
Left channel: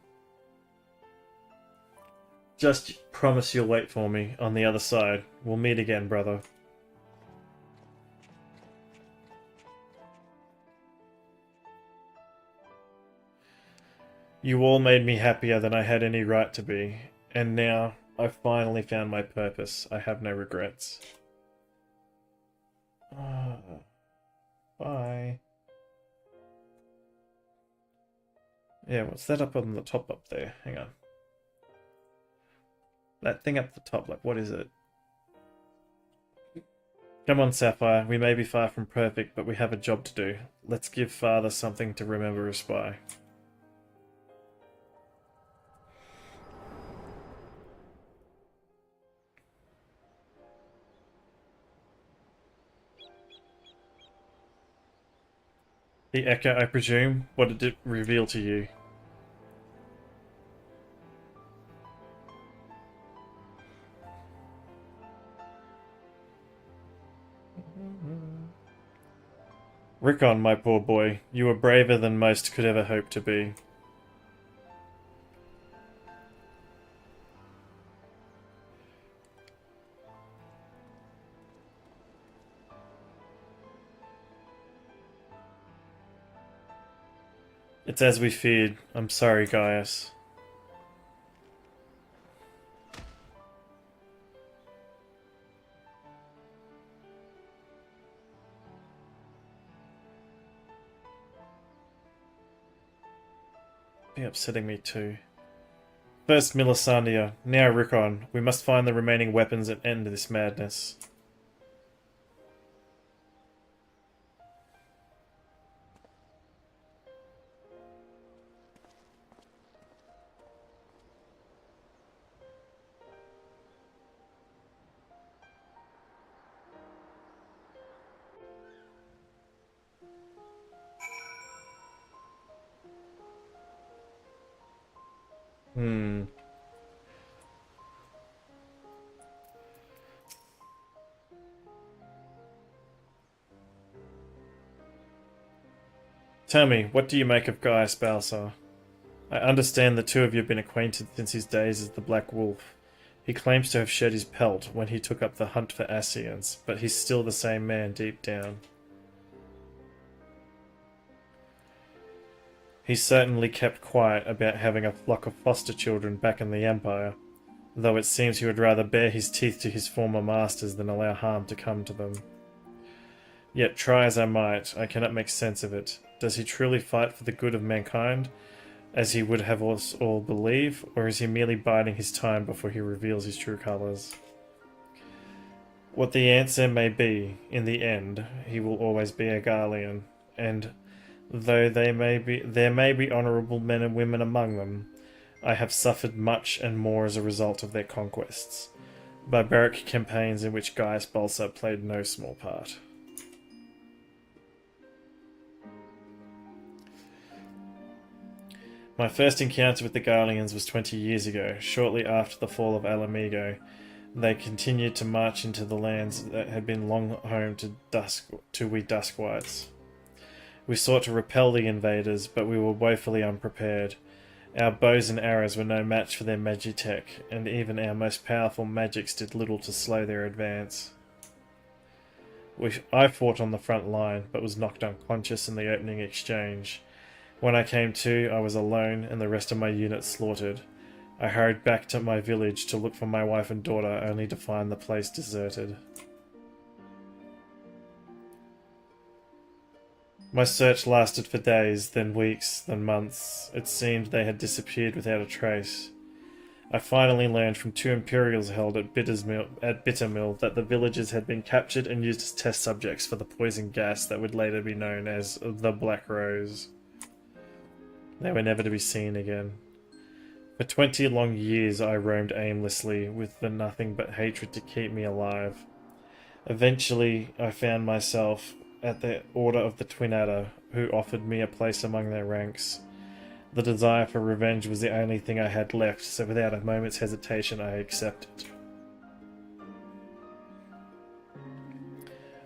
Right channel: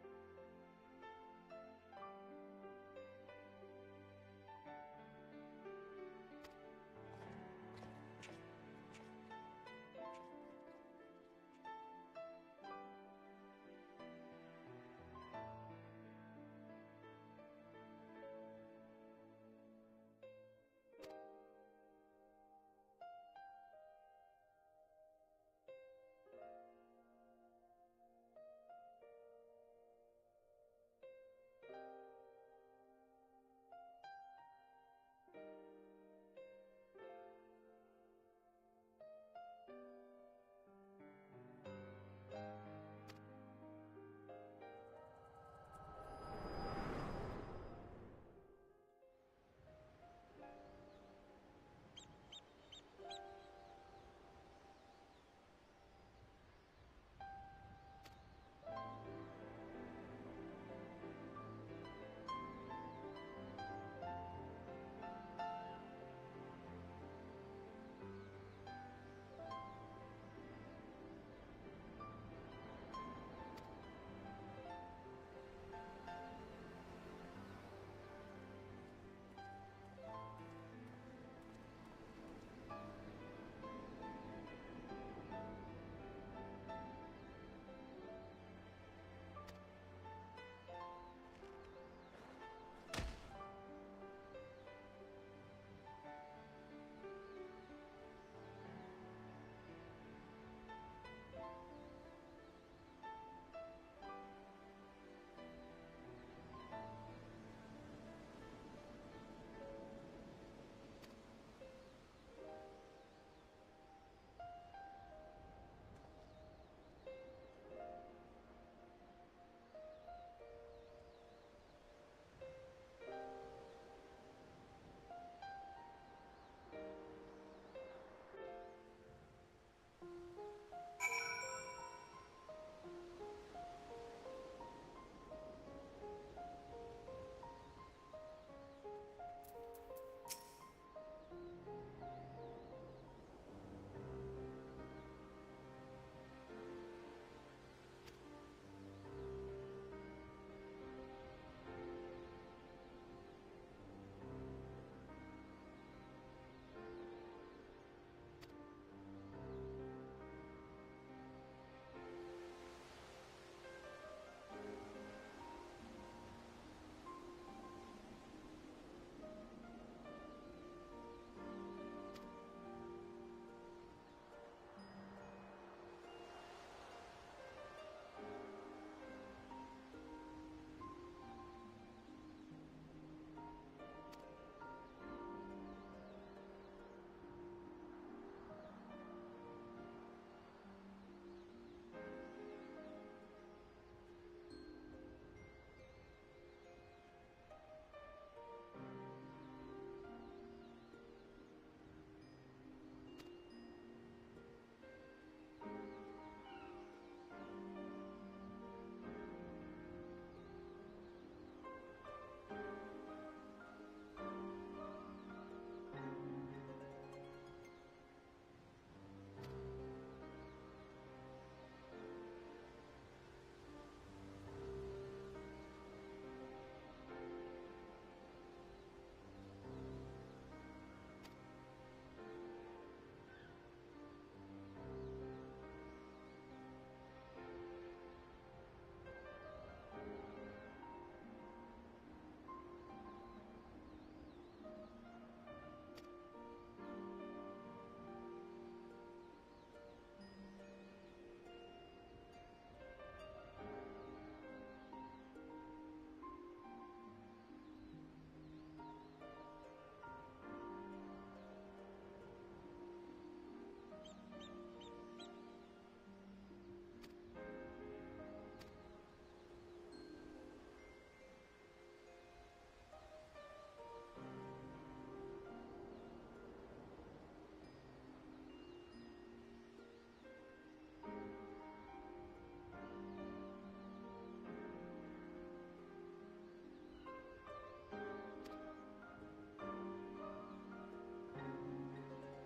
Just promise you'll wait for me on the other side. We'll meet again, brother. You all made me happier than I had any right to be. And now, I've finally found my purpose. I have no regrets. Bye. Yeah, what's that up on the top up there? Hang on. That thing up the top, like, what is it? Come on, Sapphire. We may be far from perfect, but we have a job to do. Let's give Father something to remember us by. The Echo, I presume? What did it reveal to you? Rickon, my poor boy, you were braver than most could ever hope to be. It's as we feared. I'm sorry, Gaius. Be upsetting me too. First Milisandia, now Rickon. We must find the remaining weapons and end this madness. Tell me, what do you make of Gaius Balsar? I understand the two of you have been acquainted since his days as the Black Wolf. He claims to have shed his pelt when he took up the hunt for Ascians, but he's still the same man deep down. He certainly kept quiet about having a flock of foster children back in the Empire, though it seems he would rather bare his teeth to his former masters than allow harm to come to them. Yet try as I might, I cannot make sense of it. Does he truly fight for the good of mankind, as he would have us all believe, or is he merely biding his time before he reveals his true colours? What the answer may be, in the end, he will always be a Garlean, and though there may be honourable men and women among them, I have suffered much and more as a result of their conquests, barbaric campaigns in which Gaius Balsar played no small part. My first encounter with the Garleans was 20 years ago, shortly after the fall of Alamigo. They continued to march into the lands that had been long home to we Duskwights. We sought to repel the invaders, but we were woefully unprepared. Our bows and arrows were no match for their magitech, and even our most powerful magics did little to slow their advance. I fought on the front line, but was knocked unconscious in the opening exchange. When I came to, I was alone and the rest of my unit slaughtered. I hurried back to my village to look for my wife and daughter, only to find the place deserted. My search lasted for days, then weeks, then months. It seemed they had disappeared without a trace. I finally learned from two Imperials held at Bittermill that the villagers had been captured and used as test subjects for the poison gas that would later be known as the Black Rose. They were never to be seen again. For 20 long years I roamed aimlessly, with nothing but hatred to keep me alive. Eventually I found myself at the order of the Twin Adder, who offered me a place among their ranks. The desire for revenge was the only thing I had left, so without a moment's hesitation I accepted.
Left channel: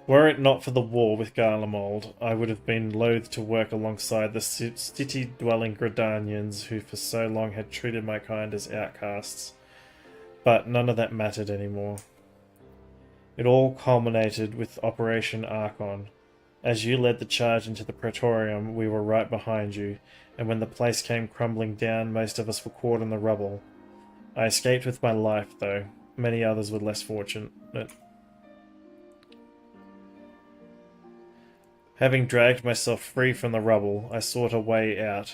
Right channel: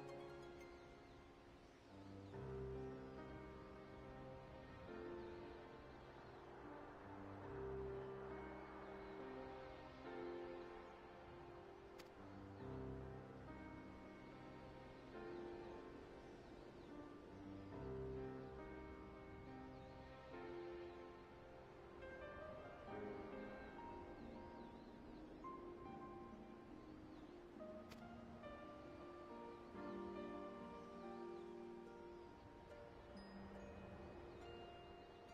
Were it not for the war with Garlemald, I would have been loath to work alongside the city-dwelling Gridanians who for so long had treated my kind as outcasts. But none of that mattered anymore. It all culminated with Operation Archon. As you led the charge into the Praetorium, we were right behind you, and when the place came crumbling down, most of us were caught in the rubble. I escaped with my life, though. Many others were less fortunate. Having dragged myself free from the rubble, I sought a way out.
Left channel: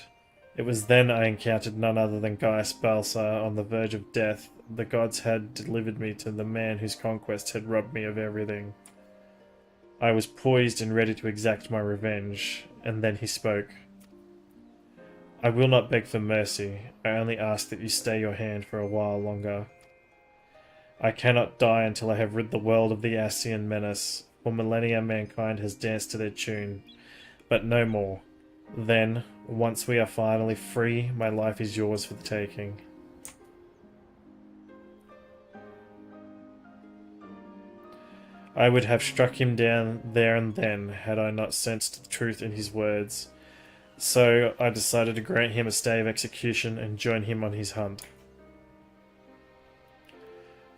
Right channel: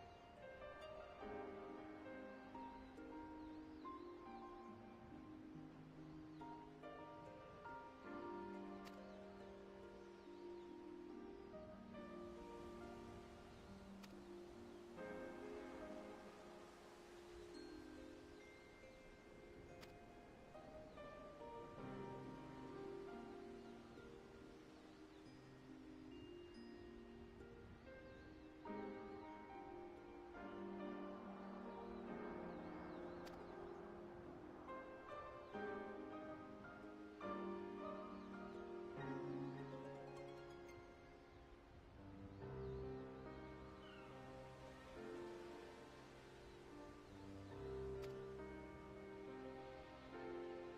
It was then I encountered none other than Gaius Balsar on the verge of death. The gods had delivered me to the man whose conquest had robbed me of everything. I was poised and ready to exact my revenge, and then he spoke. I will not beg for mercy. I only ask that you stay your hand for a while longer. I cannot die until I have rid the world of the Ascian menace. For millennia mankind has danced to their tune, but no more. Then, once we are finally free, my life is yours for the taking. I would have struck him down there and then, had I not sensed the truth in his words. So I decided to grant him a stay of execution and join him on his hunt.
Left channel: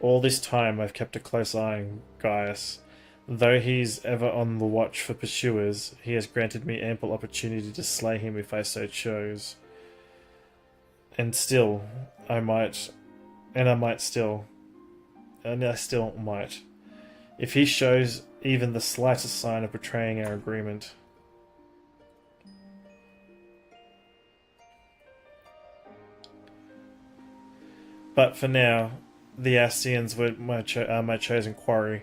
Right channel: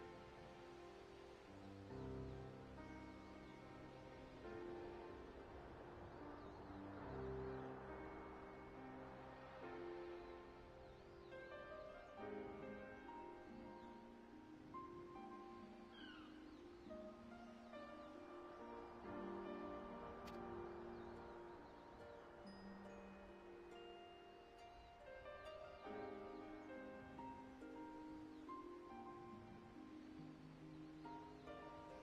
All this time I've kept a close eye on Gaius. Though he's ever on the watch for pursuers, he has granted me ample opportunity to slay him if I so chose. And I still might. If he shows even the slightest sign of betraying our agreement. But for now, the Ascians are my chosen quarry.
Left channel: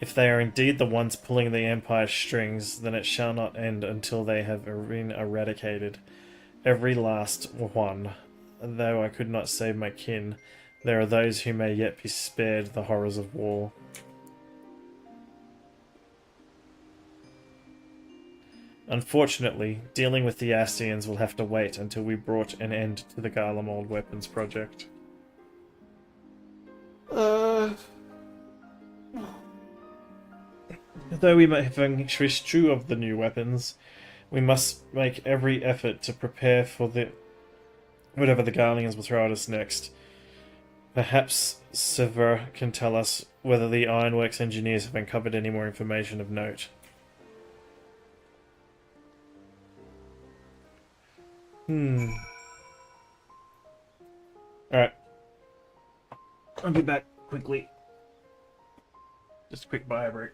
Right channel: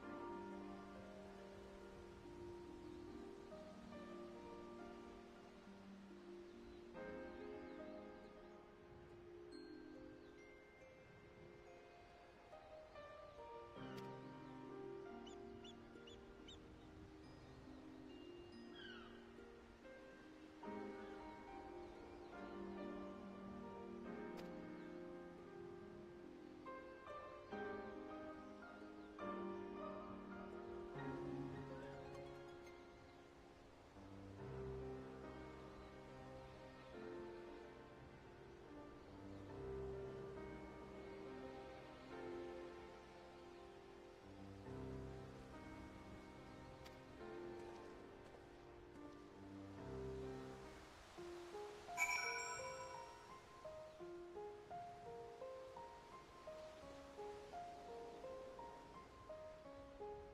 If they are indeed the ones pulling the Empire's strings, then it shall not end until they have been eradicated. Every last one. Though I could not save my kin, there are those who may yet be spared the horrors of war. Unfortunately, dealing with the Ascians will have to wait until we brought an end to the Garlemald weapons project. Though we may have interest true of the new weapons, we must make every effort to prepare for whatever the Garleans will throw at us next. Perhaps Sever can tell us whether the Ironworks engineers have uncovered any more information of note. Alright. I'll be back quickly. Just a quick bio break.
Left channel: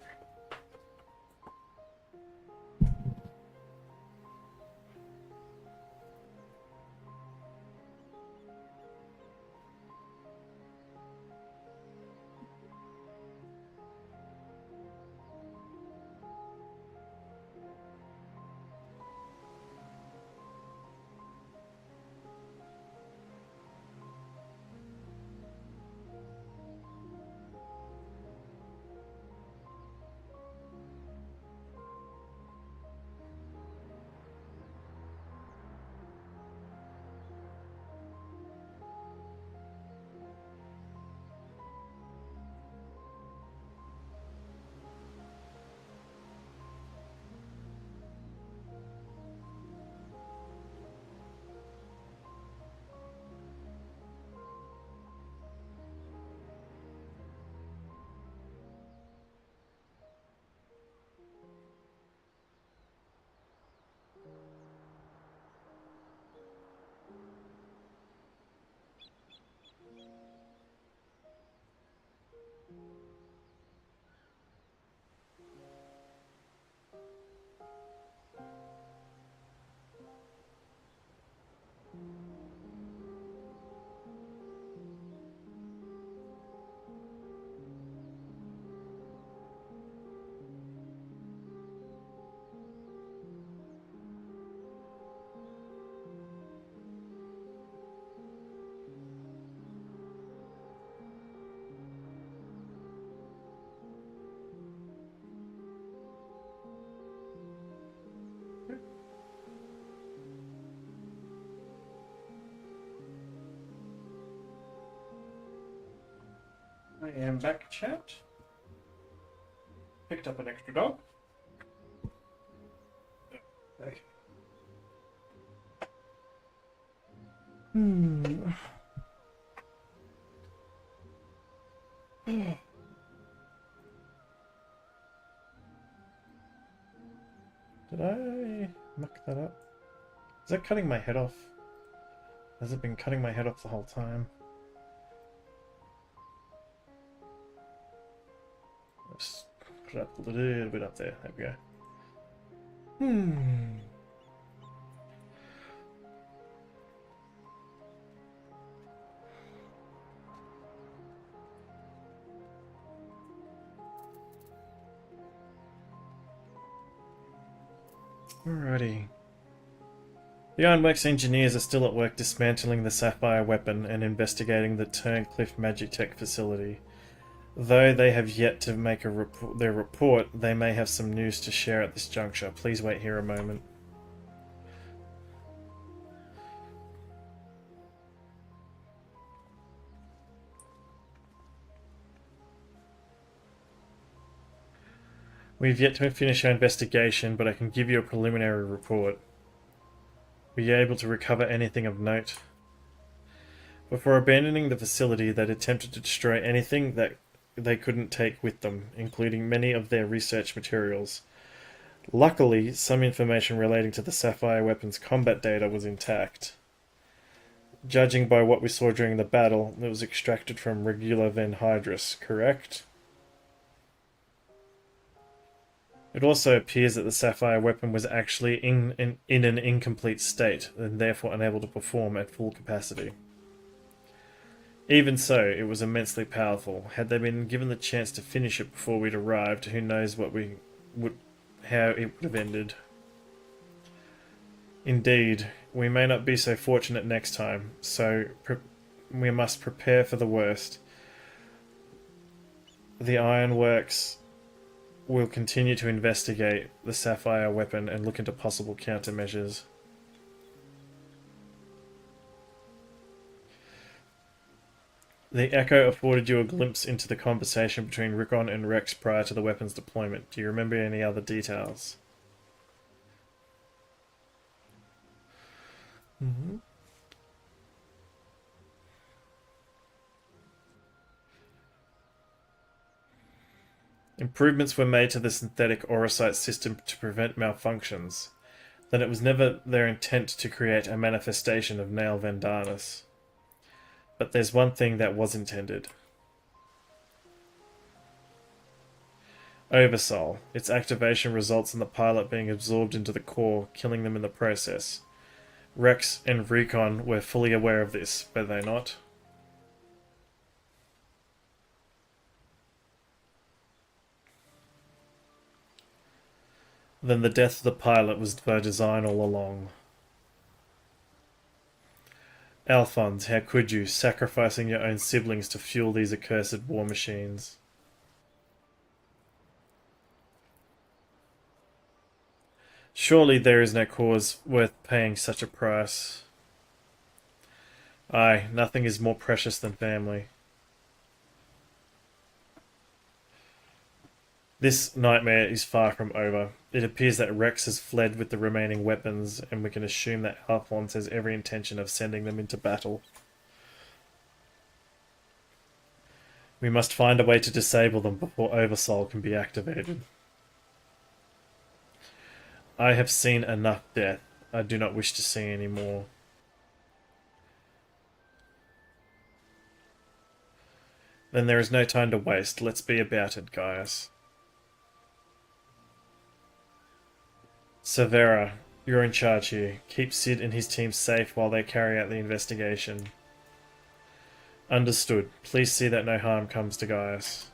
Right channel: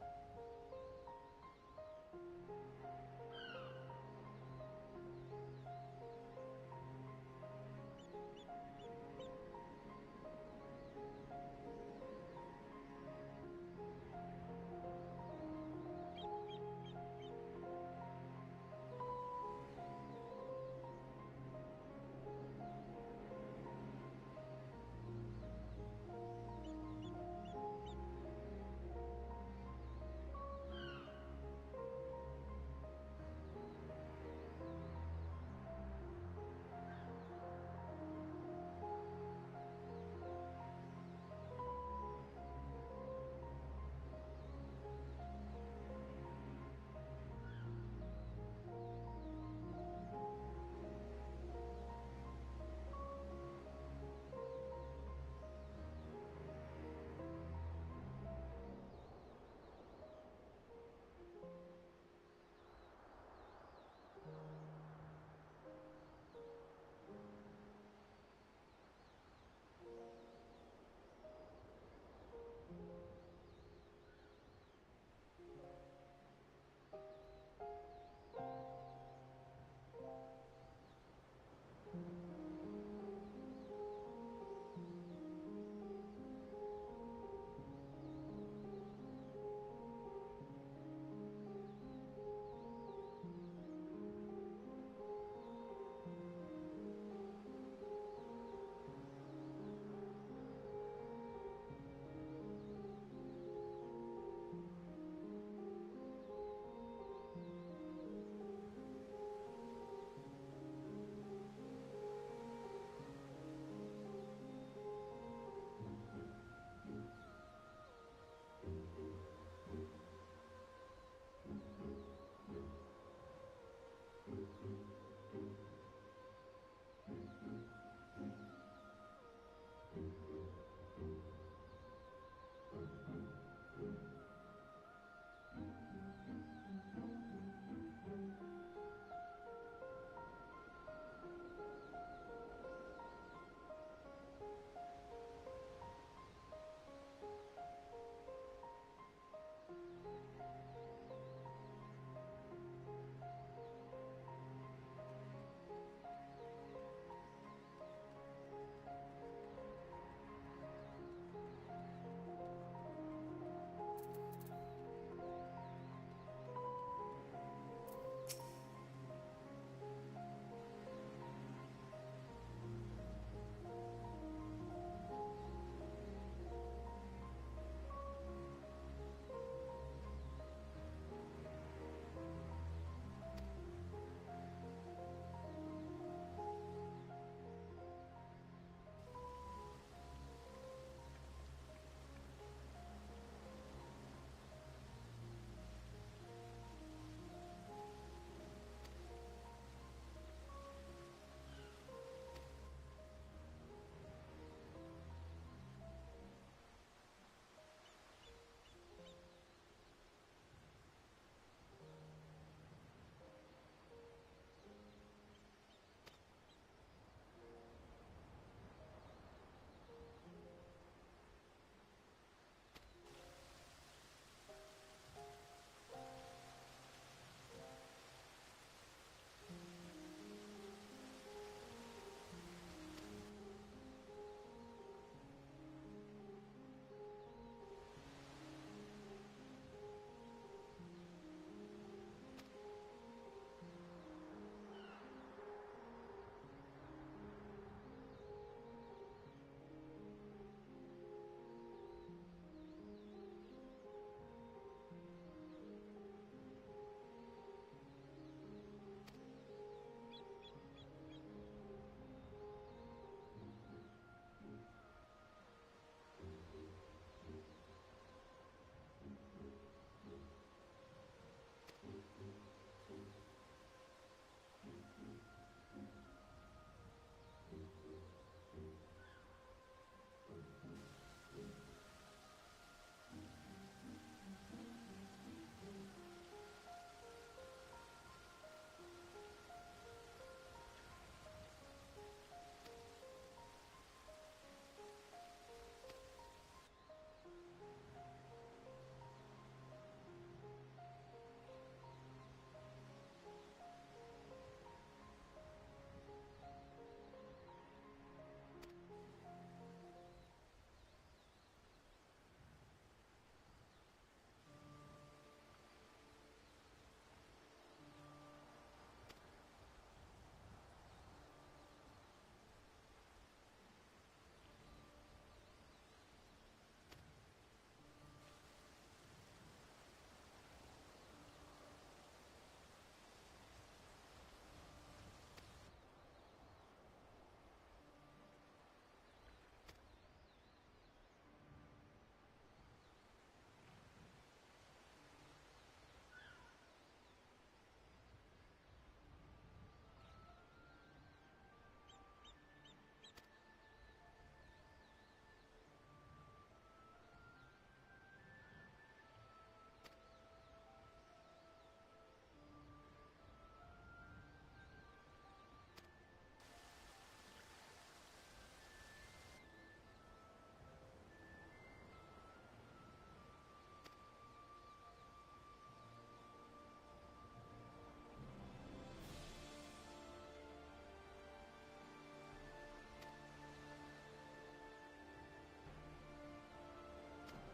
am back, chat. Picked up an extra dog. Okay. Did I muck that up? Is that cutting my head off? Has it been cutting my head off the whole time? Just put it up a little bit up there. There we go. Alrighty. The Ironworks engineers are still at work dismantling the Sapphire weapon and investigating the Turncliffe Magitech facility. Though they have yet to make their report, they may have some news to share at this juncture. Please wait here a moment. We've yet to finish our investigation, but I can give you a preliminary report. Were you able to recover anything of note? Before abandoning the facility, they'd attempted to destroy anything that they couldn't take with them, including many of their research materials. Luckily, some information relating to the Sapphire weapon's combat data was intact. Judging by what we saw during the battle, it was extracted from Regula Van Hydrus, correct? It also appears that the Sapphire weapon was actually in an incomplete state, and therefore unable to perform at full capacity. Even so, it was immensely powerful. Had they been given the chance to finish it before we'd arrived, who knows how it would have ended. Indeed, we may not be so fortunate next time, so we must prepare for the worst. The Ironworks will continue to investigate the Sapphire weapon and look into possible countermeasures. The Echo afforded you a glimpse into the conversation between Rickon and Rex prior to the weapon's deployment. Do you remember any other details? Improvements were made to the synthetic Aurosite system to prevent malfunctions. Then it was never their intent to create a manifestation of Nail Vendanus. But there's one thing that was intended. Oversoul. Its activation results in the pilot being absorbed into the core, killing them in the process. Rex and Recon were fully aware of this, were they not? Then the death of the pilot was by design all along. Alphonse, how could you, sacrificing your own siblings to fuel these accursed war machines? Surely there is no cause worth paying such a price. Aye, nothing is more precious than family. This nightmare is far from over. It appears that Rex has fled with the remaining weapons, and we can assume that Alphonse has every intention of sending them into battle. We must find a way to disable them before Oversoul can be activated. I have seen enough death. I do not wish to see any more. Then there is no time to waste. Let's be about it, Gaius. Severa, you're in charge here. Keep Sid and his team safe while they carry out the investigation. Understood. Please see that no harm comes to Gaius.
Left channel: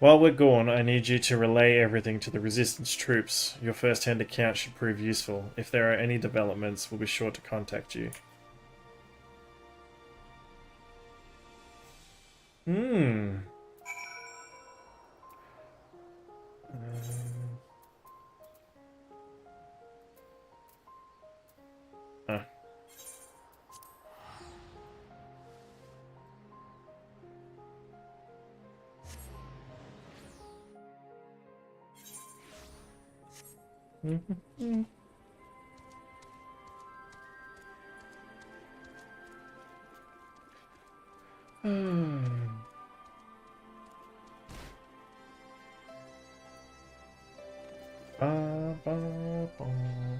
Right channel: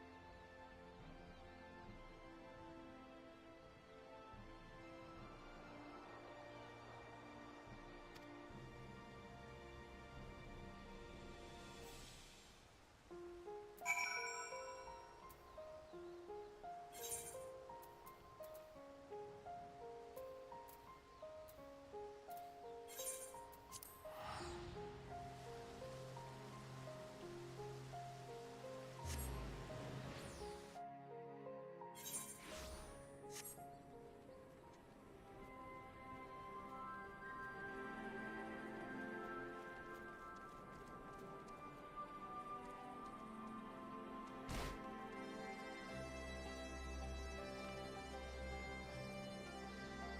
While we're gone, I need you to relay everything to the Resistance troops. Your first-hand account should prove useful. If there are any developments, we'll be sure to contact you.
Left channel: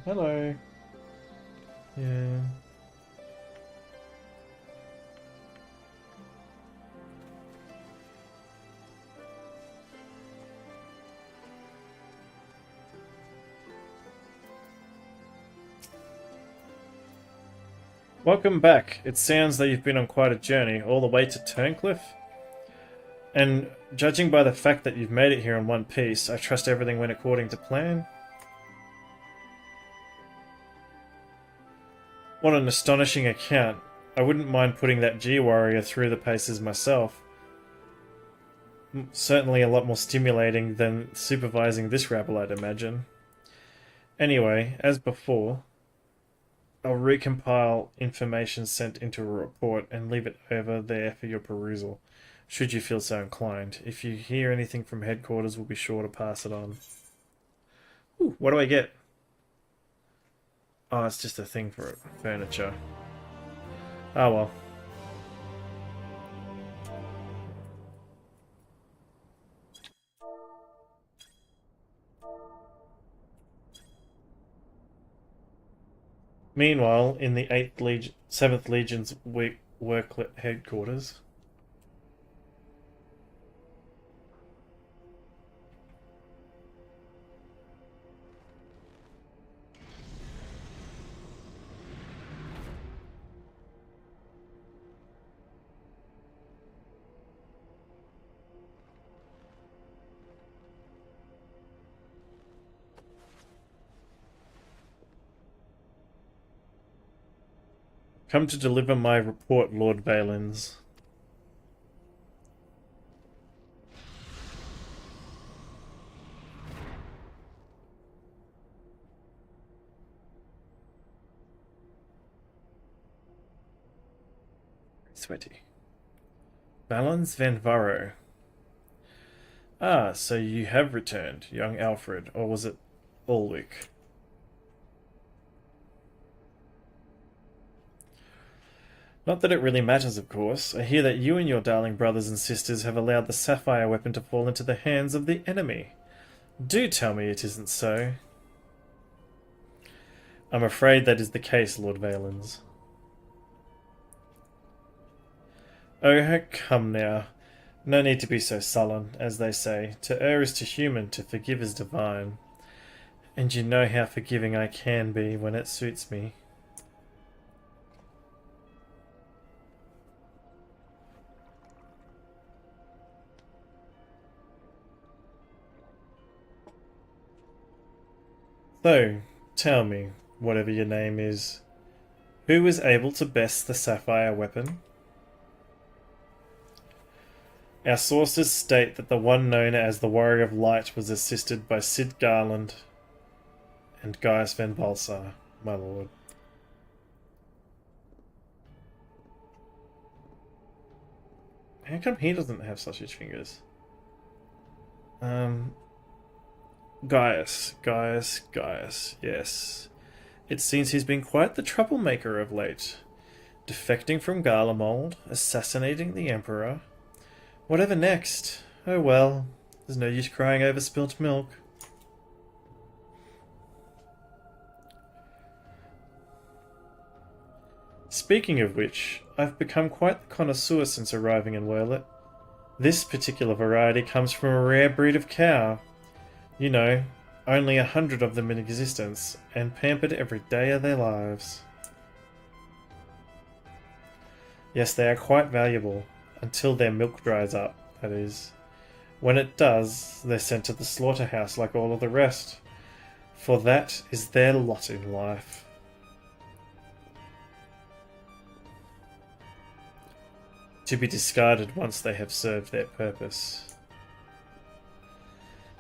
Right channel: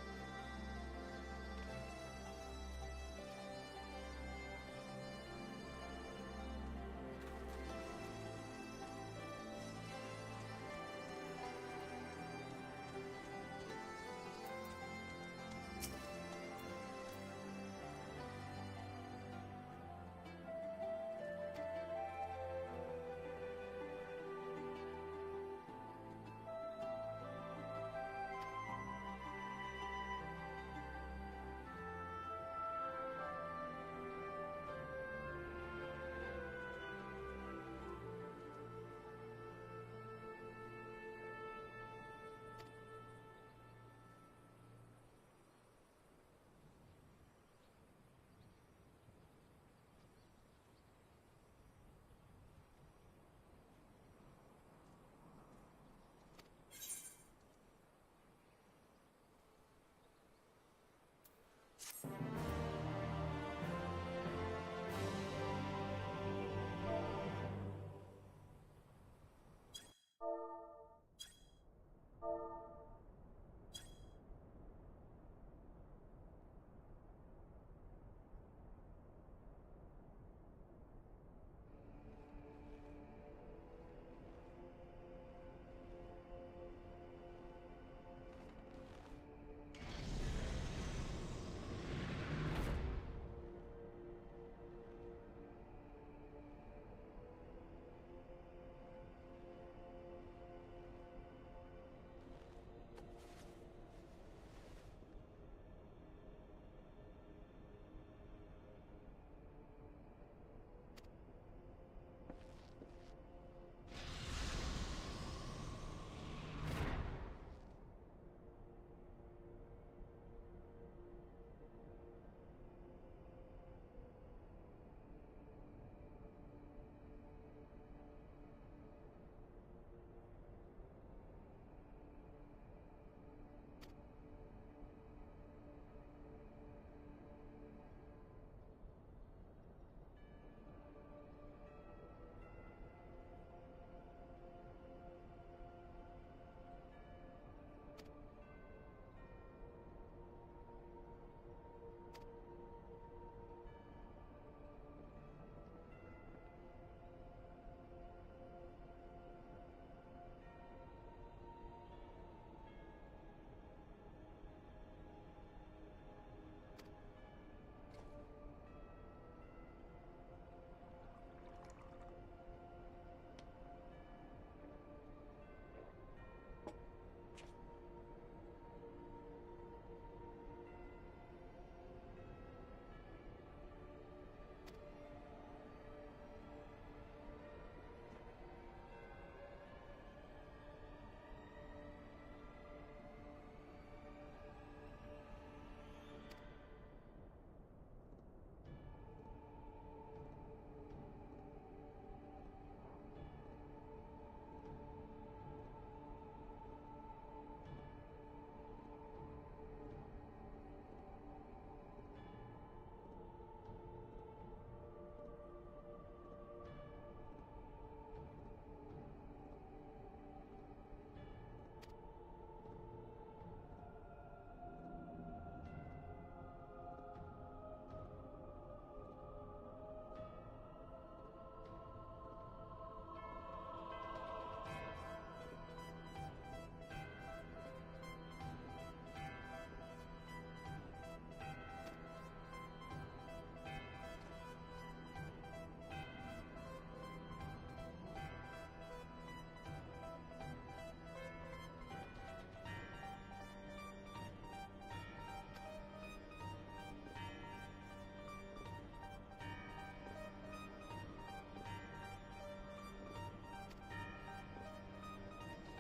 Hello. Yeah. Welcome back. It sounds that you've been on quite a journey, all the way to Turncliffe. And judging by the fact that you've made it here in one piece, I trust everything went according to plan. What an astonishing account. I wouldn't mind putting that G-Warrior through the paces myself. Certainly a lot more stimulating than supervising this rabble, I'd imagine. Anyway, as before, I'll recompile information sent into a report and leave it over there for your perusal, should you feel so inclined. If you hear anything from headquarters, we'll be sure to pass it on. Ooh, what do I get? Oh, it's just a thing for furniture. Oh well. Meanwhile, in the 7th Legion's worklet headquarters. Come to deliver my report, Lord Valens. Sweaty. Valens Van Varro. Ah, so you have returned, young Alfred, or was it Ulwick? Not that it really matters, of course. I hear that you and your darling brothers and sisters have allowed the sapphire weapon to fall into the hands of the enemy. Do tell me it isn't so. I'm afraid that is the case, Lord Valens. Oh, come now. No need to be so sullen, as they say. To err is to human, to forgive is divine. And you know how forgiving I can be when it suits me. So, tell me, whatever your name is, who was able to best the sapphire weapon? Our sources state that the one known as the Warrior of Light was assisted by Sid Garland and Gaius Van Balsar, my lord. How come he doesn't have sausage fingers? Gaius, yes. It seems he's been quite the troublemaker of late. Defecting from Garlemald, assassinating the Emperor. Whatever next? Oh well, there's no use crying over spilt milk. Speaking of which, I've become quite the connoisseur since arriving in Roulettes. This particular variety comes from a rare breed of cow. You know, only 100 of them in existence, and pampered every day of their lives. Yes, they are quite valuable, until their milk dries up, that is. When it does, they're sent to the slaughterhouse like all of the rest, for that is their lot in life. To be discarded once they have served their purpose.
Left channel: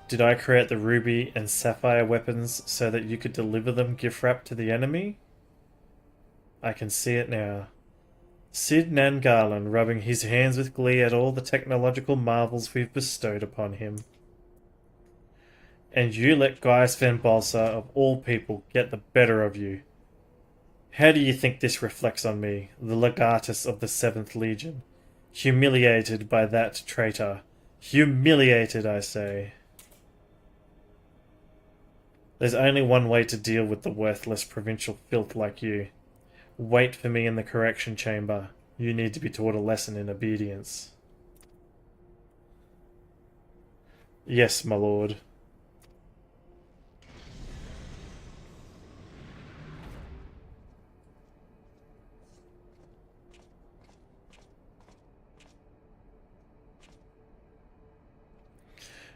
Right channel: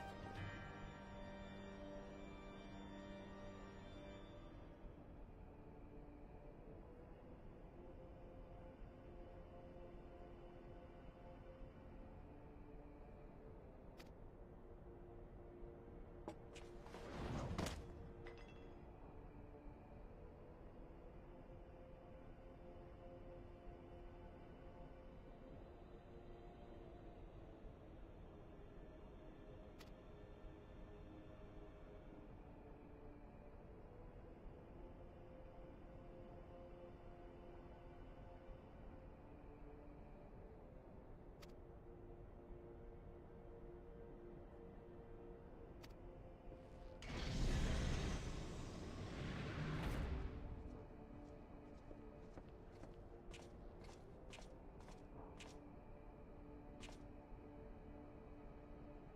Did I create the ruby and sapphire weapons so that you could deliver them gift-wrapped to the enemy? I can see it now. Sid Nan Garland rubbing his hands with glee at all the technological marvels we've bestowed upon him. And you let Gaius Van Balsa, of all people, get the better of you. How do you think this reflects on me, the legatus of the 7th Legion? Humiliated by that traitor. Humiliated, I say. There's only one way to deal with the worthless provincial filth like you. Wait for me in the correction chamber. You need to be taught a lesson in obedience. Yes, my lord.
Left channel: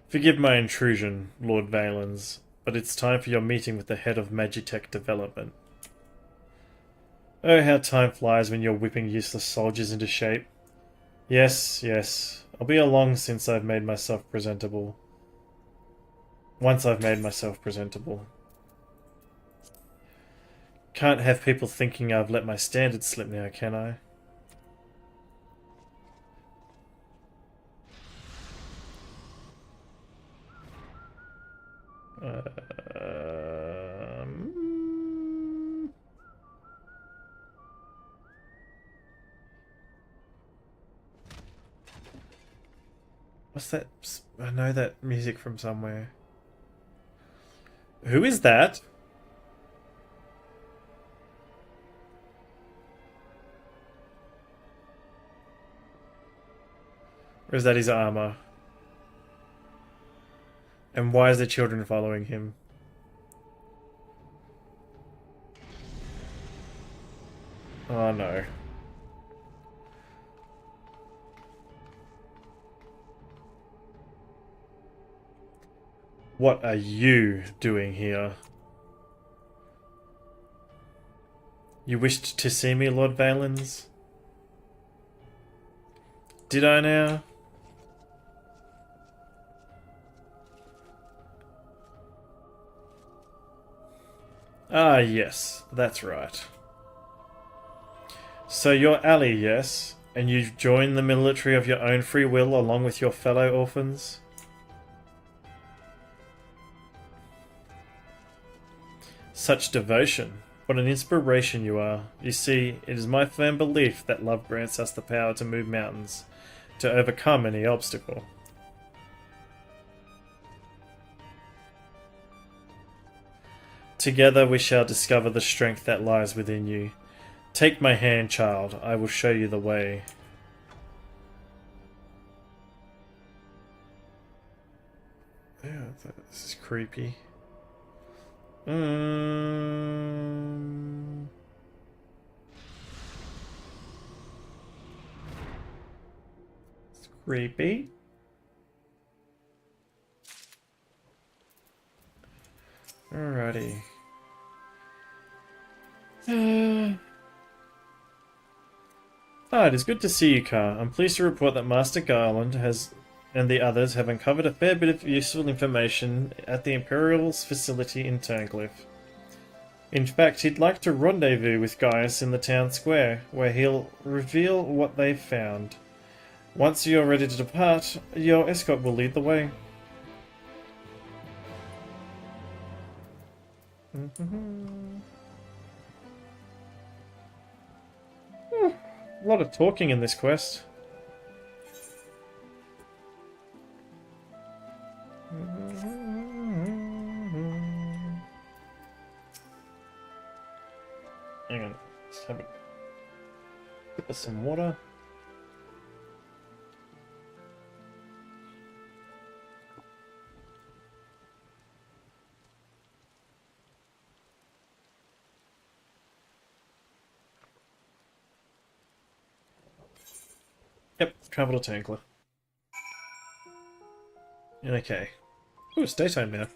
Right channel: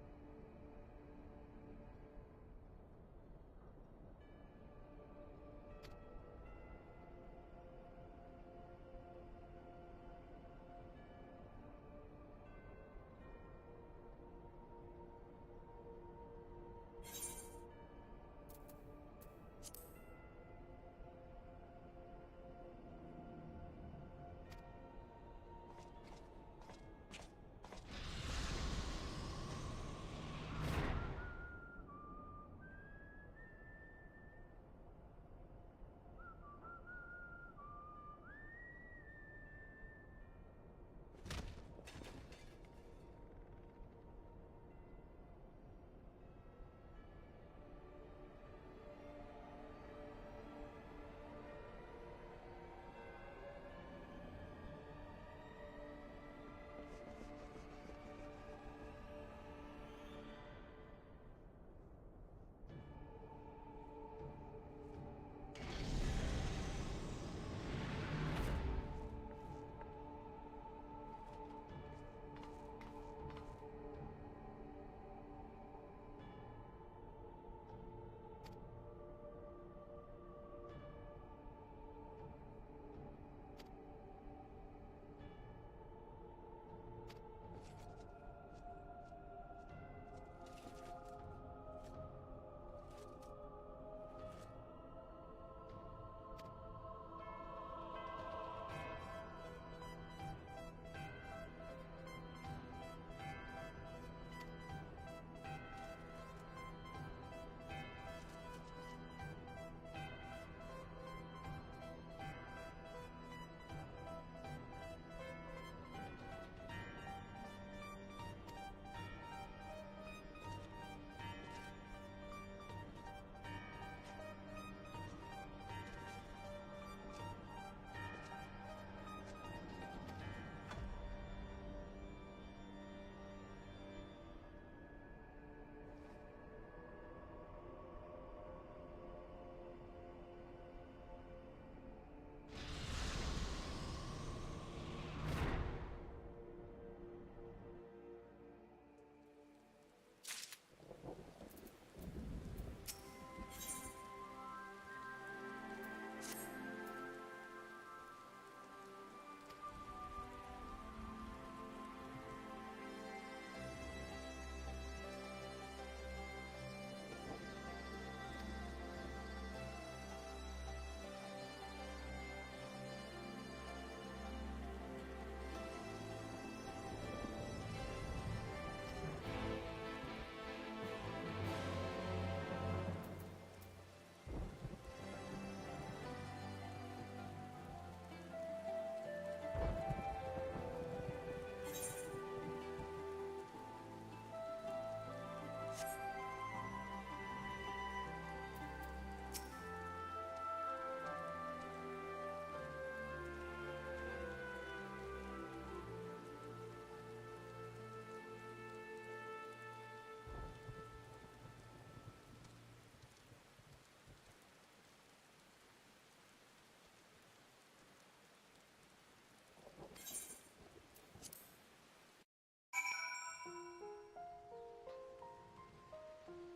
Forgive my intrusion, Lord Valens, but it's time for your meeting with the head of Magitech Development. Oh, how time flies when you're whipping useless soldiers into shape. Yes, yes, I'll be along since I've made myself presentable. Once I've made myself presentable. Can't have people thinking I've let my standards slip now, can I? What's that? I know that music from somewhere. Who is that? Or is that his armor? And why is the children following him? Oh no. What are you doing here? You wished to see me, Lord Valens? Did I now? Ah, yes, that's right. So you're Ali, yes? And you've joined the military of your own free will along with your fellow orphans? Such devotion. What an inspiration you are. You see, it is my firm belief that love grants us the power to move mountains, to overcome any obstacle. Together we shall discover the strength that lies within you. Take my hand, child. I will show you the way. Yeah, this is creepy. It's creepy. Alrighty. It is good to see you, Car. I'm pleased to report that Master Garland and the others have uncovered a fair bit of useful information at the Imperial's facility in Turncliffe. In fact, he'd like to rendezvous with Gaius in the town square, where he'll reveal what they've found. Once you're ready to depart, your escort will lead the way. A lot of talking in this quest. Hang on, let's have a sip of some water. Yep, travel to Tankler. Okay. Ooh, it's daytime now.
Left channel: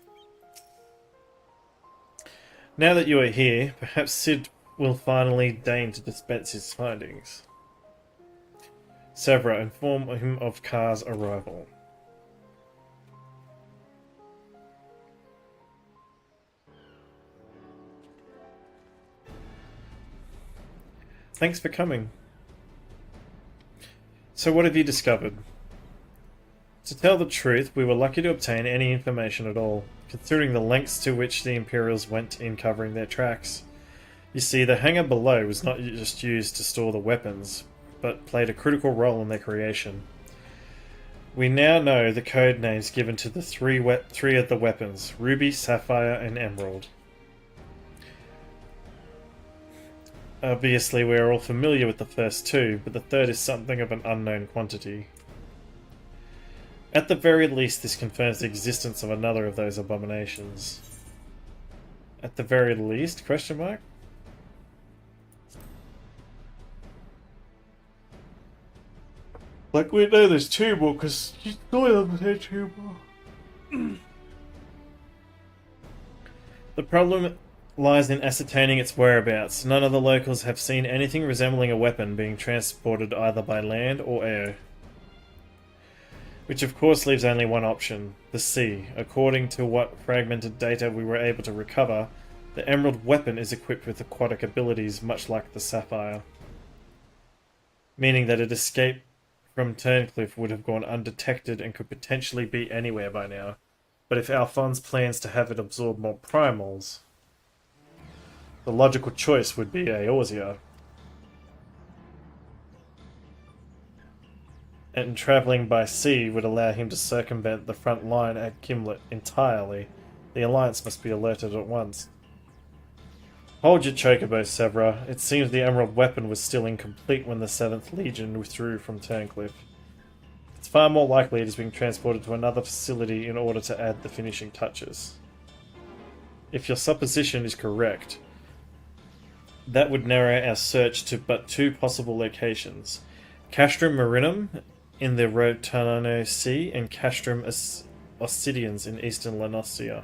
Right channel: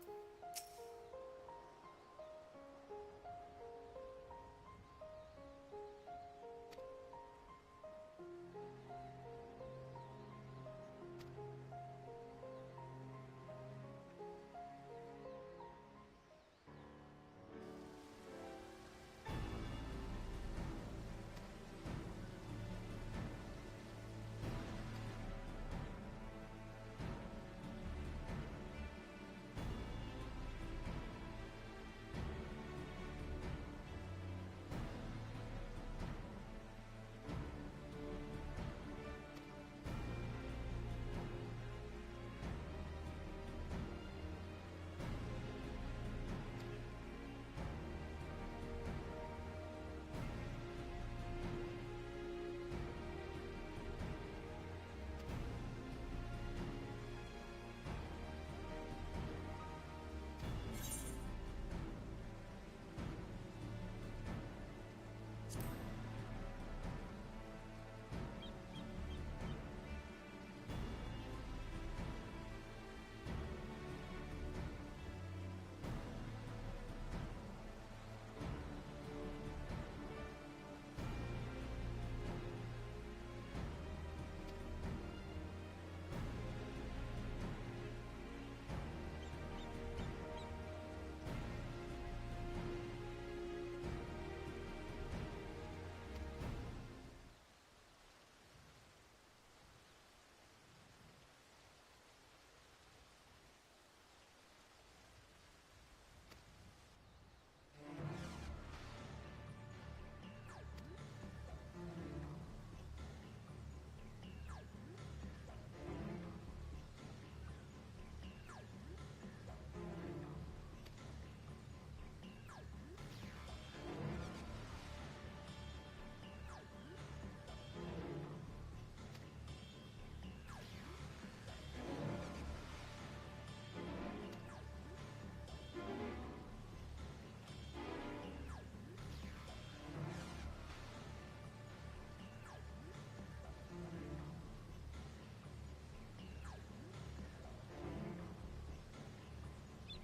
Now that you are here, perhaps Sid will finally deign to dispense his findings. Severa, inform him of Car's arrival. Thanks for coming. So what have you discovered? To tell the truth, we were lucky to obtain any information at all, considering the lengths to which the Imperials went in covering their tracks. You see, the hangar below was not just used to store the weapons, but played a critical role in their creation. We now know the code names given to the three of the weapons: Ruby, Sapphire, and Emerald. Obviously, we are all familiar with the first two, but the third is something of an unknown quantity. At the very least, this confirms the existence of another of those abominations. At the very least? Question mark? Like, we know there's two more, because you still have two more. The problem lies in ascertaining its whereabouts. None of the locals have seen anything resembling a weapon being transported either by land or air. Which of course leaves only one option, the sea. According to what fragmented data we were able to recover, the Emerald weapon is equipped with aquatic abilities much like the Sapphire. Meaning that it escaped from Turncliffe would have gone undetected and could potentially be anywhere by now. But if Alphonse plans to have it absorb more primals, the logical choice would be Eorzea. And travelling by sea would allow him to circumvent the front line at Gimlet entirely. The Alliance must be alerted at once. Hold your chocobo, Severa. It seems the Emerald weapon was still incomplete when the 7th Legion withdrew from Turncliffe. It's far more likely it is being transported to another facility in order to add the finishing touches. If your supposition is correct, that would narrow our search to but two possible locations: Castrum Marinum in the Rotanano Sea and Castrum Ossidians in eastern Lanossia,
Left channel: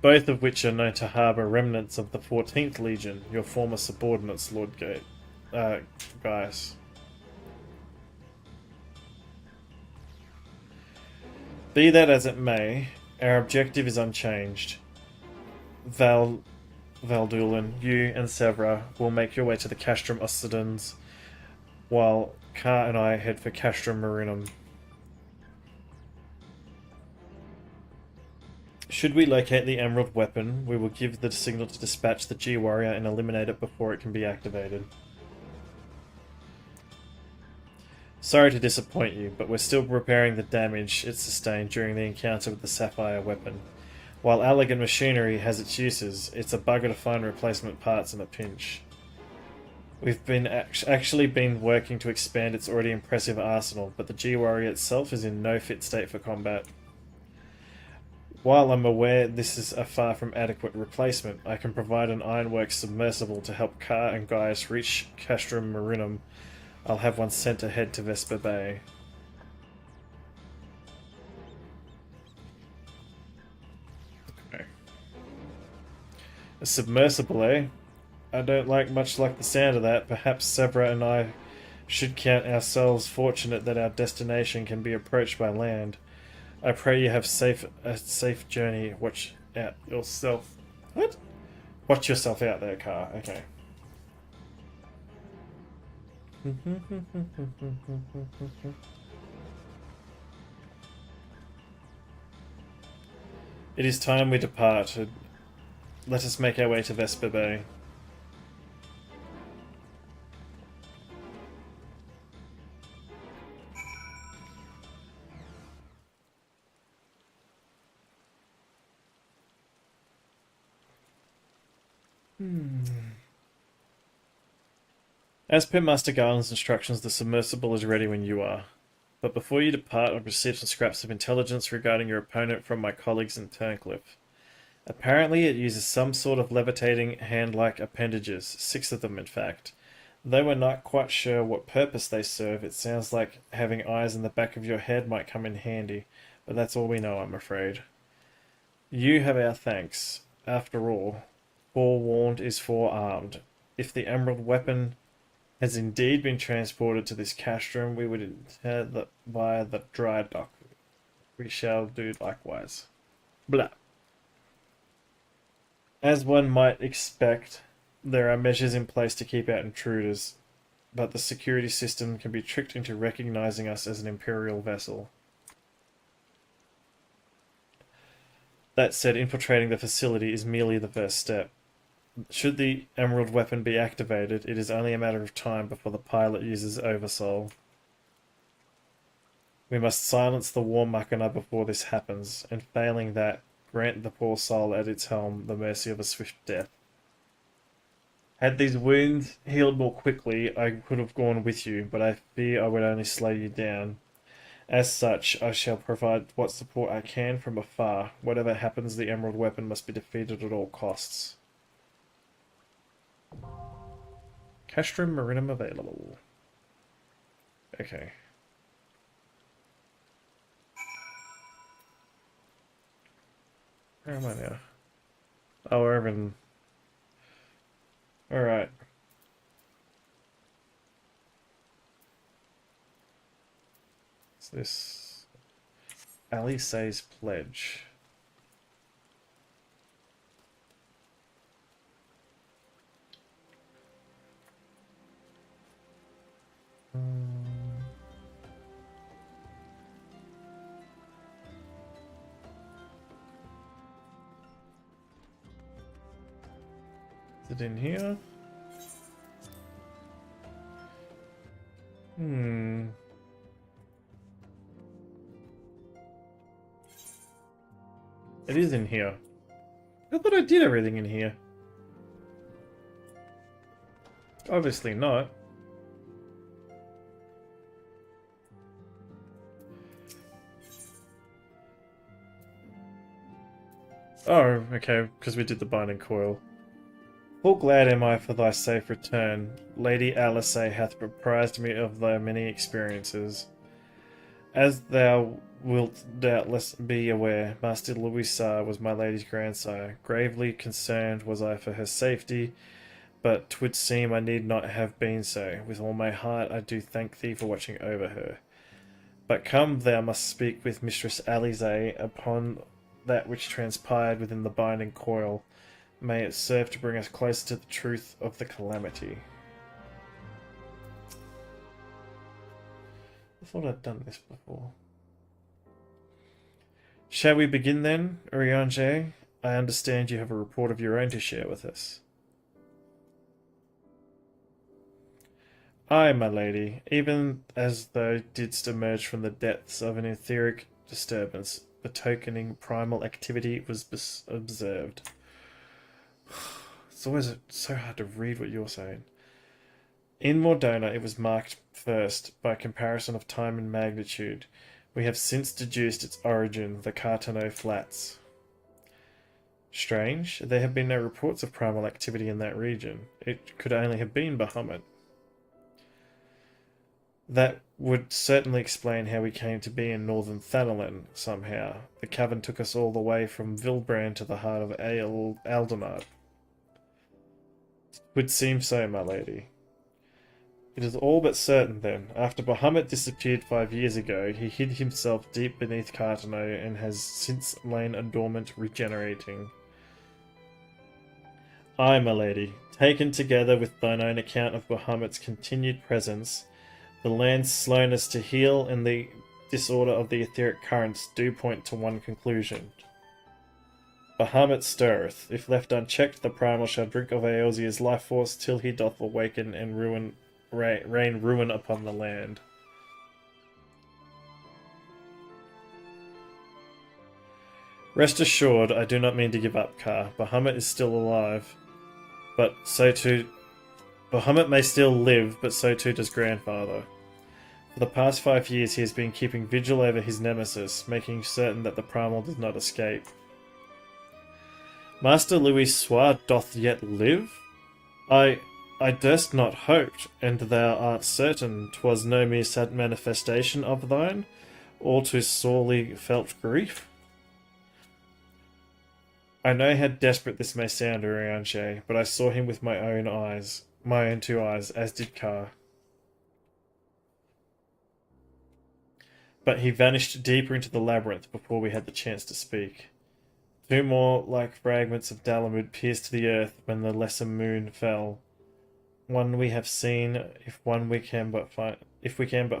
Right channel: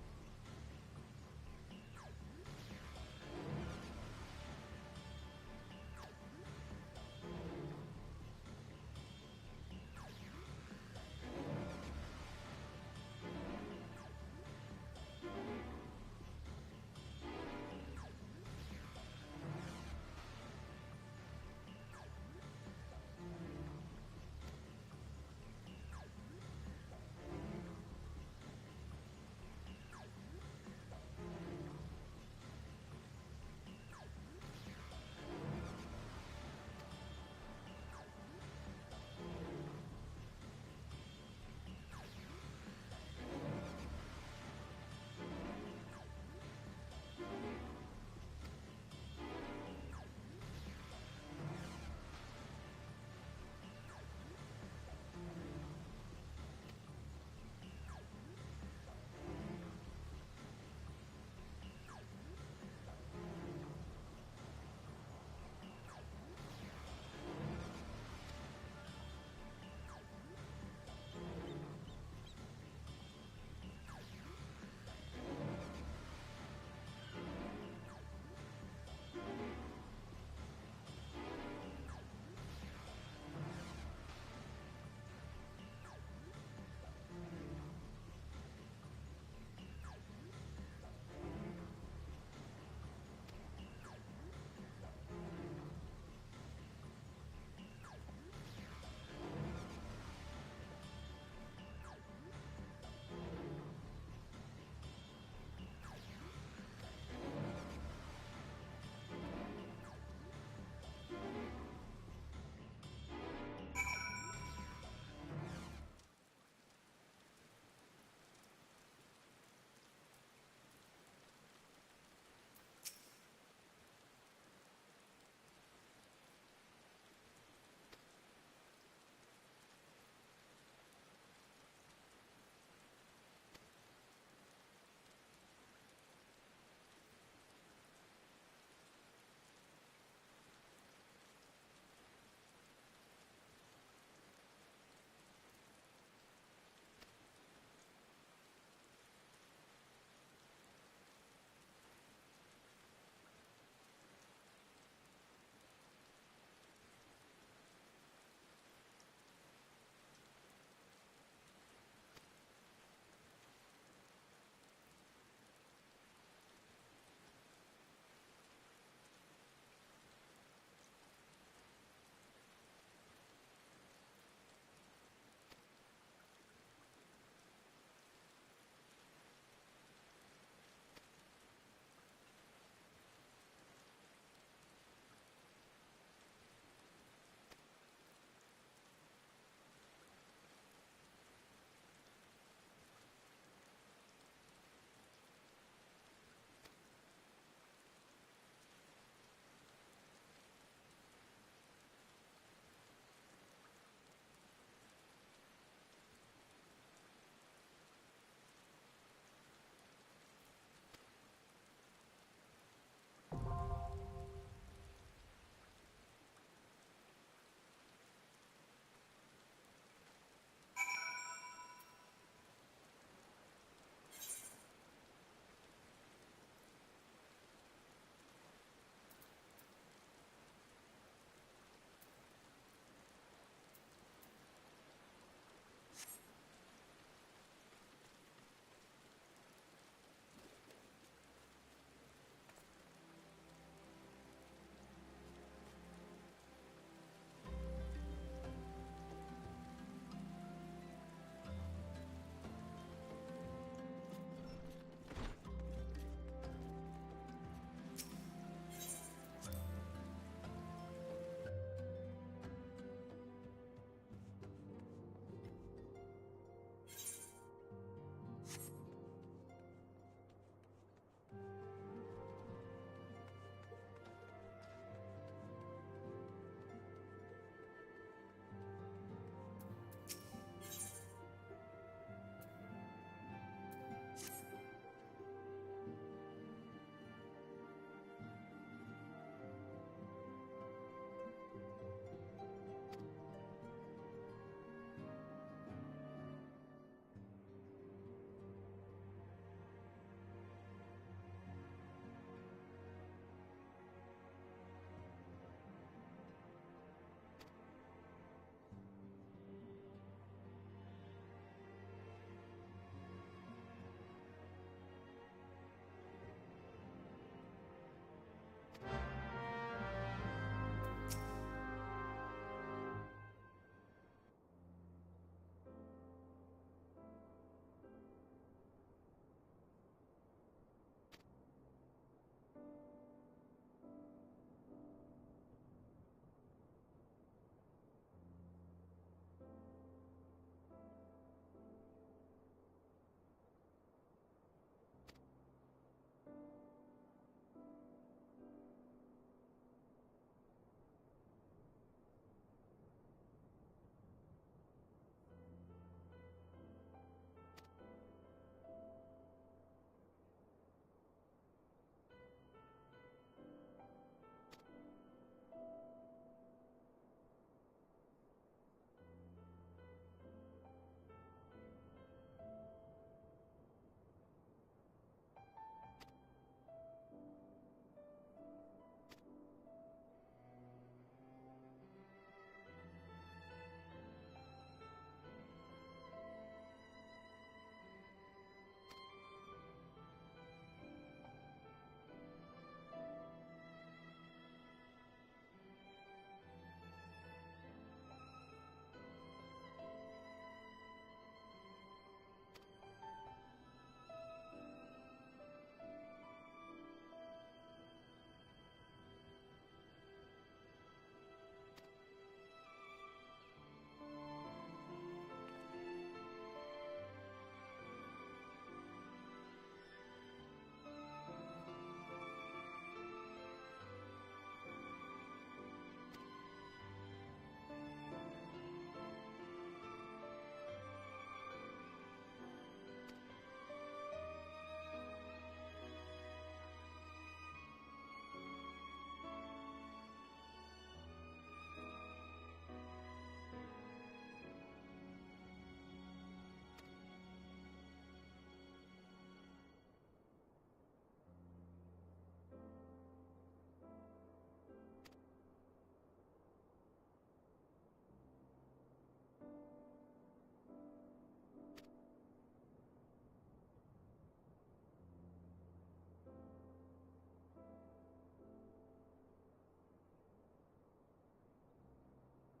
both of which are known to harbour remnants of the 14th Legion, your former subordinates, Lord Gaius. Be that as it may, our objective is unchanged. Valdulan, you and Severa will make your way to the Castrum Ossidians, while Ka and I head for Castrum Marinum. Should we locate the Emerald weapon, we will give the signal to dispatch the G-Warrior and eliminate it before it can be activated. Sorry to disappoint you, but we're still repairing the damage it sustained during the encounter with the Sapphire weapon. While elegant machinery has its uses, it's a bugger to find replacement parts in a pinch. We've actually been working to expand its already impressive arsenal, but the G-Warrior itself is in no fit state for combat. While I'm aware this is a far from adequate replacement, I can provide an Ironworks submersible to help Ka and Gaius reach Castrum Marinum. I'll have one sent ahead to Vesper Bay. Okay. A submersible, eh? I don't much like the sound of that. Perhaps Severa and I should count ourselves fortunate that our destination can be approached by land. I pray you have a safe journey. Watch out yourself. What? Watch yourself out there, Ka. Okay. It is time we departed. Let us make our way to Vesper Bay. As per Master Garland's instructions, the submersible is ready when you are. But before you depart, I've received some scraps of intelligence regarding your opponent from my colleagues in Turncliffe. Apparently it uses some sort of levitating hand-like appendages, 6 of them in fact. Though we're not quite sure what purpose they serve, it sounds like having eyes in the back of your head might come in handy, but that's all we know, I'm afraid. You have our thanks. After all, forewarned is forearmed. If the Emerald weapon has indeed been transported to this castrum, we would enter via the dry dock. We shall do likewise. Blah. As one might expect, there are measures in place to keep out intruders. but the security system can be tricked into recognizing us as an Imperial vessel. That said, infiltrating the facility is merely the first step. Should the Emerald weapon be activated, it is only a matter of time before the pilot uses Oversoul. We must silence the War Machina before this happens, and failing that, grant the poor soul at its helm the mercy of a swift death. Had these wounds healed more quickly, I could have gone with you, but I fear I would only slow you down. As such, I shall provide what support I can from afar. Whatever happens, the Emerald weapon must be defeated at all costs. Castrum Marinum available. Okay. Where am I now? Oh, we're in... Alright. What's this? Alice's Pledge. Is it in here? It is in here. I thought I did everything in here. Obviously not. Oh, okay, because we did the binding coil. Full glad am I for thy safe return. Lady Alice hath apprised me of thy many experiences. As thou wilt doubtless be aware, Master Louisa was my lady's grandsire. Gravely concerned was I for her safety, but 'twould seem I need not have been so. With all my heart I do thank thee for watching over her. But come, thou must speak with Mistress Alice upon that which transpired within the binding coil. May it serve to bring us closer to the truth of the calamity. I thought I'd done this before. Shall we begin then, Urianger? I understand you have a report of your own to share with us. Aye, my lady, even as thou didst emerge from the depths of an etheric disturbance, betokening primal activity was observed. It's always so hard to read what you're saying. In Mordona, it was marked first by comparison of time and magnitude. We have since deduced its origin, the Cartano Flats. Strange, there have been no reports of primal activity in that region. It could only have been Bahamut. That would certainly explain how we came to be in northern Thanalan, somehow. The cavern took us all the way from Vilbrand to the heart of Aldenard. Would seem so, my lady. It is all but certain, then. After Bahamut disappeared 5 years ago, he hid himself deep beneath Cartano and has since lain dormant, regenerating. Aye, my lady. Taken together with thine own account of Bahamut's continued presence, the land's slowness to heal and the disorder of the etheric currents do point to one conclusion. Bahamut stirreth. If left unchecked, the primal shall drink of Eosia's life force till he doth awaken and rain ruin upon the land. Rest assured, I do not mean to give up, Car. Bahamut is still alive, but so too... Bahamut may still live, but so too does Grandfather. For the past 5 years he has been keeping vigil over his nemesis, making certain that the primal does not escape. Master Louis Soir doth yet live? I durst not hoped, and thou art certain 'twas no mere sad manifestation of thine, or to sorely felt grief? I know how desperate this may sound, Urianger, but I saw him with my own eyes, my own 2 eyes, as did Car. But he vanished deeper into the labyrinth before we had the chance to speak. 2 more like fragments of Dalamud pierced the earth when the lesser moon fell. one we have seen, if we can but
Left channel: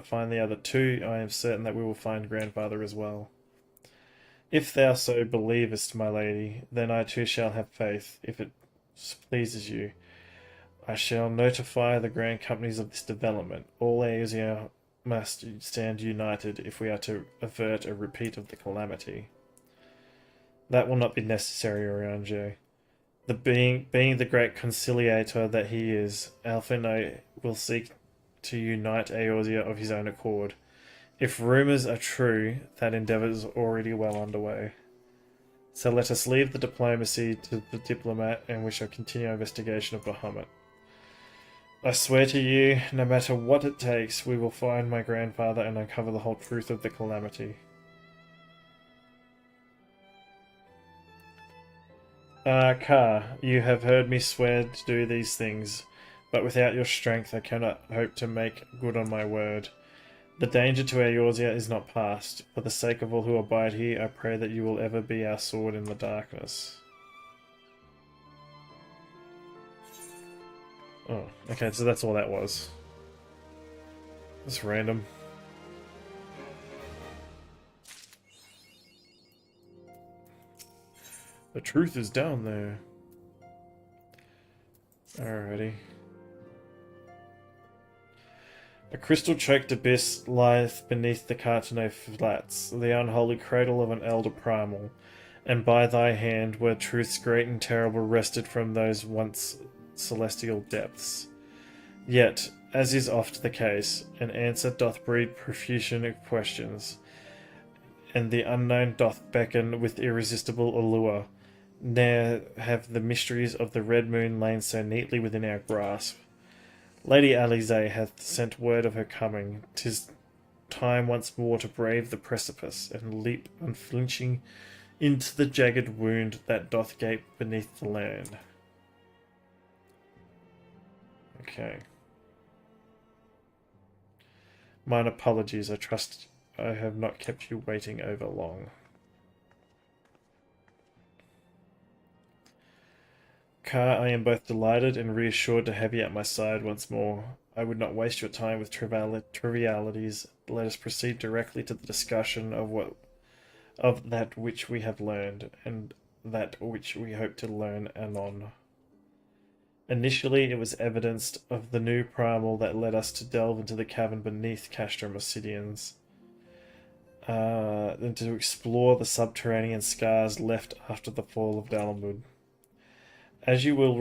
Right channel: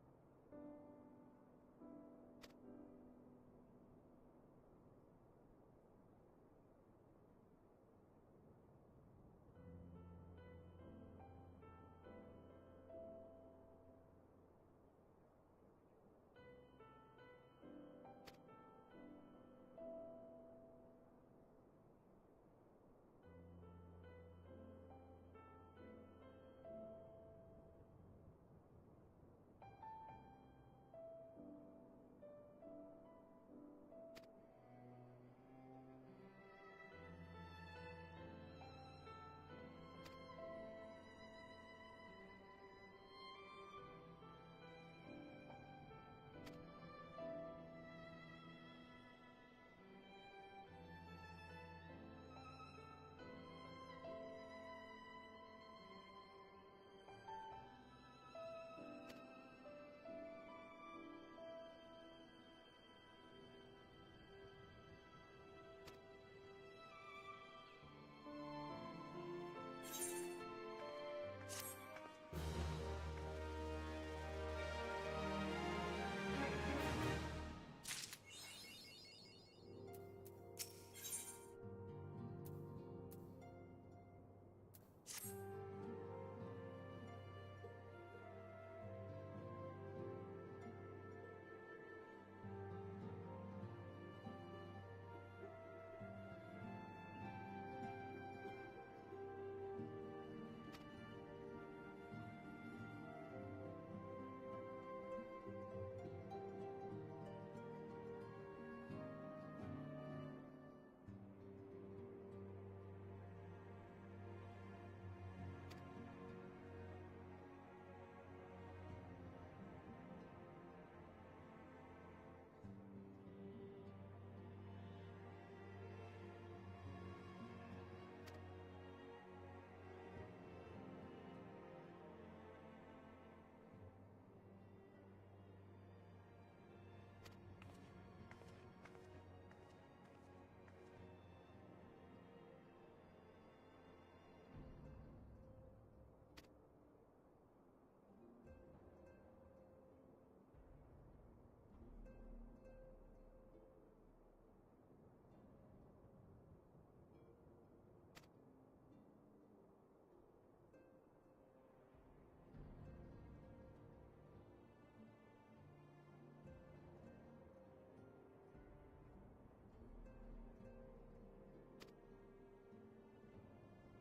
find the other two, I am certain that we will find grandfather as well. If thou so believest, my lady, then I too shall have faith, if it pleases you. I shall notify the grand companies of this development. All Asia must stand united if we are to avert a repeat of the calamity. That will not be necessary, Orange. Being the great conciliator that he is, Alfino will seek to unite Eorzea of his own accord. If rumours are true, that endeavour is already well underway. So let us leave the diplomacy to the diplomat, and we shall continue our investigation of Bahamut. I swear to you, no matter what it takes, we will find my grandfather and uncover the whole truth of the calamity. Ka, you have heard me swear to do these things, but without your strength I cannot hope to make good on my word. The danger to Eorzea is not past. For the sake of all who abide here, I pray that you will ever be our sword in the darkness. Oh, okay, so that's all that was. It's random. The truth is down there. Alrighty. A crystal-choked abyss lieth beneath the Cartano Flats, the unholy cradle of an elder primal, and by thy hand where truths great and terrible wrested from those once celestial depths. Yet, as is oft the case, an answer doth breed profusion of questions, and the unknown doth beckon with irresistible allure. Ne'er have the mysteries of the Red Moon lain so neatly within our grasp. Lady Alisaie hath sent word of her coming. 'Tis time once more to brave the precipice, and leap unflinching into the jagged wound that doth gape beneath the land. Okay. Mine apologies, I trust I have not kept you waiting over long. Ka, I am both delighted and reassured to have you at my side once more. I would not waste your time with trivialities. Let us proceed directly to the discussion of that which we have learned, and that which we hope to learn anon. Initially, it was evidenced of the new primal that led us to delve into the cavern beneath Castrum Obsidians, and to explore the subterranean scars left after the fall of Dalamud. As you will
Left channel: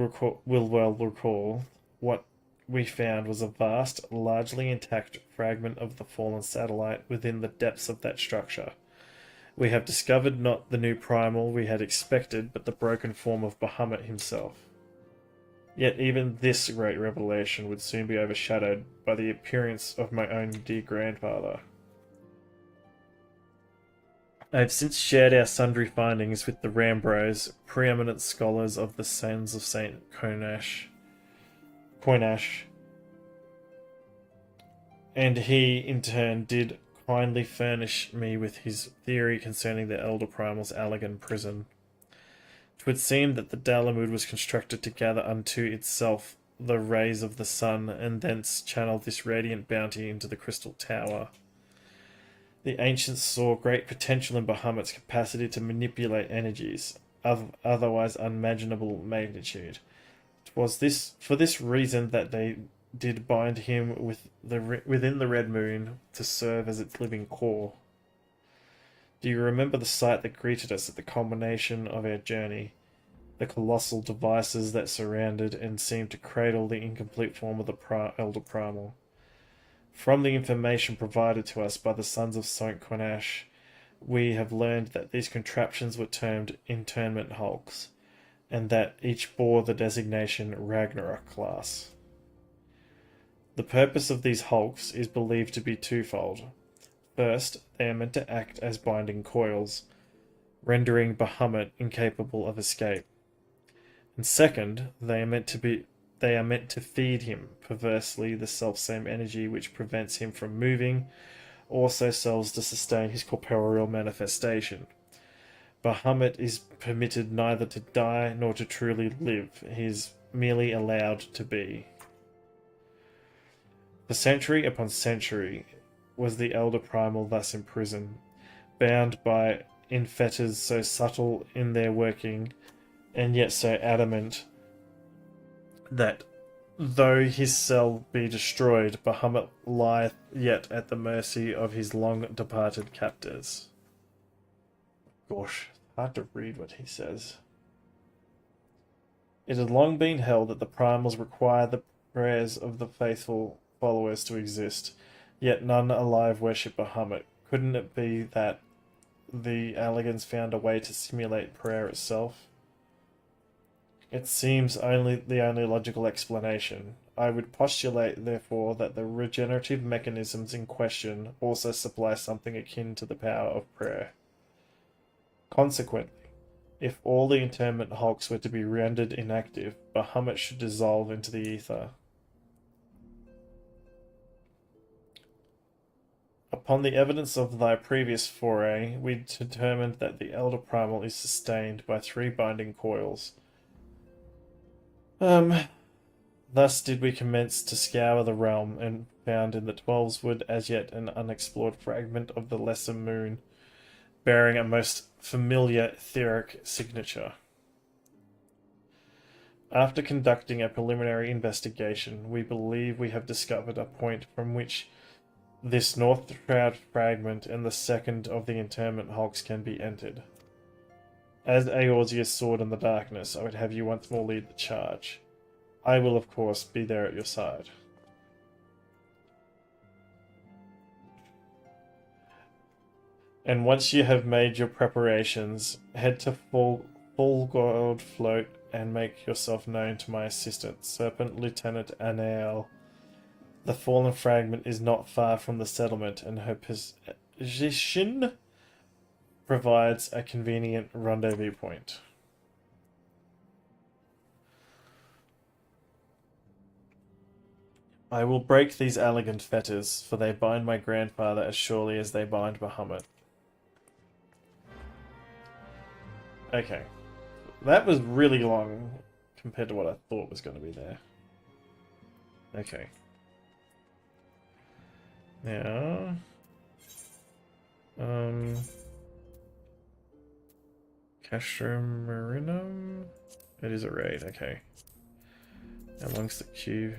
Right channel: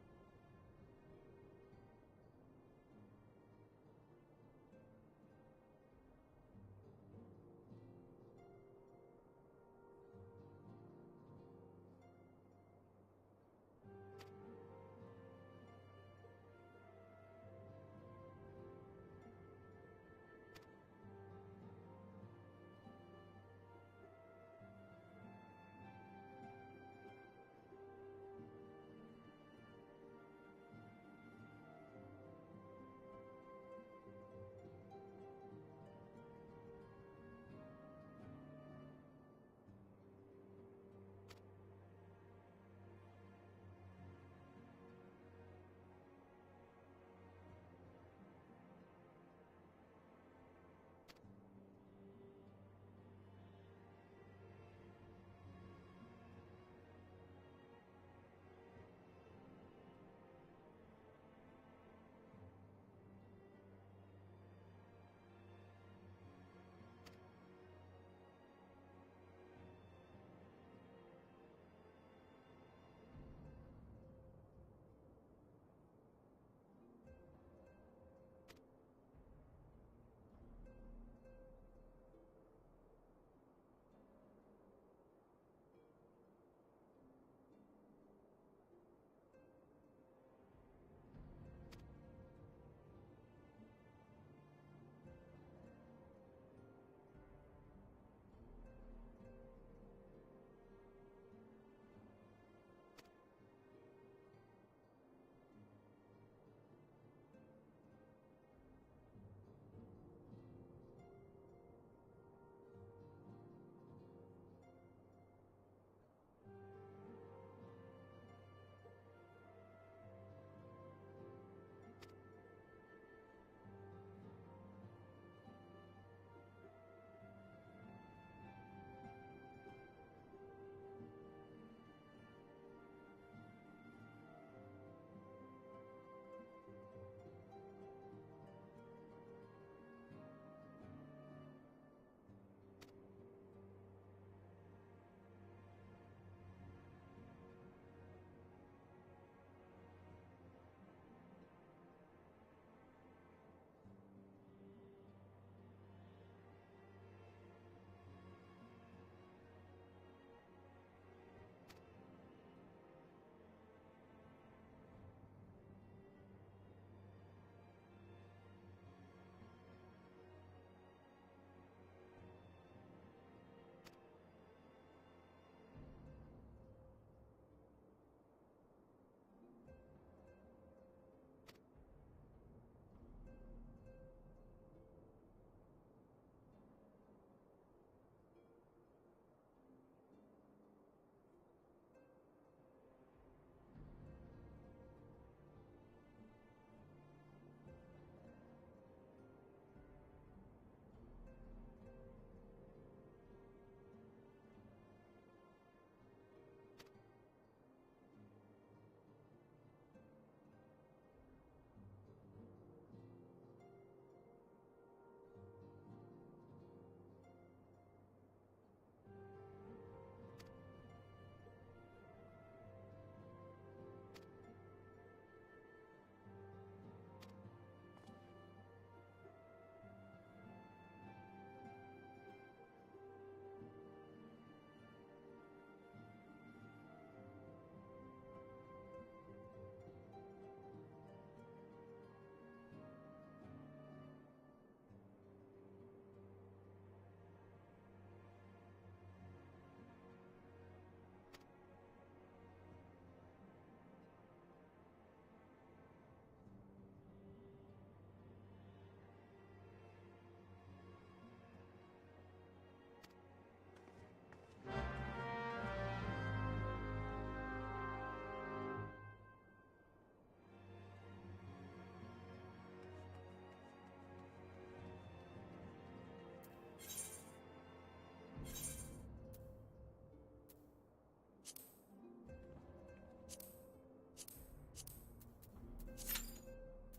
well recall, what we found was a vast, largely intact fragment of the fallen satellite within the depths of that structure. We have discovered not the new primal we had expected, but the broken form of Bahamut himself. Yet even this great revelation would soon be overshadowed by the appearance of my own dear grandfather. I have since shared our sundry findings with the Rambros, preeminent scholars of the Sons of Saint Coinash, and he, in turn, did kindly furnish me with his theory concerning the Elder Primal's Allagan prison. 'Twould seem that the Dalamud was constructed to gather unto itself the rays of the sun, and thence channel this radiant bounty into the Crystal Tower. The ancients saw great potential in Bahamut's capacity to manipulate energies of otherwise unimaginable magnitude. It was for this reason that they did bind him within the Red Moon to serve as its living core. Do you remember the sight that greeted us at the culmination of our journey? The colossal devices that surrounded and seemed to cradle the incomplete form of the Elder Primal. From the information provided to us by the Sons of Saint Coinash, we have learned that these contraptions were termed internment hulks, and that each bore the designation Ragnarok class. The purpose of these hulks is believed to be twofold. First, they are meant to act as binding coils, rendering Bahamut incapable of escape. And second, they are meant to feed him, perversely, the selfsame energy which prevents him from moving, also serves to sustain his corporeal manifestation. Bahamut is permitted neither to die nor to truly live, he is merely allowed to be. For century upon century was the Elder Primal thus imprisoned, bound by in fetters so subtle in their working, and yet so adamant that though his cell be destroyed, Bahamut lieth yet at the mercy of his long-departed captors. Gosh, hard to read what he says. It had long been held that the primals require the prayers of the faithful followers to exist, yet none alive worship Bahamut. Couldn't it be that the Alligans found a way to simulate prayer itself? It seems the only logical explanation. I would postulate, therefore, that the regenerative mechanisms in question also supply something akin to the power of prayer. Consequently, if all the internment hulks were to be rendered inactive, Bahamut should dissolve into the ether. Upon the evidence of thy previous foray, we determined that the Elder Primal is sustained by 3 binding coils. Thus did we commence to scour the realm, and found in the 12's wood as yet an unexplored fragment of the lesser moon, bearing a most familiar etheric signature. After conducting a preliminary investigation, we believe we have discovered a point from which this North Shroud fragment and the second of the internment hulks can be entered. As Eorzea's sword in the darkness, I would have you once more lead the charge. I will, of course, be there at your side. And once you have made your preparations, head to Full Gold Float and make yourself known to my assistant, Serpent Lieutenant Anael. The fallen fragment is not far from the settlement, and her position provides a convenient rendezvous point. I will break these elegant fetters, for they bind my grandfather as surely as they bind Bahamut. Okay. That was really long compared to what I thought was going to be there. Okay. Now... Castrum Marinum? It is a raid, okay. How long's the queue?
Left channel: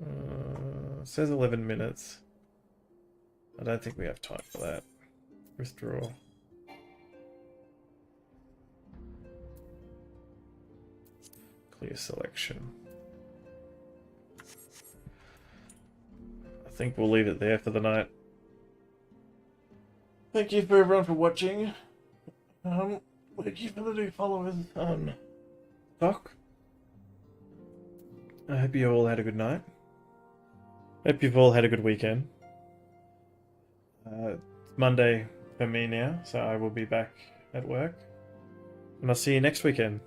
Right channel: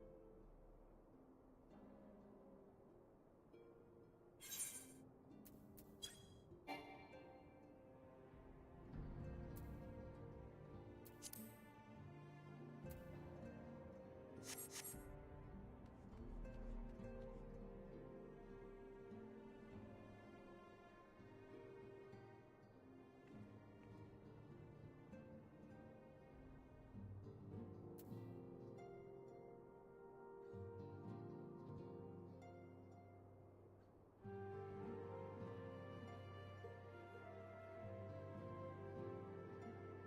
It says 11 minutes. I don't think we have time for that. Withdraw. Clear selection. I think we'll leave it there for the night. Thank you for everyone for watching. Thank you for the new followers on Doc. I hope you all had a good night. Hope you've all had a good weekend. It's Monday for me now, so I will be back at work. And I'll see you next weekend.